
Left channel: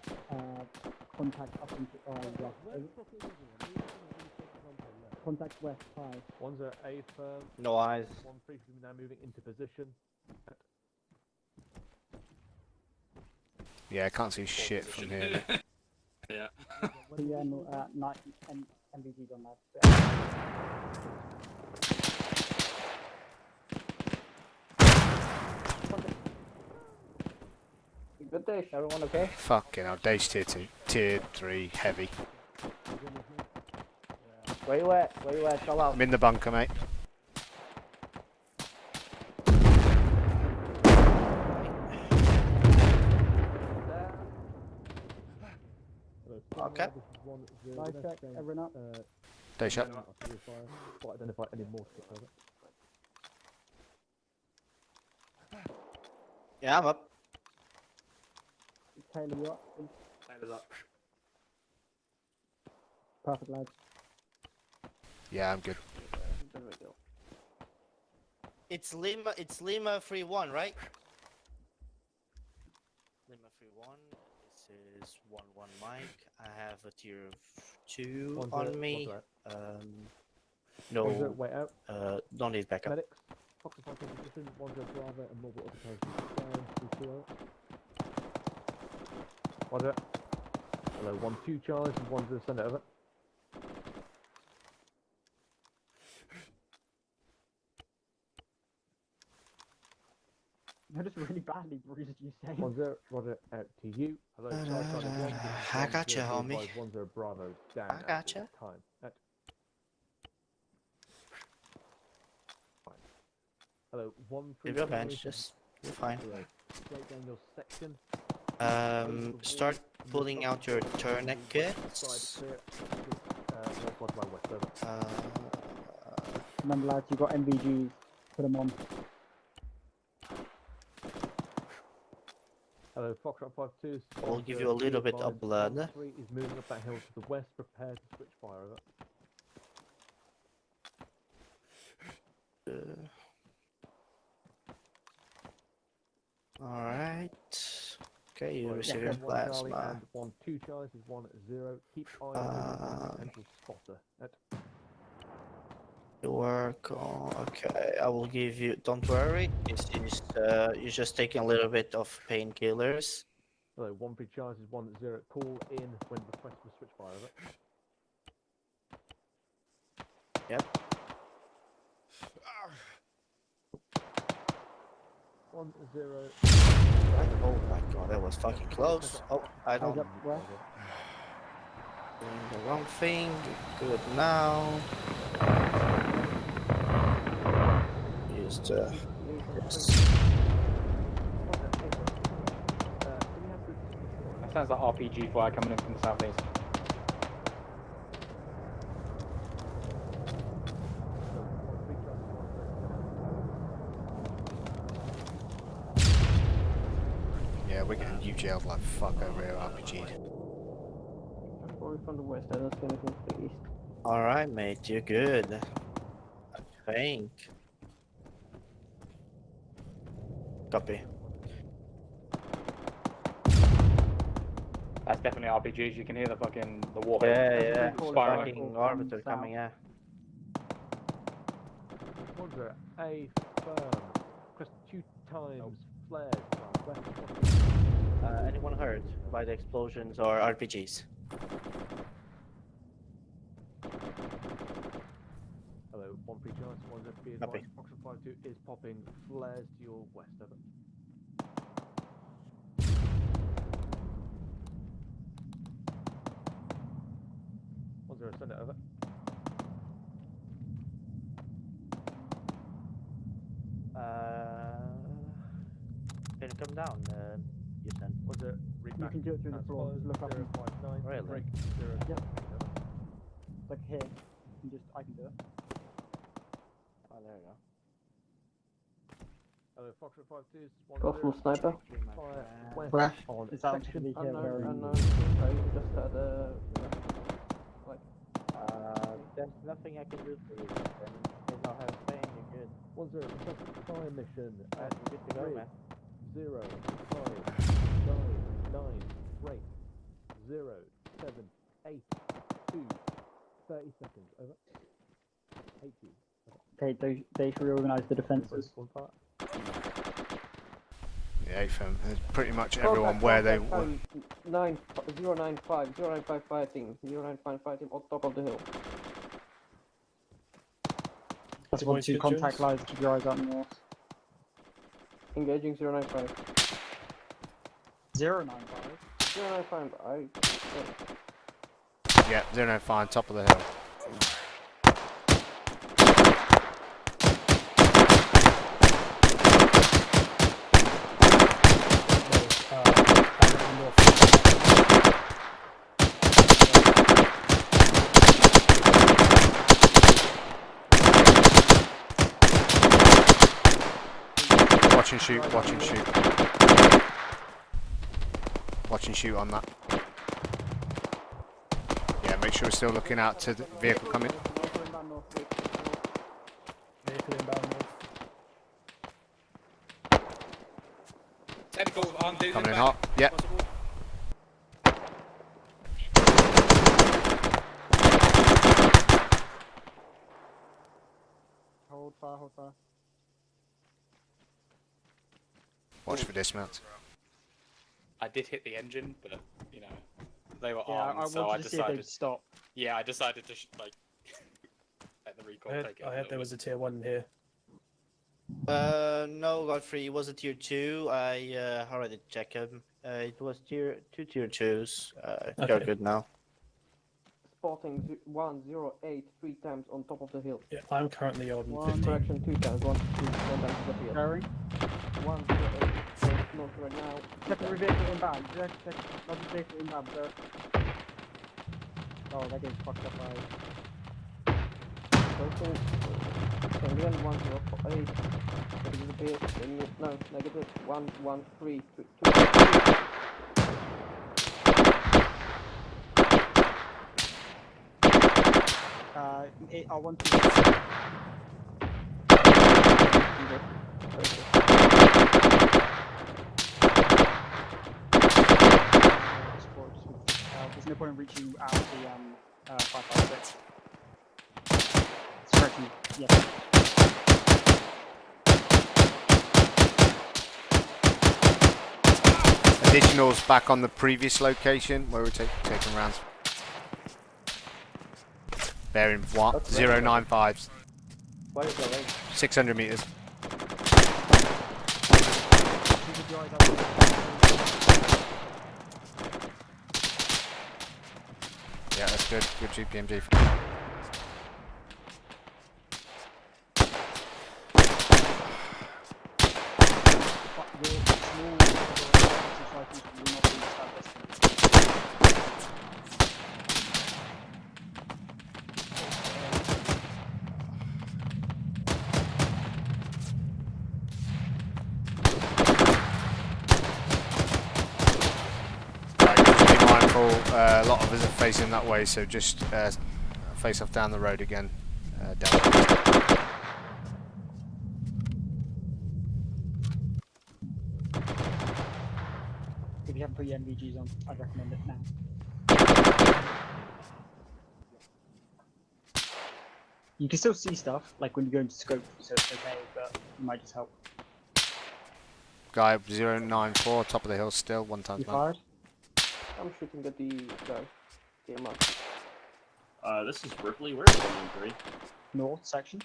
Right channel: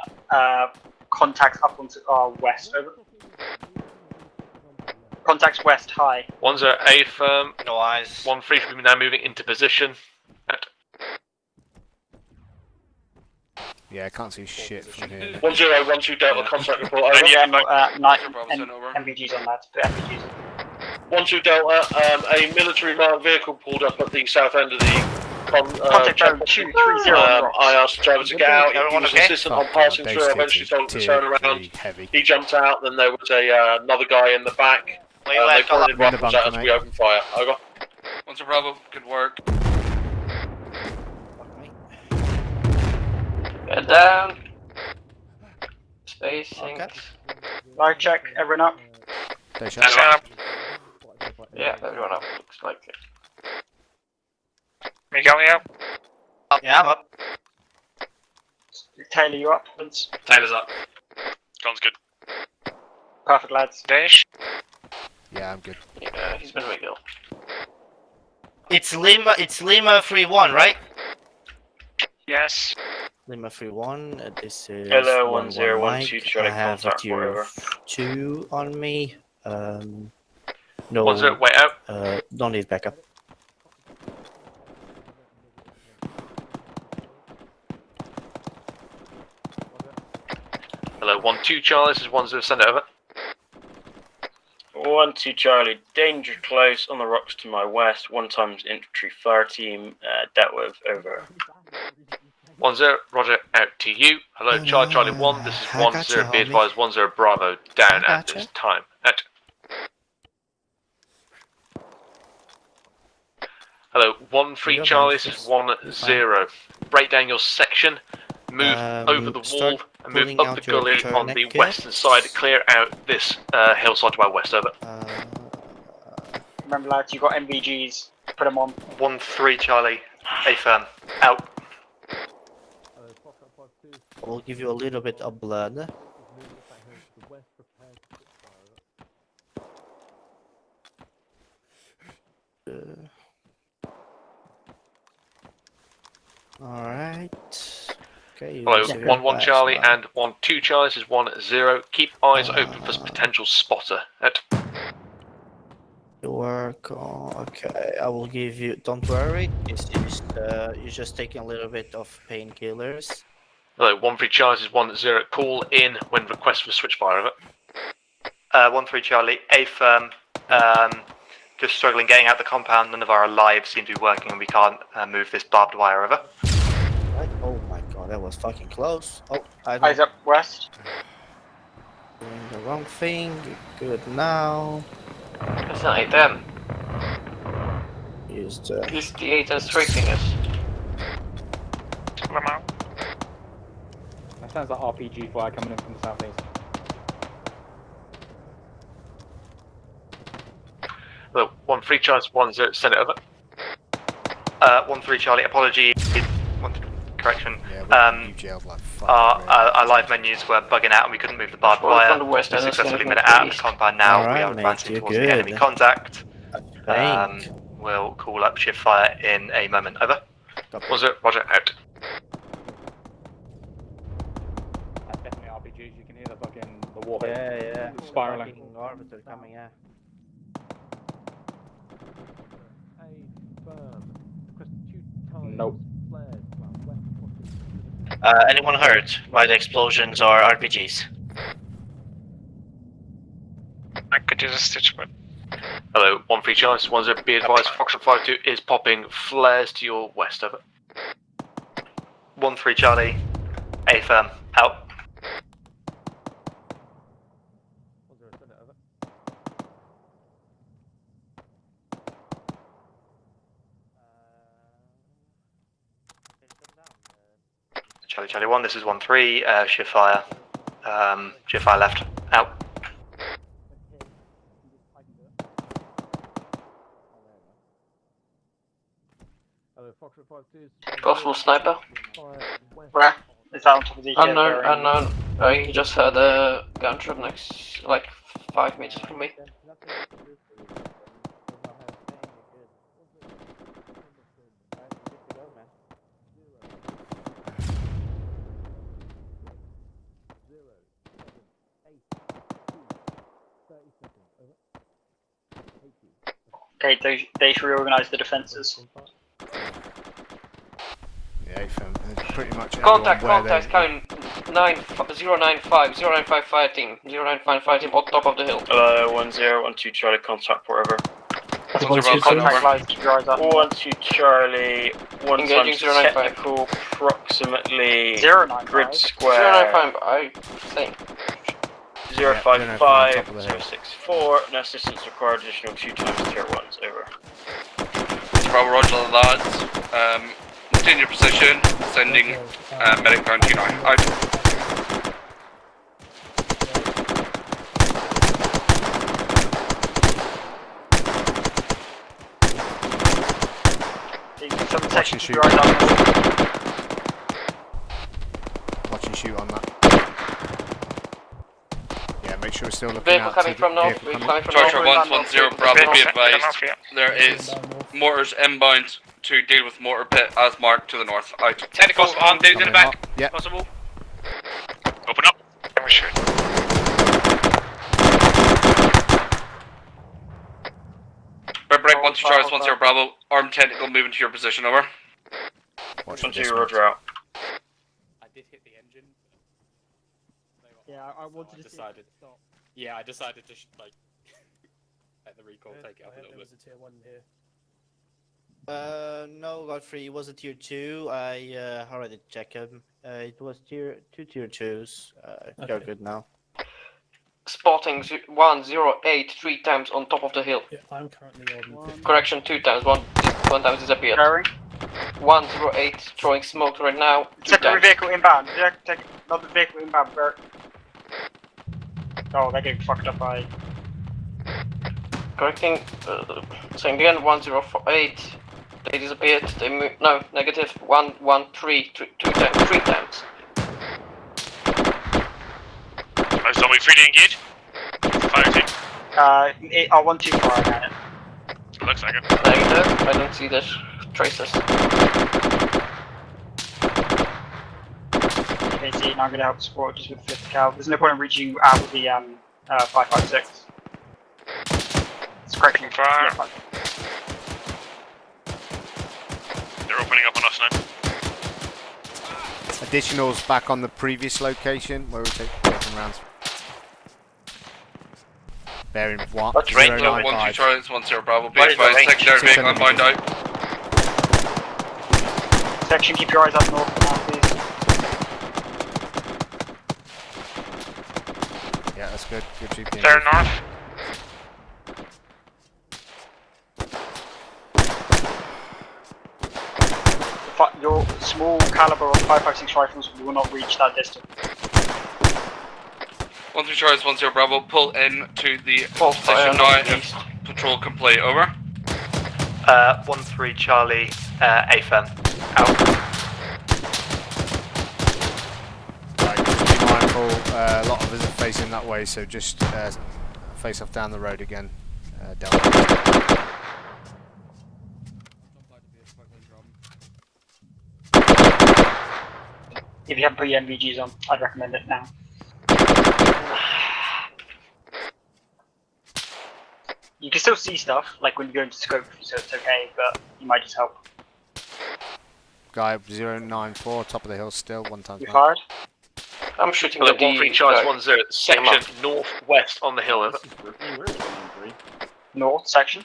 contacts up onto our west. Over. Contacts west, high. 10 A firm. No eyes. 13 should be now moving into position. Yeah, I can't see shit from here. 1012 Delta contact report over. Yeah, MVGs on that. MVGs. 12 Delta, a military manned vehicle pulled up at the south end of the Contact zone 230 I asked the driver to get out. He Everyone was okay? insistent on Fuck yeah, passing through. I eventually told him to turn around. heavy. He jumped out, then there was another guy in the back. Where They you at? pointed I'm in the rifles at bunker, us, mate. we opened fire. Over. 1 Bravo, good work. Get down. Spacing. Okay. Live check, everyone up. Day shot. Yeah, everyone up. Looks like it. Miguel, yeah. Yeah, I'm up. Taylor, you up? Taylor's up. Sounds good. Perfect, lads. Dash. Yeah, I'm good. Yeah, he's been Miguel. It's Lima 3-1, right? Yes. Lima 3-1. This is Hello, 1-1 1012 Mike. Charlie, I have a contact tier wherever. of 2 on me. No. 10, wait out. Don't need backup. Hello, 12 Charlie, this is 10, send it over. 12 Charlie, danger close on the rocks to my west. 1 times infantry fire team dealt with. Over. 10, roger, out to you. Hello, Charlie 1, this is I 10, gotcha, be homie. advised 10 Bravo, down I at gotcha. this time. Out. Hello, 13 Good, Charlie, man. this is 10. Break down your section, move over the wall, start and move pulling up out the your gully on the tourniquet. western side, clear out this hillside to our west, over. Remember, lads, you got MVGs. Put them on. 13 Charlie, A firm, out. I'll give you a little bit of blood. Alright. Okay, Hello, use your 1 Charlie plasma. and 12 Charlie, this is 10. Keep eyes open for potential spotter. Out. Work on. Okay, I will give you. Don't worry. It's just you're just taking a little bit of painkillers. Hello, 13 Charlie, this is 10. Call in when request for switch fire, over. 13 Charlie, A firm, just struggling getting out the compound. None of our alive seem to be working and we can't move this barbed wire over. Oh my god, that was fucking close. Oh, Eyes up west. Doing the wrong thing. Do it now. It's not them. Use the. This D8 has trickiness. That sounds like RPG fire coming in from the southeast. Hello, 13 Charlie, 10. Send it over. 13 Charlie, apology. Correction. Yeah, you jailed like fuck. Our live menus were bugging out and we couldn't move the barbed wire. on the west We end, that's successfully like made it out of the east. compound now. Alright, We are mate, advancing you're towards the enemy good. contact. Thank. We'll call up shift fire in a moment. Over. Copy. Roger, out. That's definitely RPGs. You can hear the fucking warhead Yeah. spiraling. Fucking orbiter coming, yeah. Nope. Anyone hurt by the explosions or RPGs? I could use a stitch, but... Hello, 13 Charlie, this is 10. Be advised, Foxtrot 52 is popping flares to your west, over. 13 Charlie, A firm, out. Can you come down? Charlie 1, this is 13, shift fire. Shift fire left, out. Got from sniper. Where? It's out to the Unknown. You just had a gunshot next, like 5 meters from me. Okay, they should reorganize the defences. Yeah, from pretty much everyone Contact, where contact, they. count 095 fighting, 095 fighting on top of the hill. 1012 Charlie, contact wherever. That's 1-2 contact lines, keep your eyes out. 12 Charlie, one Engaging times 095. technical, approximately 095. grid square. 095, I think. 055, 095, top of the hill. 064, no assistance required, additional 2 ones, over. Bravo, roger that. Maintain your position, sending medic down T9. Out. Watch and shoot. Watch and shoot on that. Yeah, make sure we're still looking Vehicle out to coming the from north, vehicle coming. Charger 110, Bravo, be advised. There is mortars inbound to deal with mortar pit as marked to the north. Out. Tentacles on, dude, in the Coming back. hot. Yep. Possible. Open up. And we shoot. Break 1 2 Charles 10 Bravo. Armed tentacle moving to your position, over. Watch for 1 this 2 one. Roger out. I did hit the engine, but you know, they were Yeah, armed, I so I wanted to see if decided. they'd stop. Yeah, I decided to like let the recall take it. I heard there was a tier 1 here. No, Godfrey, it was a tier 2. I already checked him. It was tier 2s. They're Okay. good now. Spotting 108 3 times on top of the hill. Yeah, I'm currently on. Correction, 2 times, one time disappeared. Carry. 108 throwing smoke right now. 2 Secondary times. vehicle inbound. Another vehicle inbound. Where? Oh, they get fucked up by. Correcting, saying again, 108. They disappeared. They moved. No, negative. 113 2 times. 3 times. Somebody freely engaged. Fire team. I want to fire at it. Looks like it. I didn't see the traces. I'm going to help support just with 50 cal. There's no point in reaching out with the 556. It's correcting fire. Yeah. They're opening up on us now. Additionals back on the previous location where we're taking rounds. Bearing what? That's right, 095. 1 2 Bravo. Be advised, secondary vehicle 600 inbound meters. out. Section, keep your eyes up north now, please. Yeah, that's good. Good GPM. They're north. Your small caliber of 556 rifles will not reach that distance. 1 2 Charles 10 Bravo. Pull in to the Full position fire. now and patrol complete. Over. 1-3 Charlie, AFM. Out. Right, just be mindful, a lot of us are facing that way, so just face off down the road again. Down. If you have pre-MVGs on, I'd recommend it now. You can still see stuff, like when you go into scope, so it's okay, but you might just help. Guy 094, top of the hill still, 1 times. You fired? I'm shooting Well, the 1-3 Charles D. 10, section northwest on the hill. Over. North section.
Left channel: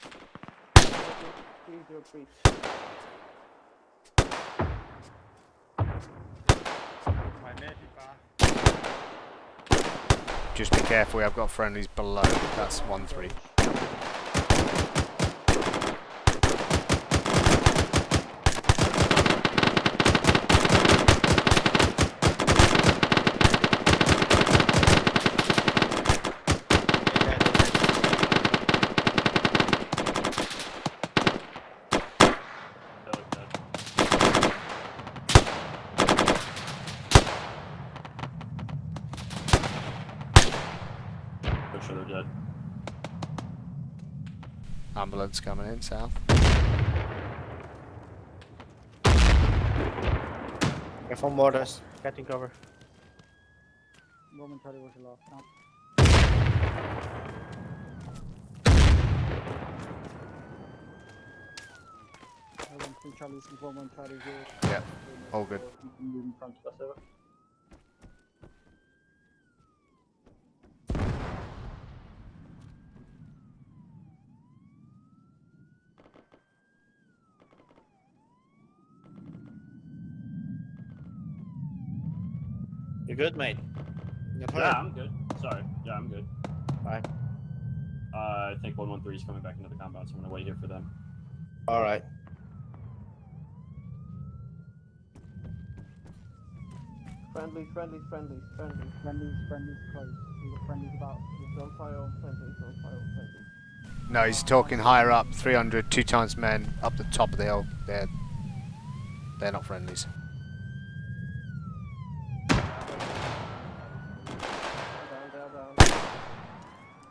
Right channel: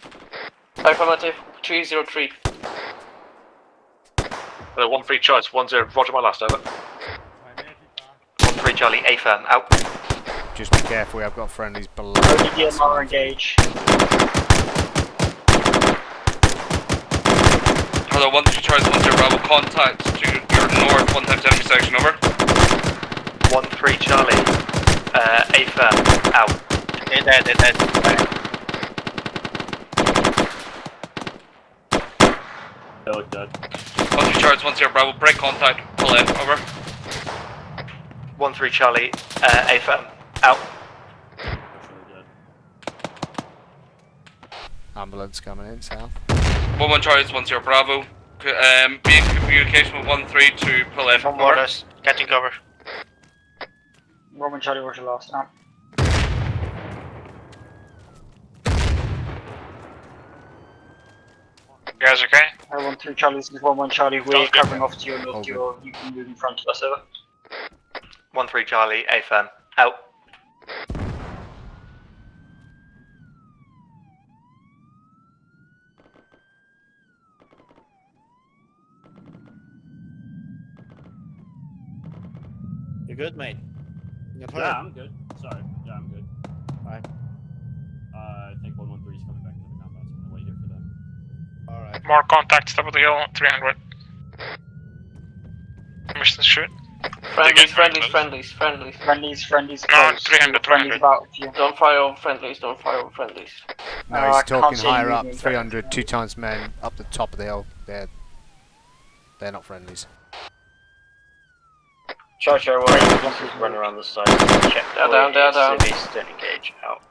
Affirmative, 303. 1-3 Charles 10, roger my last, over. 1-3 Charlie, AFM. Out. Just be careful, I've got friendlies below. Only That's DMR 1-3. engage. Hello, 1 2 Charles 10 Bravo. Contact to your north 1 times intersection. Over. 1-3 Charlie, AFM. Out. They're dead. 1 2 Charles 10 Bravo. Break contact. Pull in. Over. 1-3 Charlie, AFM. Out. Ambulance coming in south. 1-1 Charlie is 1-0 Bravo. Be in communication with 1-3 to pull in. From borders, getting cover. Roman Charlie, what's your last out? You guys okay? 1-3 Charlie, this is 1-1 Charlie. We're covering off to your north. You can move in front of us, over. 1-3 Charlie, A firm. Out. You good, mate? Yeah, I'm good. Sorry. Yeah, I'm good. Alright. I think 113 is coming back into the compound, so I'm gonna wait here for them. Alright. More contacts, top of the hill, 300. Mission shoot. Friendlies. No, Close. 300. About you. Don't fire on friendlies, No, he's talking higher up, 300, 2 times men, up the top of the hill. They're not friendlies. Charge our way, run around the side. Check Down. Steady gauge, out.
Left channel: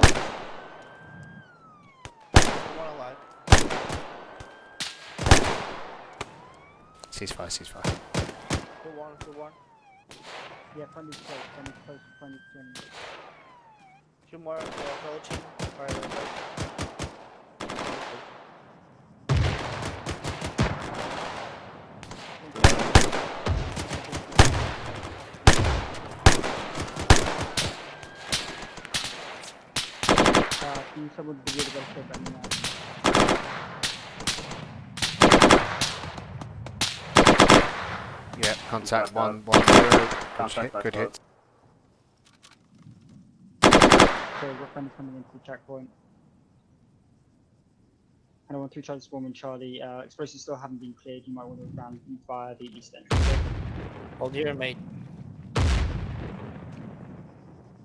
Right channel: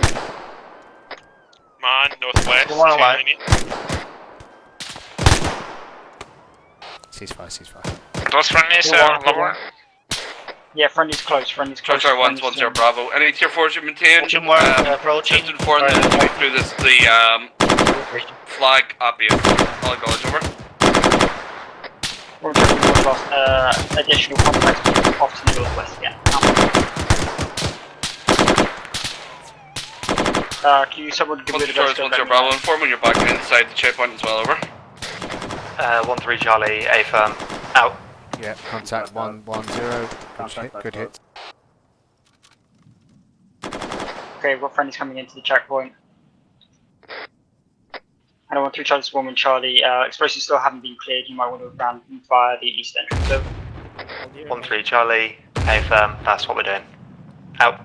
Come on, northwest. Come on, alive. Ceasefire. Those friendlies lower. Yeah, friendly's close. Charlie 1-1-0 Bravo. Any tier 4s you maintain? Approaching. Just inform them to move through this, the flag up here. Flag college over. Additional contacts off to the northwest again. Can you someone give me the rest of 1-0 Bravo. Inform when you're back inside the checkpoint as well, over. 1-3 Charlie, A firm. Out. Yeah, contact 1-1-0. Good hit. Okay, we've got friendlies coming into the checkpoint. And 1-3 Charlie, 1-1 Charlie. Explosives still haven't been cleared. You might want to run via the east entrance. So. 1-3 Charlie, A firm. That's what we're doing. Out.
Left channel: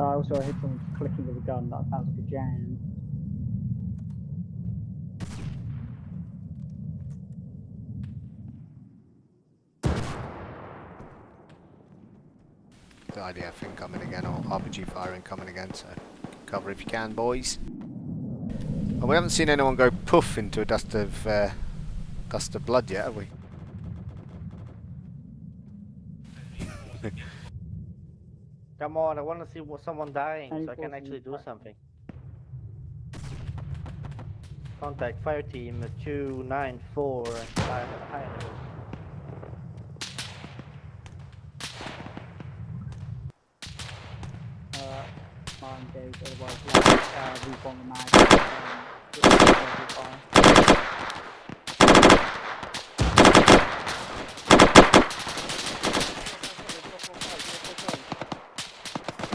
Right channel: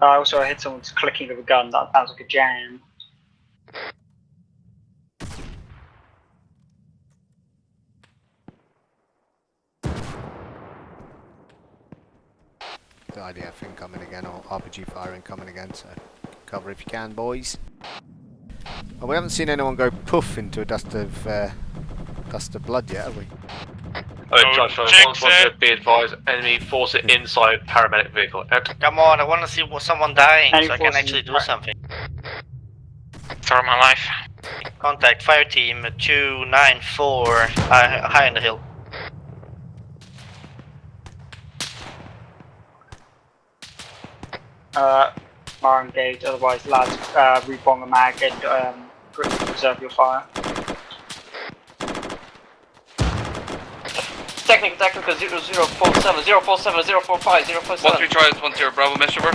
Also, I hit someone's clicking of a gun. That sounds like a jam. The IDF incoming again, or RPG fire incoming again, so cover if you can, boys. Well, we haven't seen anyone go poof into a dust of blood yet, have we? Be advised, enemy force it inside paramedic vehicle. Come on, I want to see someone dying so I can actually do something. For my life. Contact fire team 294 high on the hill. Are engaged, otherwise lads, rebong the mag and reserve your fire. Second, 0047, 047, 045, 047. 1-3 Charlie 1-0 Bravo, messenger.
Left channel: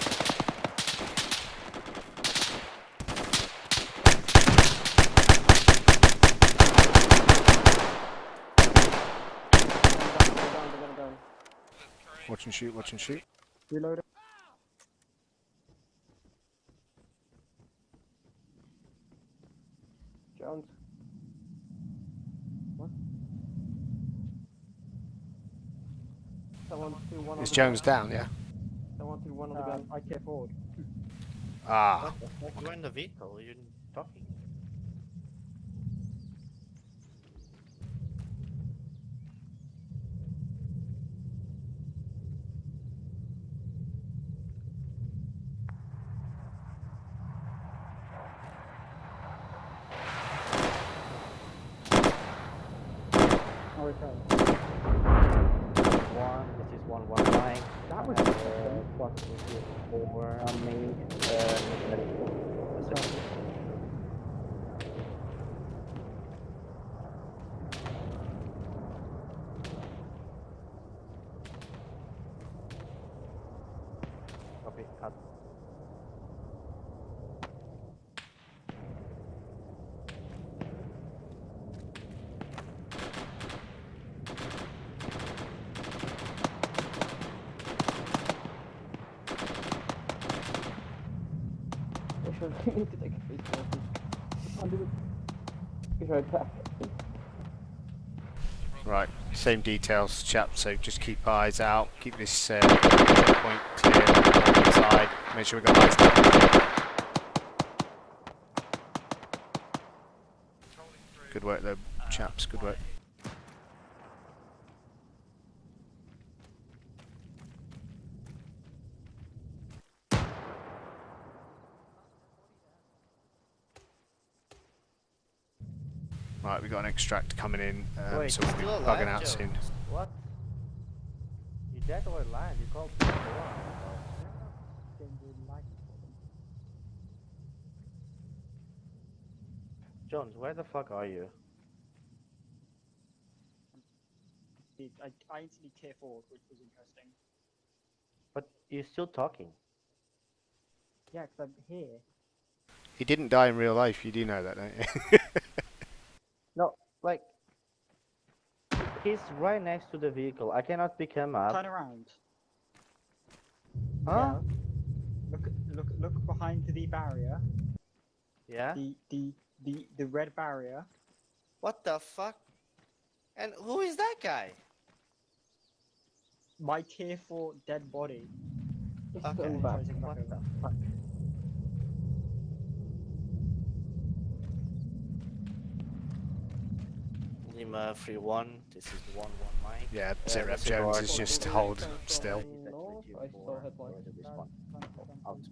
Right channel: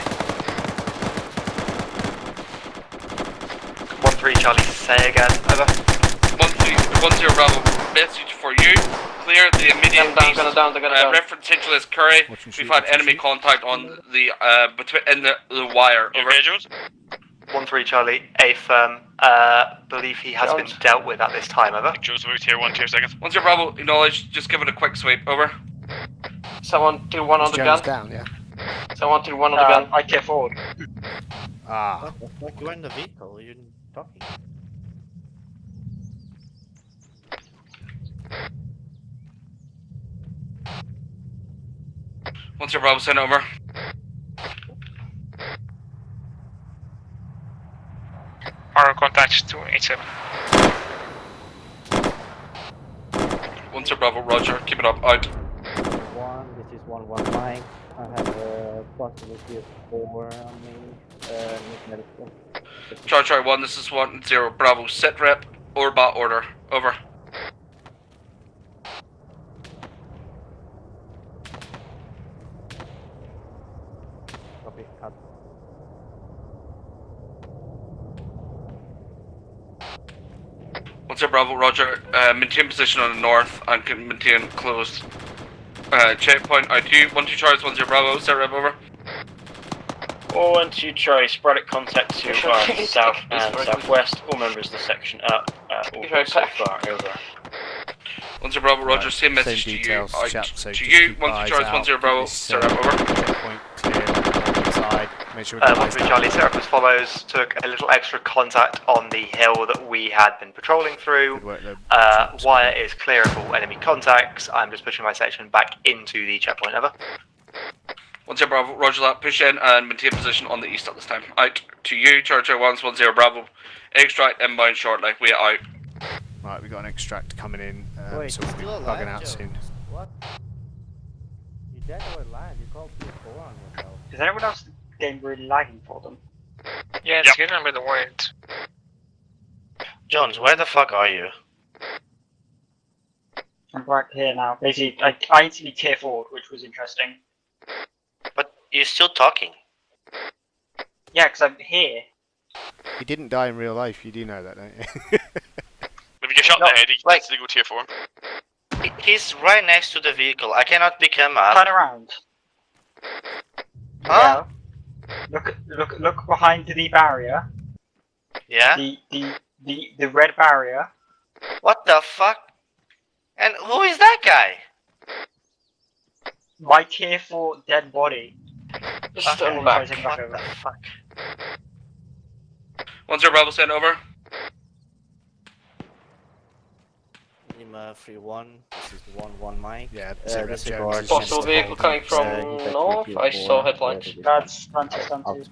1-3 Charlie, say again. Over. 1-0 Bravo, message for you. Clear the immediate east. Reference HLS Curry. We've had enemy contact on the in the wire. Over. 1-3 Charlie, A firm. Believe he has been dealt with at this time. Over. Joe's moved here, 1 2 seconds. 1-0 Bravo, acknowledge. Just give it a quick sweep. Over. Someone do one on the Jones gun. down, yeah. Someone do one on the gun. I get forward. Ah. You're in the vehicle. You're talking. Once your Bravo sent over. Our contacts 287. Once your Bravo, Roger. Keep it up. Out. This is 119. I have a possibility 4 on me. Charlie 1, this is 1-0 Bravo. Set rep. Orbat order. Over. Once your Bravo, Roger. Maintain position on the north and can maintain closed. Checkpoint ID. 1-2 Charlie 1-0 Bravo. Set rep. Over. 1-2 Charlie, sporadic contact to south and southwest. All members of the section up. All so far, over. 1-0 Bravo, Roger. Right, Same message same details, to you. chap. So just you. keep 1-2 eyes Charlie out. 1-0 Bravo. This Set rep. Over. checkpoint clear on the side. Make sure we get eyes down. Charlie, Sarah, as follows. Took a little extra contact on the hill that we had been patrolling through. Good work, though. Wire is clear of all enemy contacts. I'm just pushing my section back into the checkpoint. Over. 10 Bravo, roger that. Push in and maintain position on the east at this time. Out to you, Charger 110 Bravo. Extract inbound shortly. We are out. Right, we got an extract coming in, Wait, so we'll be you're alive, bugging out Joe? soon. What? You dead or alive? You called people on yourself. Is anyone else game really lagging for them? Yeah, it's getting a bit weird. Jones, where the fuck are you? I'm right here now. Basically, I instantly tear forward, which was interesting. But you're still talking. Yeah, because I'm here. He didn't die in real life, you do know that, don't you? If you get shot in the head, he gets to go tier 4. He's right next to the vehicle. I cannot pick him up. Turn around. Huh? Yeah. Look behind the barrier. Yeah? The red barrier. What the fuck? And who is that guy? My tier 4 dead body. Just Okay, over back. sorry, take it back over. Fuck. 10 Bravo, send over. Lima 3-1. This is 1-1 Mike. Yeah, Zero Jones is Possible just vehicle holding coming from steady. north. I saw headlights. That's stunted.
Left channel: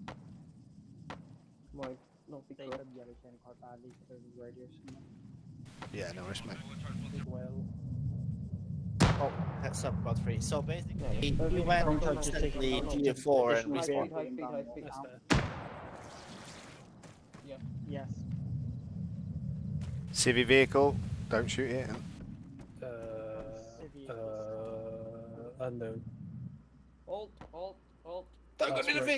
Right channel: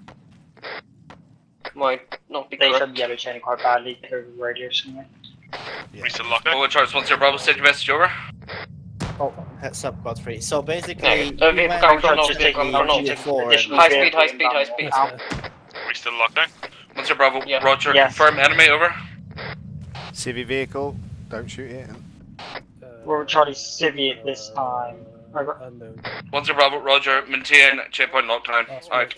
Might not be They correct. showed yellow chaining quite badly. They're radio somewhere. We still locked down. Over Charles 10 Bravo, send your message over. Oh, heads up, Godfrey. So basically, Yeah, vehicle coming from north. Vehicle coming from north. High speed, high speed, high speed. We still locked down. 10 Bravo, Yeah. roger. Yes. Confirm enemy, over. Civvy vehicle, don't shoot it. We're Charlie Civvy at this time. Over. Unknown. 10 Bravo, roger. Maintain checkpoint lockdown. Out.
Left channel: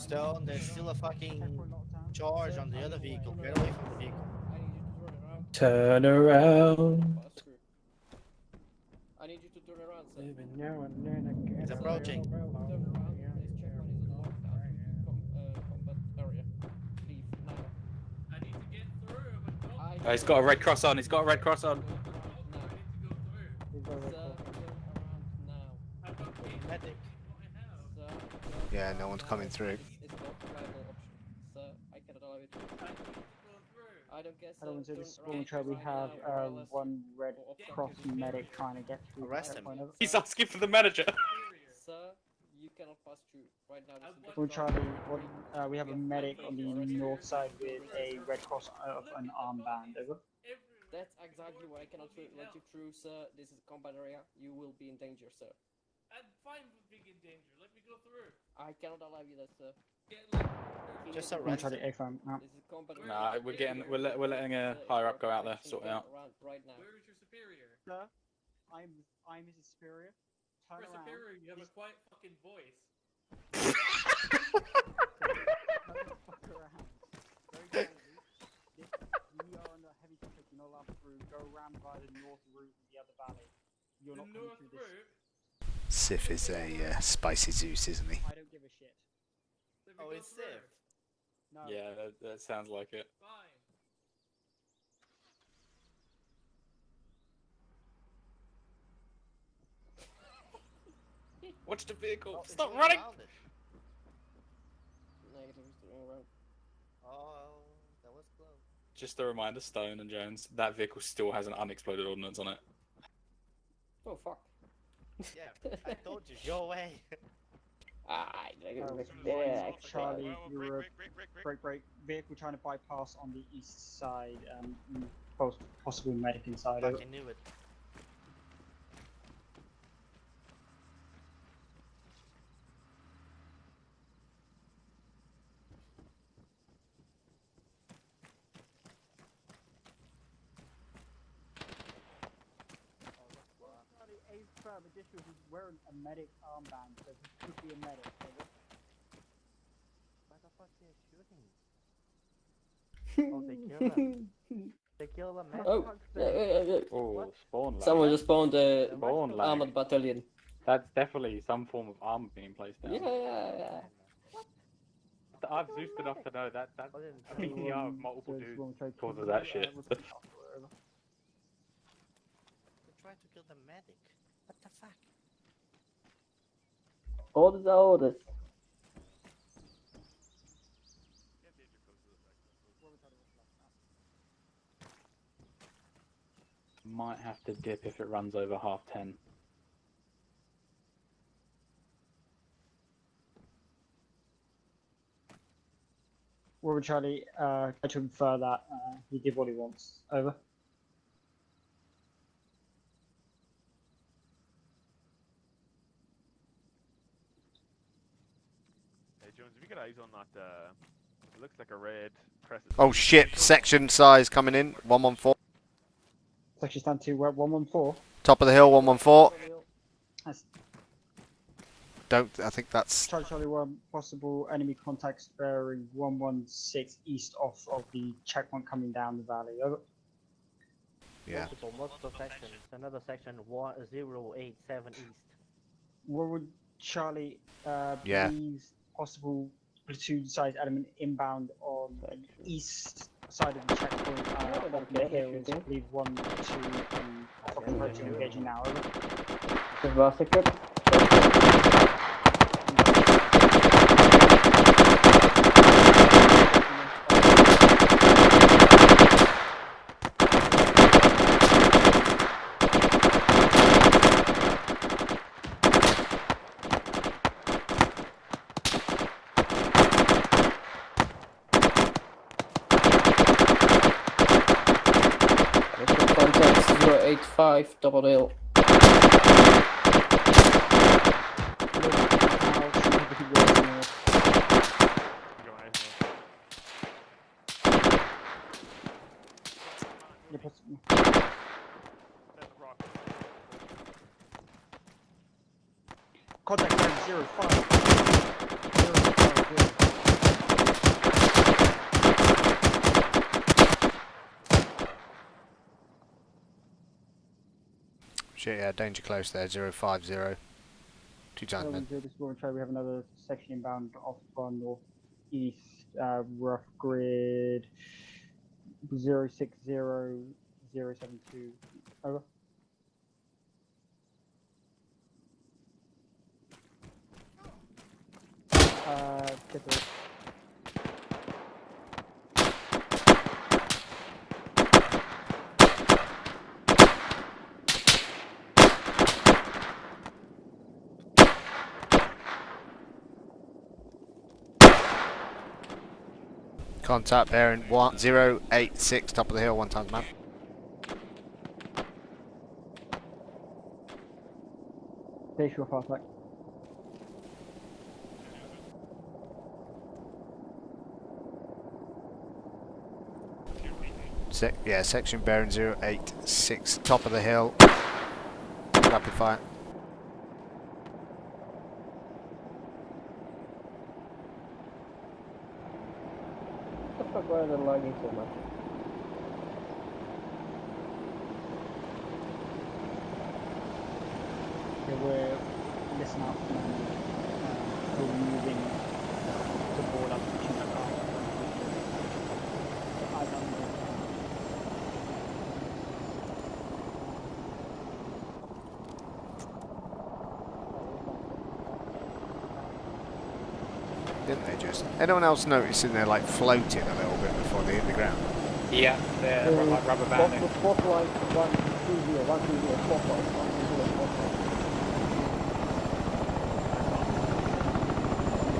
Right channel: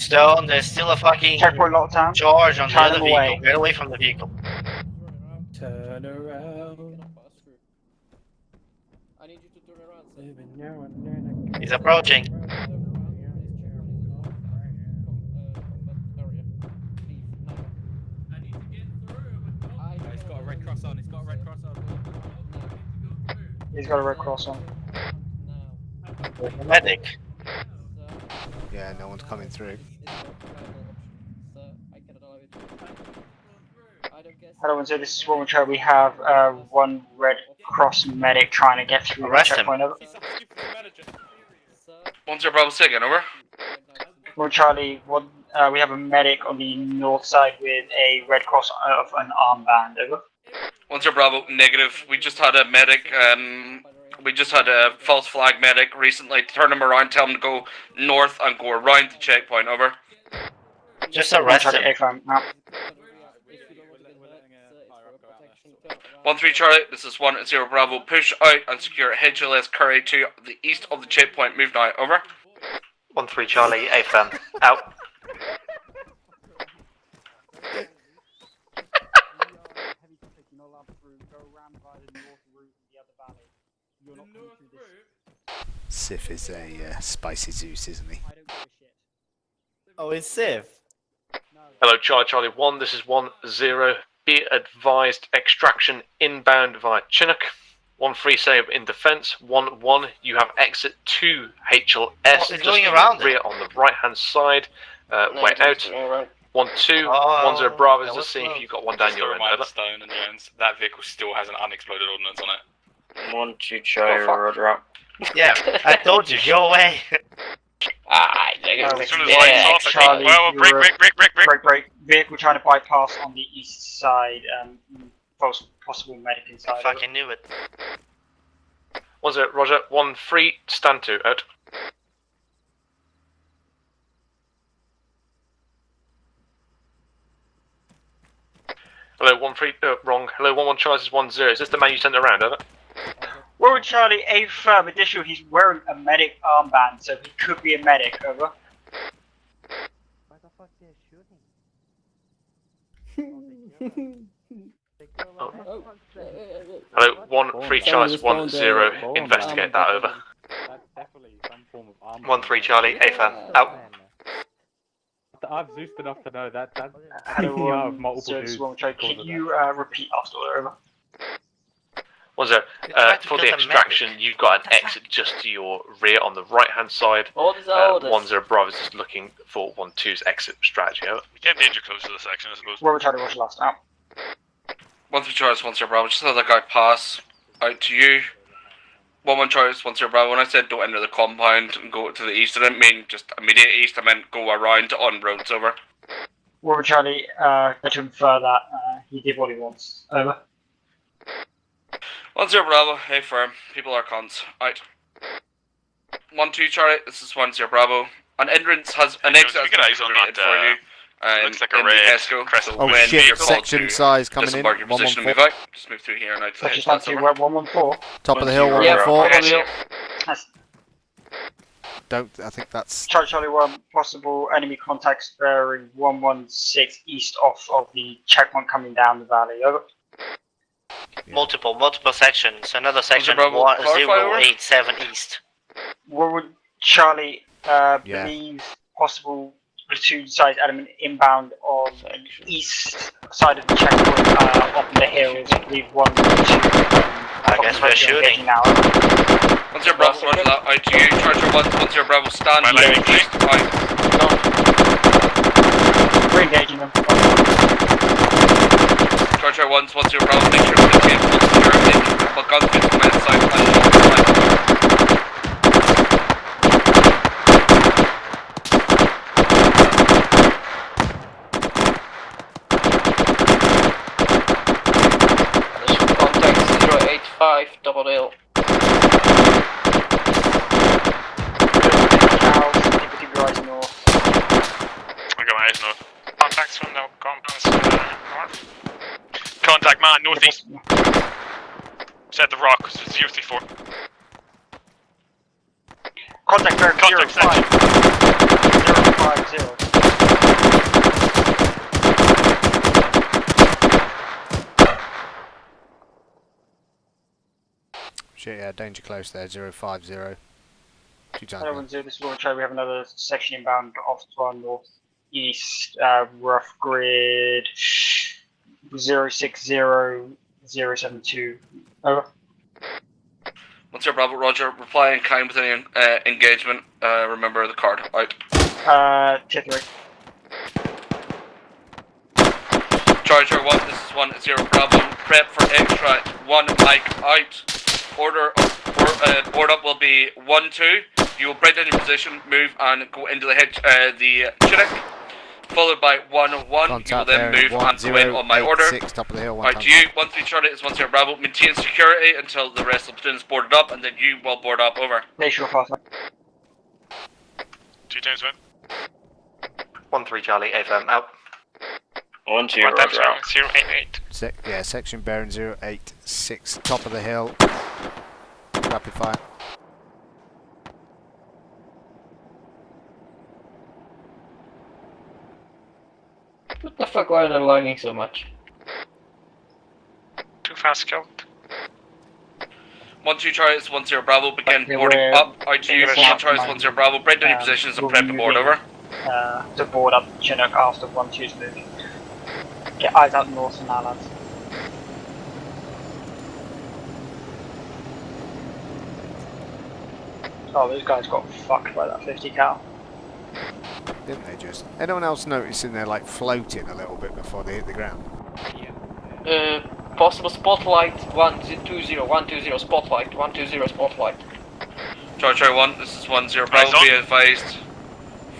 Stone, there's still a fucking Checkpoint lockdown. charge on the Turn other them vehicle. away. Get away from the vehicle. Turn around. I need you to turn around. He's approaching. He's got a red cross on. He's got a red cross on. He's got a red cross on. Medic. Yeah, no one's coming through. Hello, and so this is Warwickshire. We have one Red Cross medic trying to get through the Arrest him. checkpoint. Over. He's asking for the manager. 10 Bravo, say again, over. Well, Charlie, we have a medic on the north side with a Red Cross of an armband. Over. 10 Bravo, negative. We just had a medic, we just had a false flag medic recently. Turn him around, tell him to go north and go around the checkpoint, over. Just arrest Charlie, him. now. Nah, we're letting a higher up go out there, sort it out. 1-3 Charlie, this is 1-0 Bravo. Push out and secure HLS Curry to the east of the checkpoint. Move now, over. 1-3 Charlie, AFM, out. Sif is a spicy Zeus, isn't he? Oh, it's Civ. Hello, Charlie 1, this is 1-0. Be advised, extraction inbound via Chinook. 1-3 save in defense. 1-1, you have exit to HLS. It's going around rear on the right hand side. Way out. 1-2, 1-0 Bravo, just seeing if you've got one down your end. Over. Stone and Jones. That vehicle still has an unexploded ordnance on it. 1-2 Charlie, roger out. Yeah, I told you, go away. As soon as lights off, Charlie, well, break. Vehicle trying to bypass on the east side. Possible medic I inside. fucking knew it. 1-0 Roger. 1-3 stand to out. Hello, 1-3, wrong. Hello, 1-1 Charles is 1-0. Is this the man you sent around, over? Warwick Charlie, a firm additional, he's wearing a medic armband, so he could be a medic, over. Hello, 1-3 Charles is 1-0. Investigate that, over. That's definitely some form of arm. 1-3 Charlie, AFM, out. I've Zeused enough to know that that's Hello, multiple dudes. Can you repeat after, over? 1-0. For the extraction, you've got an exit just to your rear on the right-hand side. 1-0 Bravo is just looking for 1-2's exit strategy. Over. We get danger close to the section, I suppose. Robert Charlie, what's your last out? 1-3 Charles, 1-0 Bravo. Just let that guy pass out to you. 1-1 Charles, 1-0 Bravo. When I said don't enter the compound and go to the east, I didn't mean just immediate east. I meant go around on roads. Over. Robert Charlie, to infer that he did what he wants. Over. 1-0 Bravo. Hey firm. People are cons. Out. 1-2 Charlie. This is 1-0 Bravo. An entrance has an exit. Keep your eyes on that. For you. Looks like a red crescent. Oh shit, section size coming in, 114. Just move through here and out. Section size 114. Top of the hill, 114. That's Don't, I think that's... Charlie 1, possible enemy contacts bearing 116 east off of the checkpoint coming down the valley. Over. Yeah. Multiple sections. Another section, Bravo, 087 east. What would Charlie believe possible platoon size element inbound on the east side of the checkpoint up the hills? I believe 1 2. I guess we're shooting. 1-0 Bravo, roger that. Out to you. Charger 1-0 Bravo, stand. We're engaging them. Charger 1-0 Bravo, make sure to get the guns to the side. Double hill. I got my eyes north. Contacts from the compounds north. Contact man, northeast. Set the rock, 034. Contact bearing 05. 050. Shit, yeah, danger close there, 050. 2 times. This will try. We have another section inbound off to our northeast, rough grid 060072. Over. 1-0 Bravo, roger. Reply in kind with any engagement. Remember the card. Out. Tier 3. Charger 1, this is 1-0 Bravo. Prep for extract. 1 Mike out. Order up will be 1-2. You will break down your position, move and go into the clinic. Followed by 1-1. Contact then there, move on my order. 1086, top of the hill, 1 Right, times. to you, 1-3 Charlie is 1-0 Bravo. Maintain security until the rest of the platoon is boarded up, and then you will board up. Over. Make sure fast. 2 times 1. 1-3 Charlie, AFM out. 1-2 Roger. 088. Yeah, section bearing 086, top of the hill. Rapid fire. What the fuck, why are they lagging so much? Too fast kill. 1-2 Charlie is 1-0 Bravo. Begin boarding up. Out to you. 1 Charlie is 1-0 Bravo. Break down your positions and prep to board. Over. To board up Chinook after 1-2's moving. Get eyes out north from our lads. Oh, those guys got fucked by that 50 cal. Didn't they just? Anyone else noticing they're like floating a little bit before they hit the ground? Yeah. Possible spotlight 120 spotlight 120 spotlight. Charger 1, this is 1-0 Bravo. Be advised.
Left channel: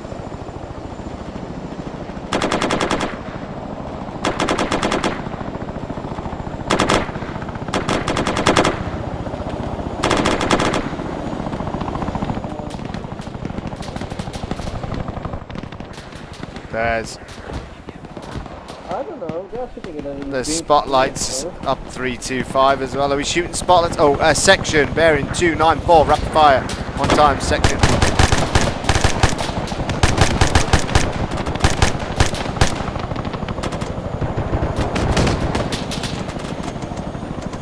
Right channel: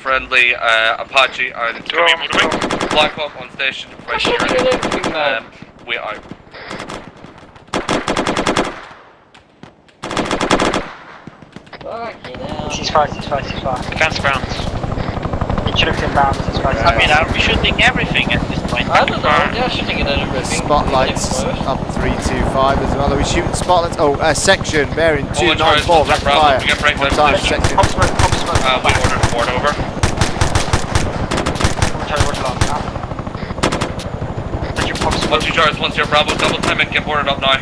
Friendly Apache and Black Hawk on station. We are. Ceasefire. Cancel grounds. It should have been bound. Ceasefire. I mean, are we shooting everything at this point? I don't know, they're shooting at everything. There's spotlights up 325 as well. Are we shooting spotlights? Oh, section bearing 294, rapid fire. 1 time, section. Once you charge, 1-0 Bravo, double time and get boarded up now. Out.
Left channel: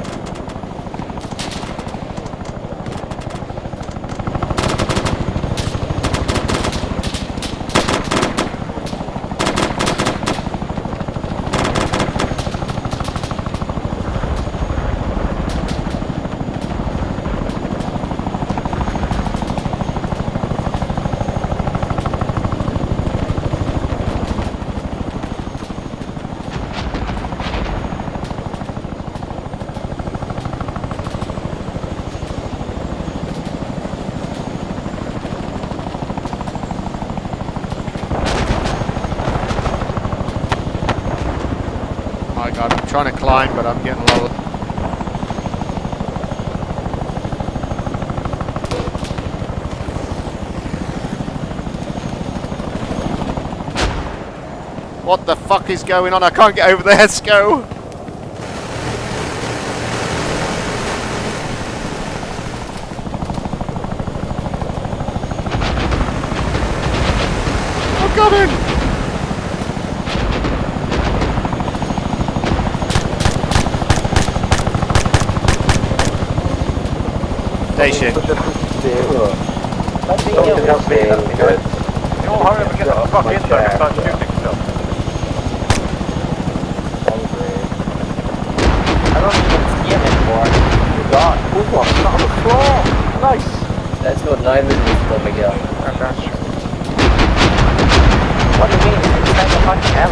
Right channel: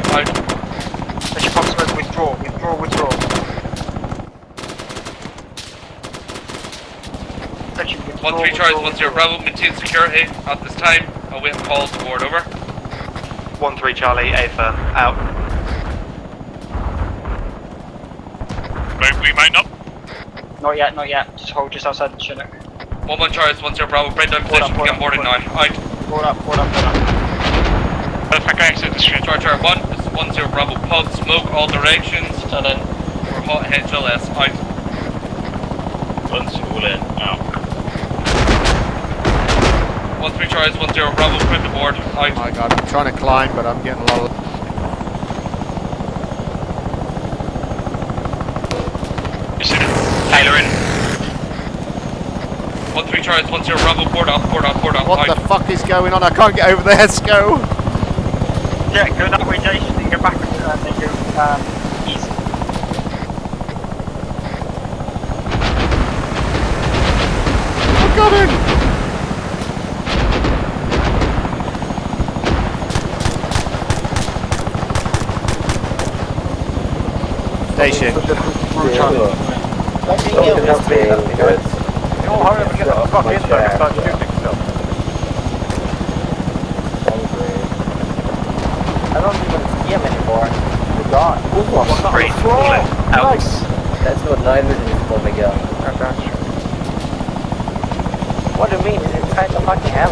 Withdraw. 1-3 charge, 1-0 Bravo, maintain security at this time. Await the call to board. Over. 1-3 Charlie, AFM out. we mount up? Not yet, not yet. Just hold just outside the ship. 1-1 Charlie, 1-0 Bravo, break down position, get on board in 9. Out. Hold up, hold up. Perfect, I exit the street. Charlie 1, this is 1-0 Bravo, pub, smoke all directions, and then hot HLS, out. Guns all in, out. 1-3 Charlie, 1-0 Bravo, crypt aboard, out. Oh my god, I'm trying to climb, but I'm getting low. Tyler in. 1-3 Charlie, 1-0 Bravo, board up, board up, board up. What the fuck is going on? I can't get over there, Sco! Yeah, go that way, Jay. Go back east. I've got him! Station. You'll hurry up and get the fuck in there and start shooting stuff. I don't even see him anymore. He's gone. Who's on the floor? Nice. That's what 9 minutes for Miguel. What do you mean? It's kind of fucking hell.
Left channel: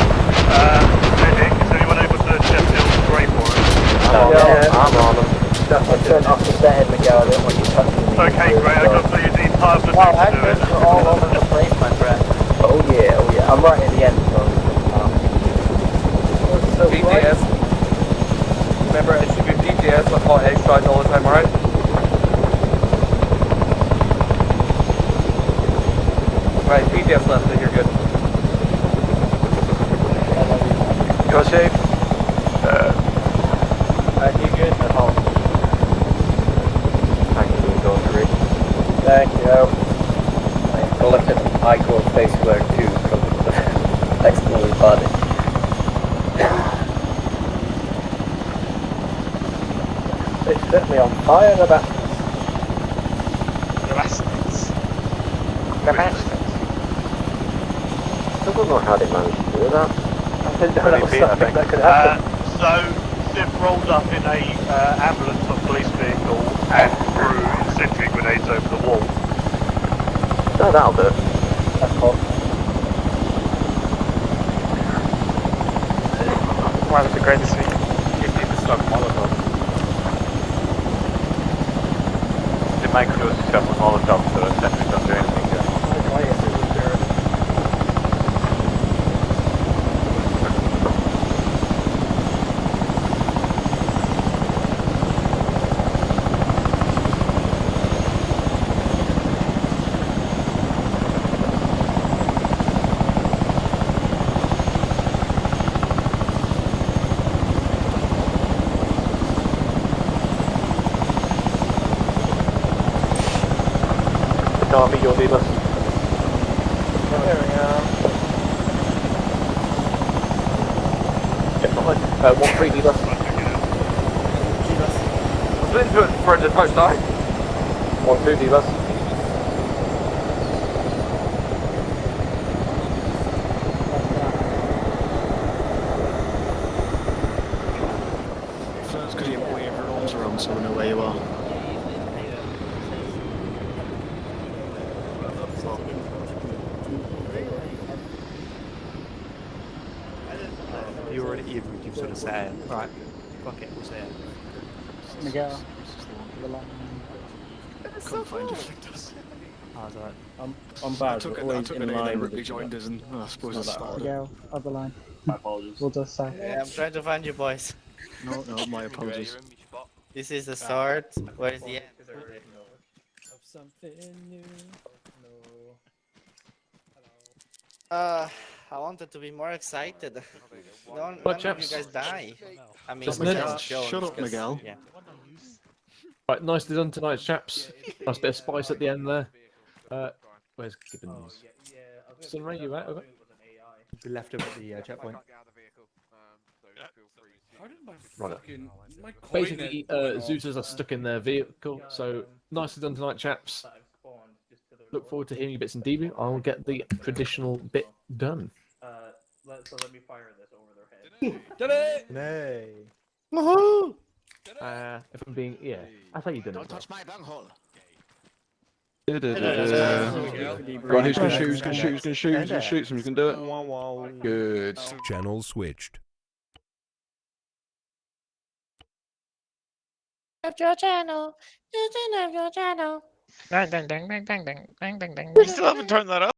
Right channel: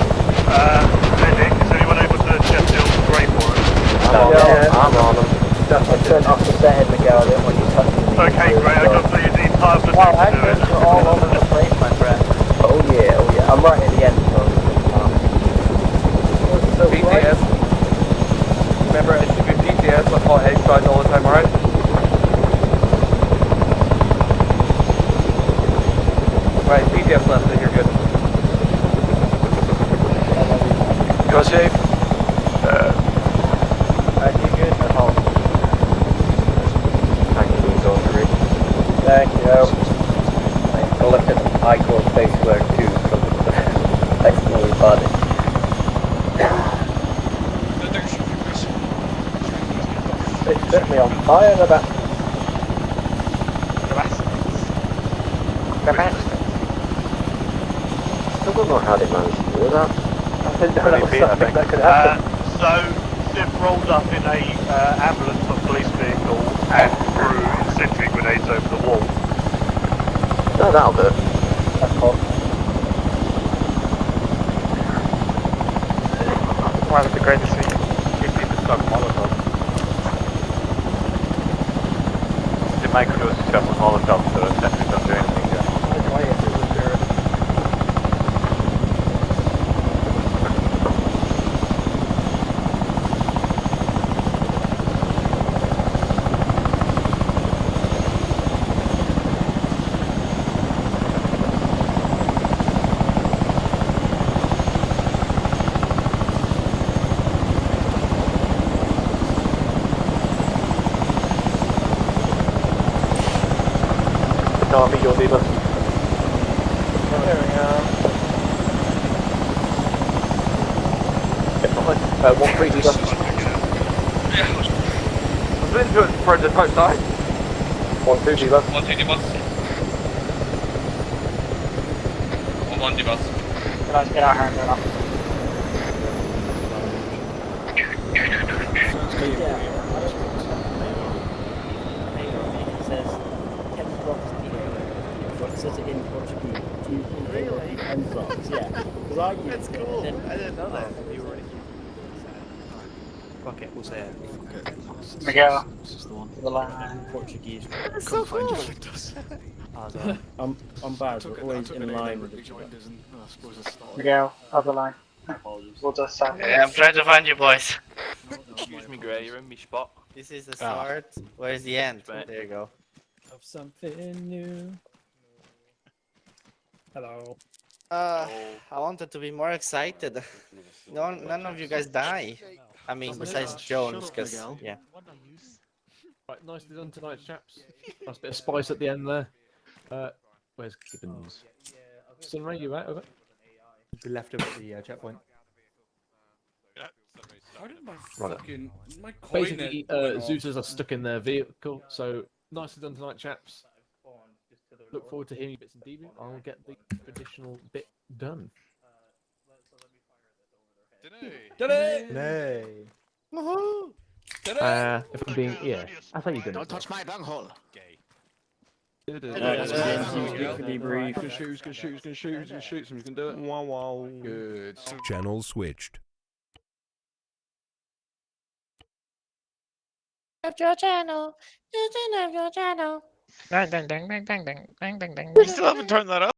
Medic, is anyone able to check the grey for us? I'm on him. I turned off the bed, Miguel. I didn't want you touching me. Okay, great. I got the entire platoon Well, to do it. we're all over the place, my friend. Oh yeah, oh yeah. I'm right at the end, so. PTS. Remember, it should be PTS with hot egg sides all the time, alright? Right, PTS left, then you're good. You're safe. You good at home? Thank you, go through. Thank you. I'm collecting Icon Spaceware 2 from the exploded body. It set me on fire in the back. I don't know how they managed to do that. I think that was something that could happen. So, Sif rolled up in a ambulance or police vehicle and threw incendiary grenades over the wall. No, that'll do. That's hot. One of the greatest things. It did the stock Molotov. The micro stuff with Molotov, so the sentries don't do anything there. Army, your leader. There we are. One free leader. I've been to it for the outside. 1 2 leader. 1-2 bus. 1-1 bus. That's cool. I didn't know that. You already sort of said, right, fuck it, we'll say it. Miguel, the line. Portuguese. That's so cool. I'm bad, but always in line with the Miguel, other line. My apologies. We'll just Yeah, I'm trying to find you, boys. No, my apologies. You're in my spot. This is the start. Where's the end? There you go. Of something new. Hello. I wanted to be more excited. None of you guys die. I mean, besides Jones. Shut up, 'cause- Miguel. Yeah. Right, nicely done tonight, chaps. Nice bit of spice at the end there. Where's Gibbons? Sunray, you out of it? We left him at the checkpoint. Right. My Basically, Zeusers are stuck in their vehicle, so nicely done tonight, chaps. Look forward to hearing your bits and debrief. I'll get the traditional bit done. Let me fire this over their head. Did it! Nay. Woohoo! If I'm being, yeah, I thought you did it. Don't touch my bunghole. Right, who's gonna shoot? Who's gonna shoot? Who's gonna shoot? Who's gonna shoot? Someone's gonna do it. Wow, wow. Good. Channel switched. Your channel. Your channel. We still haven't turned that up.